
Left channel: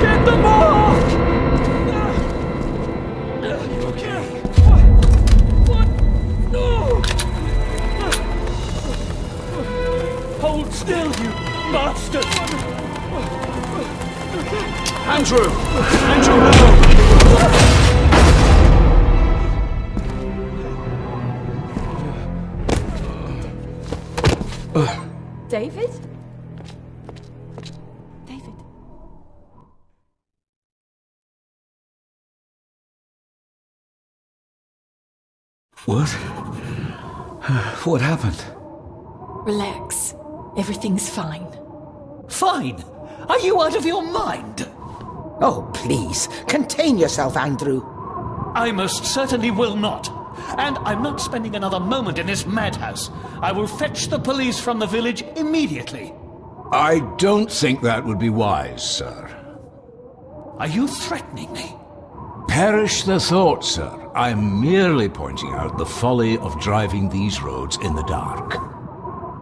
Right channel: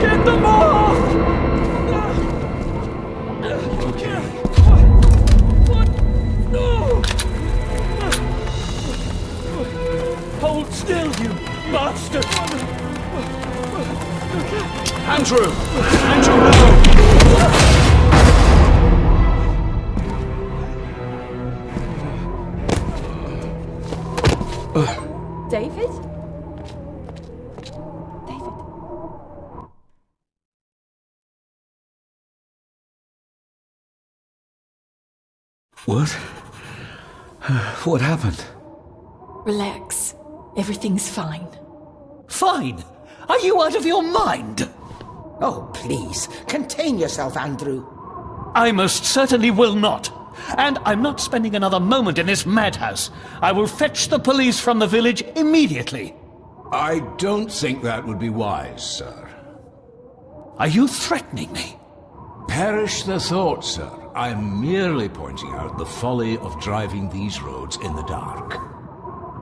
Get them off! You okay? What? No! Hold still, you bastard! Andrew! Andrew, no! David? What? What happened? Relax. Everything's fine. Fine? Are you out of your mind? Oh, please, contain yourself, Andrew. I most certainly will not. And I'm not spending another moment in this madhouse. I will fetch the police from the village immediately. I don't think that would be wise, sir. Are you threatening me? Perish the thought, sir. I'm merely pointing out the folly of driving these roads in the dark.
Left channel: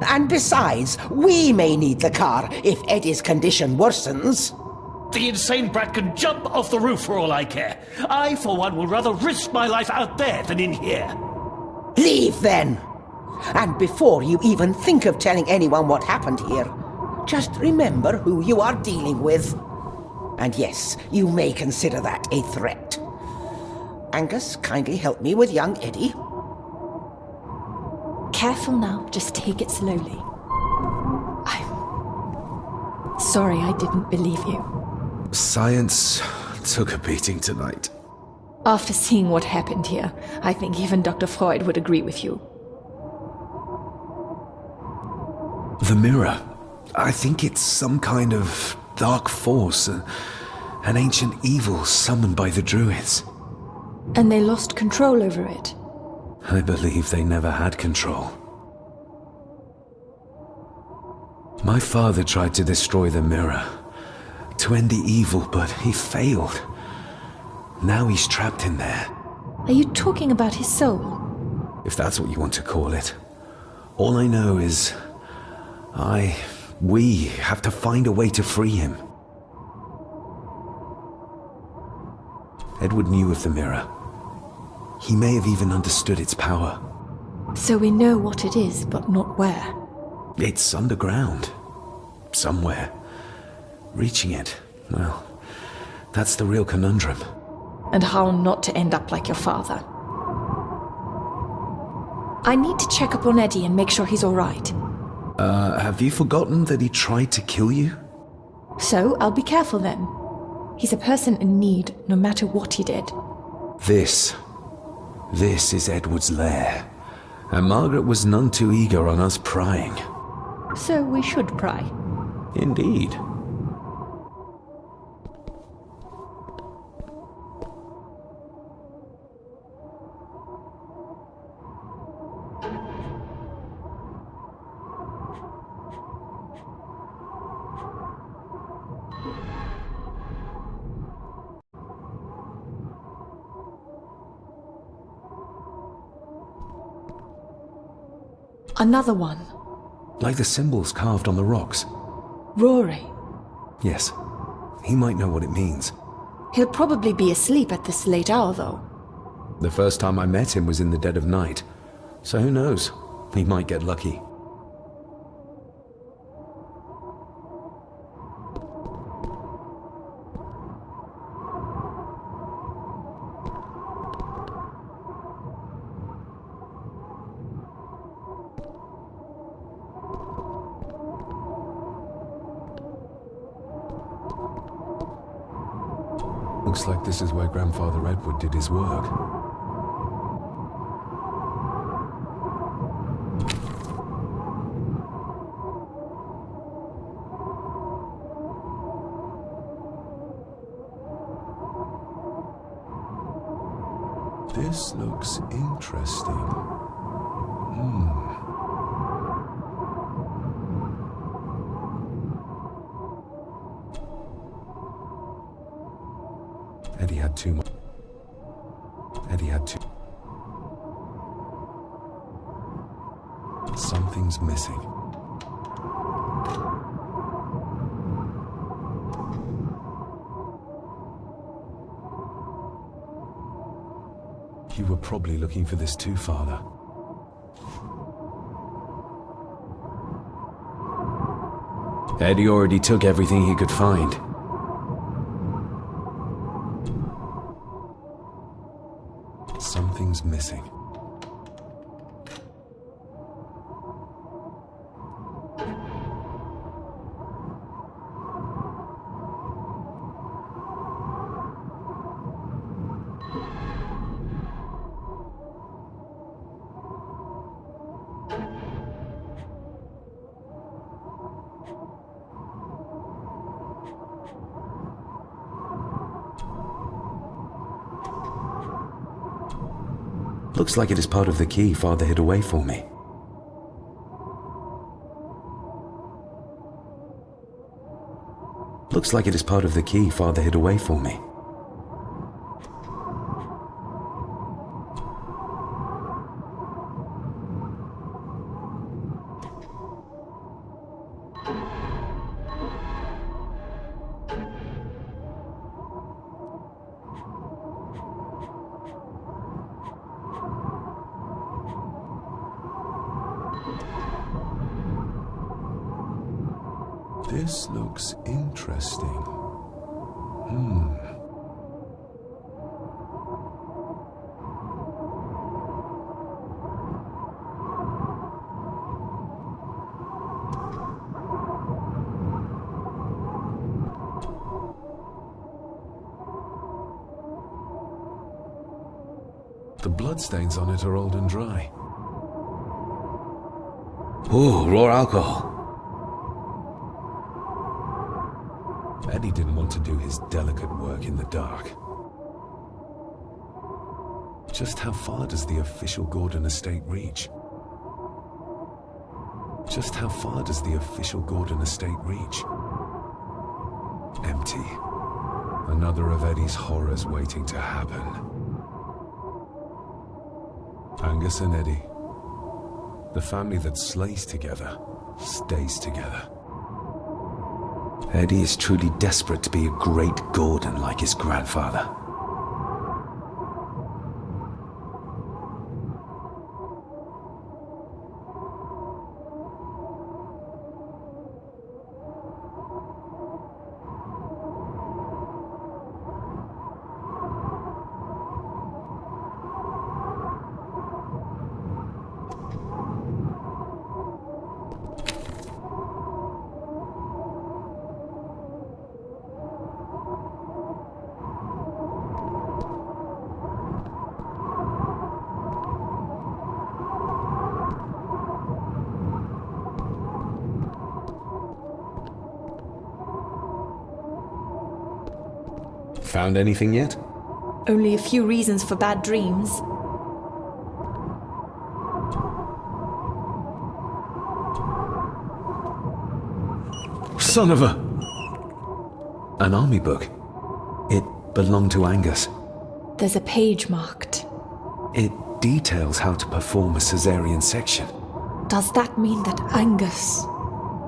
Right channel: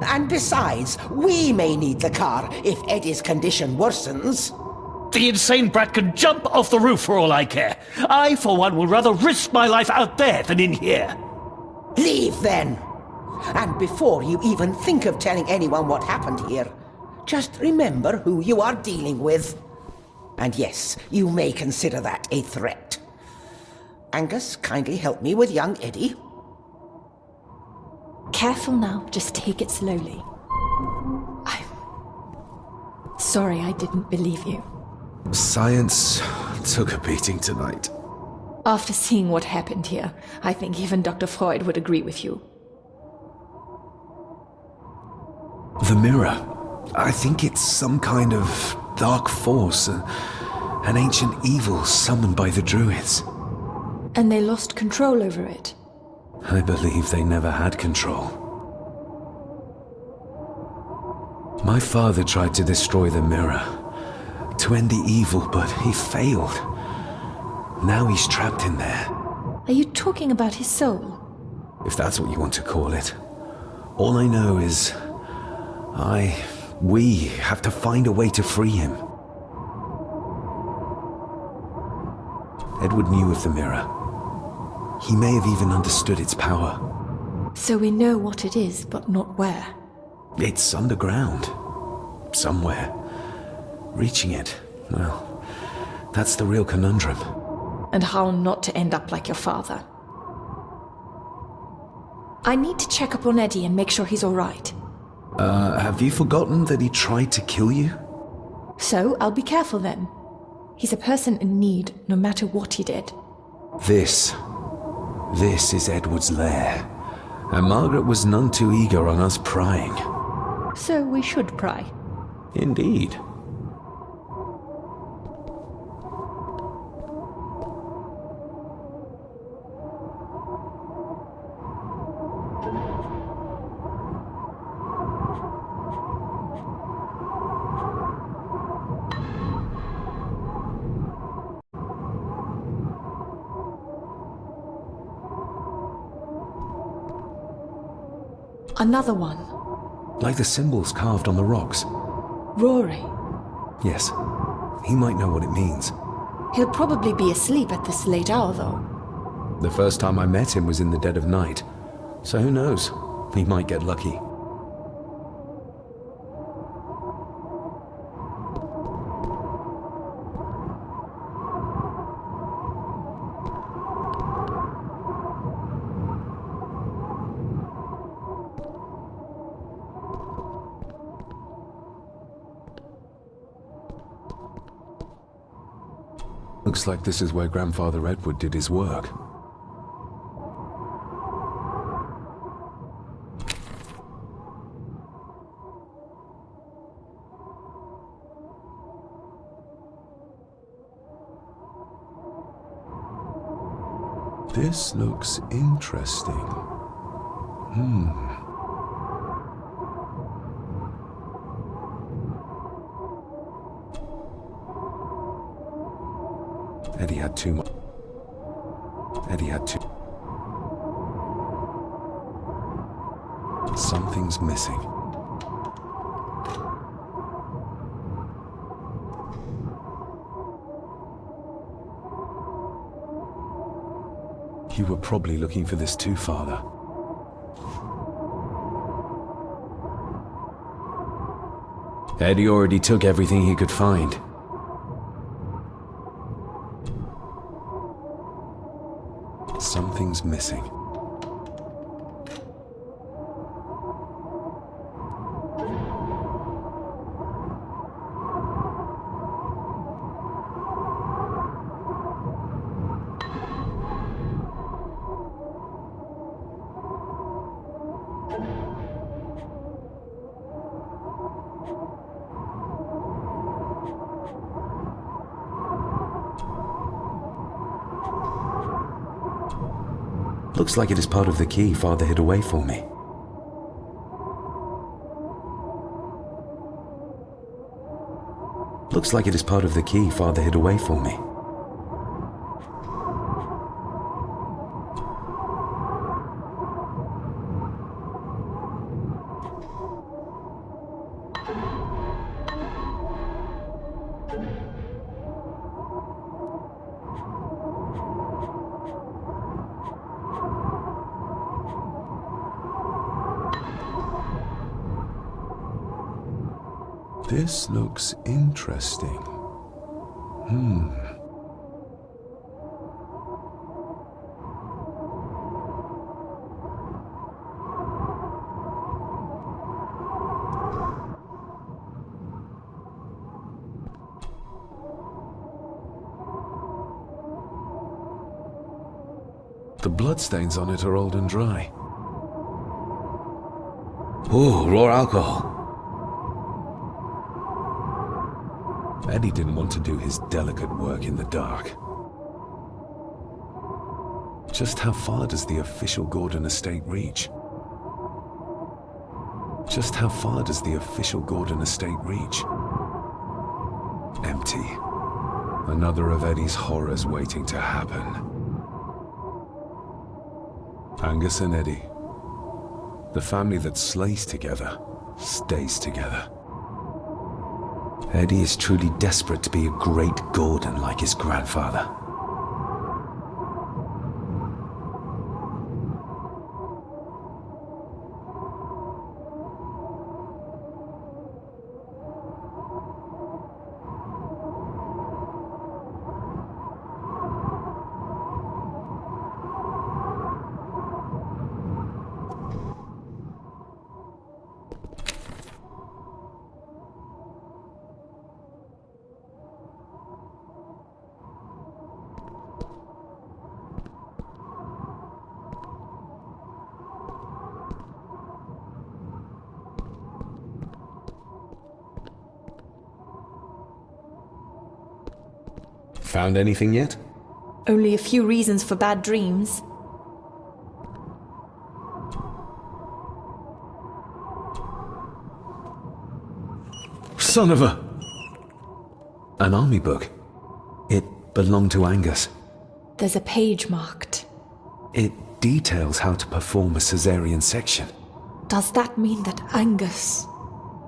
And besides, we may need the car if Eddie's condition worsens. The insane brat can jump off the roof for all I care. I, for one, will rather risk my life out there than in here. Leave, then. And before you even think of telling anyone what happened here, just remember who you are dealing with. And yes, you may consider that a threat. Angus, kindly help me with young Eddie. Careful now, just take it slowly. I'm sorry I didn't believe you. Science took a beating tonight. After seeing what happened here, I think even Dr. Freud would agree with you. The mirror. I think it's some kind of dark force, an ancient evil summoned by the druids. And they lost control over it. I believe they never had control. My father tried to destroy the mirror, to end the evil, but he failed. Now he's trapped in there. Are you talking about his soul? If that's what you want to call it. All I know is we have to find a way to free him. Edward knew of the mirror. He may have even understood its power. So we know what it is, but not where. It's underground. Somewhere. Reaching it, well, that's the real conundrum. And how not to end up like your father. I need to check up on Eddie and make sure he's all right. Have you forgotten that he tried to kill you? So, I'll be careful then. He's a person in need, no matter what he did. This is Edward's lair. And Margaret was none too eager on us prying. So we should pry. Indeed. Another one. Like the symbols carved on the rocks. Rory. Yes. He might know what it means. He'll probably be asleep at this late hour, though. The first time I met him was in the dead of night. So who knows? He might get lucky. Looks like this is where Grandfather Edward did his work. This looks interesting. Eddie had too much. Eddie had too. Something's missing. You were probably looking for this too, Father. Eddie already took everything he could find. Something's missing. Looks like it is part of the key Father hid away for me. Looks like it is part of the key Father hid away for me. This looks interesting. The bloodstains on it are old and dry. Ooh, raw alcohol. Eddie didn't want to do his delicate work in the dark. Just how far does the official Gordon estate reach? Just how far does the official Gordon estate reach? Empty. Another of Eddie's horrors waiting to happen. Angus and Eddie. The family that slays together, stays together. Eddie is truly desperate to be a great Gordon like his grandfather. Found anything yet? Only a few reasons for bad dreams. Son of a... An army book. It belonged to Angus. There's a page marked. It details how to perform a cesarean section. Does that mean that Angus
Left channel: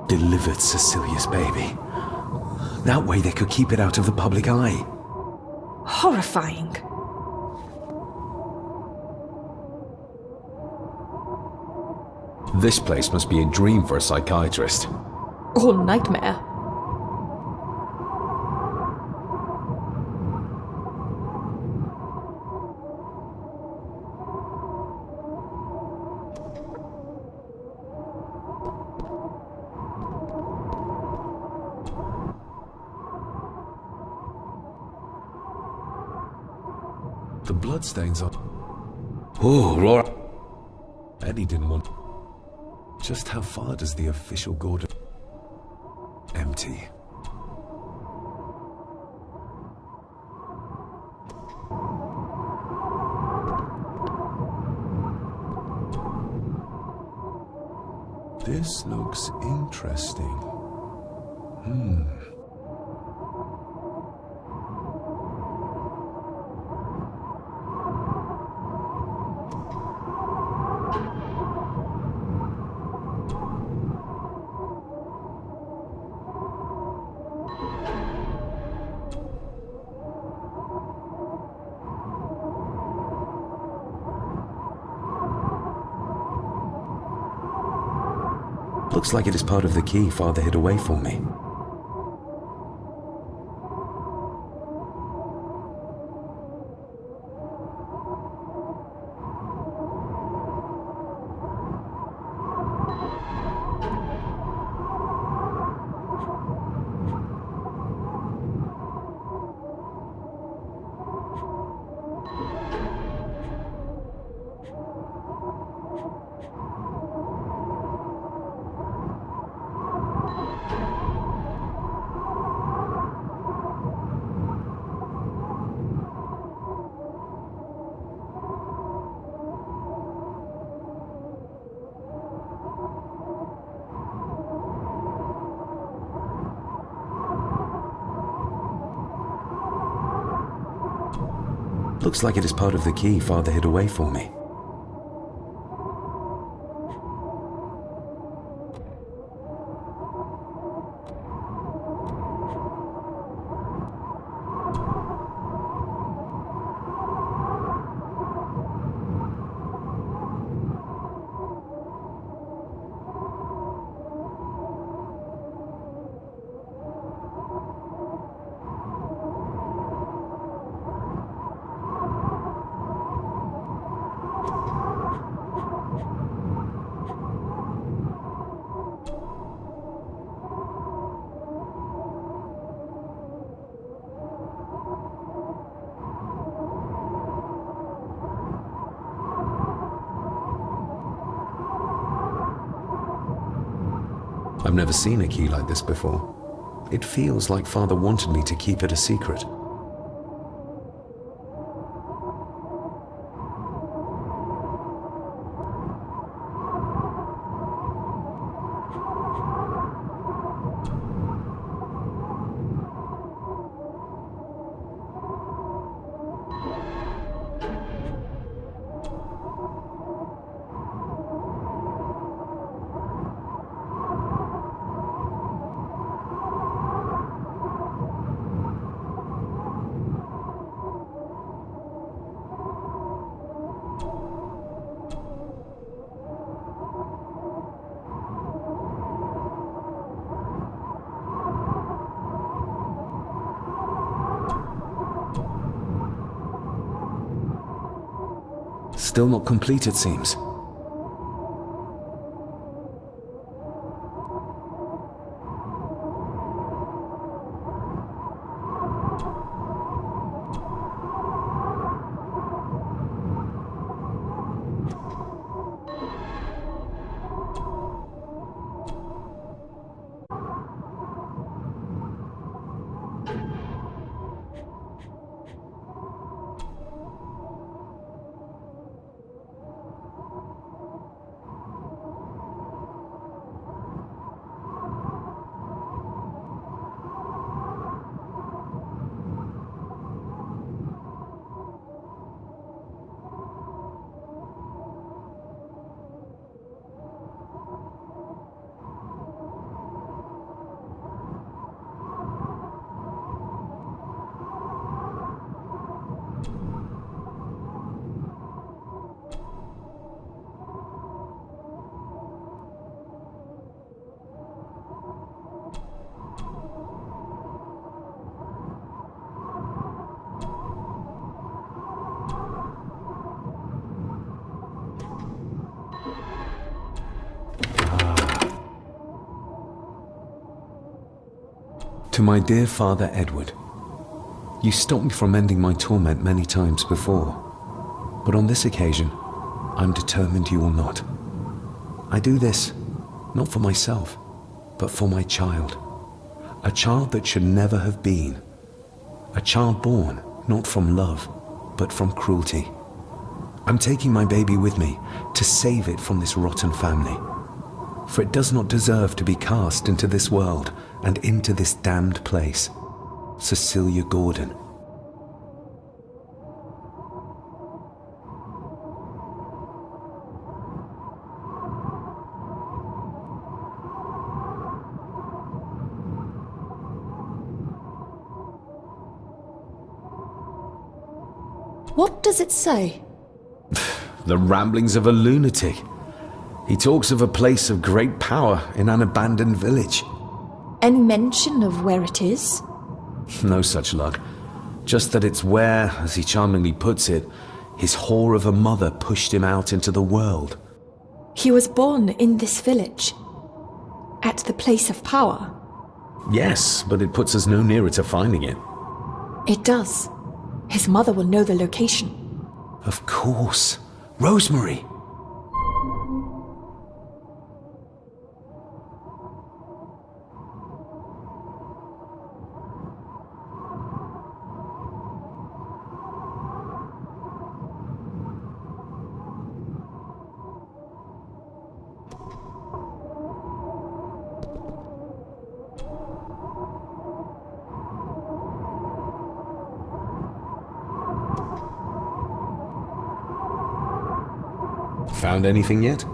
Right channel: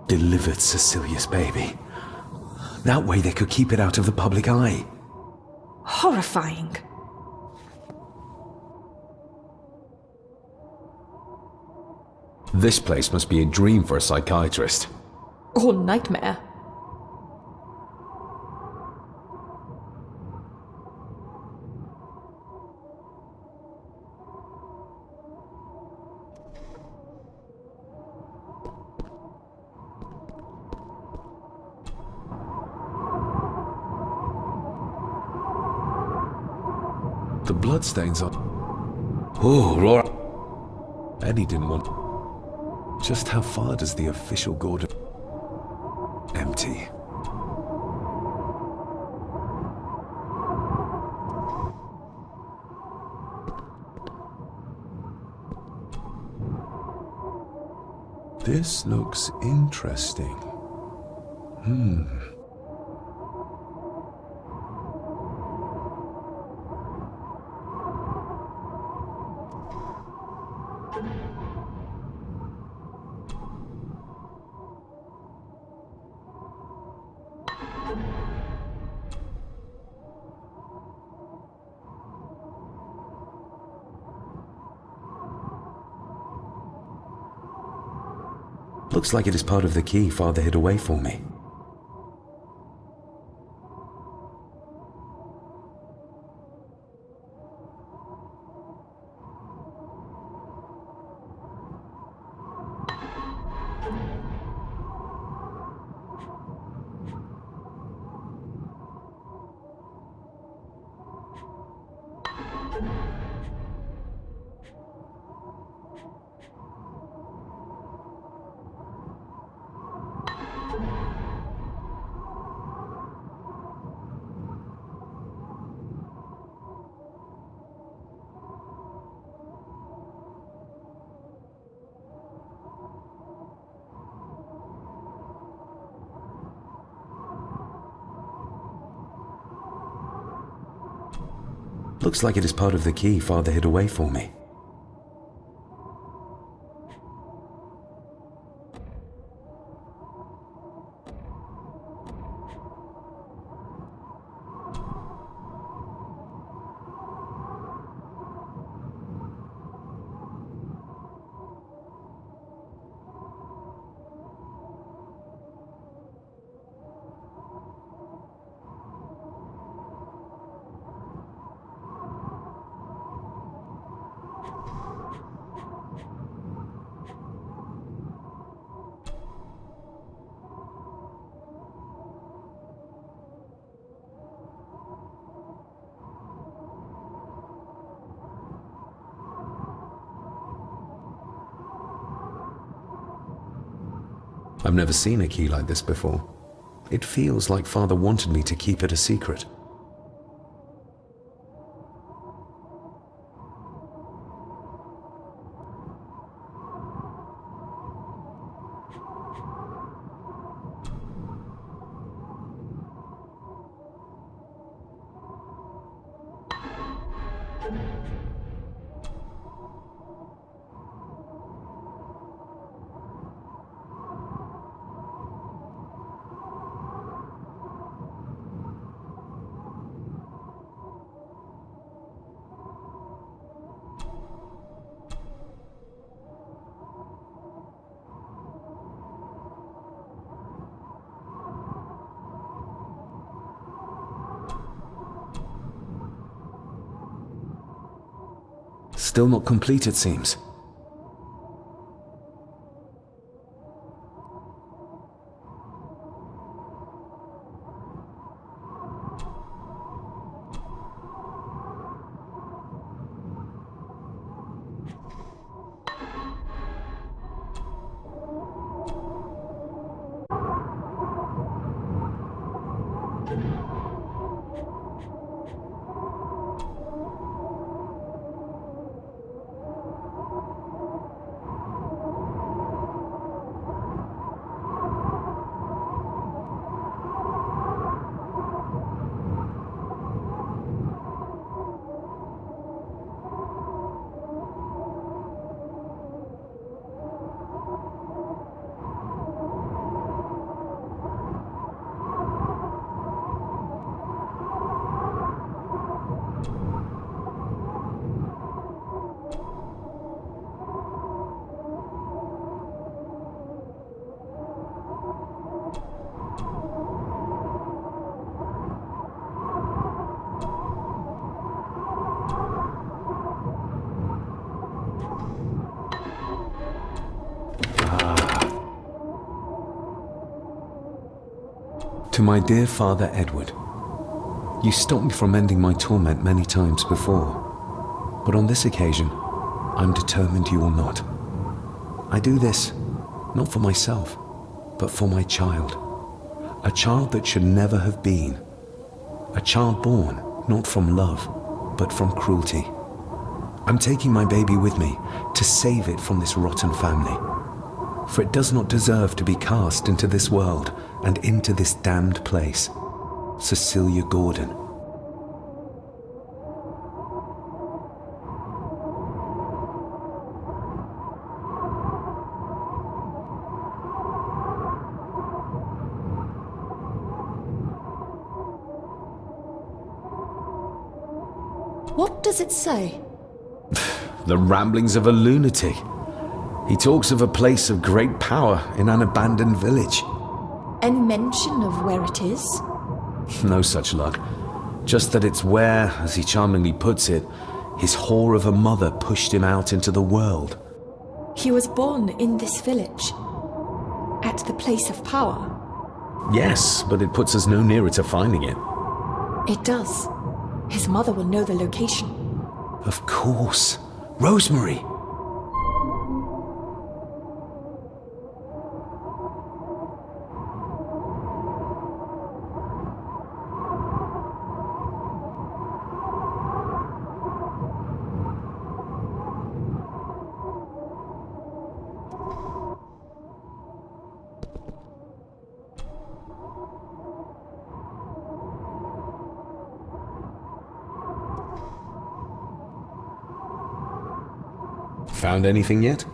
delivered Cecilia's baby? That way they could keep it out of the public eye. Horrifying. This place must be a dream for a psychiatrist. Or nightmare. The bloodstains are... Oh, Laura. Eddie didn't want... Just how far does the official Gordon... Empty. This looks interesting. Looks like it is part of the key Father hid away for me. Looks like it is part of the key Father hid away for me. I've never seen a key like this before. It feels like Father wanted me to keep it a secret. Still not complete, it seems. To my dear Father Edward, you stopped me from ending my torment many times before, but on this occasion, I'm determined you will not. I do this, not for myself, but for my child. A child that should never have been. A child born, not from love, but from cruelty. I'm taking my baby with me to save it from this rotten family. For it does not deserve to be cast into this world and into this damned place. Cecilia Gordon. What does it say? The ramblings of a lunatic. He talks of a place of great power in an abandoned village. Any mention of where it is? No such luck. Just that it's where, as he charmingly puts it, his whore of a mother pushed him out into the world. He was born in this village. At the place of power. Yes, but it puts us no nearer to finding it. It does. His mother will know the location. Of course. Rosemary! Found anything yet?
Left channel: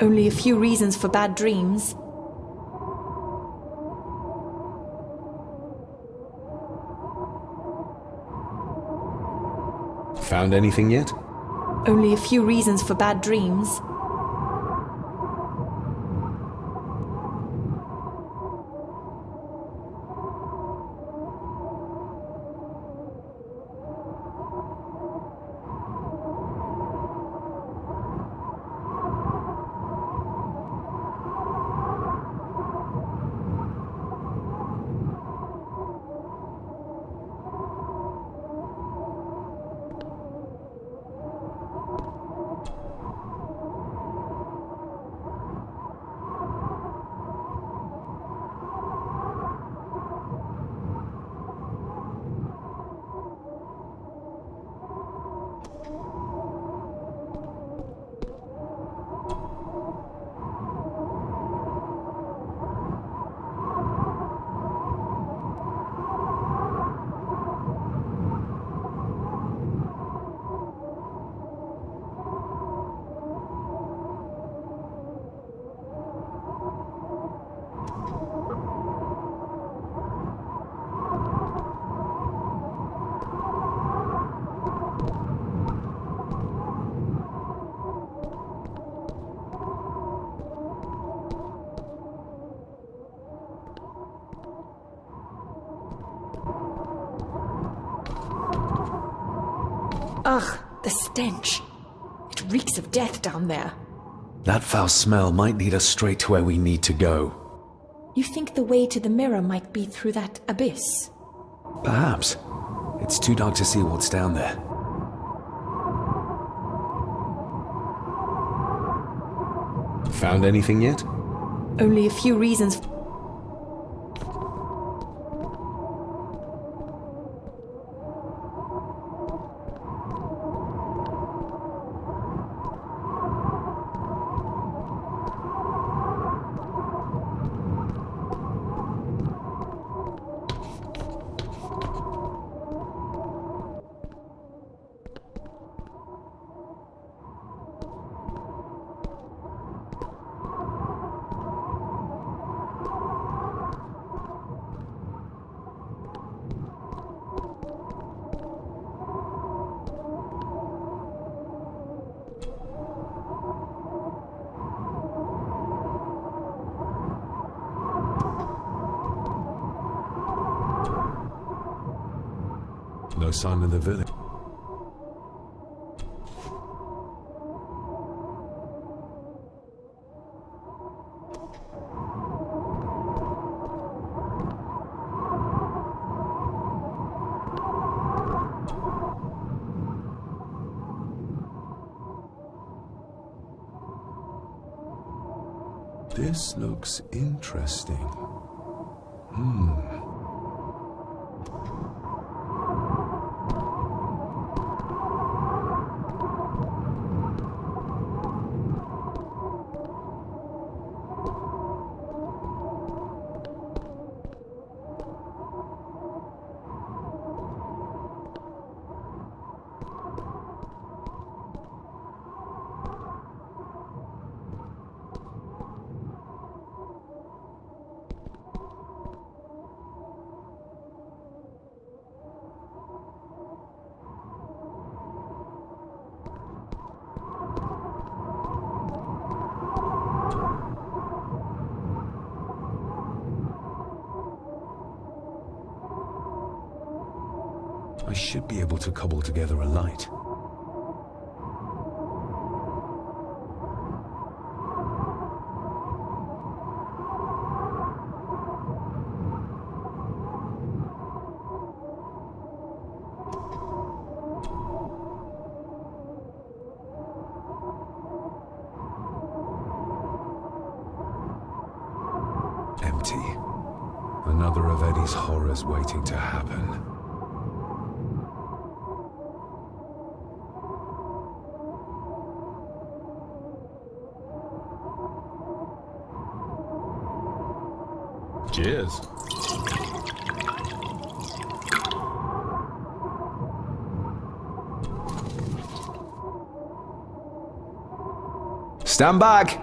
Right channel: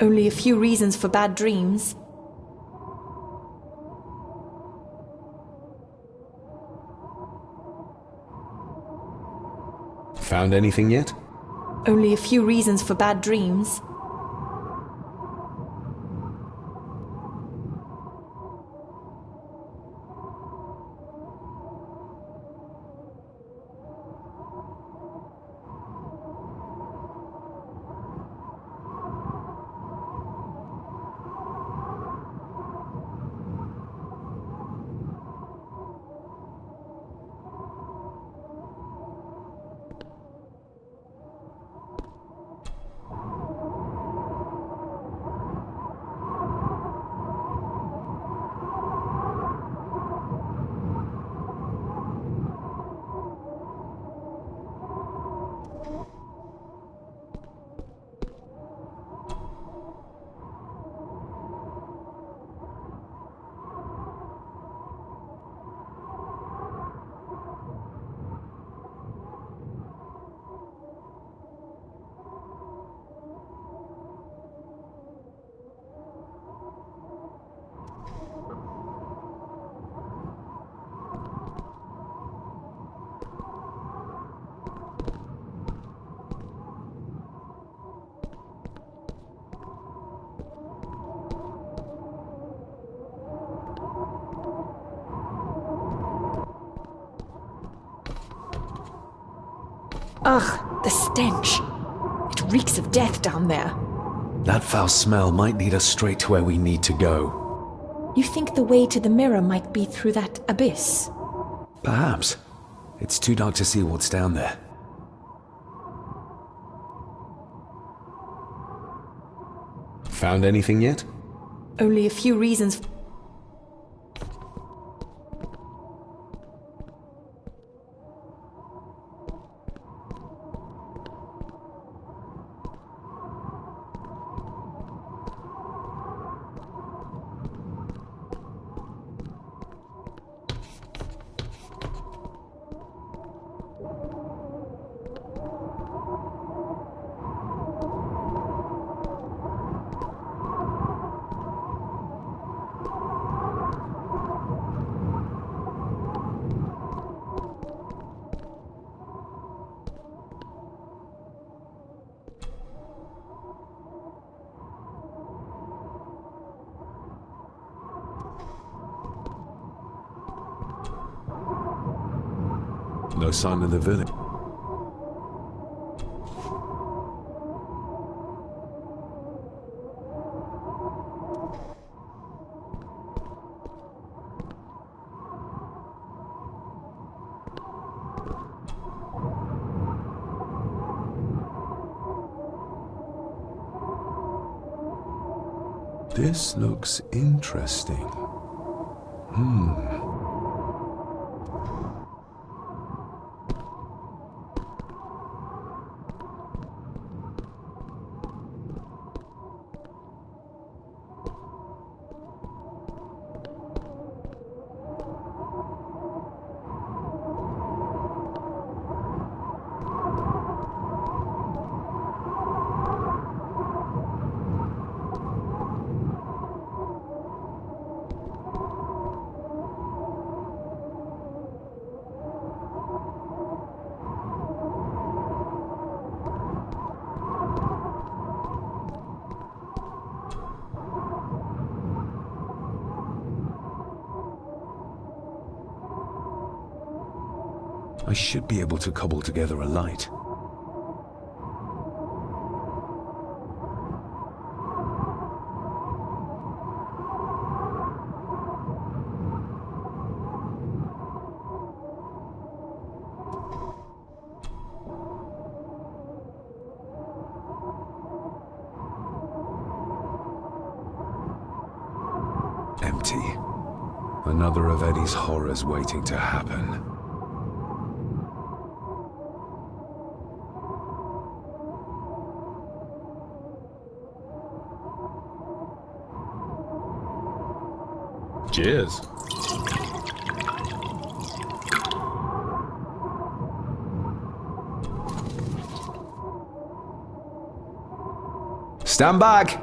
Only a few reasons for bad dreams. Found anything yet? Only a few reasons for bad dreams. Ugh, the stench. It reeks of death down there. That foul smell might lead us straight to where we need to go. You think the way to the mirror might be through that abyss? Perhaps. It's too dark to see what's down there. Found anything yet? Only a few reasons. No sign of the village. This looks interesting. I should be able to cobble together a light. Empty. Another of Eddie's horrors waiting to happen. Cheers. Stand back!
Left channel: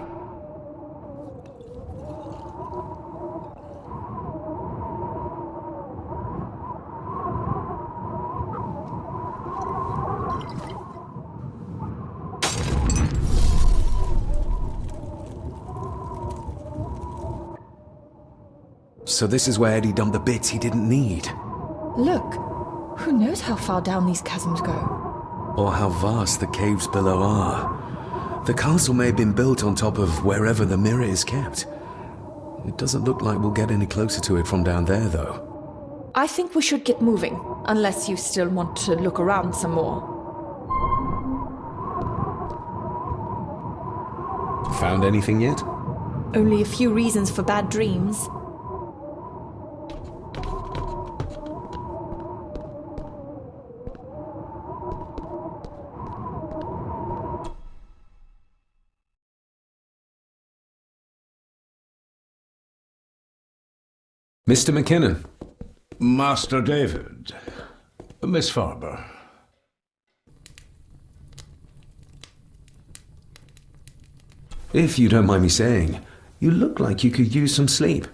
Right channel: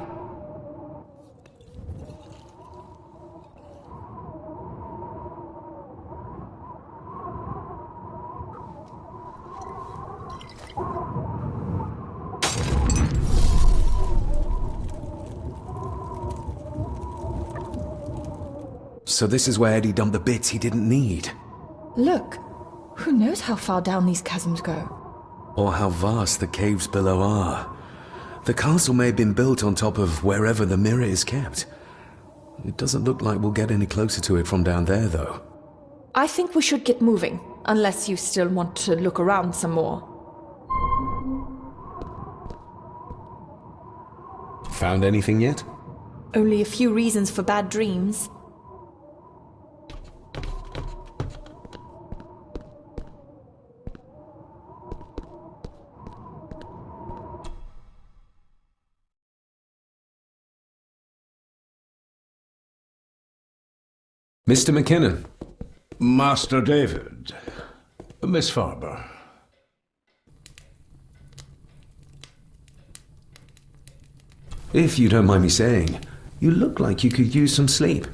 So this is where Eddie dumped the bits he didn't need. Look, who knows how far down these chasms go? Or how vast the caves below are. The castle may have been built on top of wherever the mirror is kept. It doesn't look like we'll get any closer to it from down there, though. I think we should get moving, unless you still want to look around some more. Found anything yet? Only a few reasons for bad dreams. Mr. McKinnon. Master David. Miss Farber. If you don't mind me saying, you look like you could use some sleep.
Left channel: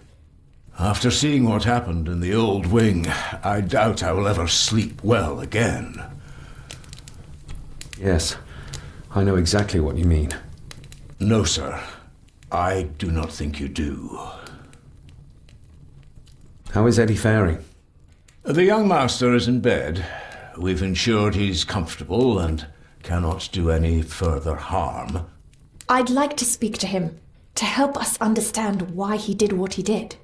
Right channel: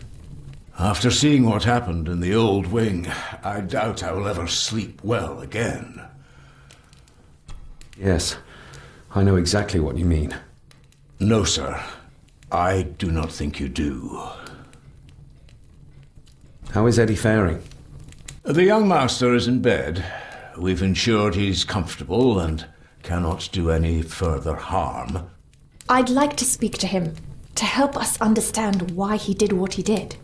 After seeing what happened in the old wing, I doubt I will ever sleep well again. Yes, I know exactly what you mean. No, sir. I do not think you do. How is Eddie faring? The young master is in bed. We've ensured he's comfortable and cannot do any further harm. I'd like to speak to him, to help us understand why he did what he did.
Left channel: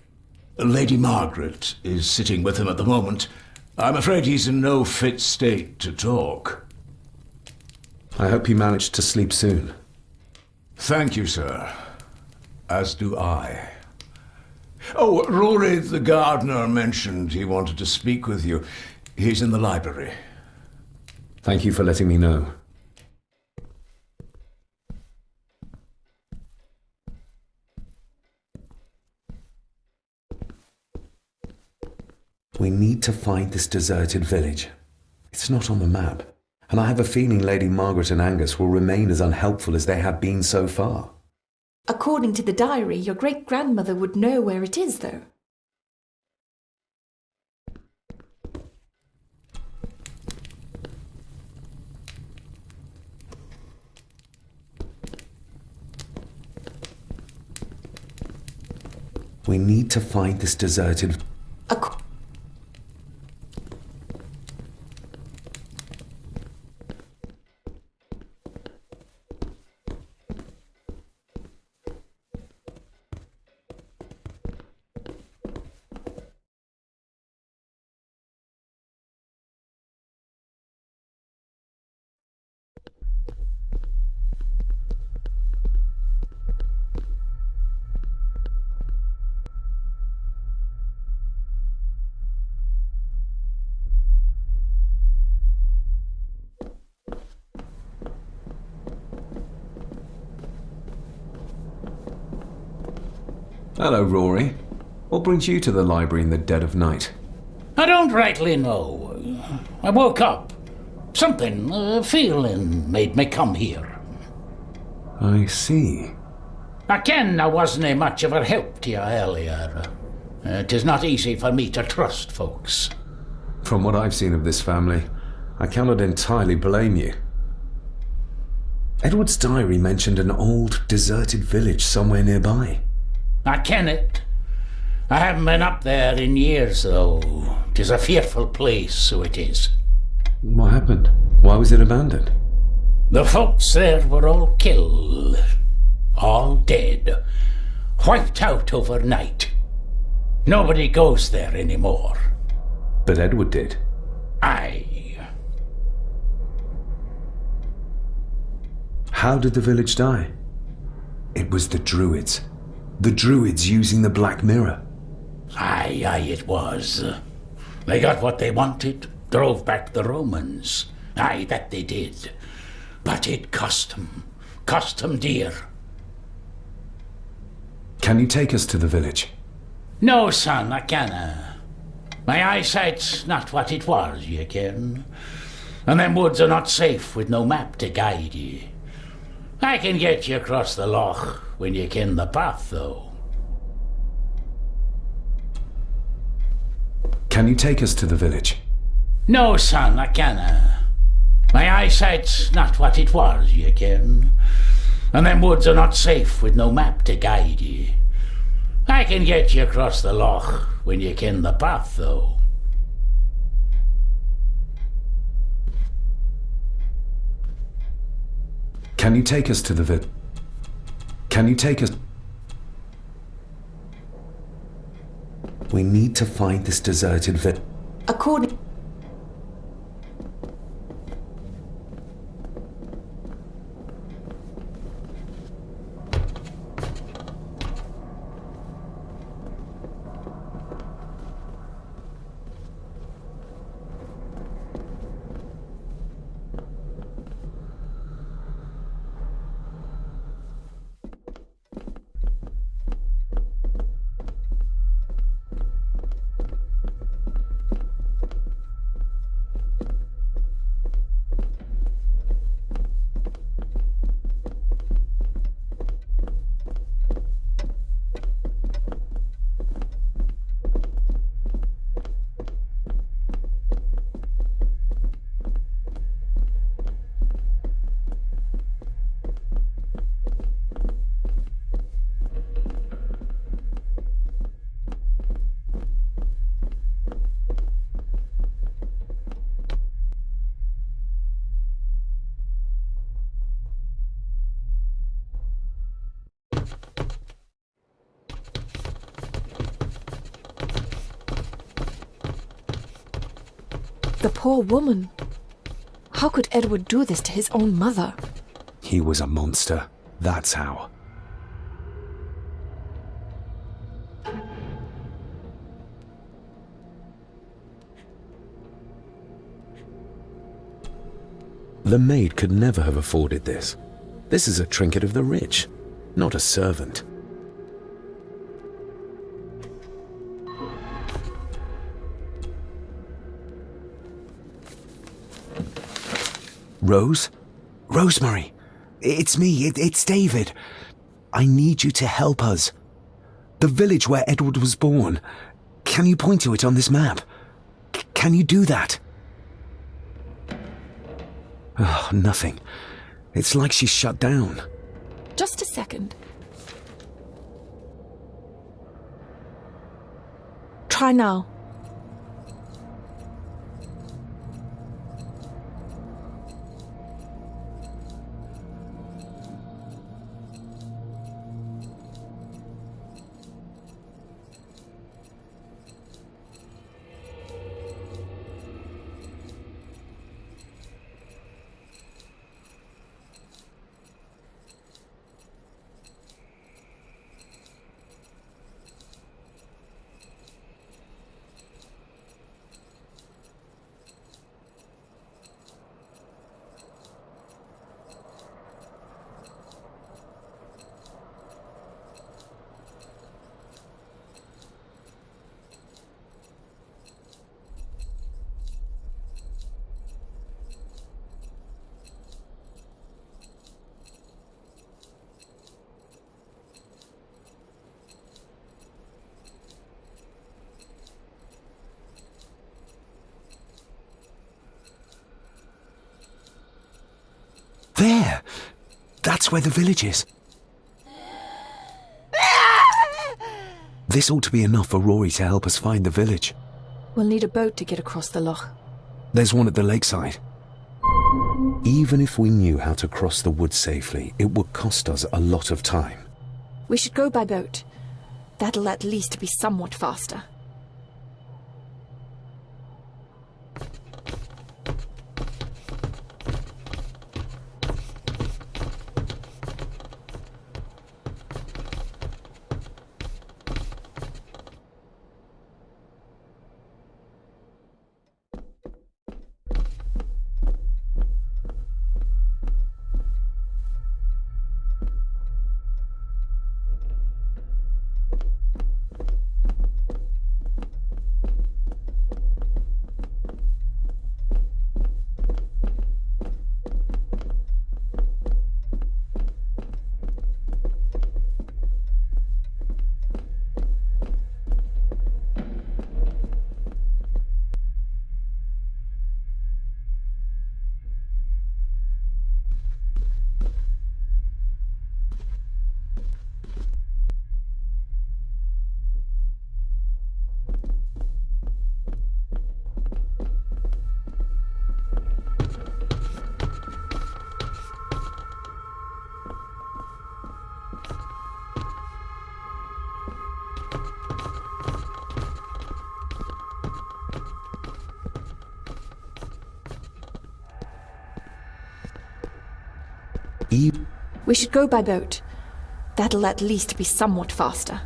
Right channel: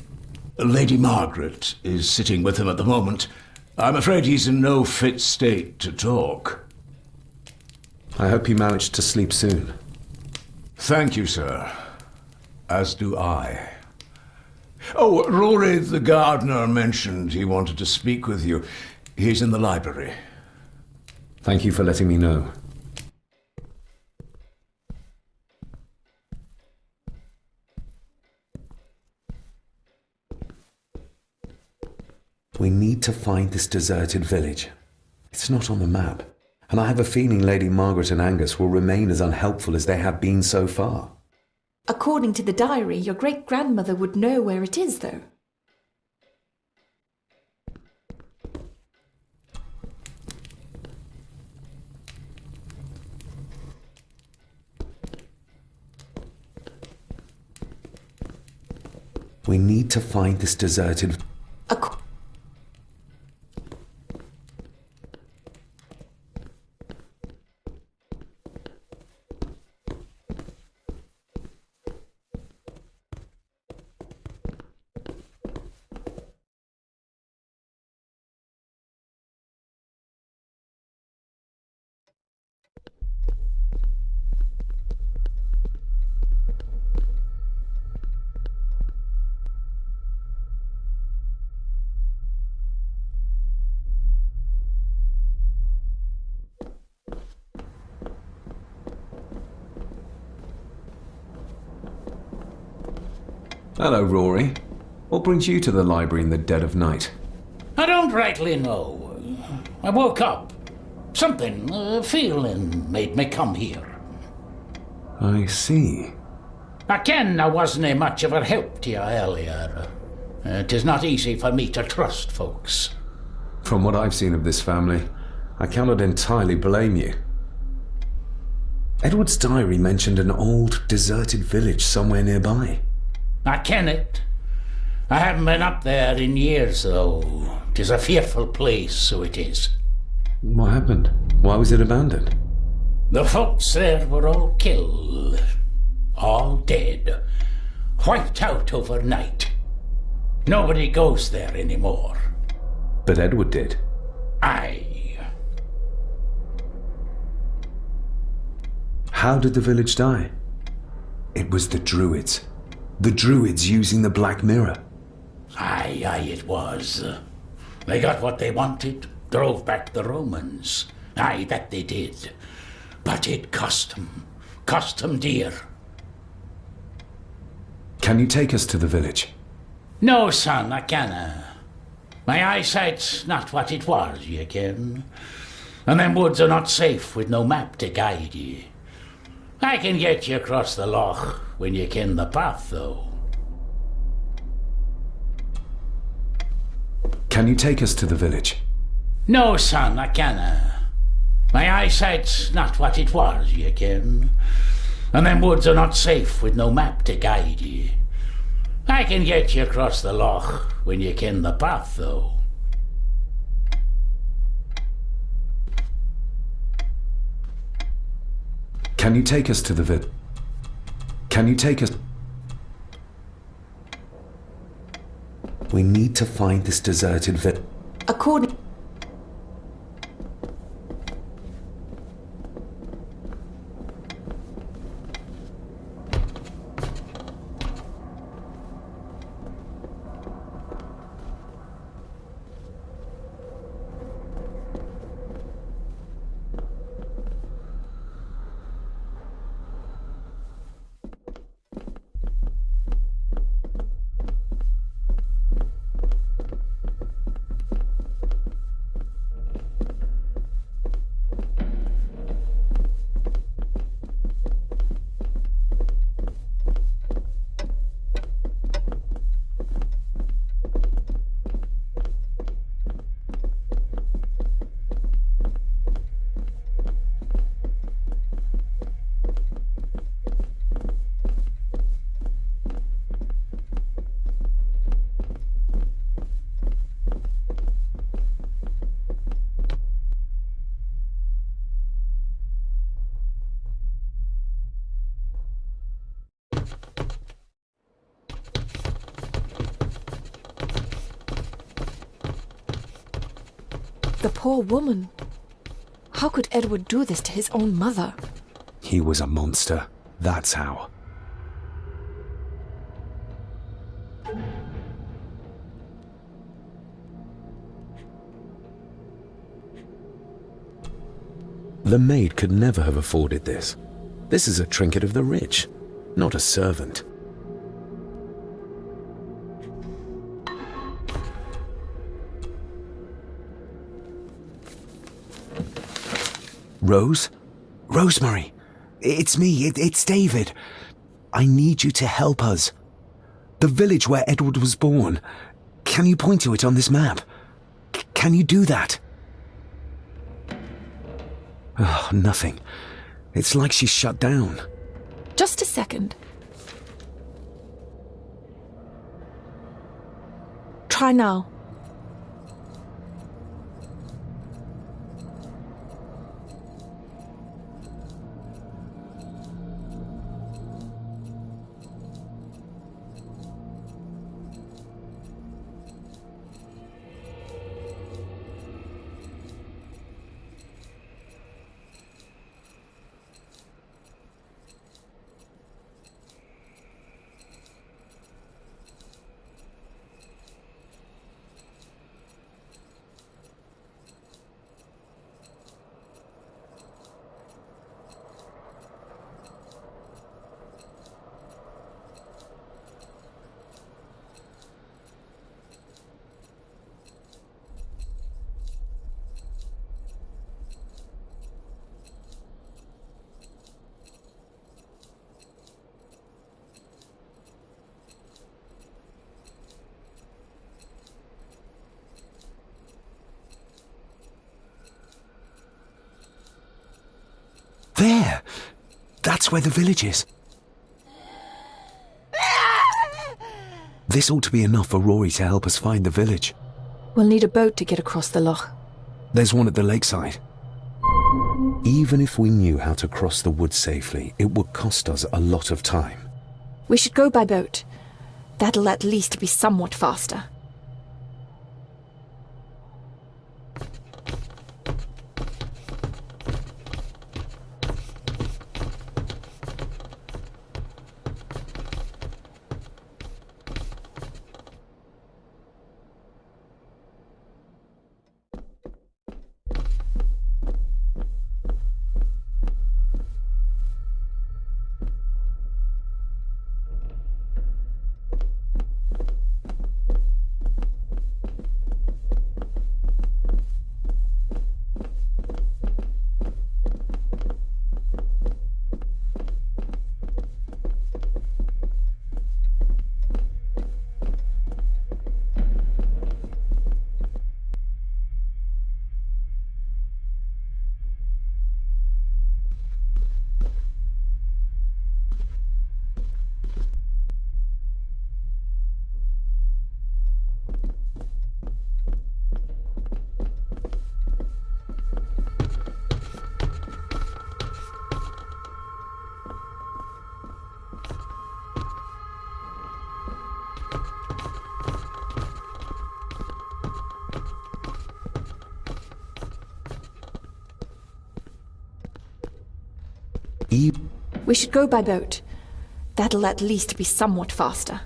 Lady Margaret is sitting with him at the moment. I'm afraid he's in no fit state to talk. I hope you managed to sleep soon. Thank you, sir. As do I. Oh, Rory the gardener mentioned he wanted to speak with you. He's in the library. Thank you for letting me know. We need to find this deserted village. It's not on the map, and I have a feeling Lady Margaret and Angus will remain as unhelpful as they have been so far. According to the diary, your great-grandmother would know where it is, though. We need to find this deserted... Hello, Rory. What brings you to the library in the dead of night? I don't rightly know. I woke up. Something, a feeling made me come here. I see. I ken I wasn't much of a help to you earlier. It is not easy for me to trust folks. From what I've seen of this family, I cannot entirely blame you. Edward's diary mentioned an old, deserted village somewhere nearby. I ken it. I haven't been up there in years, though. 'Tis a fearful place, so it is. What happened? Why was it abandoned? The folks there were all killed. All dead. Wiped out overnight. Nobody goes there anymore. But Edward did. Aye. How did the village die? It was the Druids. The Druids using the Black Mirror. Aye, it was. They got what they wanted, drove back the Romans. Aye, that they did. But it cost them dear. Can you take us to the village? No, son, I canna. My eyesight's not what it was, you ken. And them woods are not safe with no map to guide ye. I can get you across the loch when you ken the path, though. Can you take us to the village? No, son, I canna. My eyesight's not what it was, you ken. And them woods are not safe with no map to guide ye. I can get you across the loch when you ken the path, though. Can you take us to the village? Can you take us? We need to find this deserted village. According... The poor woman. How could Edward do this to his own mother? He was a monster. That's how. The maid could never have afforded this. This is a trinket of the rich, not a servant. Rose? Rosemary! It's me, it's David. I need you to help us. The village where Edward was born. Can you point to it on this map? Can you do that? Oh, nothing. It's like she's shut down. Just a second. Try now. That's where the village is. This ought to be enough for Rory to help us find the village. We'll need a boat to get across the loch. There's one at the lakeside. Even if we knew how to cross the woods safely, it would cost us a lot of time. We should go by boat. That'll at least be somewhat faster. We should go by boat. That'll at least be somewhat faster.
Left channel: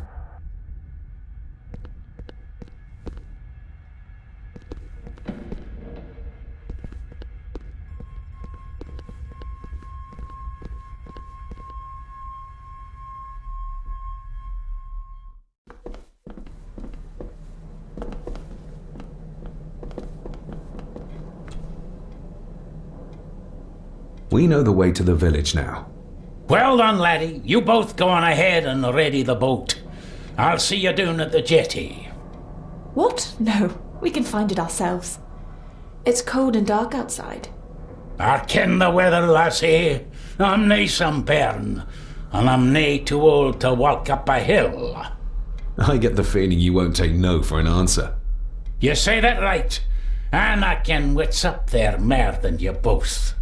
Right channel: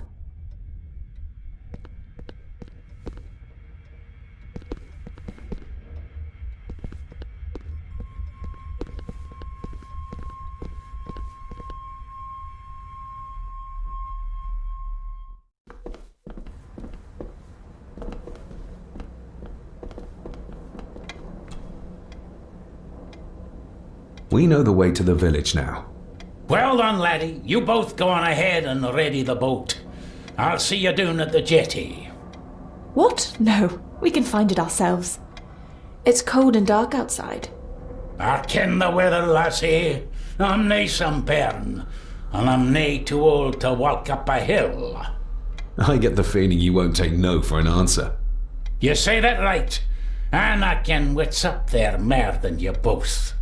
We know the way to the village now. Well done, laddie. You both go on ahead and ready the boat. I'll see you down at the jetty. What? No, we can find it ourselves. It's cold and dark outside. I ken the weather, lassie. I'm nae some bairn, and I'm nae too old to walk up a hill. I get the feeling you won't take no for an answer. You say that right, and I ken what's up there mair than you both.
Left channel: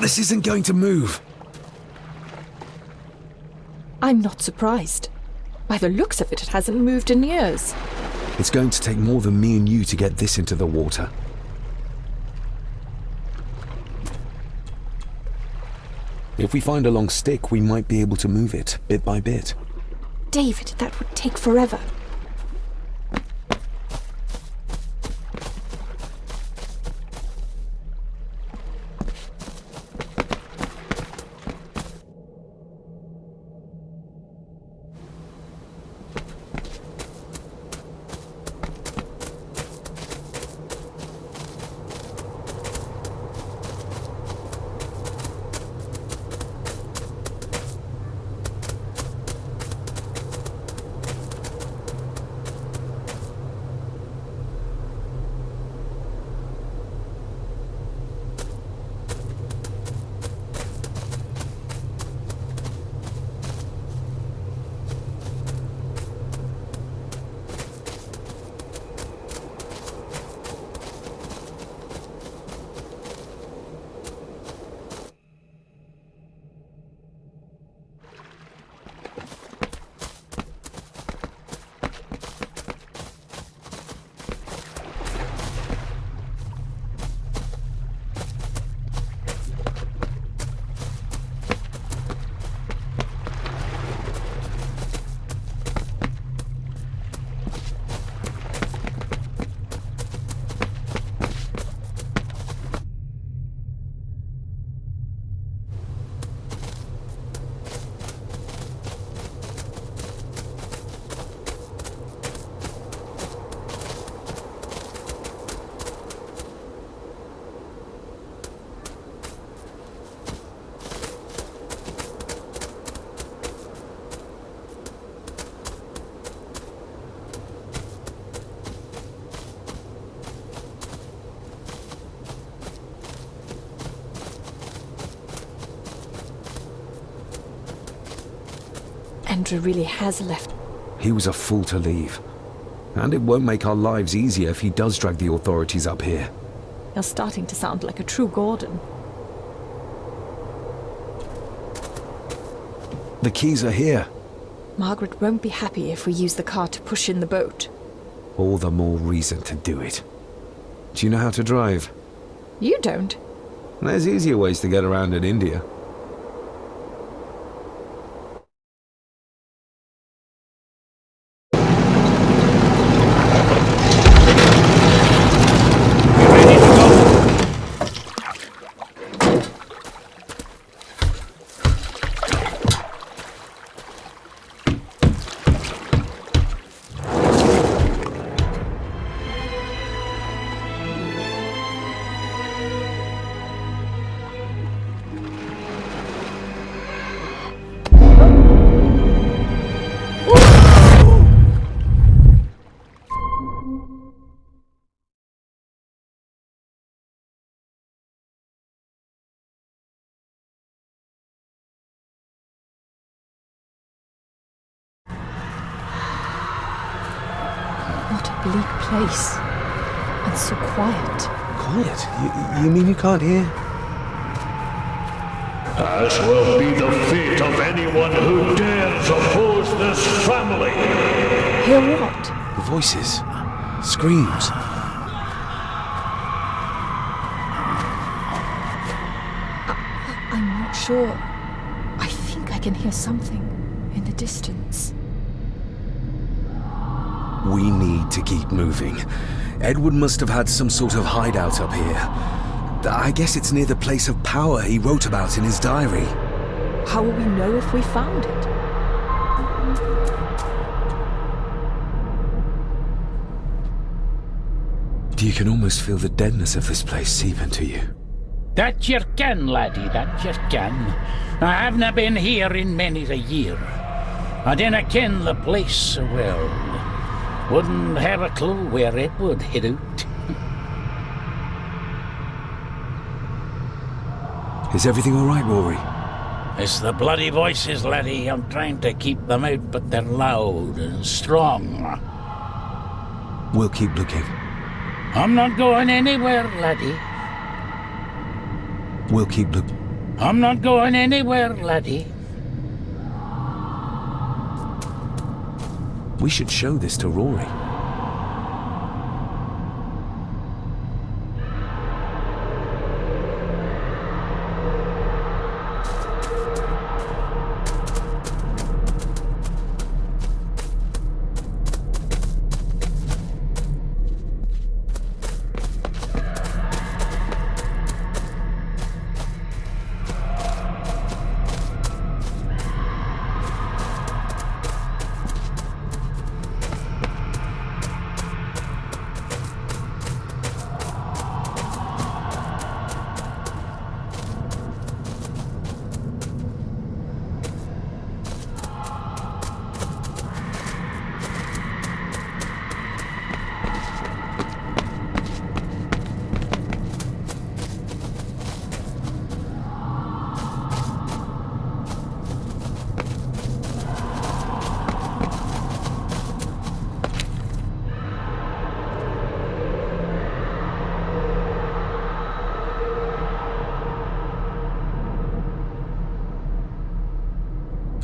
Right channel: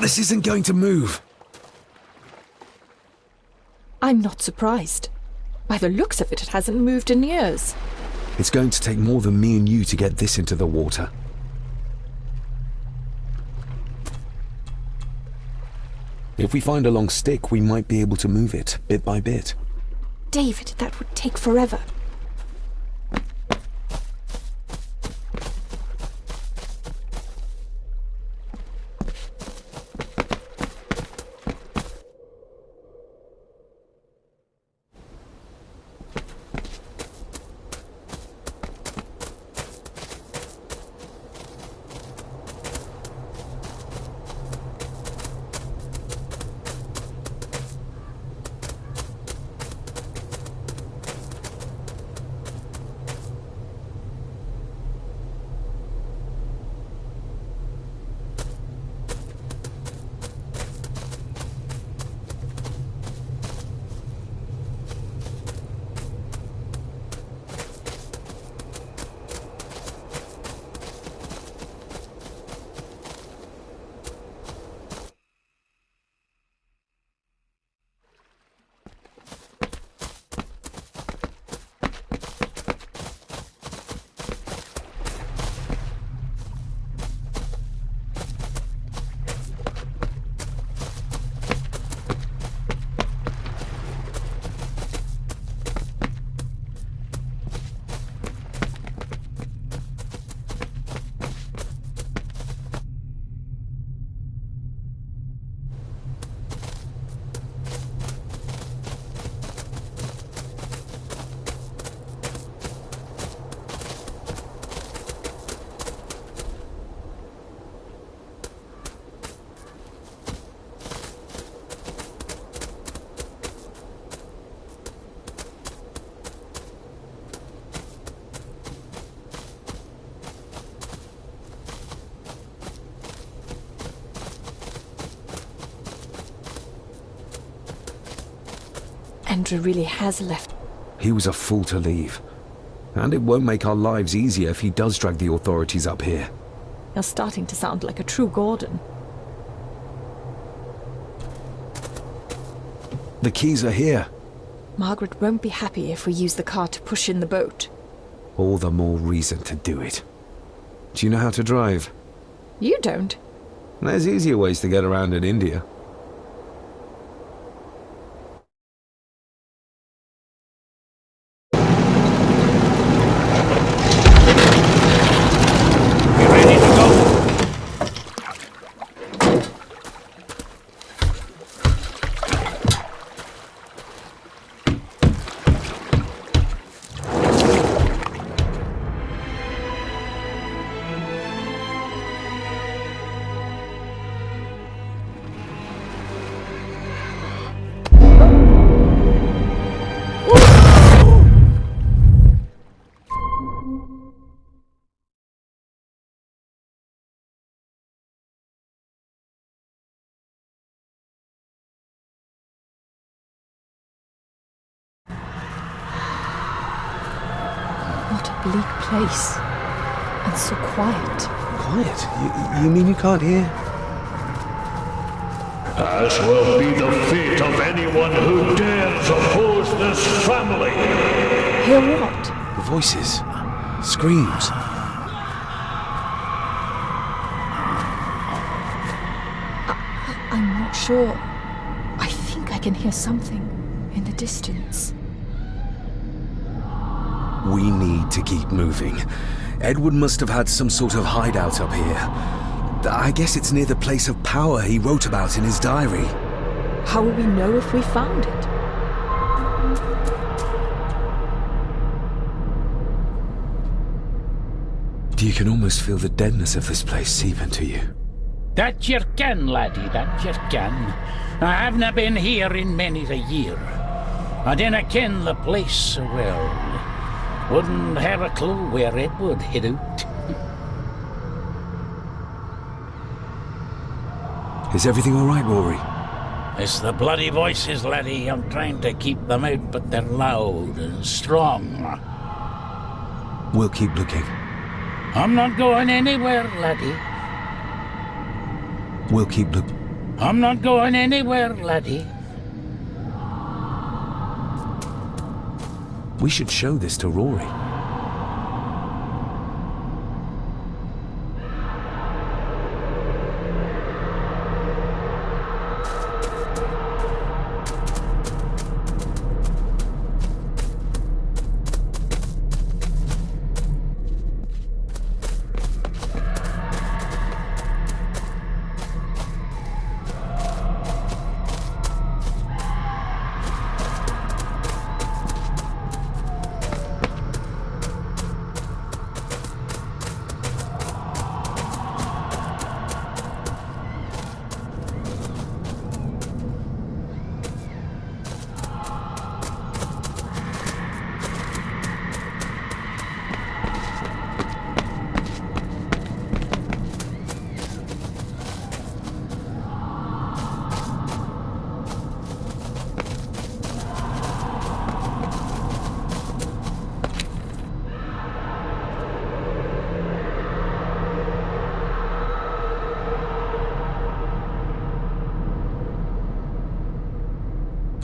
This isn't going to move. I'm not surprised. By the looks of it, it hasn't moved in years. It's going to take more than me and you to get this into the water. If we find a long stick, we might be able to move it, bit by bit. David, that would take forever. Andrew really has left. He was a fool to leave. And it won't make our lives easier if he does drag the authorities up here. You're starting to sound like a true Gordon. The keys are here. Margaret won't be happy if we use the car to push in the boat. All the more reason to do it. Do you know how to drive? You don't. There's easier ways to get around in India. Bleak place. And so quiet. Quiet? You mean you can't hear? As will be the fate of anyone who dares oppose this family. Hear what? Voices. Screams. I'm not sure. I think I can hear something in the distance. We need to keep moving. Edward must have had some sort of hideout up here. I guess it's near the place of power he wrote about in his diary. How will we know if we found it? You can almost feel the deadness of this place seep into you. That you can, laddie, that you can. I havena been here in many a year. I dinna ken the place so well. Wouldn't have a clue where it would hit out. Is everything all right, Rory? It's the bloody voices, laddie. I'm trying to keep them out, but they're loud and strong. We'll keep looking. I'm not going anywhere, laddie. We'll keep looking. I'm not going anywhere, laddie. We should show this to Rory.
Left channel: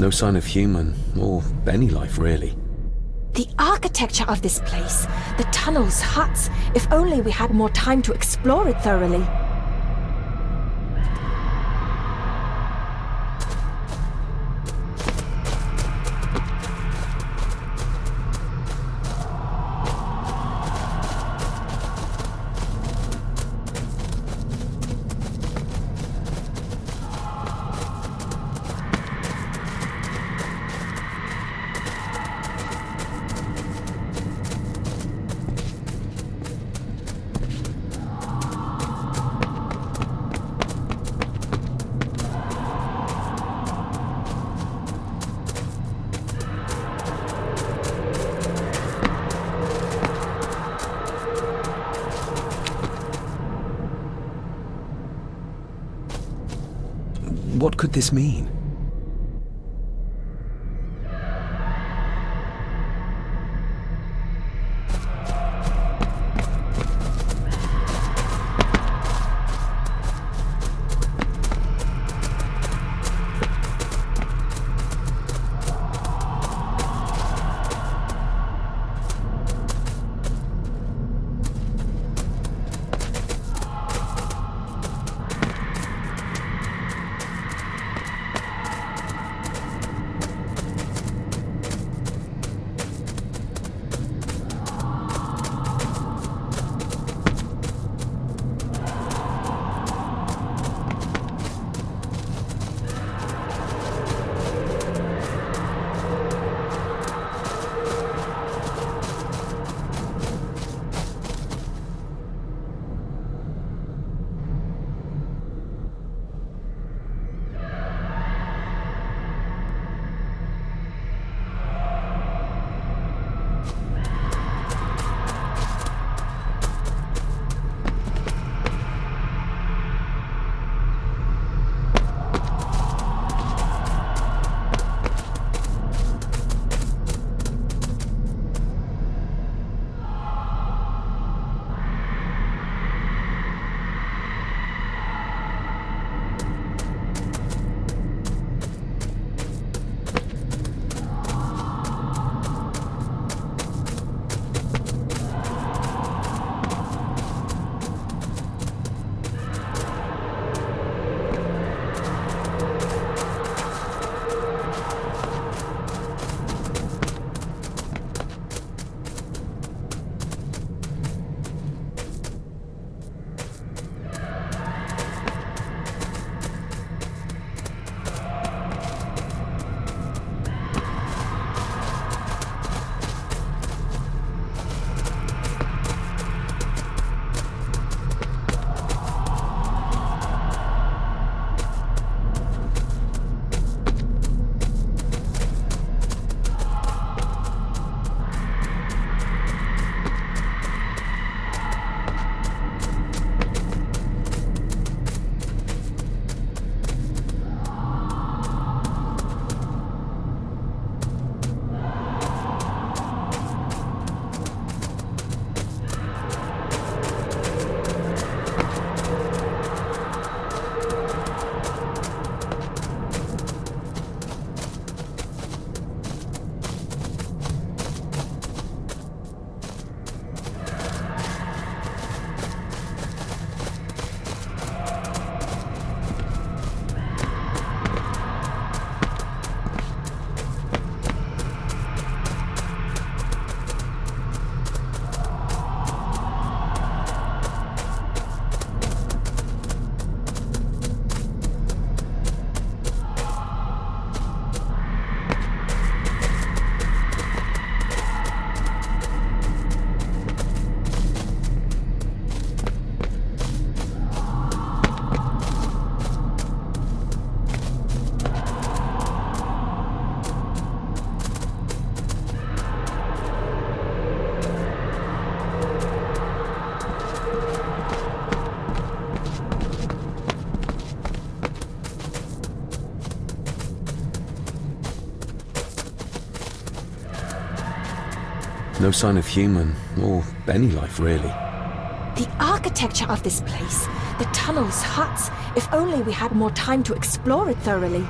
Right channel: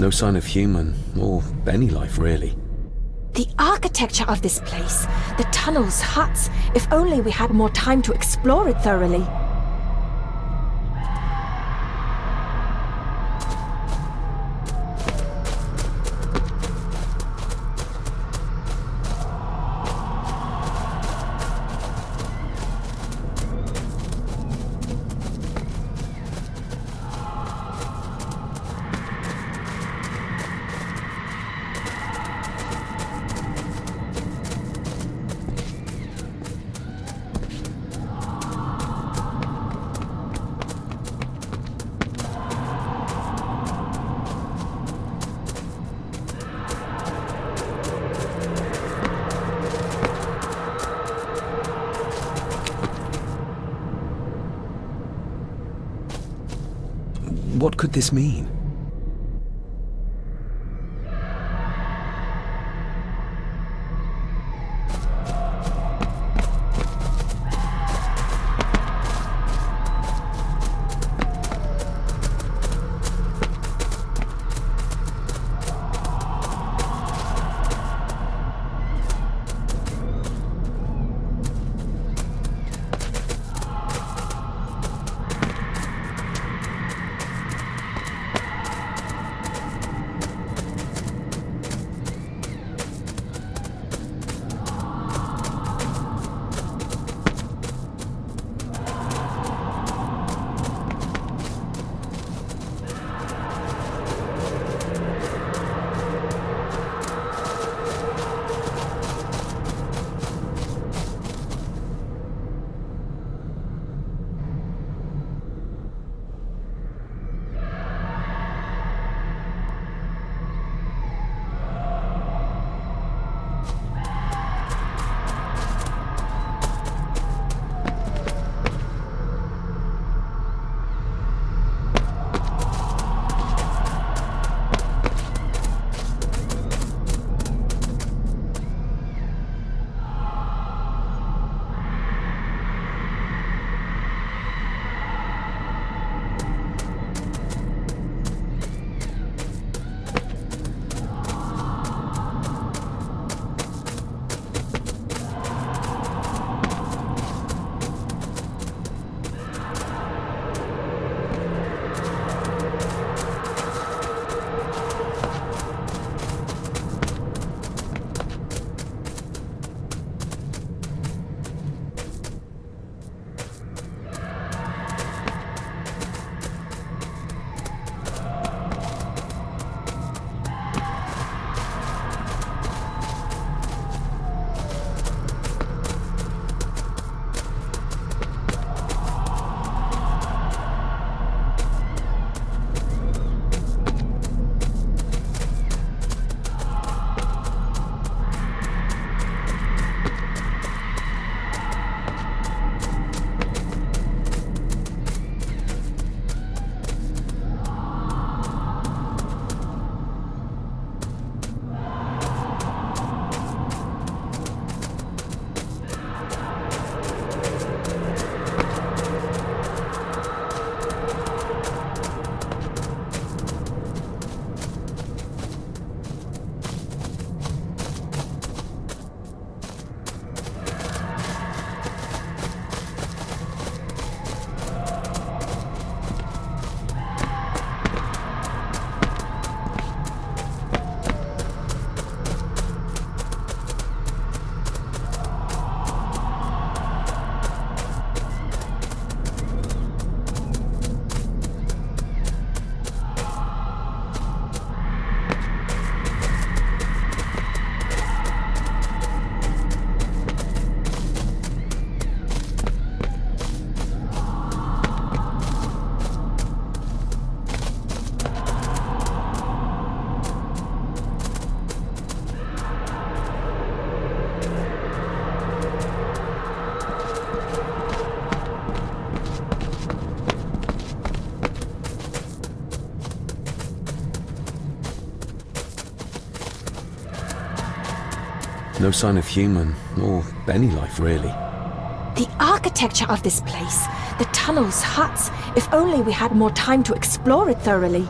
No sign of human, or any life really. The architecture of this place, the tunnels, huts, if only we had more time to explore it thoroughly. What could this mean? No sign of human, or any life really. The architecture of this place, the tunnels, huts, if only we had more time to explore it thoroughly.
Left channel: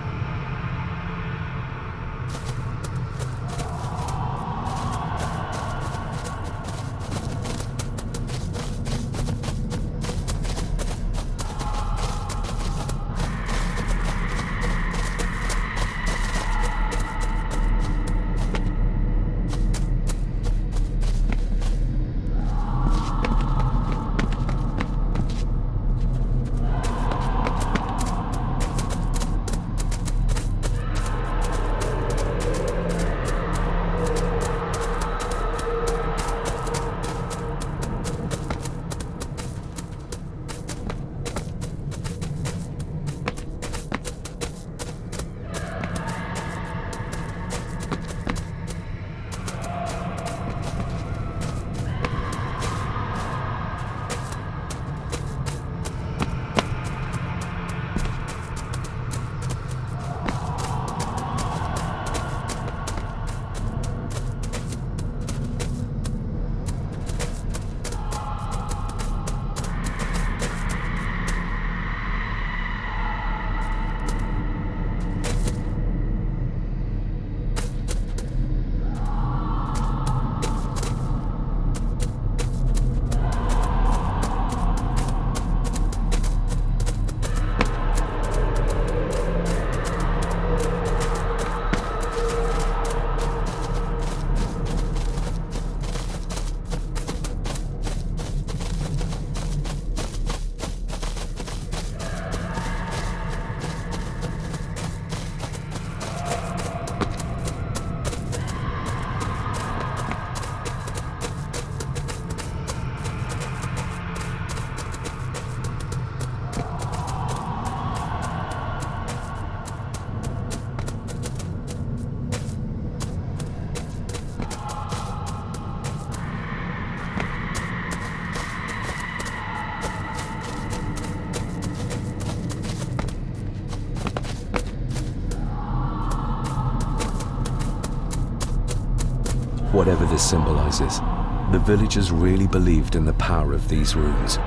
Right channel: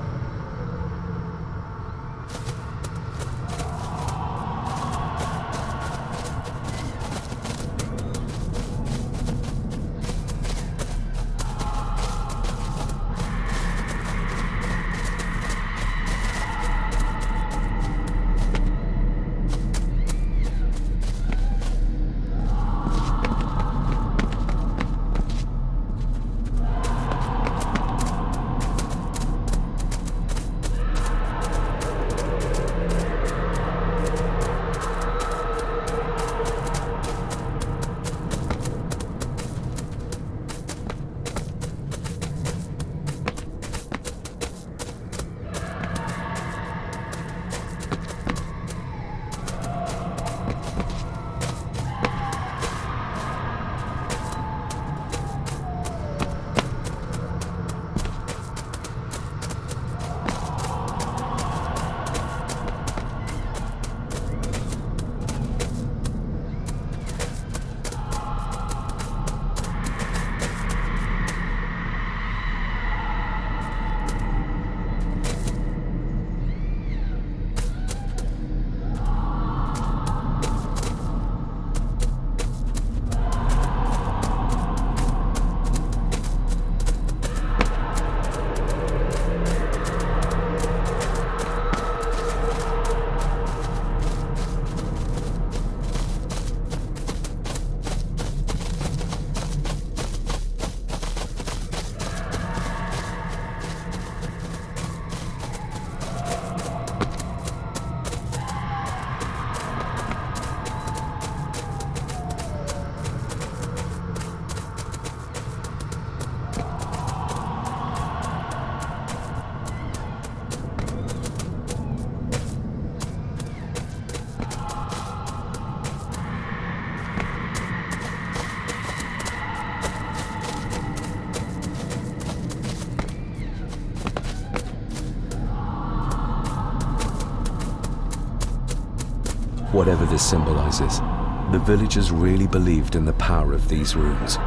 Whatever this symbolizes, the villagers really believed in the power of these runes.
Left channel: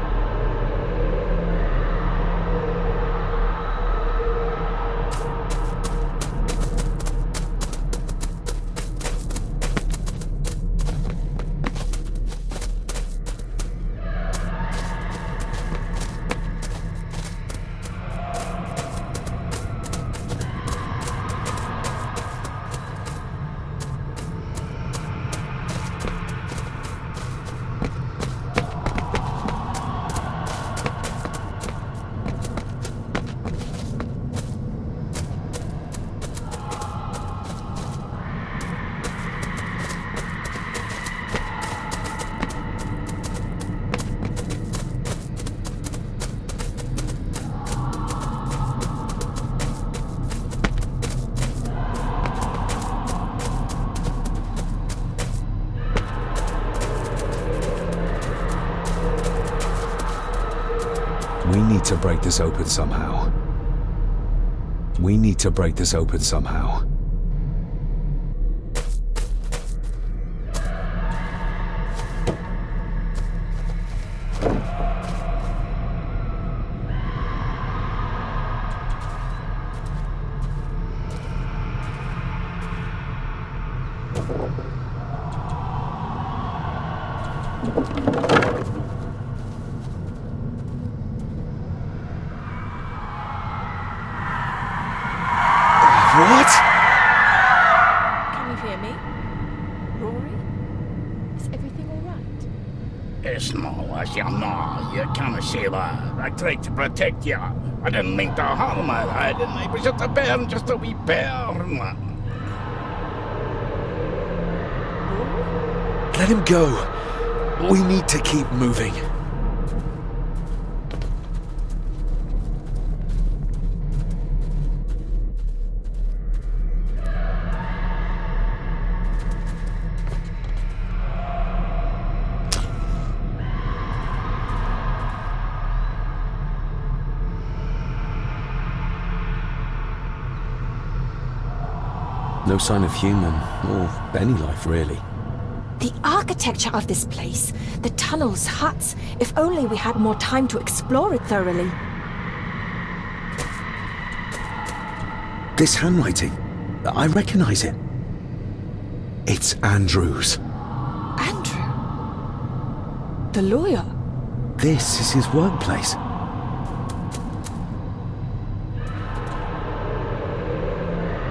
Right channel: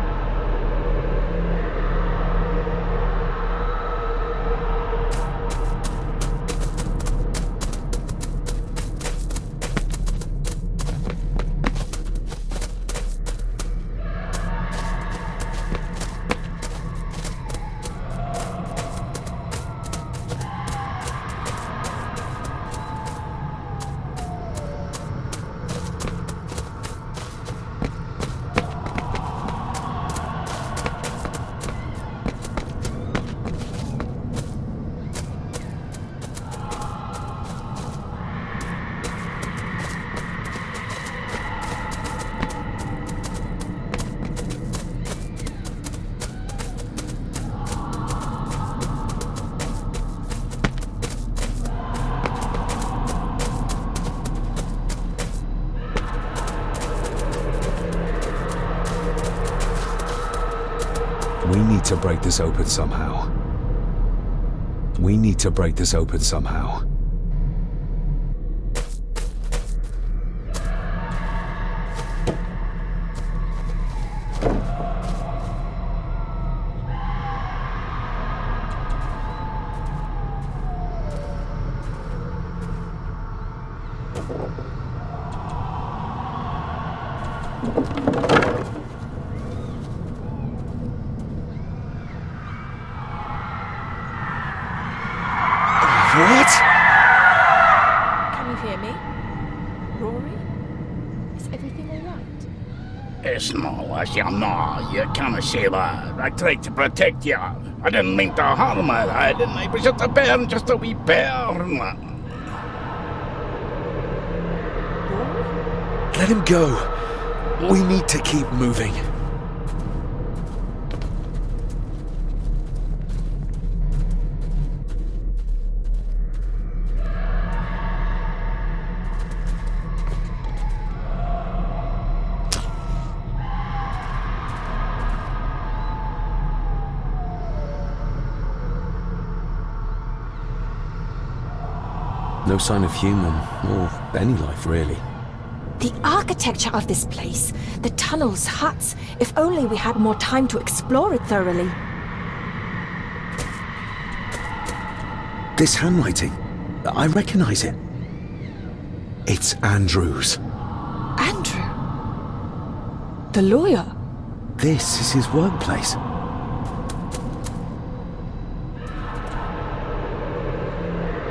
We need to break this open somehow. We need to break this open somehow. What? Can you hear me? Rory? Is everything alright? It's no, as you know, you can't say that. I tried to protect you. I didn't mean to harm you, I didn't. I was just a bear, just a wee bear. Let him go. We need to keep moving. No sign of human, or any life really. The architecture of this place, the tunnels, huts, if only we had more time to explore it thoroughly. This handwriting, I recognize it. It's Andrew's. Andrew? The lawyer? This is his workplace.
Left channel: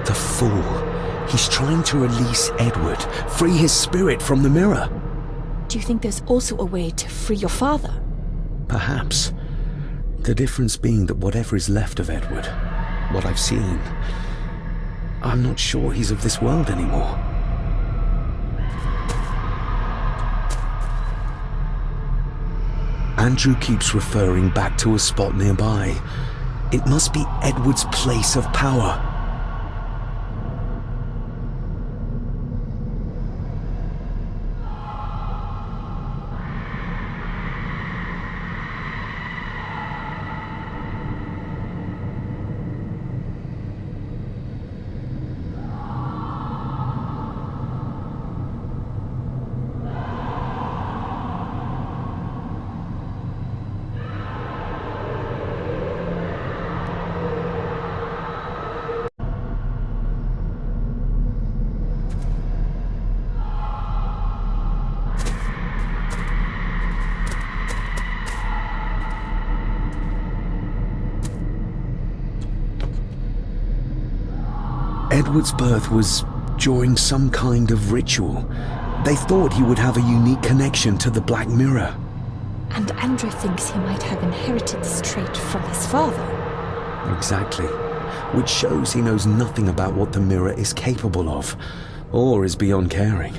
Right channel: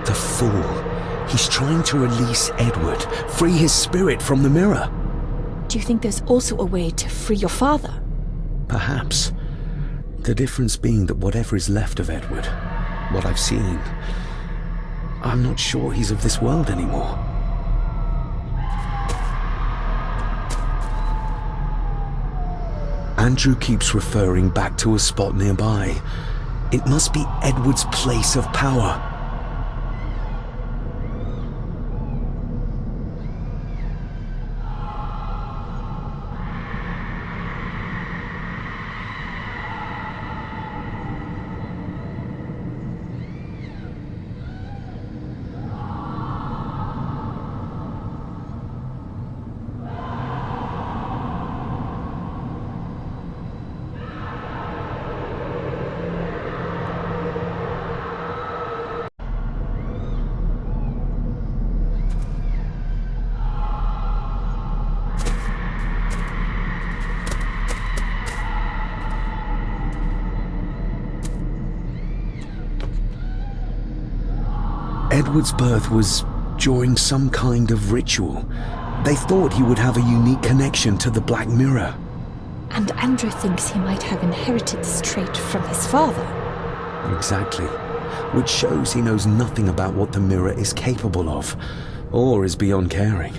The fool. He's trying to release Edward, free his spirit from the mirror. Do you think there's also a way to free your father? Perhaps. The difference being that whatever is left of Edward, what I've seen, I'm not sure he's of this world anymore. Andrew keeps referring back to a spot nearby. It must be Edward's place of power. Edward's birth was during some kind of ritual. They thought he would have a unique connection to the Black Mirror. And Andrew thinks he might have inherited this trait from his father. Exactly. Which shows he knows nothing about what the mirror is capable of, or is beyond caring.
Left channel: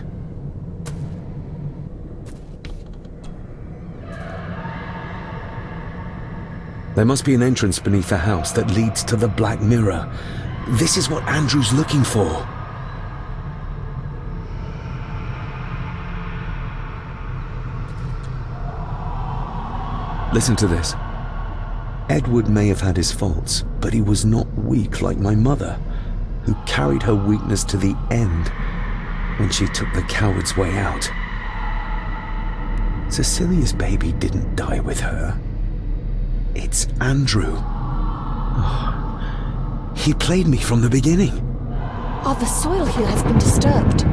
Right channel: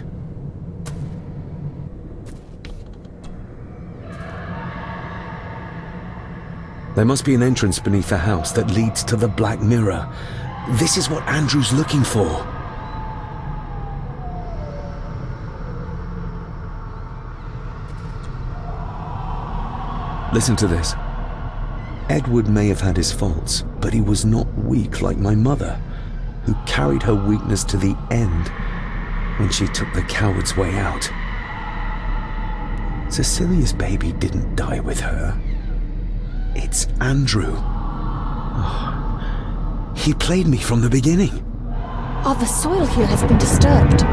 There must be an entrance beneath the house that leads to the Black Mirror. This is what Andrew's looking for. Listen to this. Edward may have had his faults, but he was not weak like my mother, who carried her weakness to the end. when she took the coward's way out. Cecilia's baby didn't die with her. It's Andrew. Oh, he played me from the beginning. Oh, the soil here has been disturbed.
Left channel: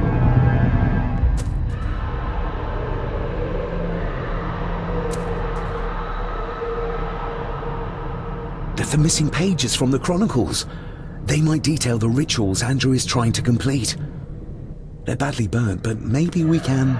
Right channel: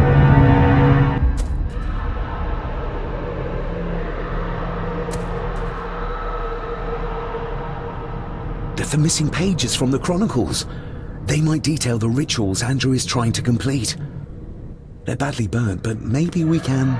The missing pages from the Chronicles. They might detail the rituals Andrew is trying to complete. They're badly burnt, but maybe we can...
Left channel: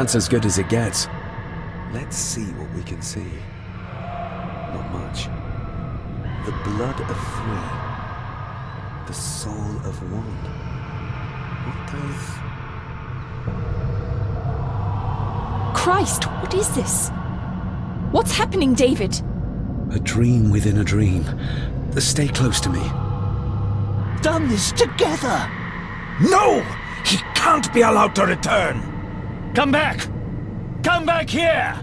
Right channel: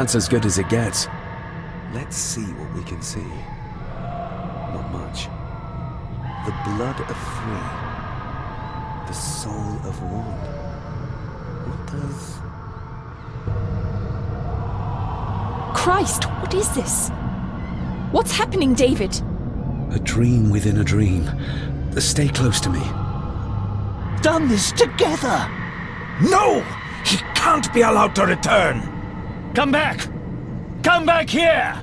That's as good as it gets. Let's see what we can see. Not much. The blood of three. The soul of one. What does... Christ, what is this? What's happening, David? A dream within a dream. Stay close to me. Done this together! No! He can't be allowed to return! Come back! Come back here!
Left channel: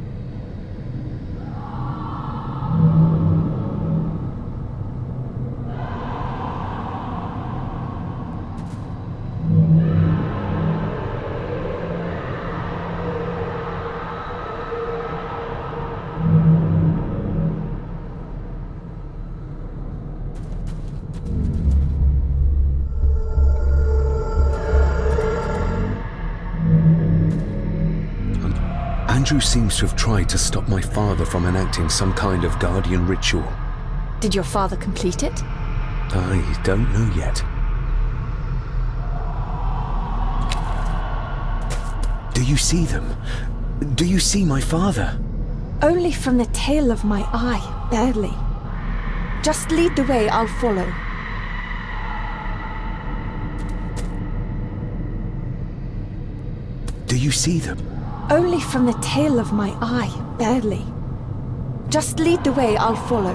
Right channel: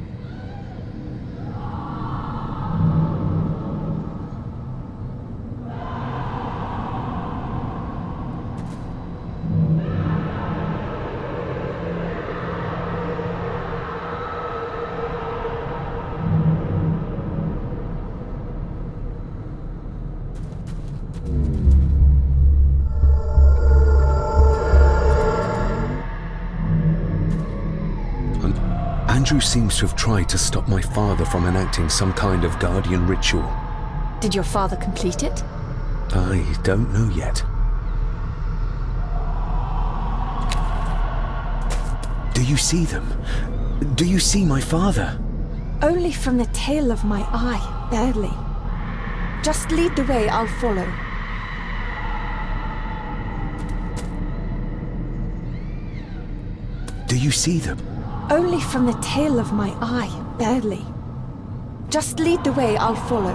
Andrew seems to have tried to stop my father from enacting some kind of guardian ritual. Did your father complete it? I don't know yet. Do you see them? Do you see my father? Only from the tail of my eye, barely. Just lead the way, I'll follow. Do you see them? Only from the tail of my eye, barely. Just lead the way, I'll follow.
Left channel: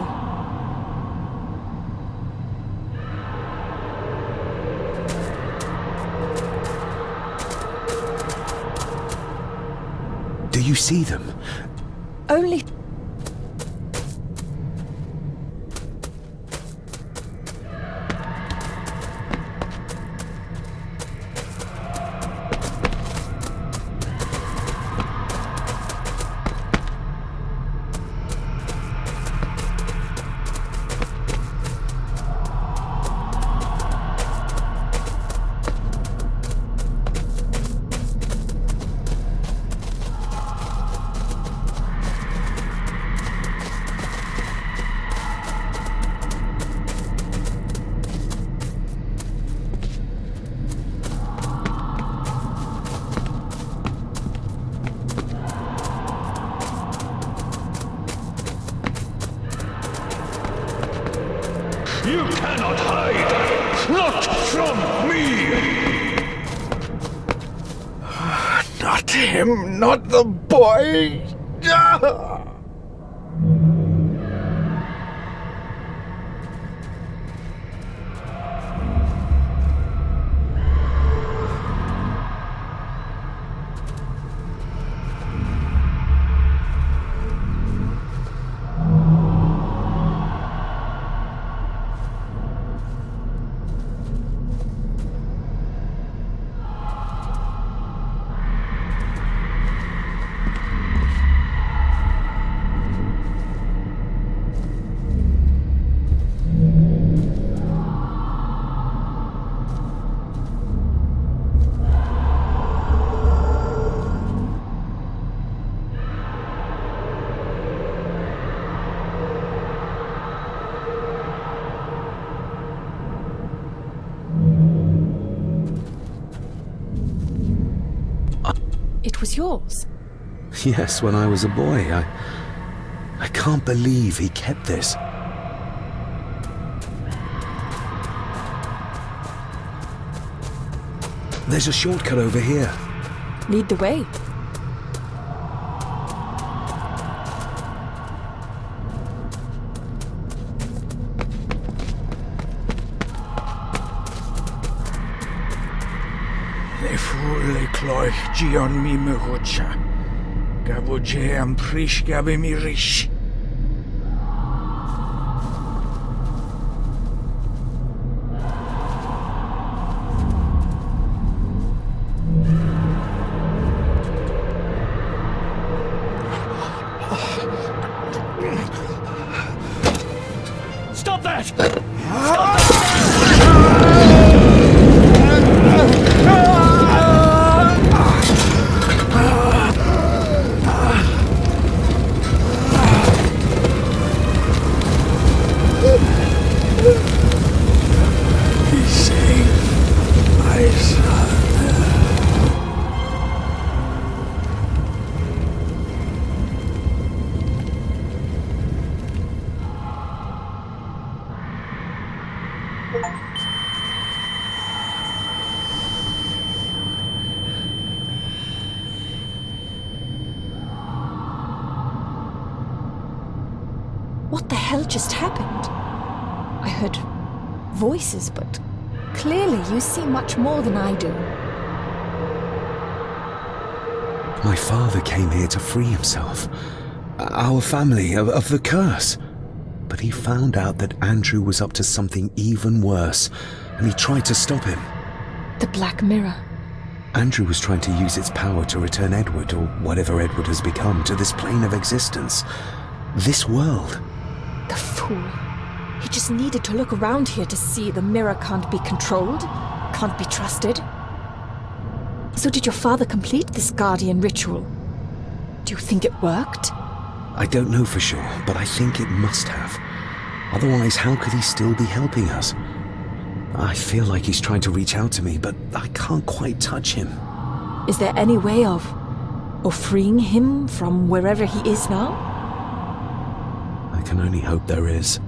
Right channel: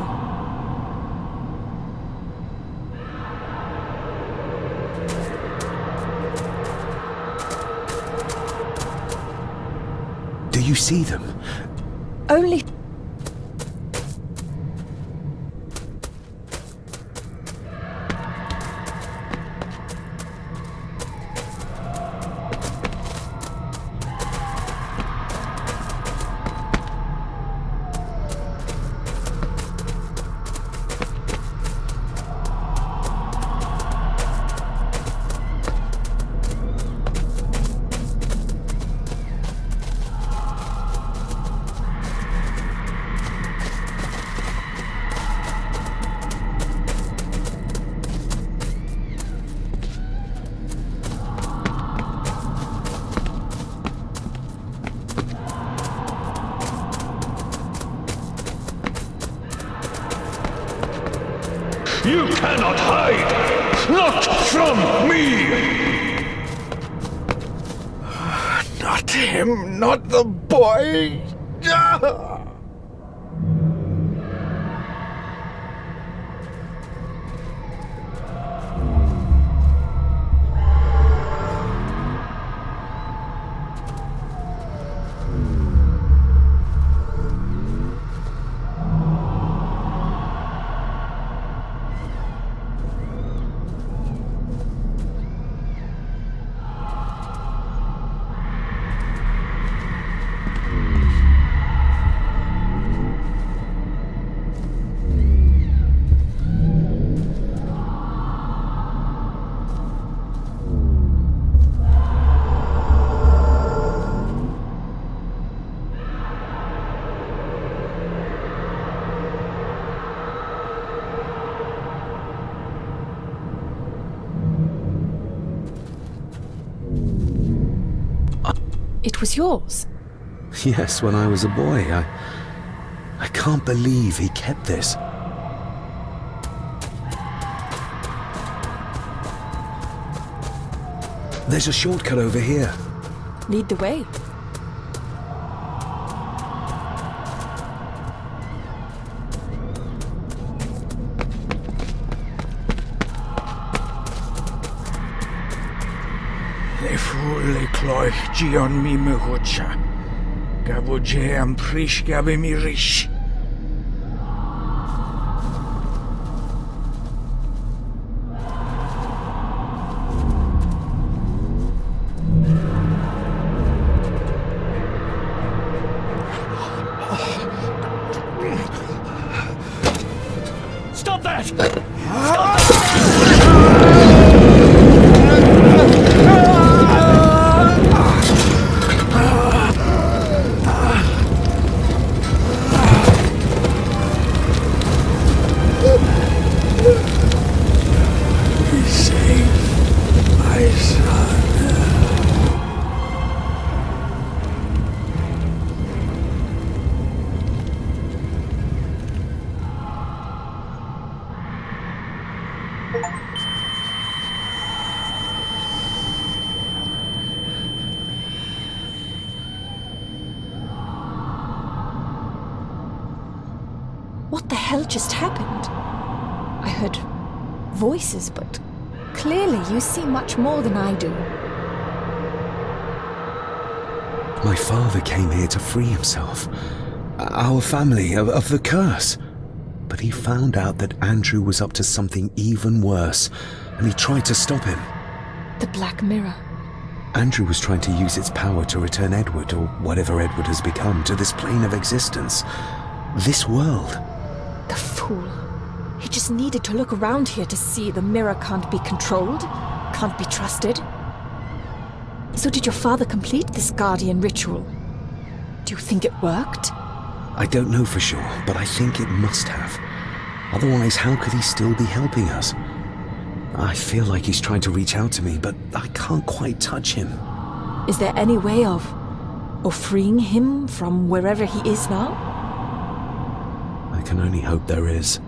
Do you see them? Only... You cannot hide! Not from me! Not him, not the boy! It was yours? Yes, when I was a boy. I can't believe he kept this. There's a shortcut over here. Lead the way. Le cloich gion mi mehucha. Gaboje am prish gabe mi rish. Stop that! What the hell just happened? I heard voices, but clearly you see much more than I do. My father came here to free himself, our family, of the curse. But he found out that Andrew was up to something even worse, and he tried to stop him. The Black Mirror. Andrew was trying to use its power to return Edward, or whatever Edward has become, to this plane of existence. This world. The fool. He just needed to look around here to see the mirror can't be controlled, can't be trusted. So did your father complete this guardian ritual? Do you think it worked? I don't know for sure, but I think it must have. Otherwise, how could he still be helping us? I feel like he's trying to reach out to me, but I can't quite touch him. Is there any way of freeing him from wherever he is now? I can only hope there is.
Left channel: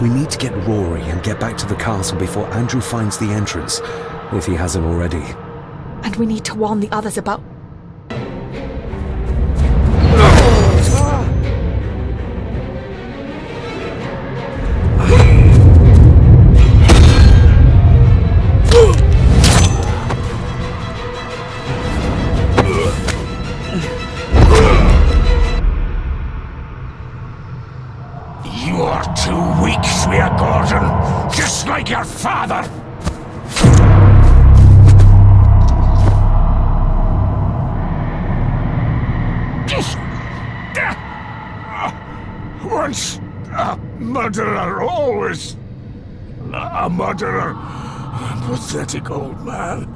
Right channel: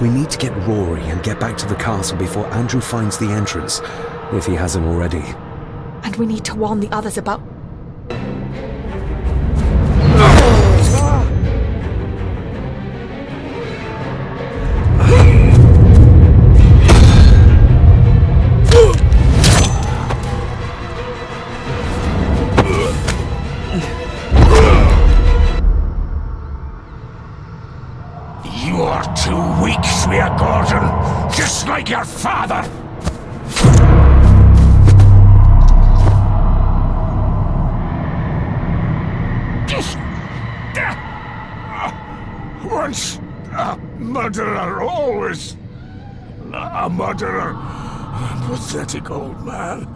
We need to get Rory and get back to the castle before Andrew finds the entrance, if he hasn't already. And we need to warn the others about... You are too weak, Swear Gordon, just like your father! Once a murderer, always a murderer. Pathetic old man.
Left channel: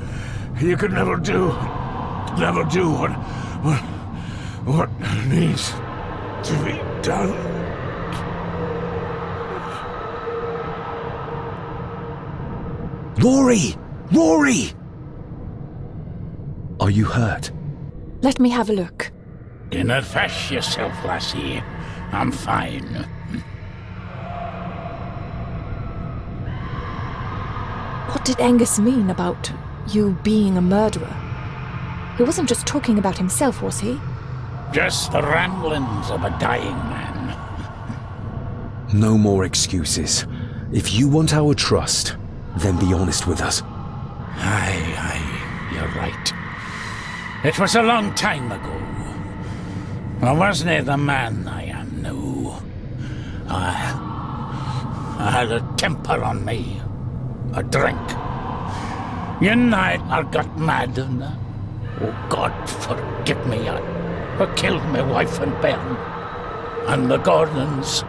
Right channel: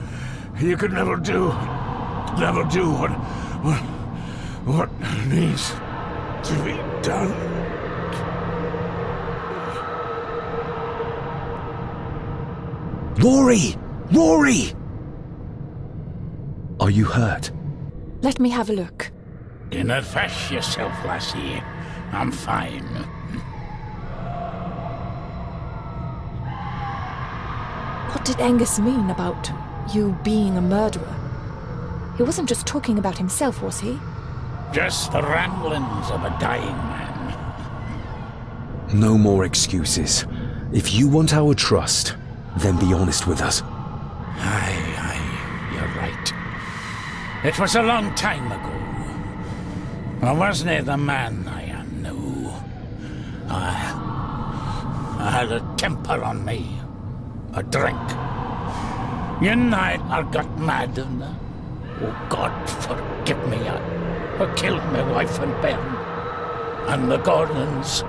You could never do what needs to be done. Rory! Rory! Are you hurt? Let me have a look. Dinna fash yourself, lassie. I'm fine. What did Angus mean about you being a murderer? He wasn't just talking about himself, was he? Just the ramblings of a dying man. No more excuses. If you want our trust, then be honest with us. Aye, you're right. It was a long time ago. I wasn't the man I am now. I had a temper on me. A drink. One night I got mad and, oh God forgive me, I killed my wife and bairn. And the Gordons.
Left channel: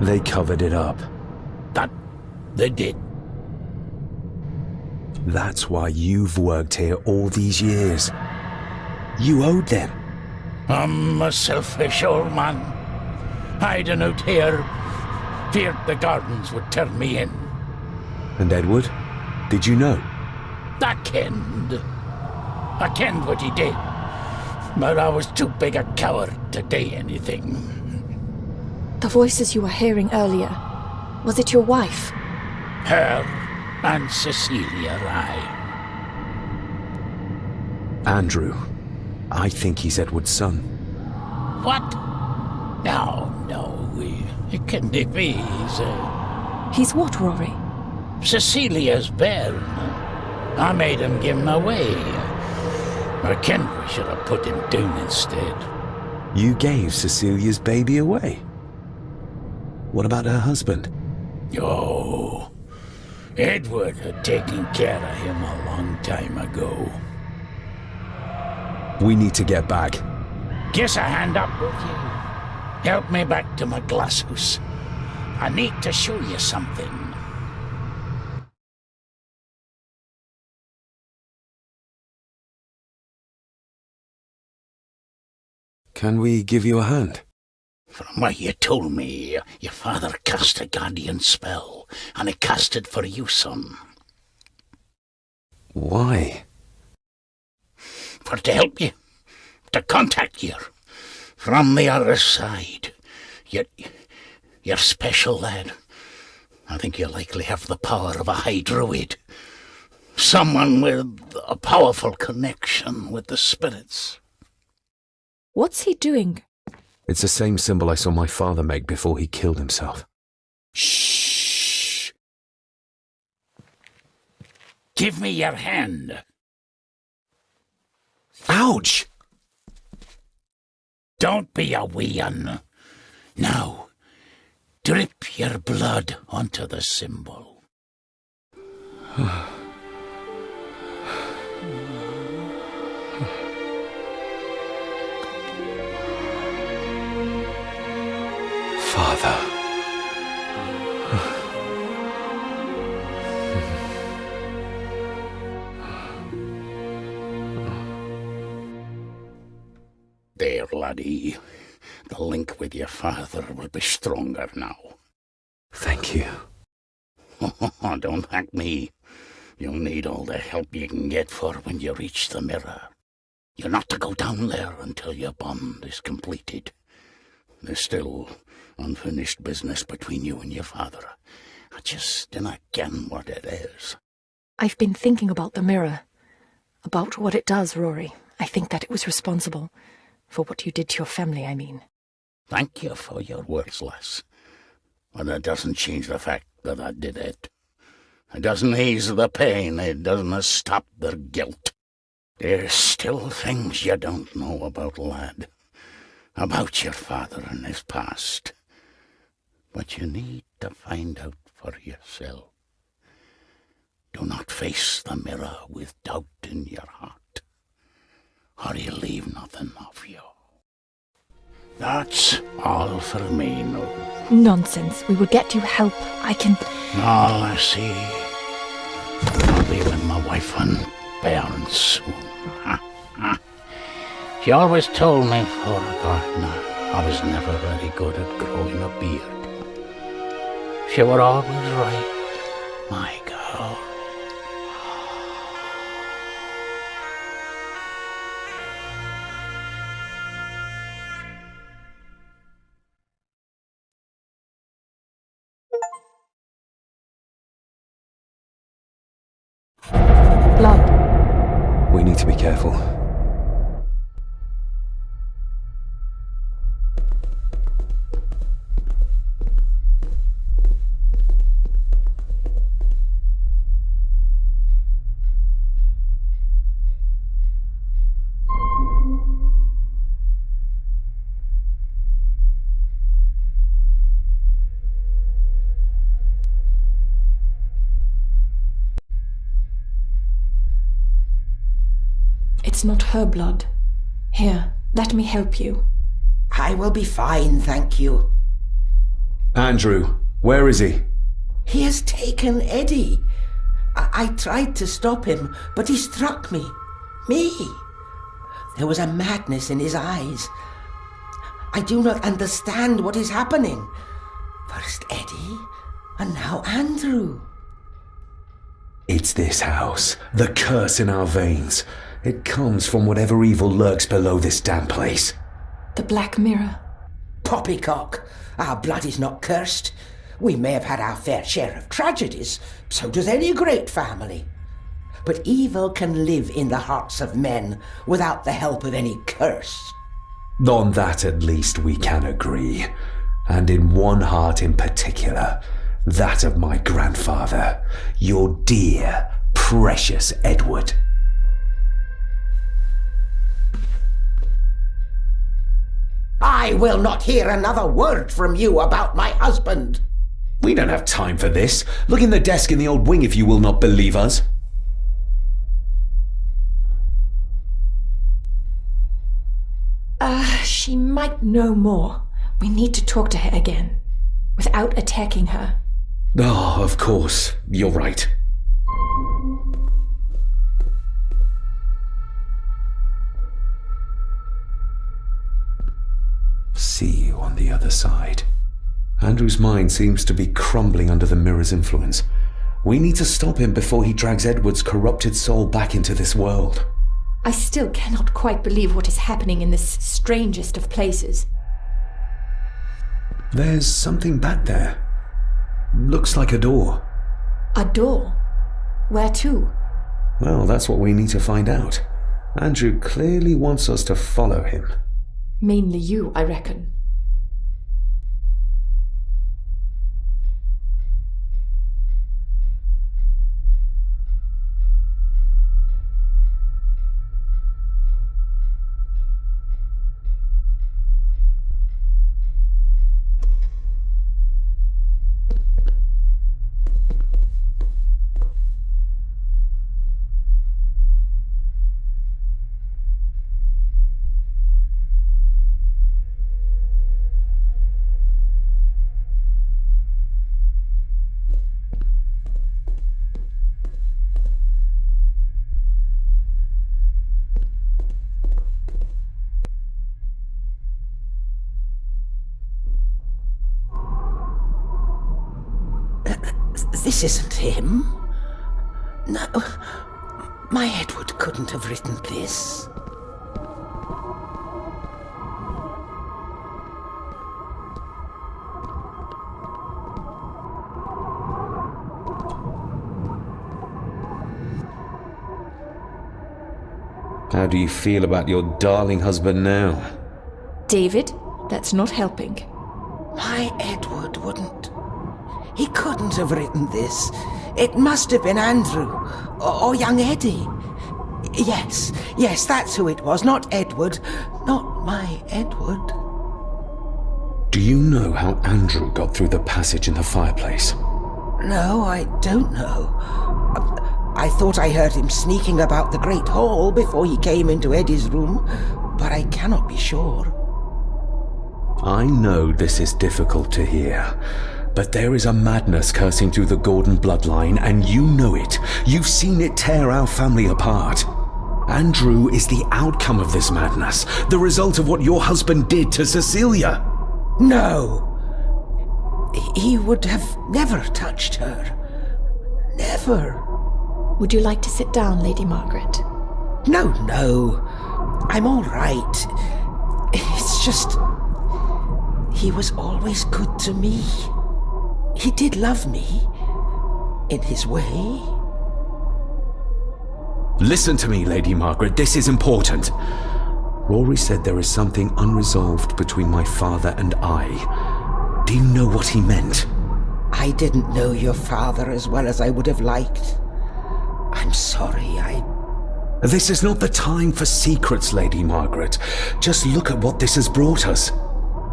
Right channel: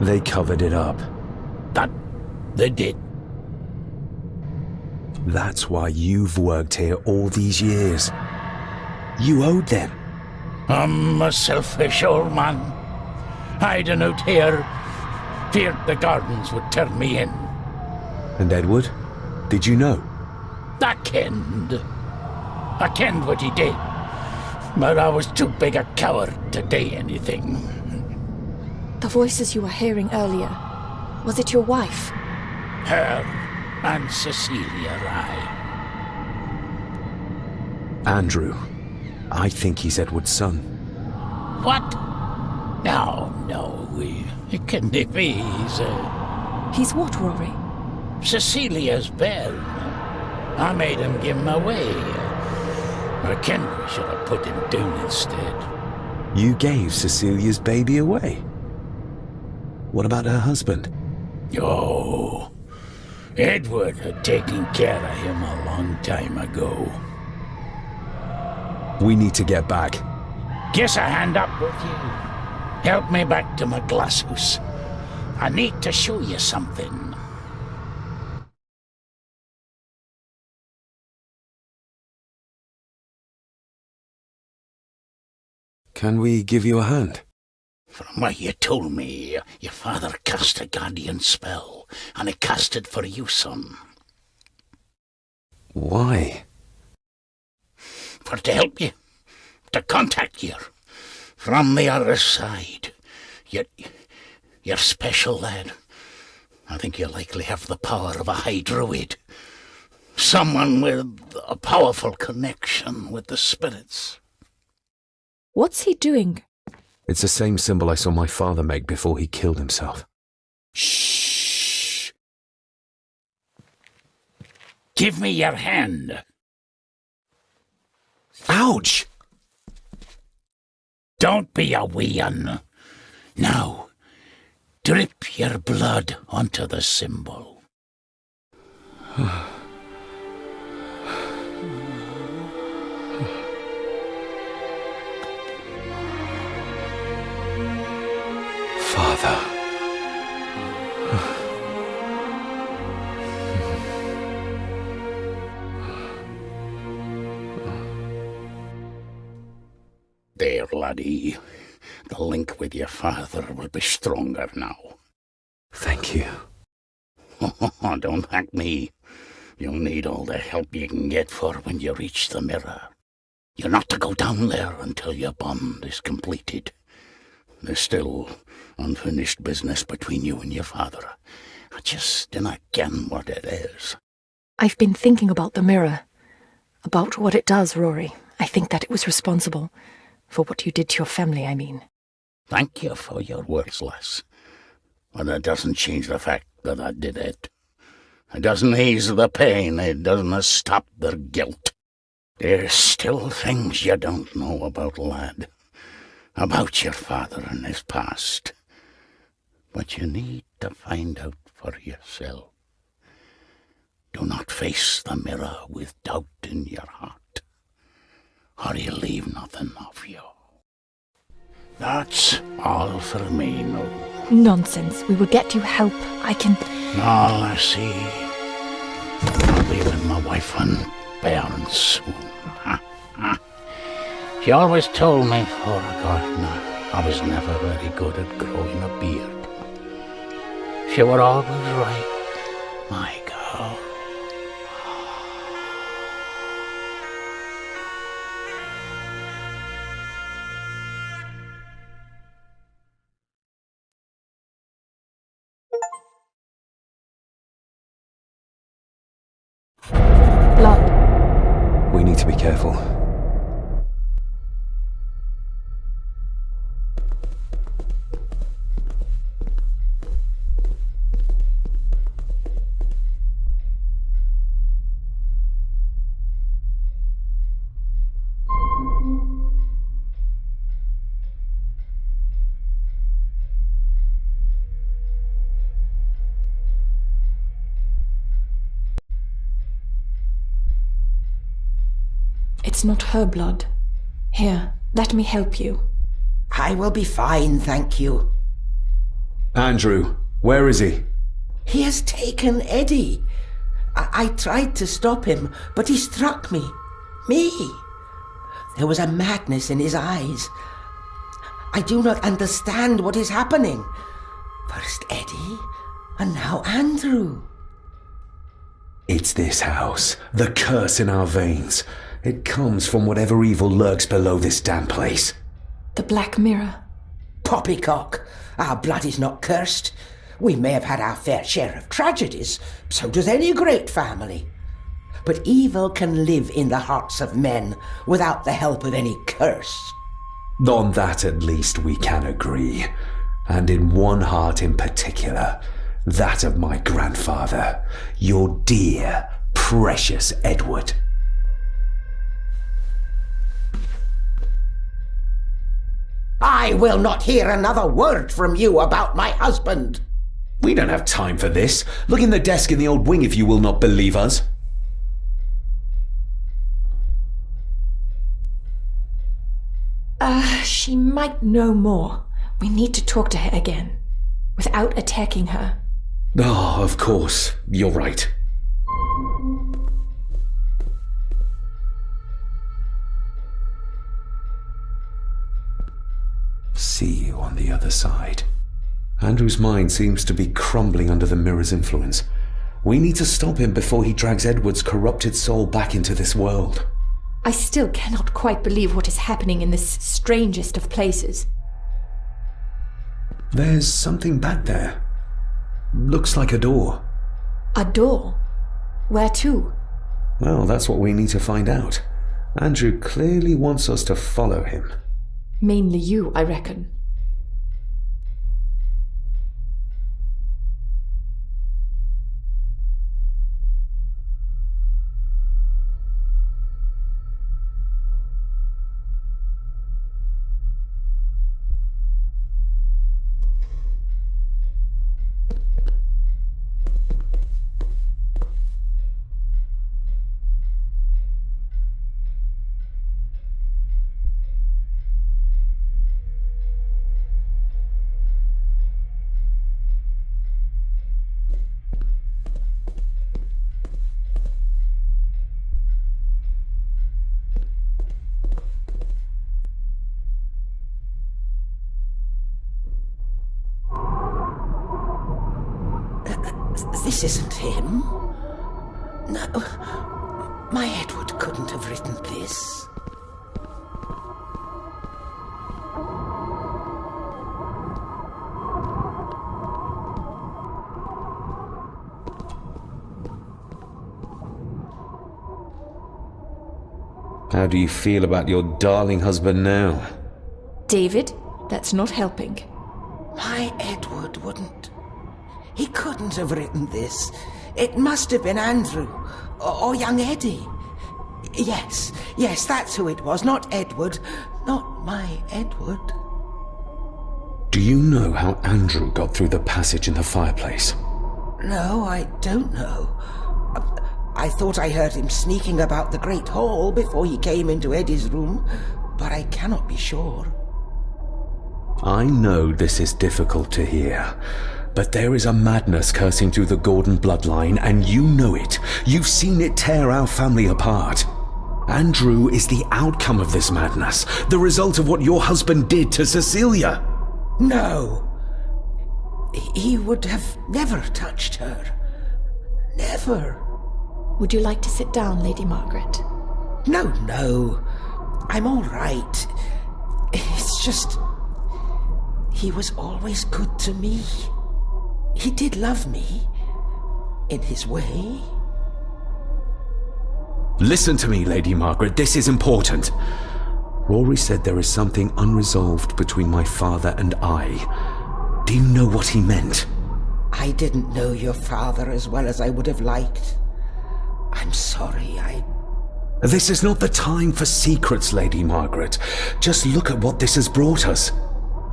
They covered it up. That they did. That's why you've worked here all these years. You owed them. I'm a selfish old man. Hiding out here, feared the Gardens would turn me in. And Edward? Did you know? I kenned what he did. But I was too big a coward to do anything. The voices you were hearing earlier, was it your wife? Her and Cecilia, aye. Andrew. I think he's Edward's son. What? No, it can't be. He's what, Rory? Cecilia's bairn. I made him give him away. I ken we should have put him down instead. You gave Cecilia's baby away? What about her husband? Oh, Edward had taken care of him a long time ago. We need to get back. Guess a hand up with you. Help me back to my glasshouse. I need to show you something. Can we give you a hand? From what you told me, your father cast a guardian spell, and he cast it for you, son. Why? For to help you, to contact you from the other side. You're special, lad. I think you likely have the power of a high druid. Someone with a powerful connection with the spirits. What's he doing? It's the same symbol I saw my father make before he killed himself. Shh! Give me your hand. Ouch! Don't be a wee un. Now, drip your blood onto the symbol. Father. There, laddie. The link with your father will be stronger now. Thank you. Don't thank me. You'll need all the help you can get for when you reach the mirror. You're not to go down there until your bond is completed. There's still unfinished business between you and your father. I just dinna ken what it is. I've been thinking about the mirror. About what it does, Rory. I think that it was responsible. For what you did to your family, I mean. Thank you for your words, lass. But it doesn't change the fact that I did it. It doesn't ease the pain. It doesn't stop their guilt. There's still things you don't know about, lad. About your father and his past. But you need to find out for yourself. Do not face the mirror with doubt in your heart, or you leave nothing of you. That's all for me, no. Nonsense. We will get you help. I can... No, lassie. I'll be with my wife and parents soon. She always told me for a gardener I was never very good at growing a beard. She were always right, my girl. Blood. We need to be careful. It's not her blood. Here, let me help you. I will be fine, thank you. Andrew, where is he? He has taken Eddie. I tried to stop him, but he struck me. Me. There was a madness in his eyes. I do not understand what is happening. First Eddie, and now Andrew. It's this house. The curse in our veins. It comes from whatever evil lurks below this damn place. The Black Mirror. Poppycock. Our blood is not cursed. We may have had our fair share of tragedies. So does any great family. But evil can live in the hearts of men without the help of any curse. On that at least we can agree. And in one heart in particular. That of my grandfather. Your dear, precious Edward. I will not hear another word from you about my husband. We don't have time for this. Look in the desk in the old wing if you will not believe us. She might know more. We need to talk to her again. Without attacking her. Oh, of course. You're right. See you on the other side. Andrew's mind seems to be crumbling under the mirror's influence. We need to stop him before he drags Edward's corrupted soul back into this world. I still cannot quite believe what is happening in this strangest of places. There's something back there. Looks like a door. A door? Where to? Well, that's what we need to find out. Andrew clearly wants us to follow him. Mainly you, I reckon. This isn't him. No, my Edward couldn't have written this. How do you feel about your darling husband now? David, that's not helping. My Edward wouldn't. He couldn't have written this. It must have been Andrew, or young Eddie. Yes, that's who it was, not Edward. Not my Edward. Do you know how Andrew got through the passage in the fireplace? No, I don't know. I thought I heard him sneaking about the Great Hall before he came into Eddie's room, but I cannot be sure. I know this is difficult to hear, but there is a madness coursing through the Gordon bloodline, and you know it. You've seen it tear our family apart. Andrew is the outcome of this madness, the result of what your husband did to Cecilia. No. He would have never touched her. Never. Would you like to sit down, Lady Margaret? No. I'm all right. It's just... he was always good to me. He did love me. In his way. Listen to me, Lady Margaret. This is important. Rory said there is something unresolved between my father and I. Do you know what he meant? I didn't know your father as well as I would have liked. I'm sorry, This is not the time for secrets, Lady Margaret. Just look at what this has brought us.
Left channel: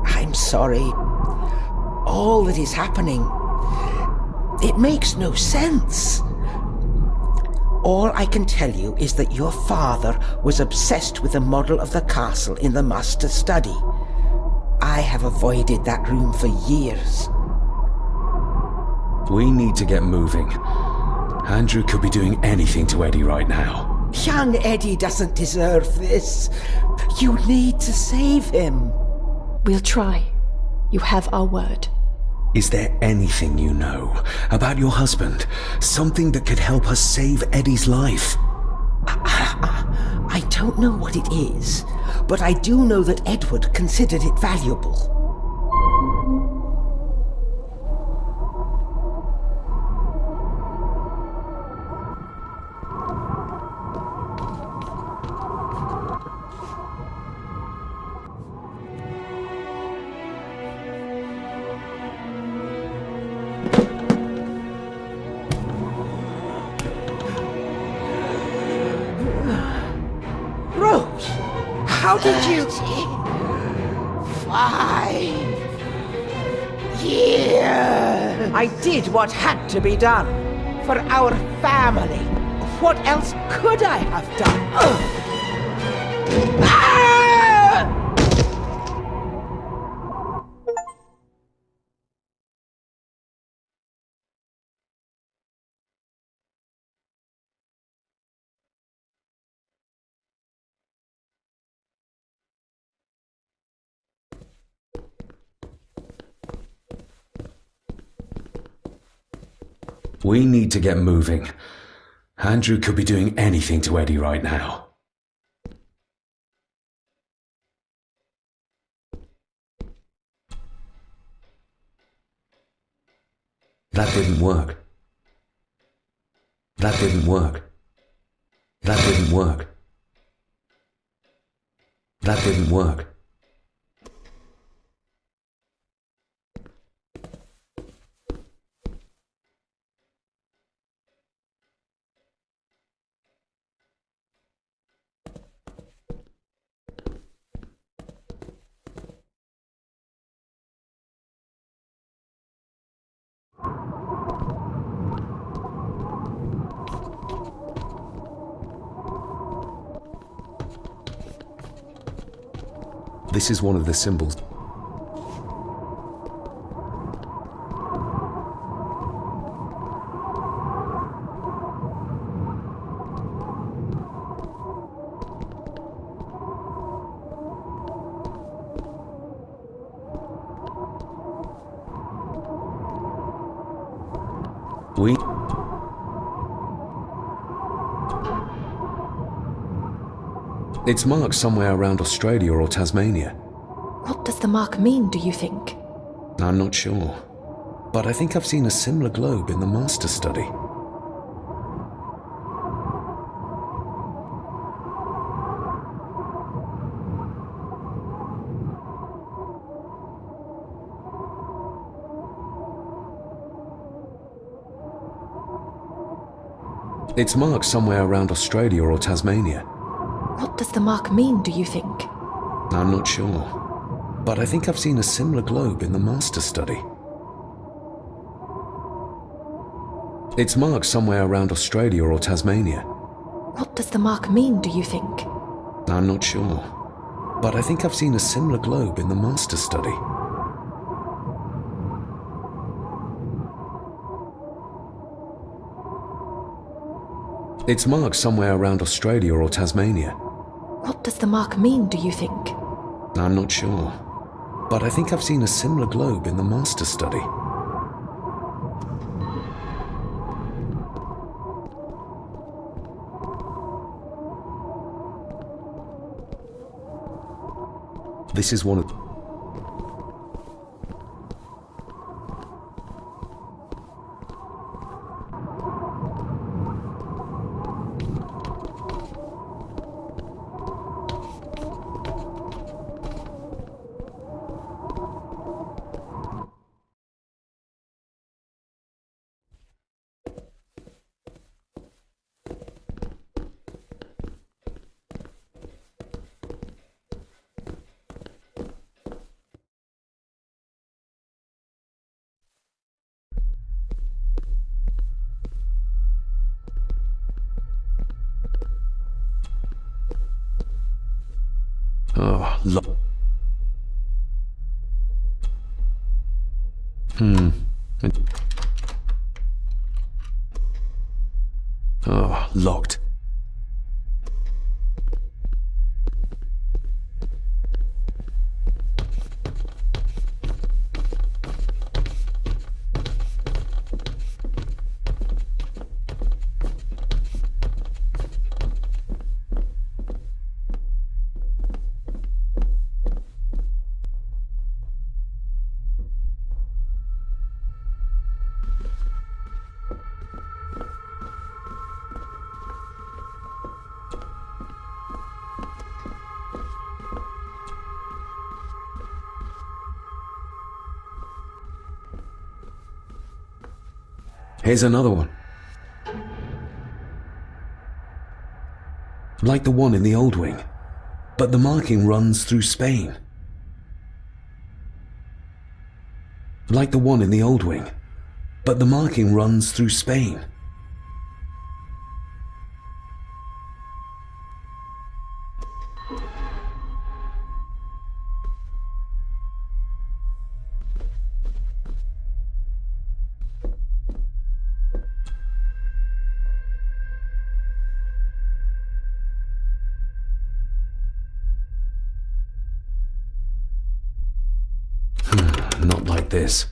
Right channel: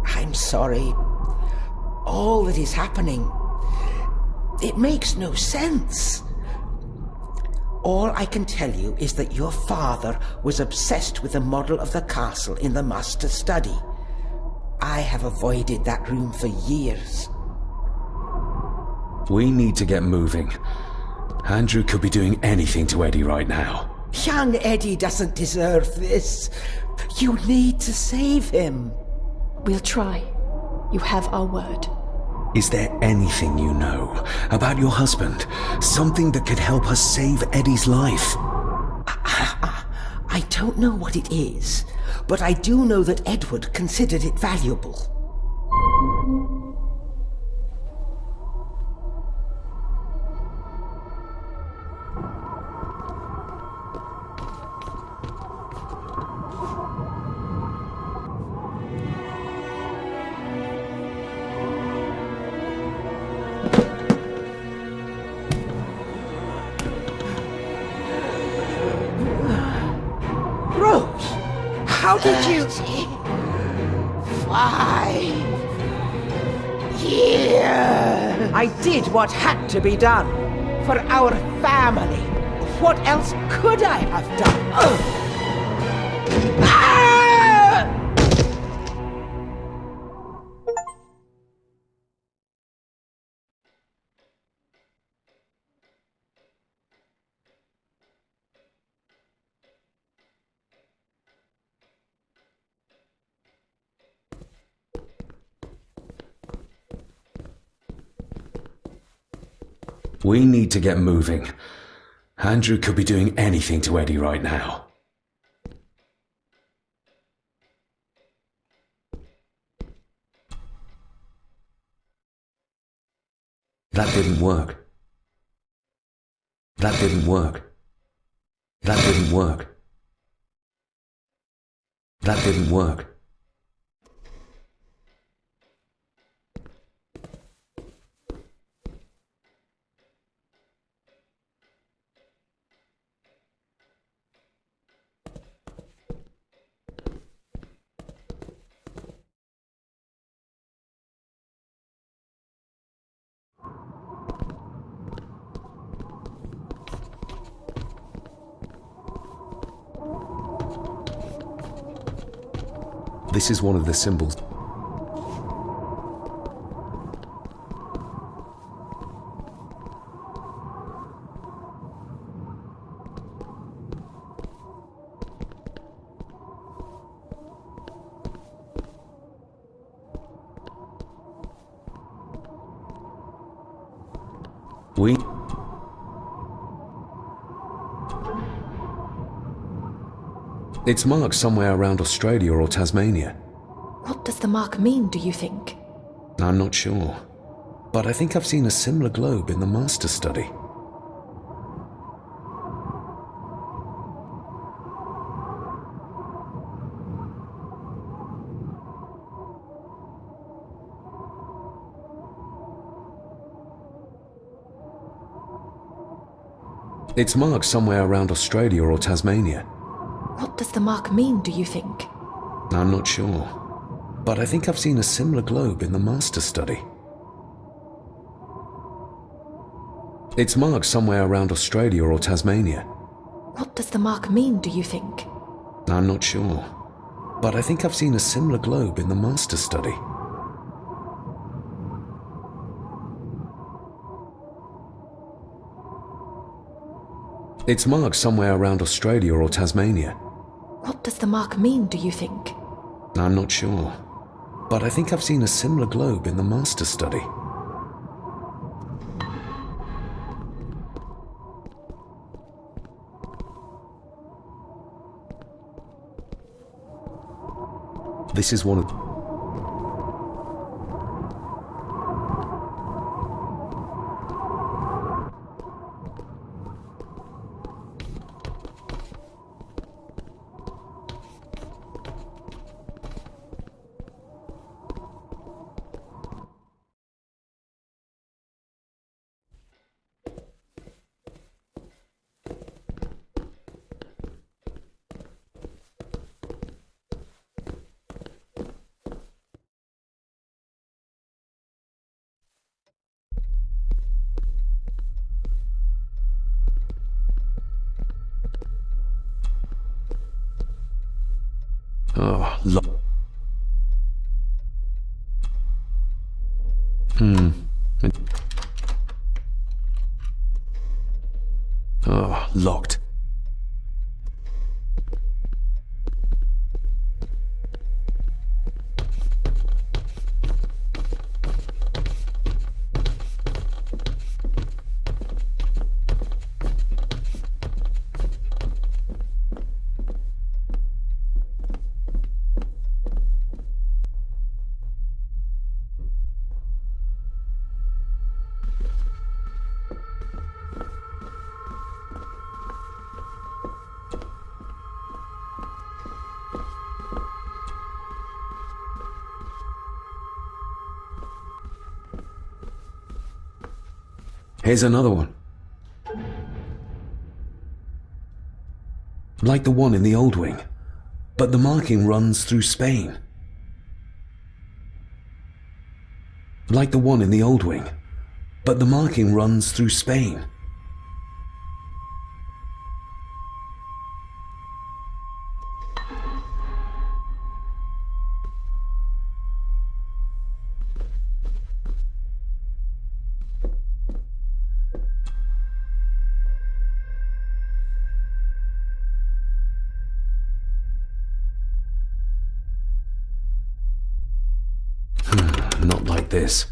I'm sorry. All that is happening, it makes no sense. All I can tell you is that your father was obsessed with the model of the castle in the master study. I have avoided that room for years. We need to get moving. Andrew could be doing anything to Eddie right now. Young Eddie doesn't deserve this. You need to save him. We'll try. You have our word. Is there anything you know about your husband? Something that could help us save Eddie's life? I don't know what it is, but I do know that Edward considered it valuable. How did you... 5 years! I did what had to be done. For our family. What else could I have done? Ah! We need to get moving. Andrew could be doing anything to Eddie right now. That didn't work. That didn't work. That didn't work. That didn't work. This is one of the symbols. It's marked somewhere around Australia or Tasmania. What does the mark mean, do you think? I'm not sure, but I think I've seen a similar globe in the Master Study. It's marked somewhere around Australia or Tasmania. What does the mark mean, do you think? I'm not sure, but I think I've seen a similar globe in the Master Study. It's marked somewhere around Australia or Tasmania. What does the mark mean, do you think? I'm not sure, but I think I've seen a similar globe in the Master Study. It's marked somewhere around Australia or Tasmania. What does the mark mean, do you think? I'm not sure, but I think I've seen a similar globe in the Master Study. This is one of... Oh, Oh, locked. Here's another one. Like the one in the old wing, but the marking runs through Spain. Like the one in the old wing, but the marking runs through Spain. Not like this.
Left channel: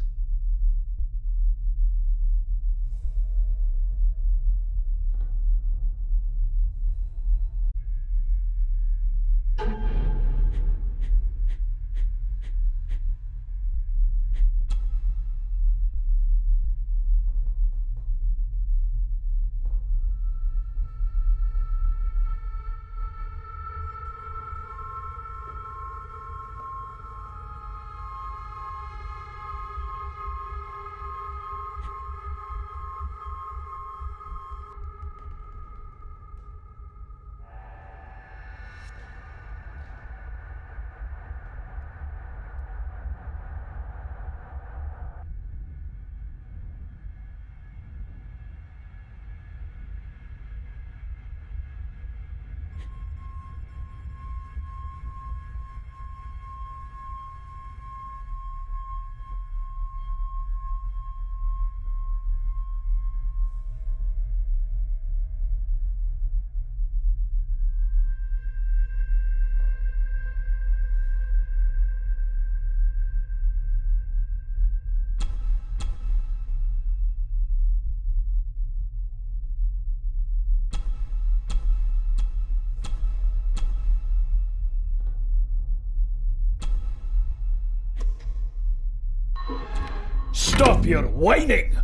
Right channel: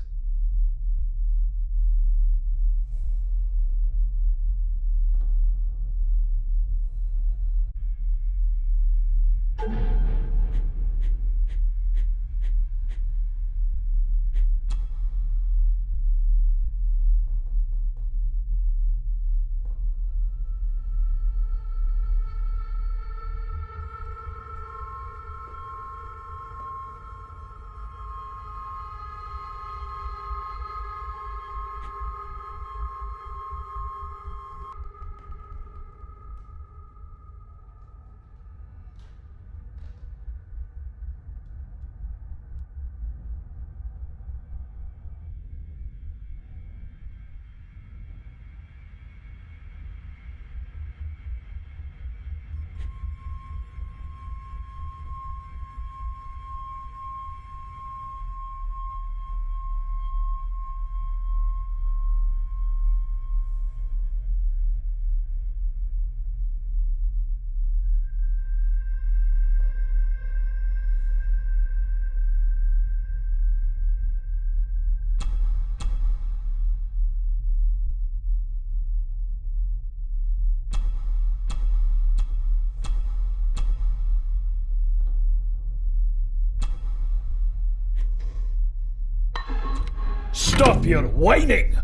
Stop your whining!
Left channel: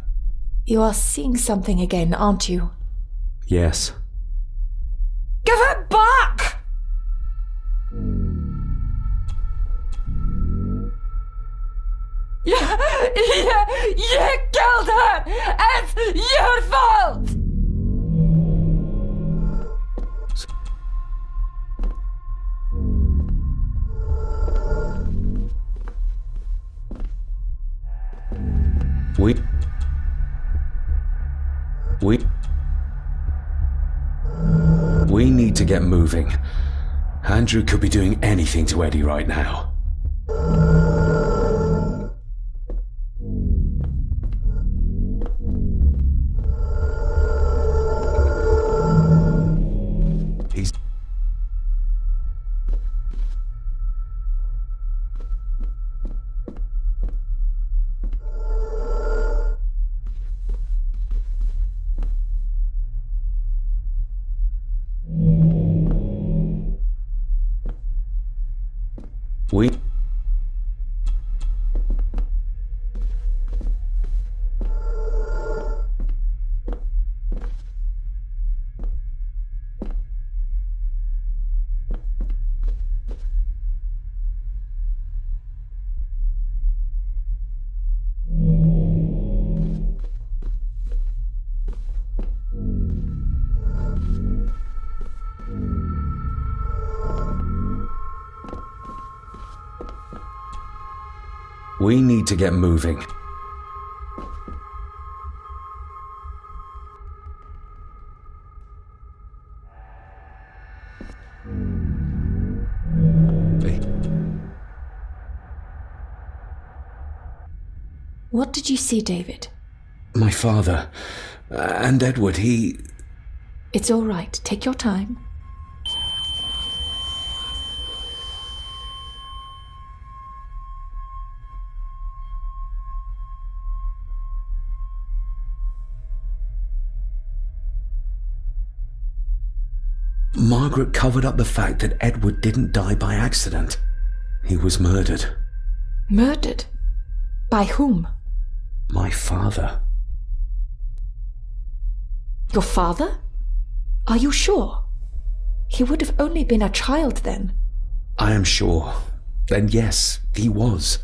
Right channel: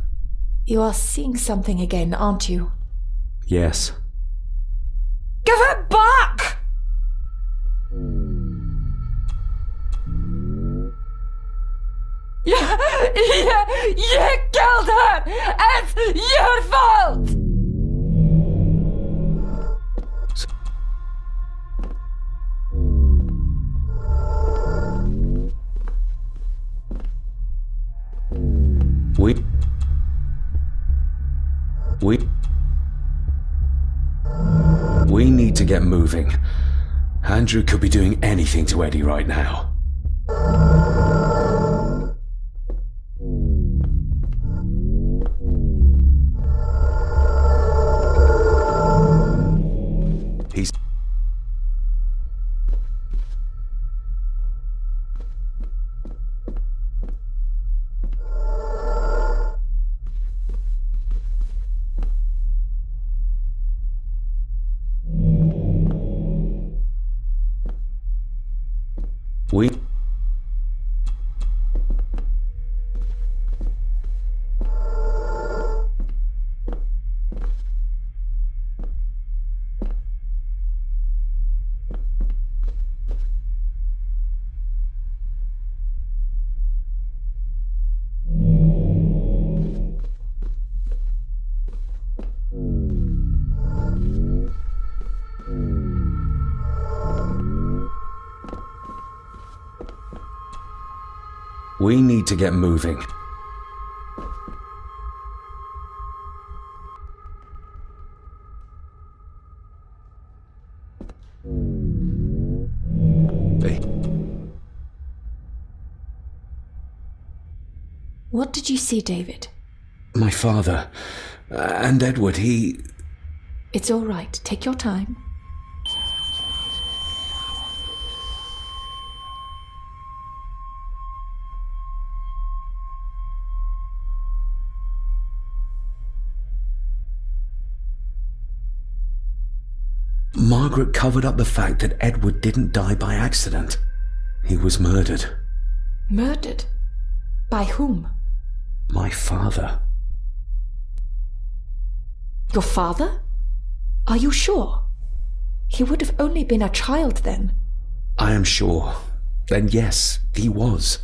You are seeing something again, aren't you? Yes. Give it back! You killed her! It's your fault! We need to get moving. Andrew could be doing anything to Eddie right now. He's... We need to get moving. What did you see, David? My father. And Edward, he... It's all right. Take your time. Margaret covered up the fact that Edward didn't die by accident. He was murdered. Murdered? By whom? My father. Your father? Are you sure? He would have only been a child then. I am sure. Then yes, he was.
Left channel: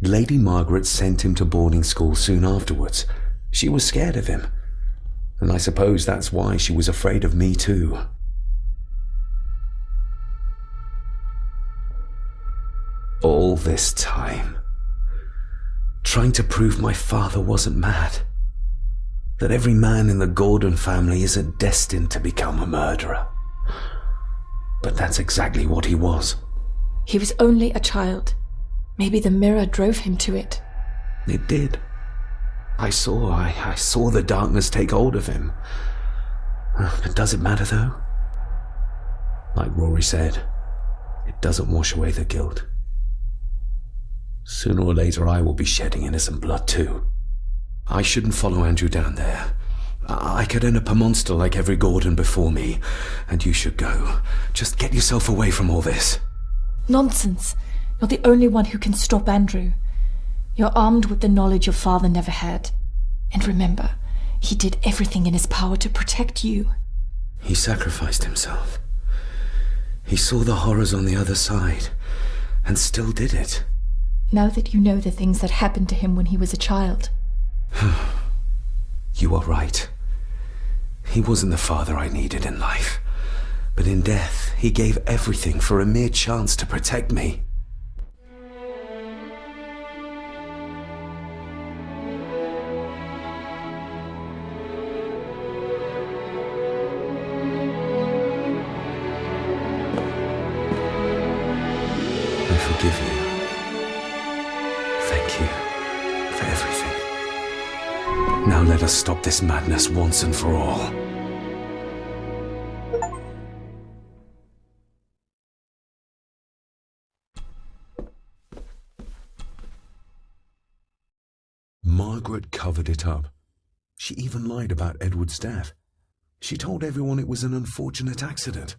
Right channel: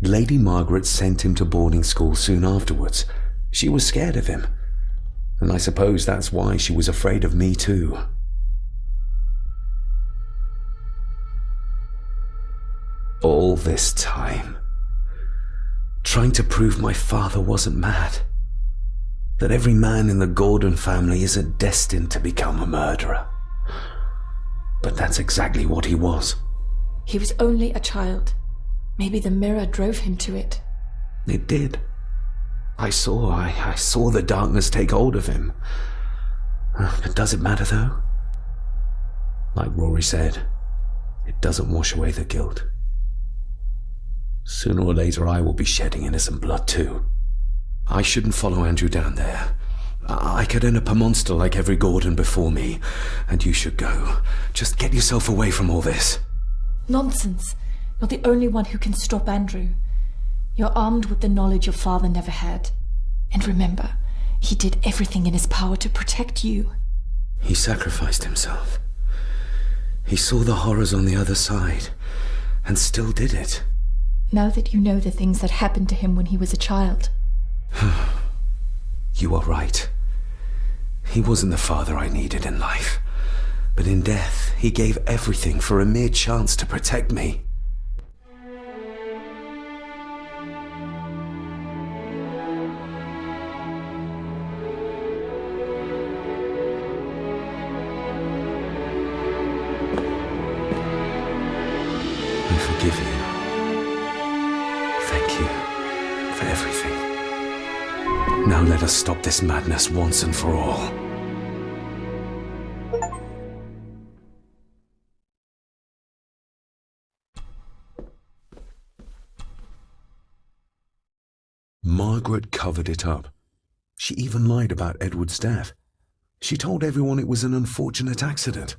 Lady Margaret sent him to boarding school soon afterwards. She was scared of him. And I suppose that's why she was afraid of me too. All this time, trying to prove my father wasn't mad. That every man in the Gordon family isn't destined to become a murderer. But that's exactly what he was. He was only a child. Maybe the mirror drove him to it. It did. I saw the darkness take hold of him. But does it matter though? Like Rory said, it doesn't wash away the guilt. Sooner or later I will be shedding innocent blood too. I shouldn't follow Andrew down there. I could end up a monster like every Gordon before me, and you should go. Just get yourself away from all this. Nonsense. You're the only one who can stop Andrew. You're armed with the knowledge your father never had. And remember, he did everything in his power to protect you. He sacrificed himself. He saw the horrors on the other side, and still did it. Now that you know the things that happened to him when he was a child. You are right. He wasn't the father I needed in life. But in death, he gave everything for a mere chance to protect me. I forgive you. Thank you for everything. Now let us stop this madness once and for all. Margaret covered it up. She even lied about Edward's death. She told everyone it was an unfortunate accident.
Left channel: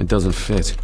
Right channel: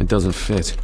It doesn't fit.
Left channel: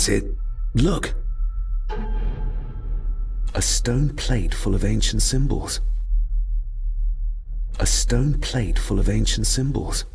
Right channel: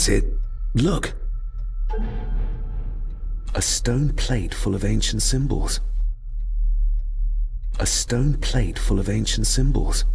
That's it. Look. A stone plate full of ancient symbols. A stone plate full of ancient symbols.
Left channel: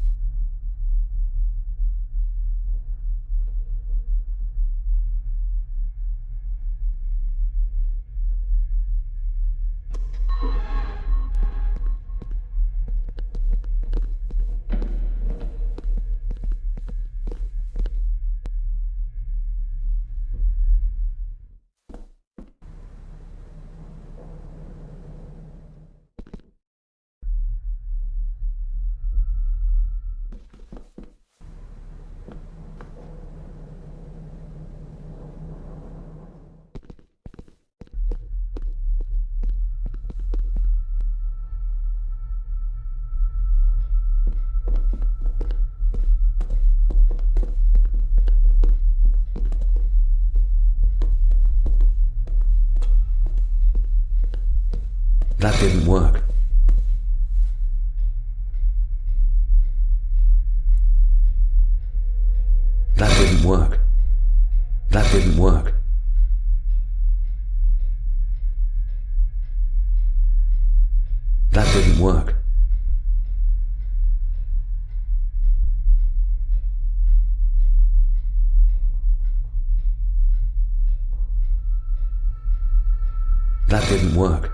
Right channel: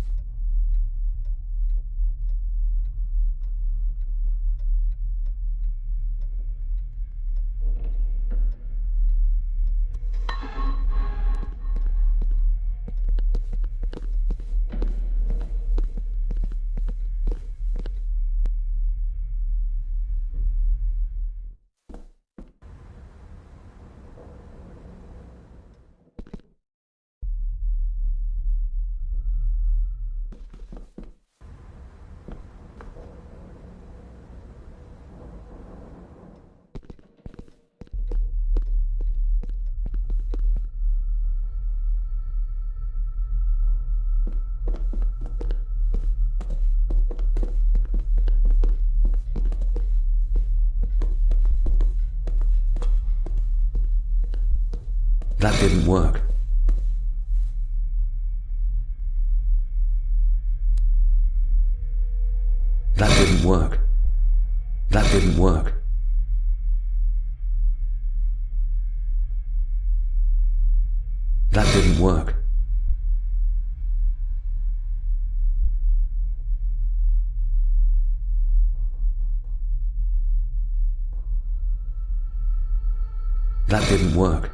That didn't work. That didn't work. That didn't work. That didn't work. That didn't work.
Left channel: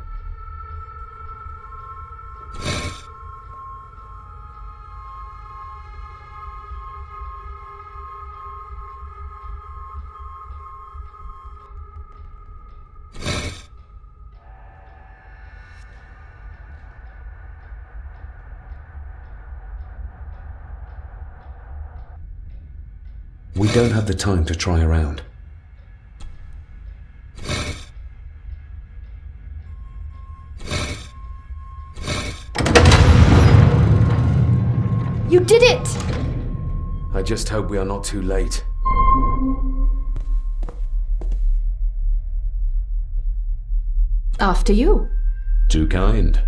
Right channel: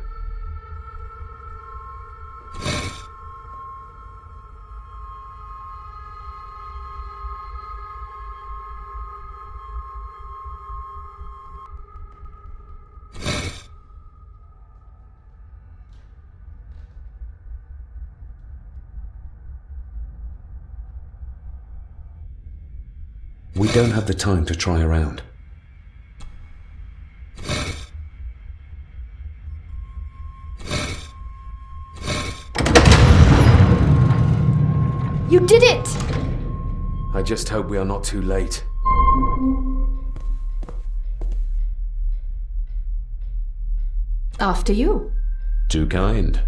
We don't have the time to try around. did it! I just hope we are not too late. After you. Too kind.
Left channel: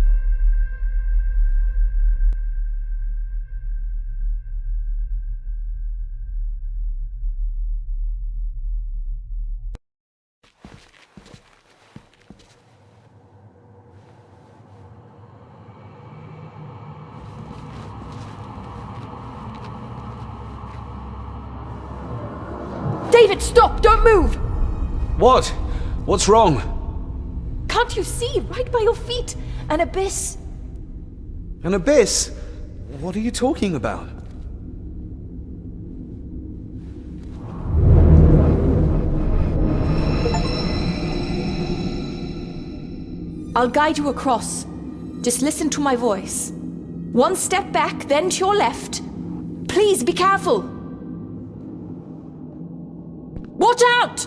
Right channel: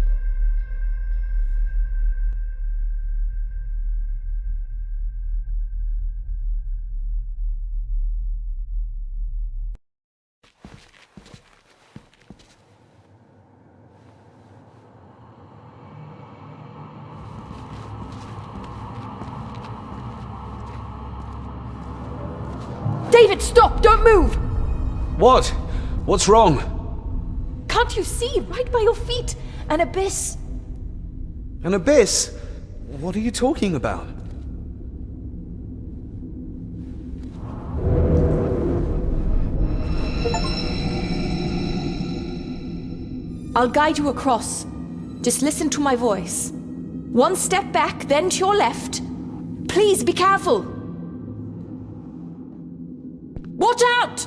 David, stop! Don't move! What? What's wrong? Can't you see? Right by your feet! An abyss! An abyss? What are you talking about? I'll guide you across. Just listen to my voice. One step back, then to your left. Please be careful! Watch out!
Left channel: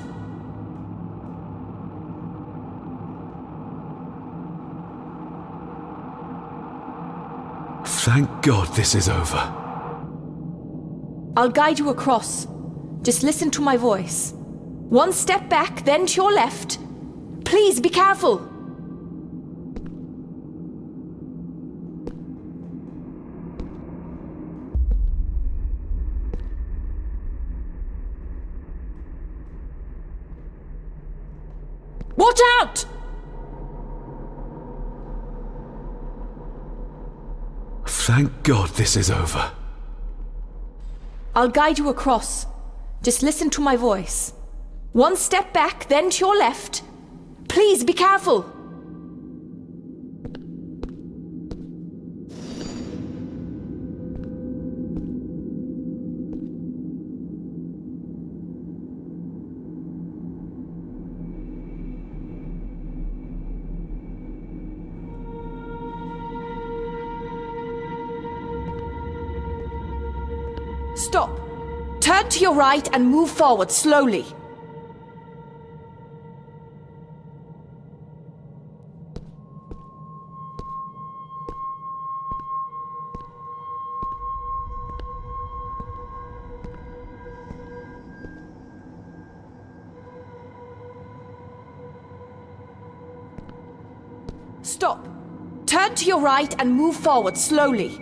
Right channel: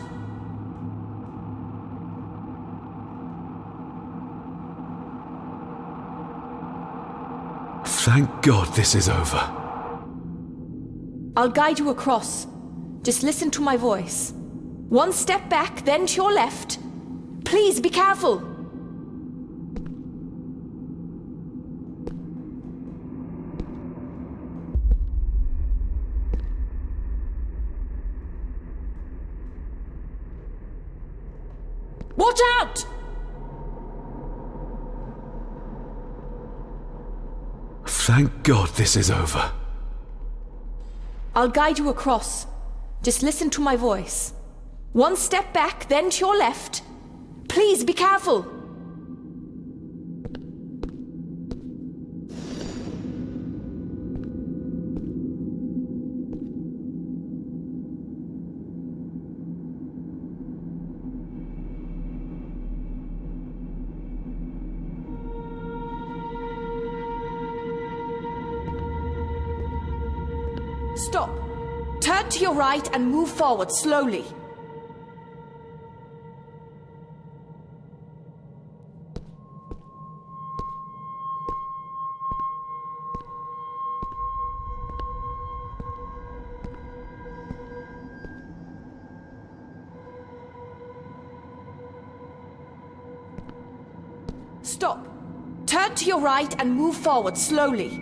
Thank God this is over. I'll guide you across. Just listen to my voice. One step back, then to your left. Please be careful! Watch out! Thank God this is over. I'll guide you across. Just listen to my voice. One step back, then to your left. Please be careful! Stop. Turn to your right and move forward slowly. Stop. Turn to your right and move forward slowly.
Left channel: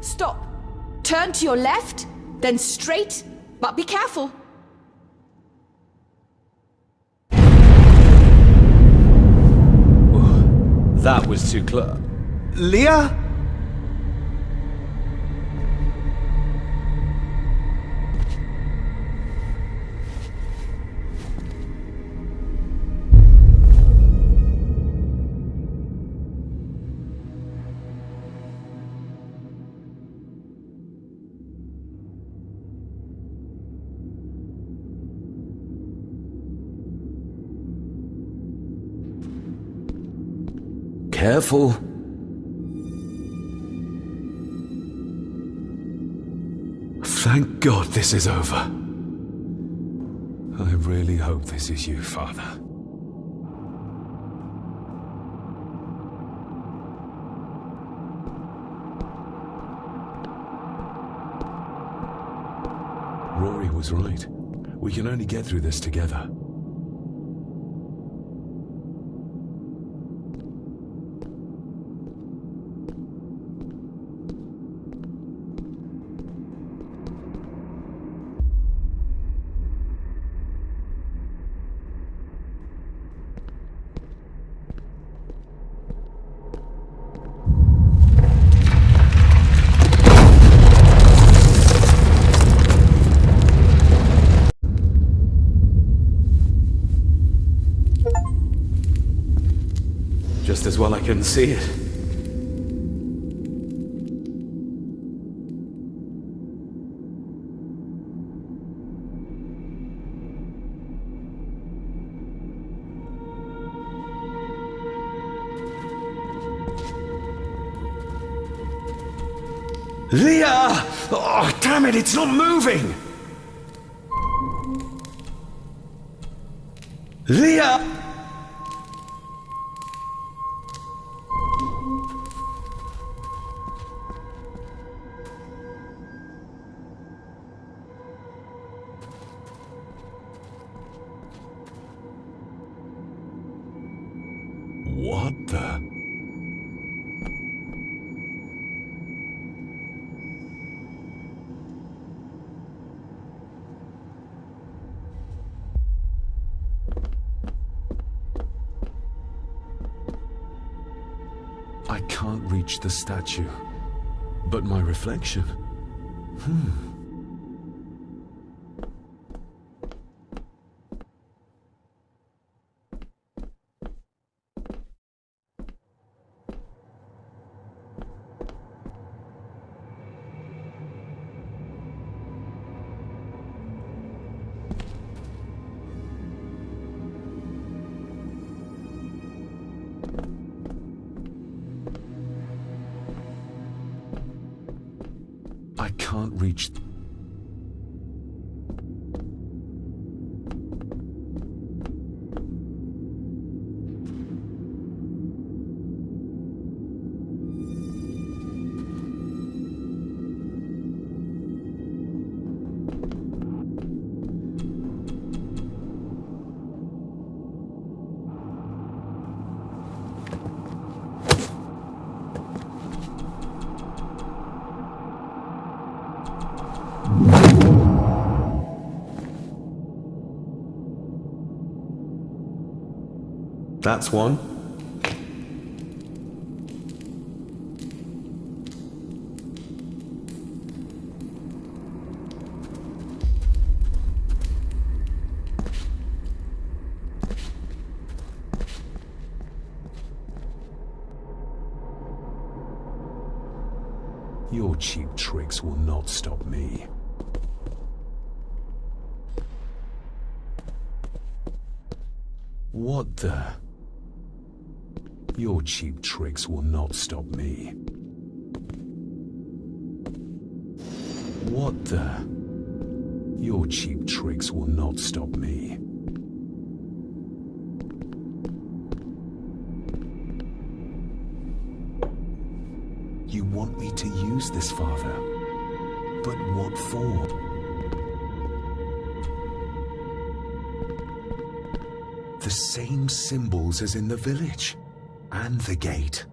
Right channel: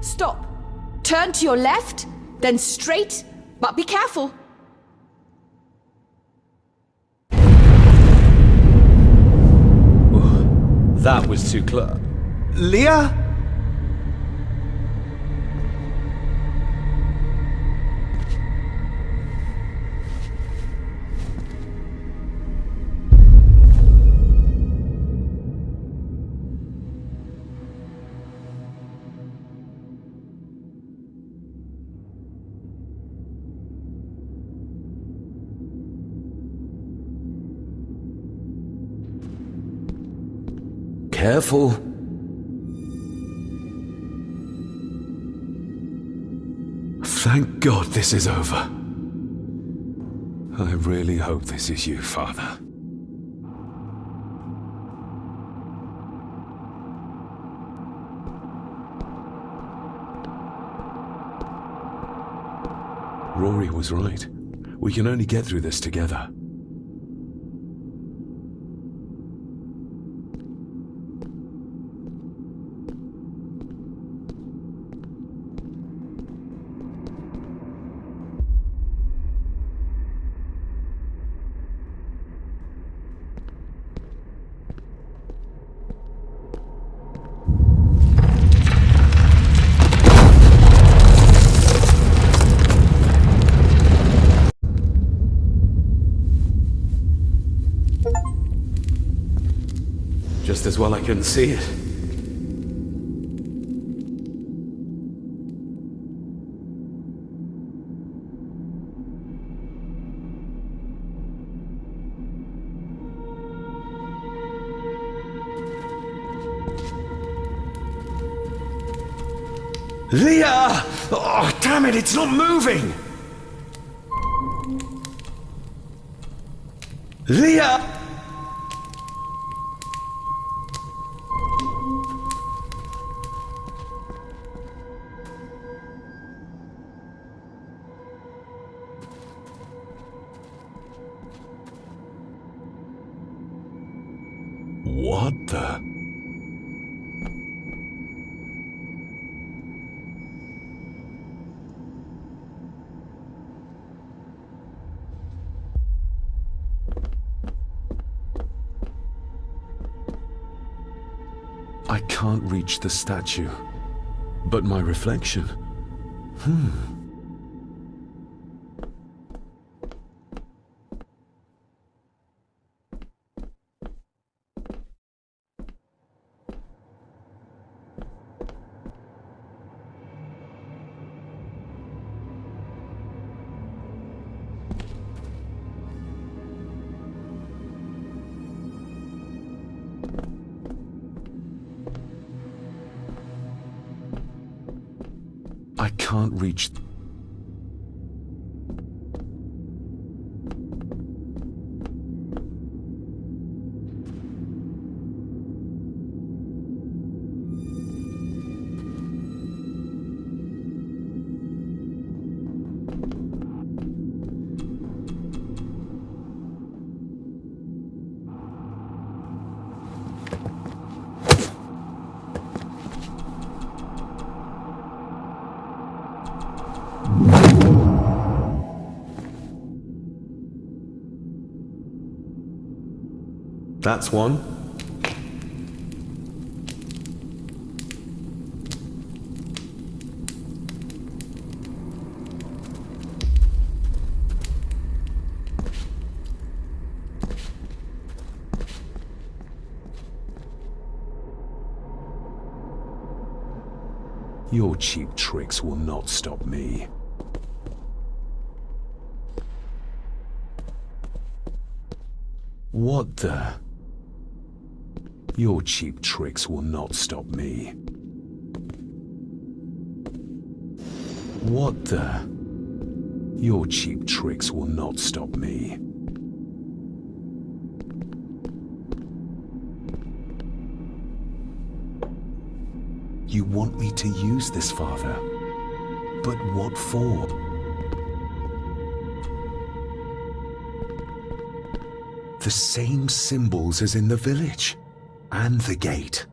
Stop. Turn to your left, then straight, but be careful. That was too close. Leah? Careful. Thank God this is over. I really hope this is you, Father. Rory was right. We can only get through this together. Just as well I couldn't see it. Leah! Oh, damn it, it's not moving! Leah! What the? I can't reach the statue, but my reflection. I can't reach. That's one. Your cheap tricks will not stop me. What the? Your cheap tricks will not stop me. What the? Your cheap tricks will not stop me. You want me to use this, Father? But what for? The same symbols as in the village. And the gate.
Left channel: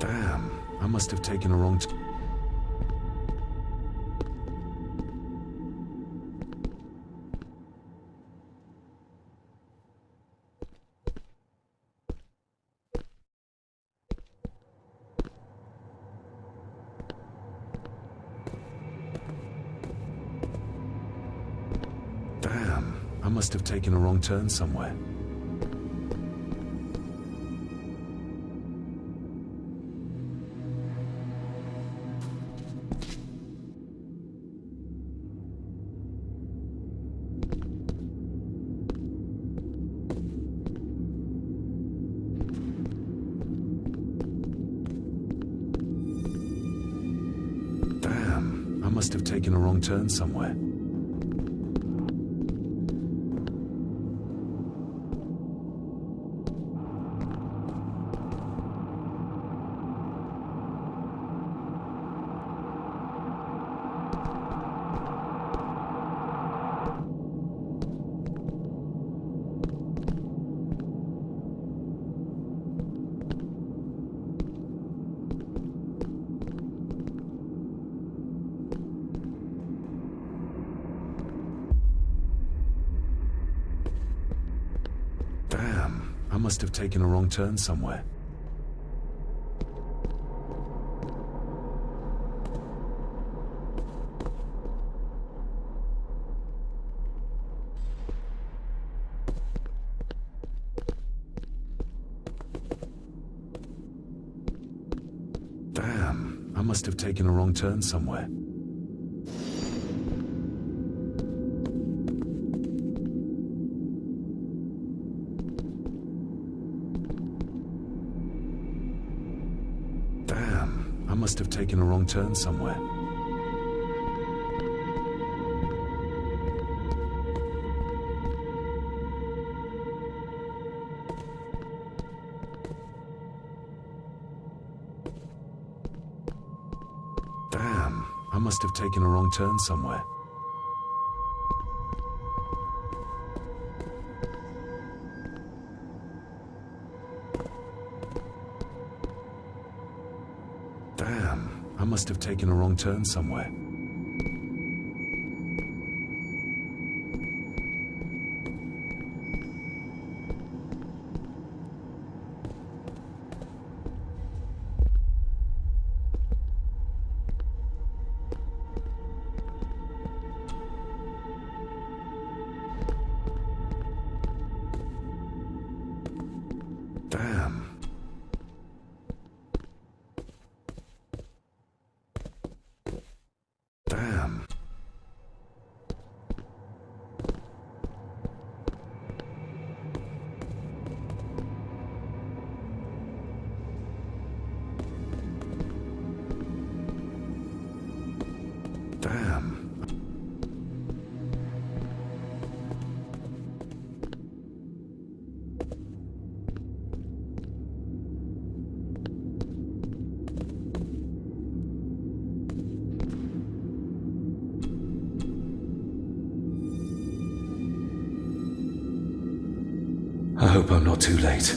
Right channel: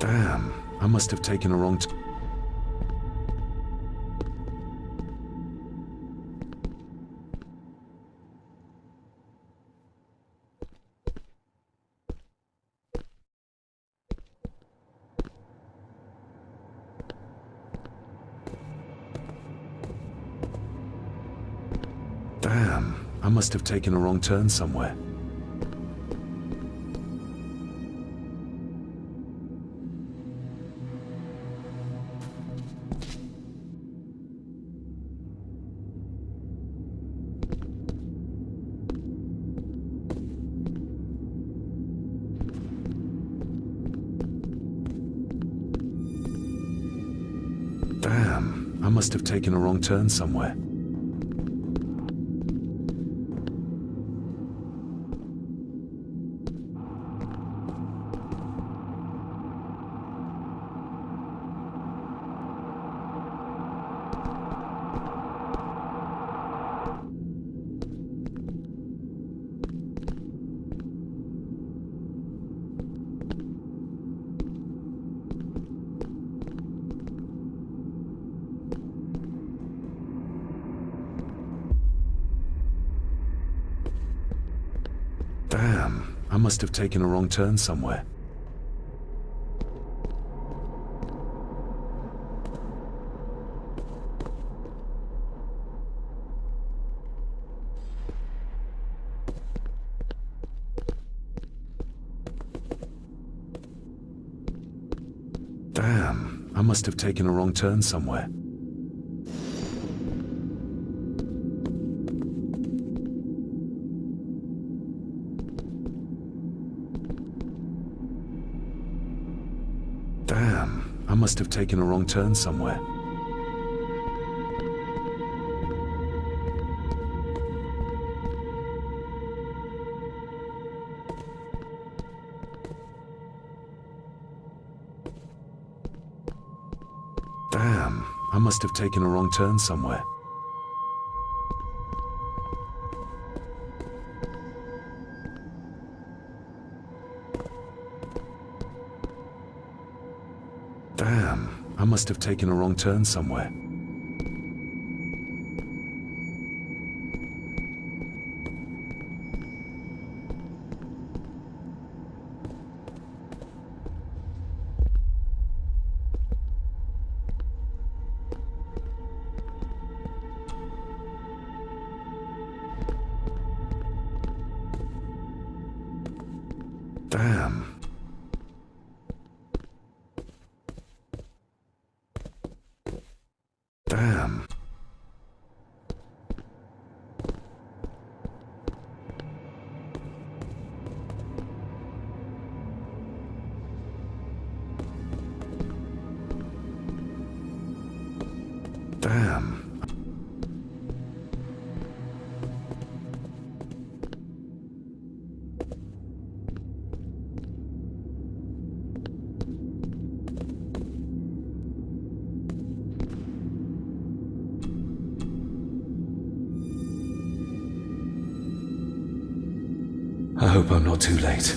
Damn, I must have taken a wrong Damn, I must have taken a wrong turn somewhere. Damn, I must have taken a wrong turn somewhere. Damn, I must have taken a wrong turn somewhere. Damn, I must have taken a wrong turn somewhere. Damn, I must have taken a wrong turn somewhere. Damn, I must have taken a wrong turn somewhere. Damn, I must have taken a wrong turn somewhere. Damn. Damn. Damn. I hope I'm not too late.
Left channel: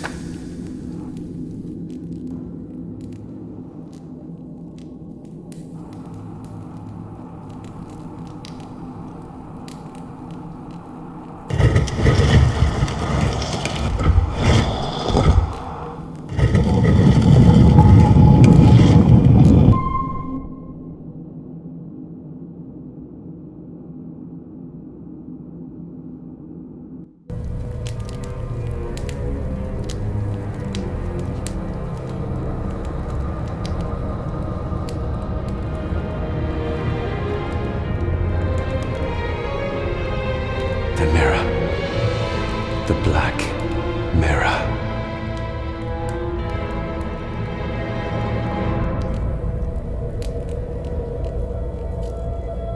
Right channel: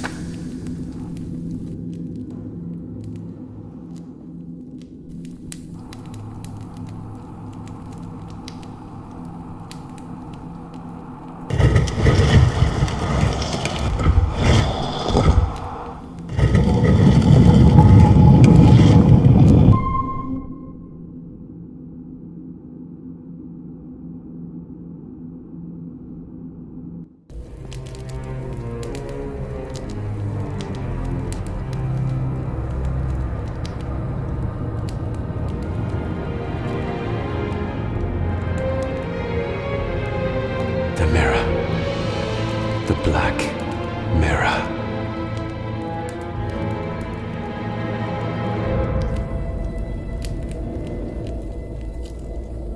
The mirror. The black mirror.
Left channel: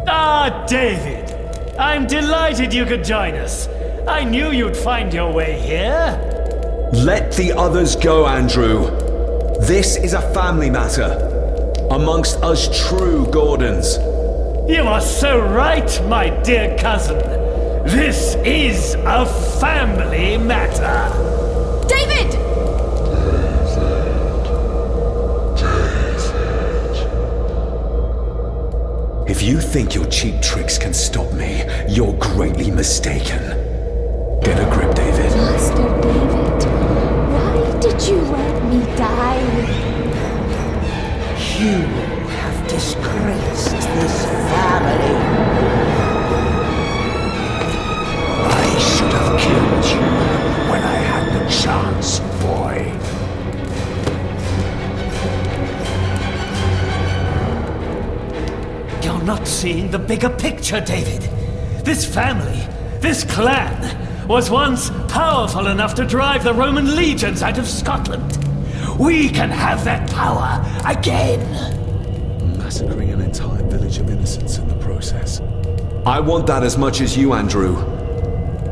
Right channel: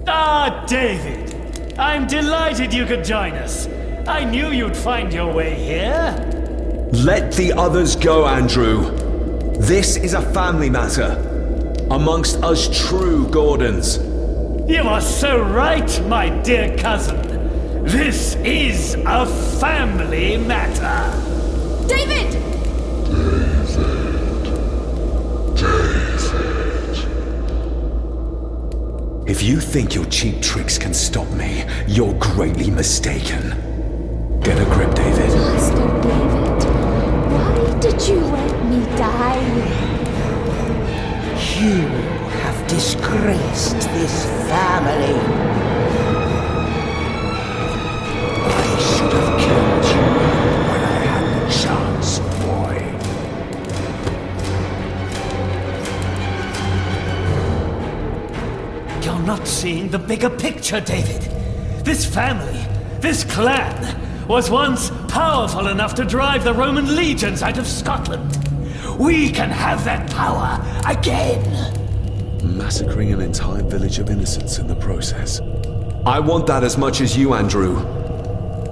Ah, David! I'm delighted you could join us. I knew you'd find your way here. Let the others go, Andrew. This is a family matter. Amongst us true Gordons. You are so right, my dear cousin. This is a family matter. David! If you think your cheap tricks can stop me, you're greatly mistaken. Get a grip, David. Master David, why did you let me die? You have disgraced this family. I should have killed you when I had the chance, boy. You're not seeing the bigger picture, David. This family, this clan, was once powerful enough to drive the Roman legions out of Scotland. We can have that power again. Massacring an entire village of innocents in the process. I want that as much as you, Andrew.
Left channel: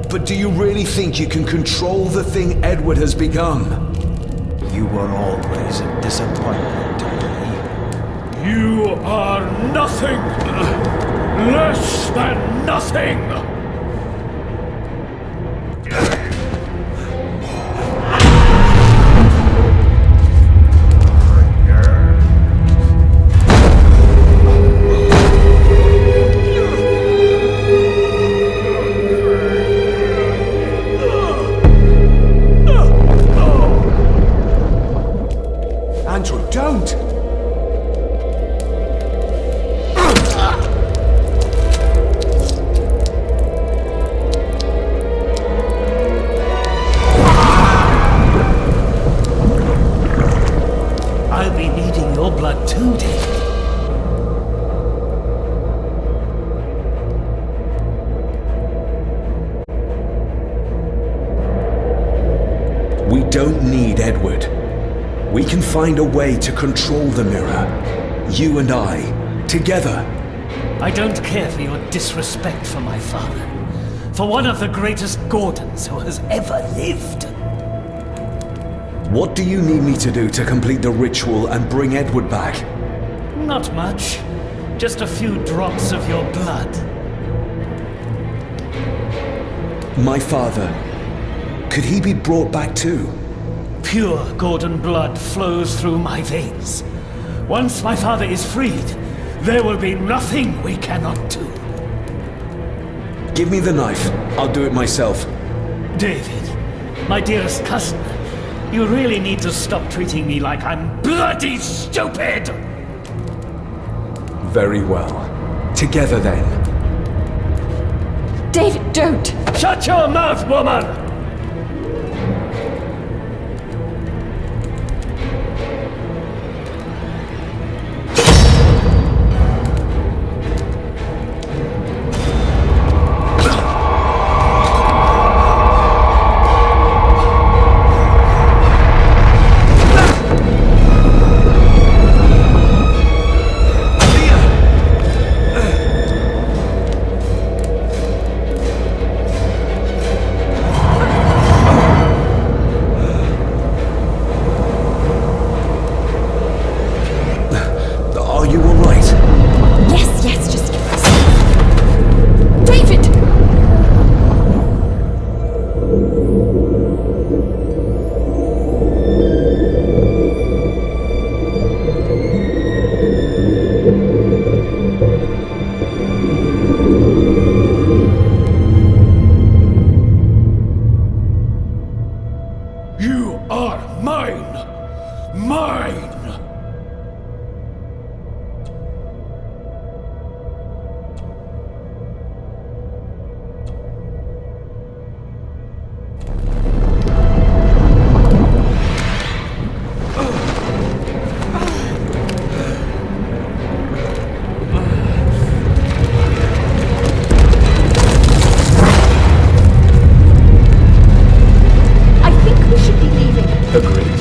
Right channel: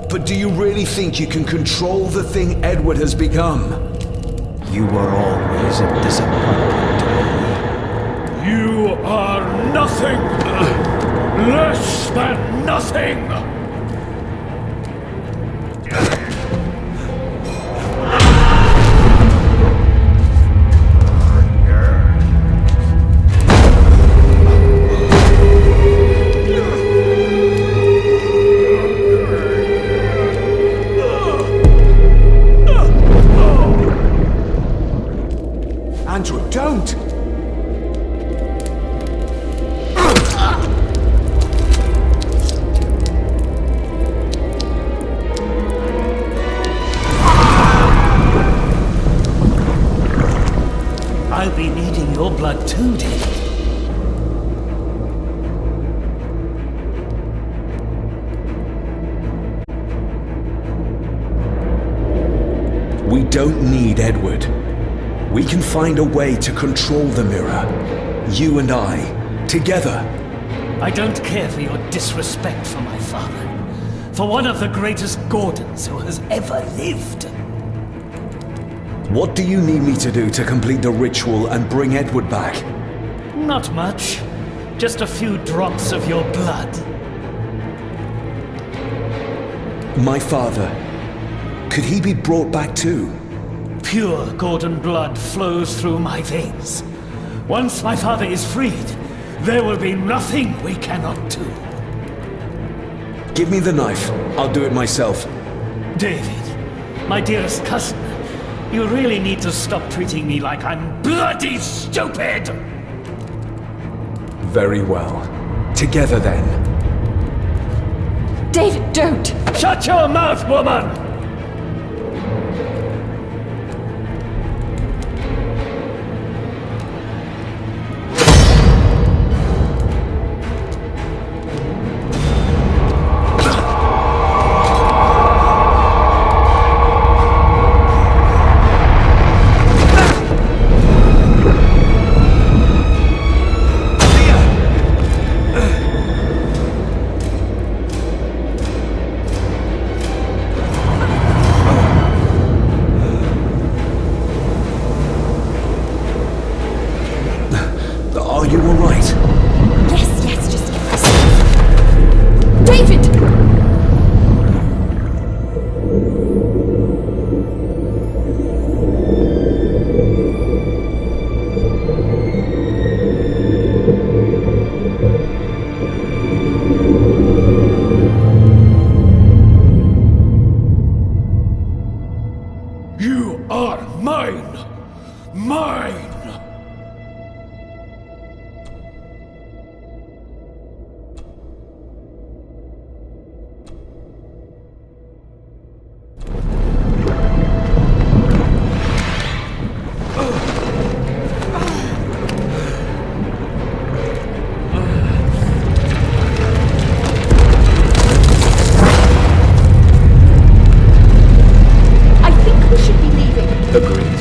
But do you really think you can control the thing Edward has become? You were always a disappointment to me. You are nothing! Less than nothing! up too, David. We don't need Edward. We can find a way to control the mirror. You and I, together. I don't care for your disrespect for my father. For one of the greatest Gordons who has ever lived. What do you need me to do to complete the ritual and bring Edward back? Not much. Just a few drops of your blood. My father, could he be brought back too? Pure Gordon blood flows through my veins. Once my father is freed, there will be nothing we cannot do. Give me the knife. I'll do it myself. David, my dearest cousin, you really need to stop treating me like I'm bloody stupid! Very well. Together then. David, don't! Shut your mouth, woman! Are you all right? Yes, just get myself. David! You are mine! Mine! Agreed.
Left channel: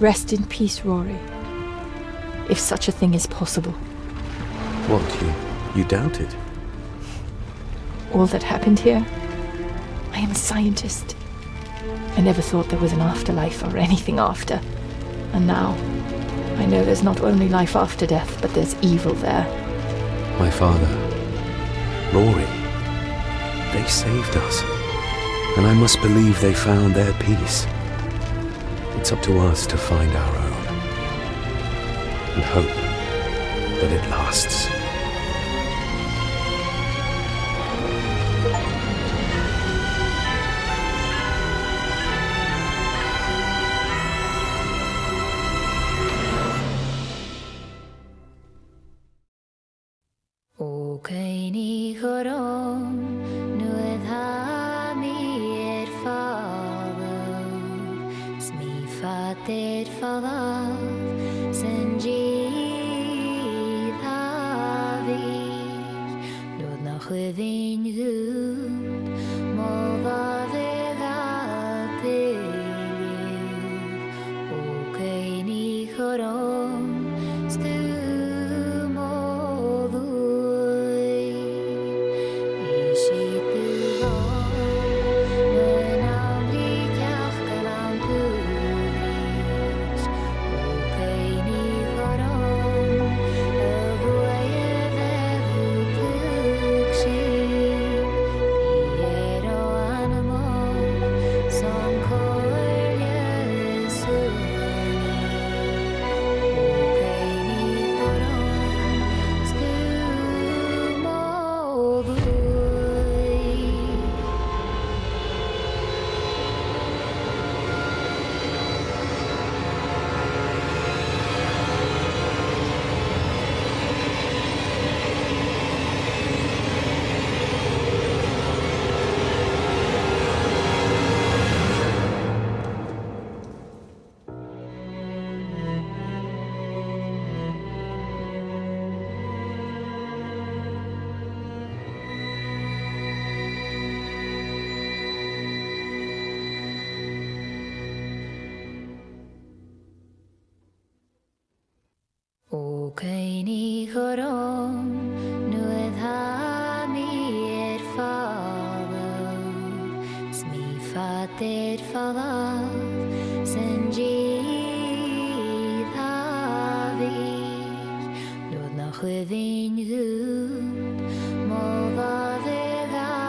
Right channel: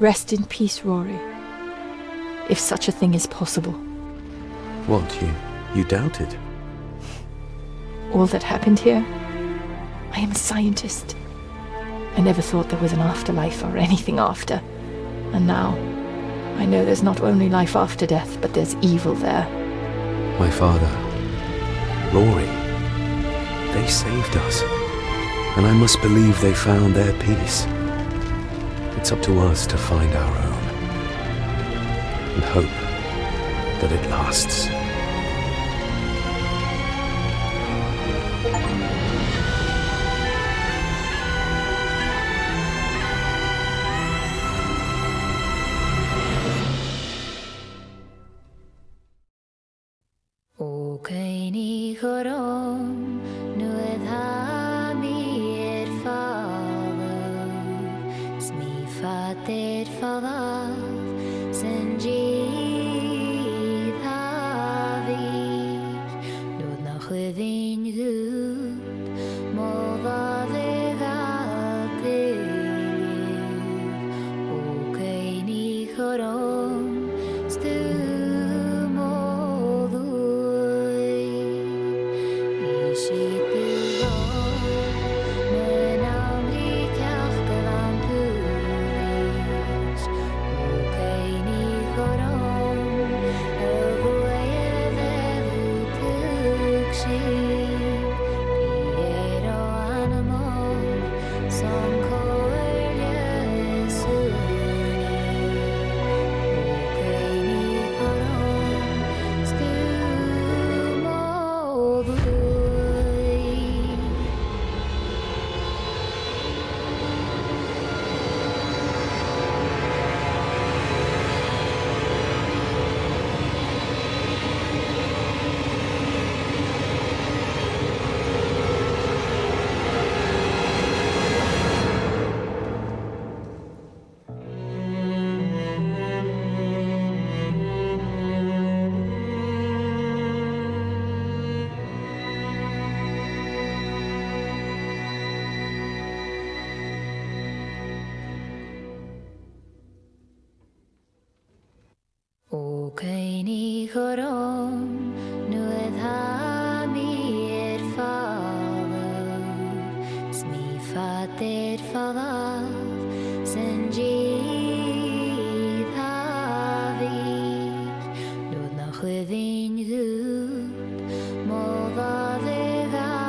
Rest in peace, Rory. If such a thing is possible. What, you doubt it? All that happened here? I am a scientist. I never thought there was an afterlife or anything after. And now, I know there's not only life after death, but there's evil there. My father, Rory, they saved us. And I must believe they found their peace. It's up to us to find our own. And hope that it lasts. Fattigt fallav sen gidhavir Nod na chwydyn gud Mo va dde gatir chorom stu modui Ishitu go Menamri kachkalam pudris Ukeini chorom Avuaya vedu tukshim Piero animo Son koerlia suni Ukeini chorom stu modui Ukeini chorom nued hami fallav Smi fater fallav Senji thavir Nued na chwydyn gud Molva vegatilliv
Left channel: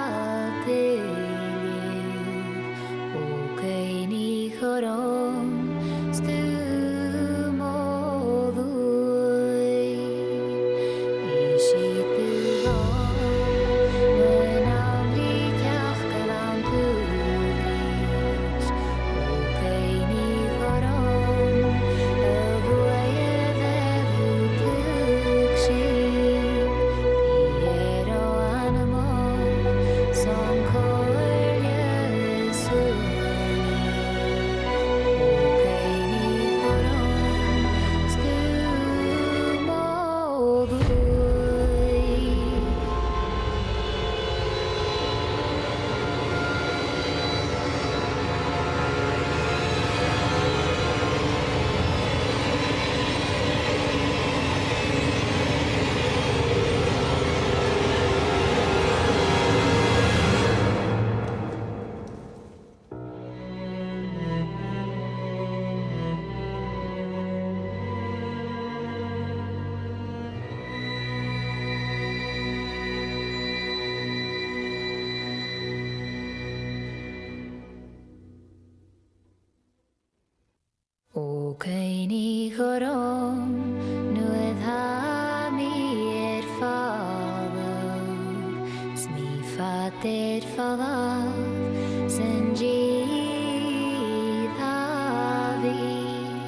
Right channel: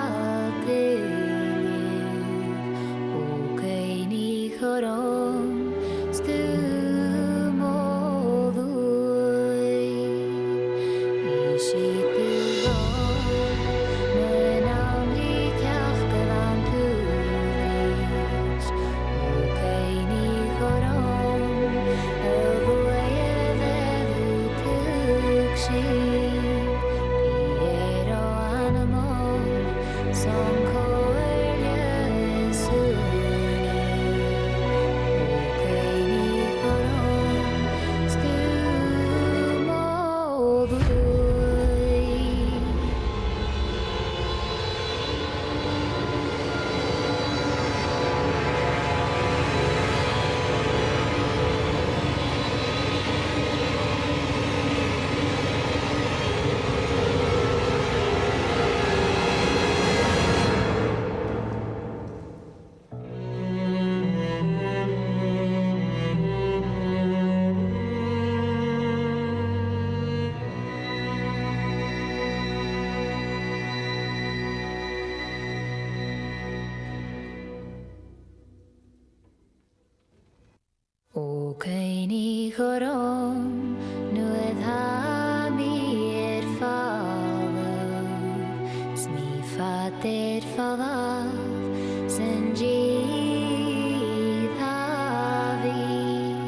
Ukeini chorom stu Ukeini chorom nued hami fallav Smi fater fallav Senji thavir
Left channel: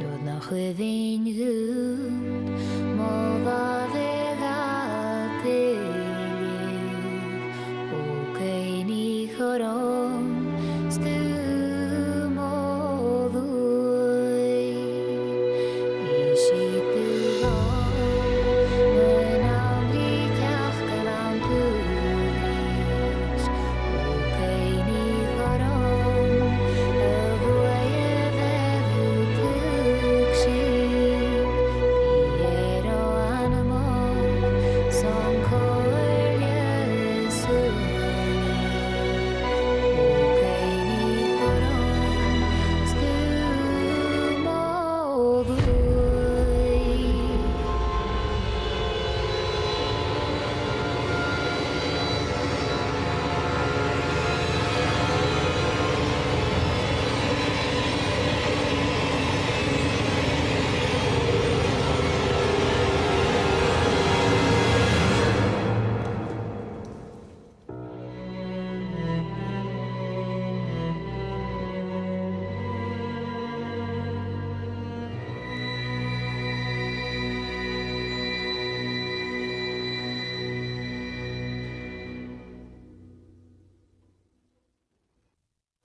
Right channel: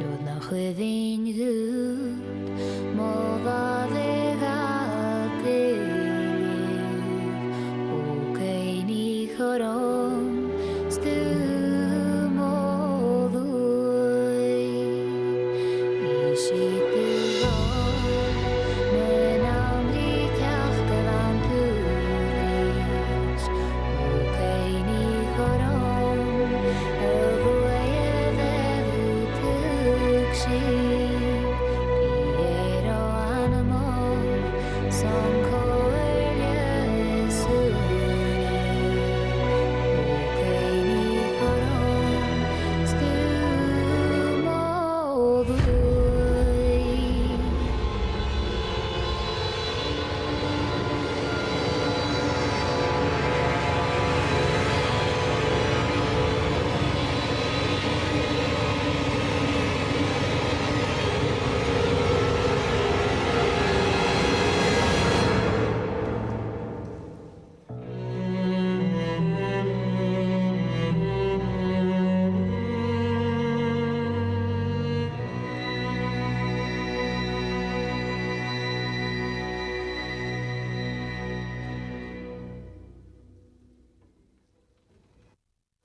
Nued na chwydyn gud Molva vegatilliv Ukeini chorom stu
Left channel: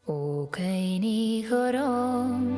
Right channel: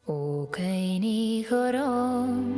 Ukeini chorom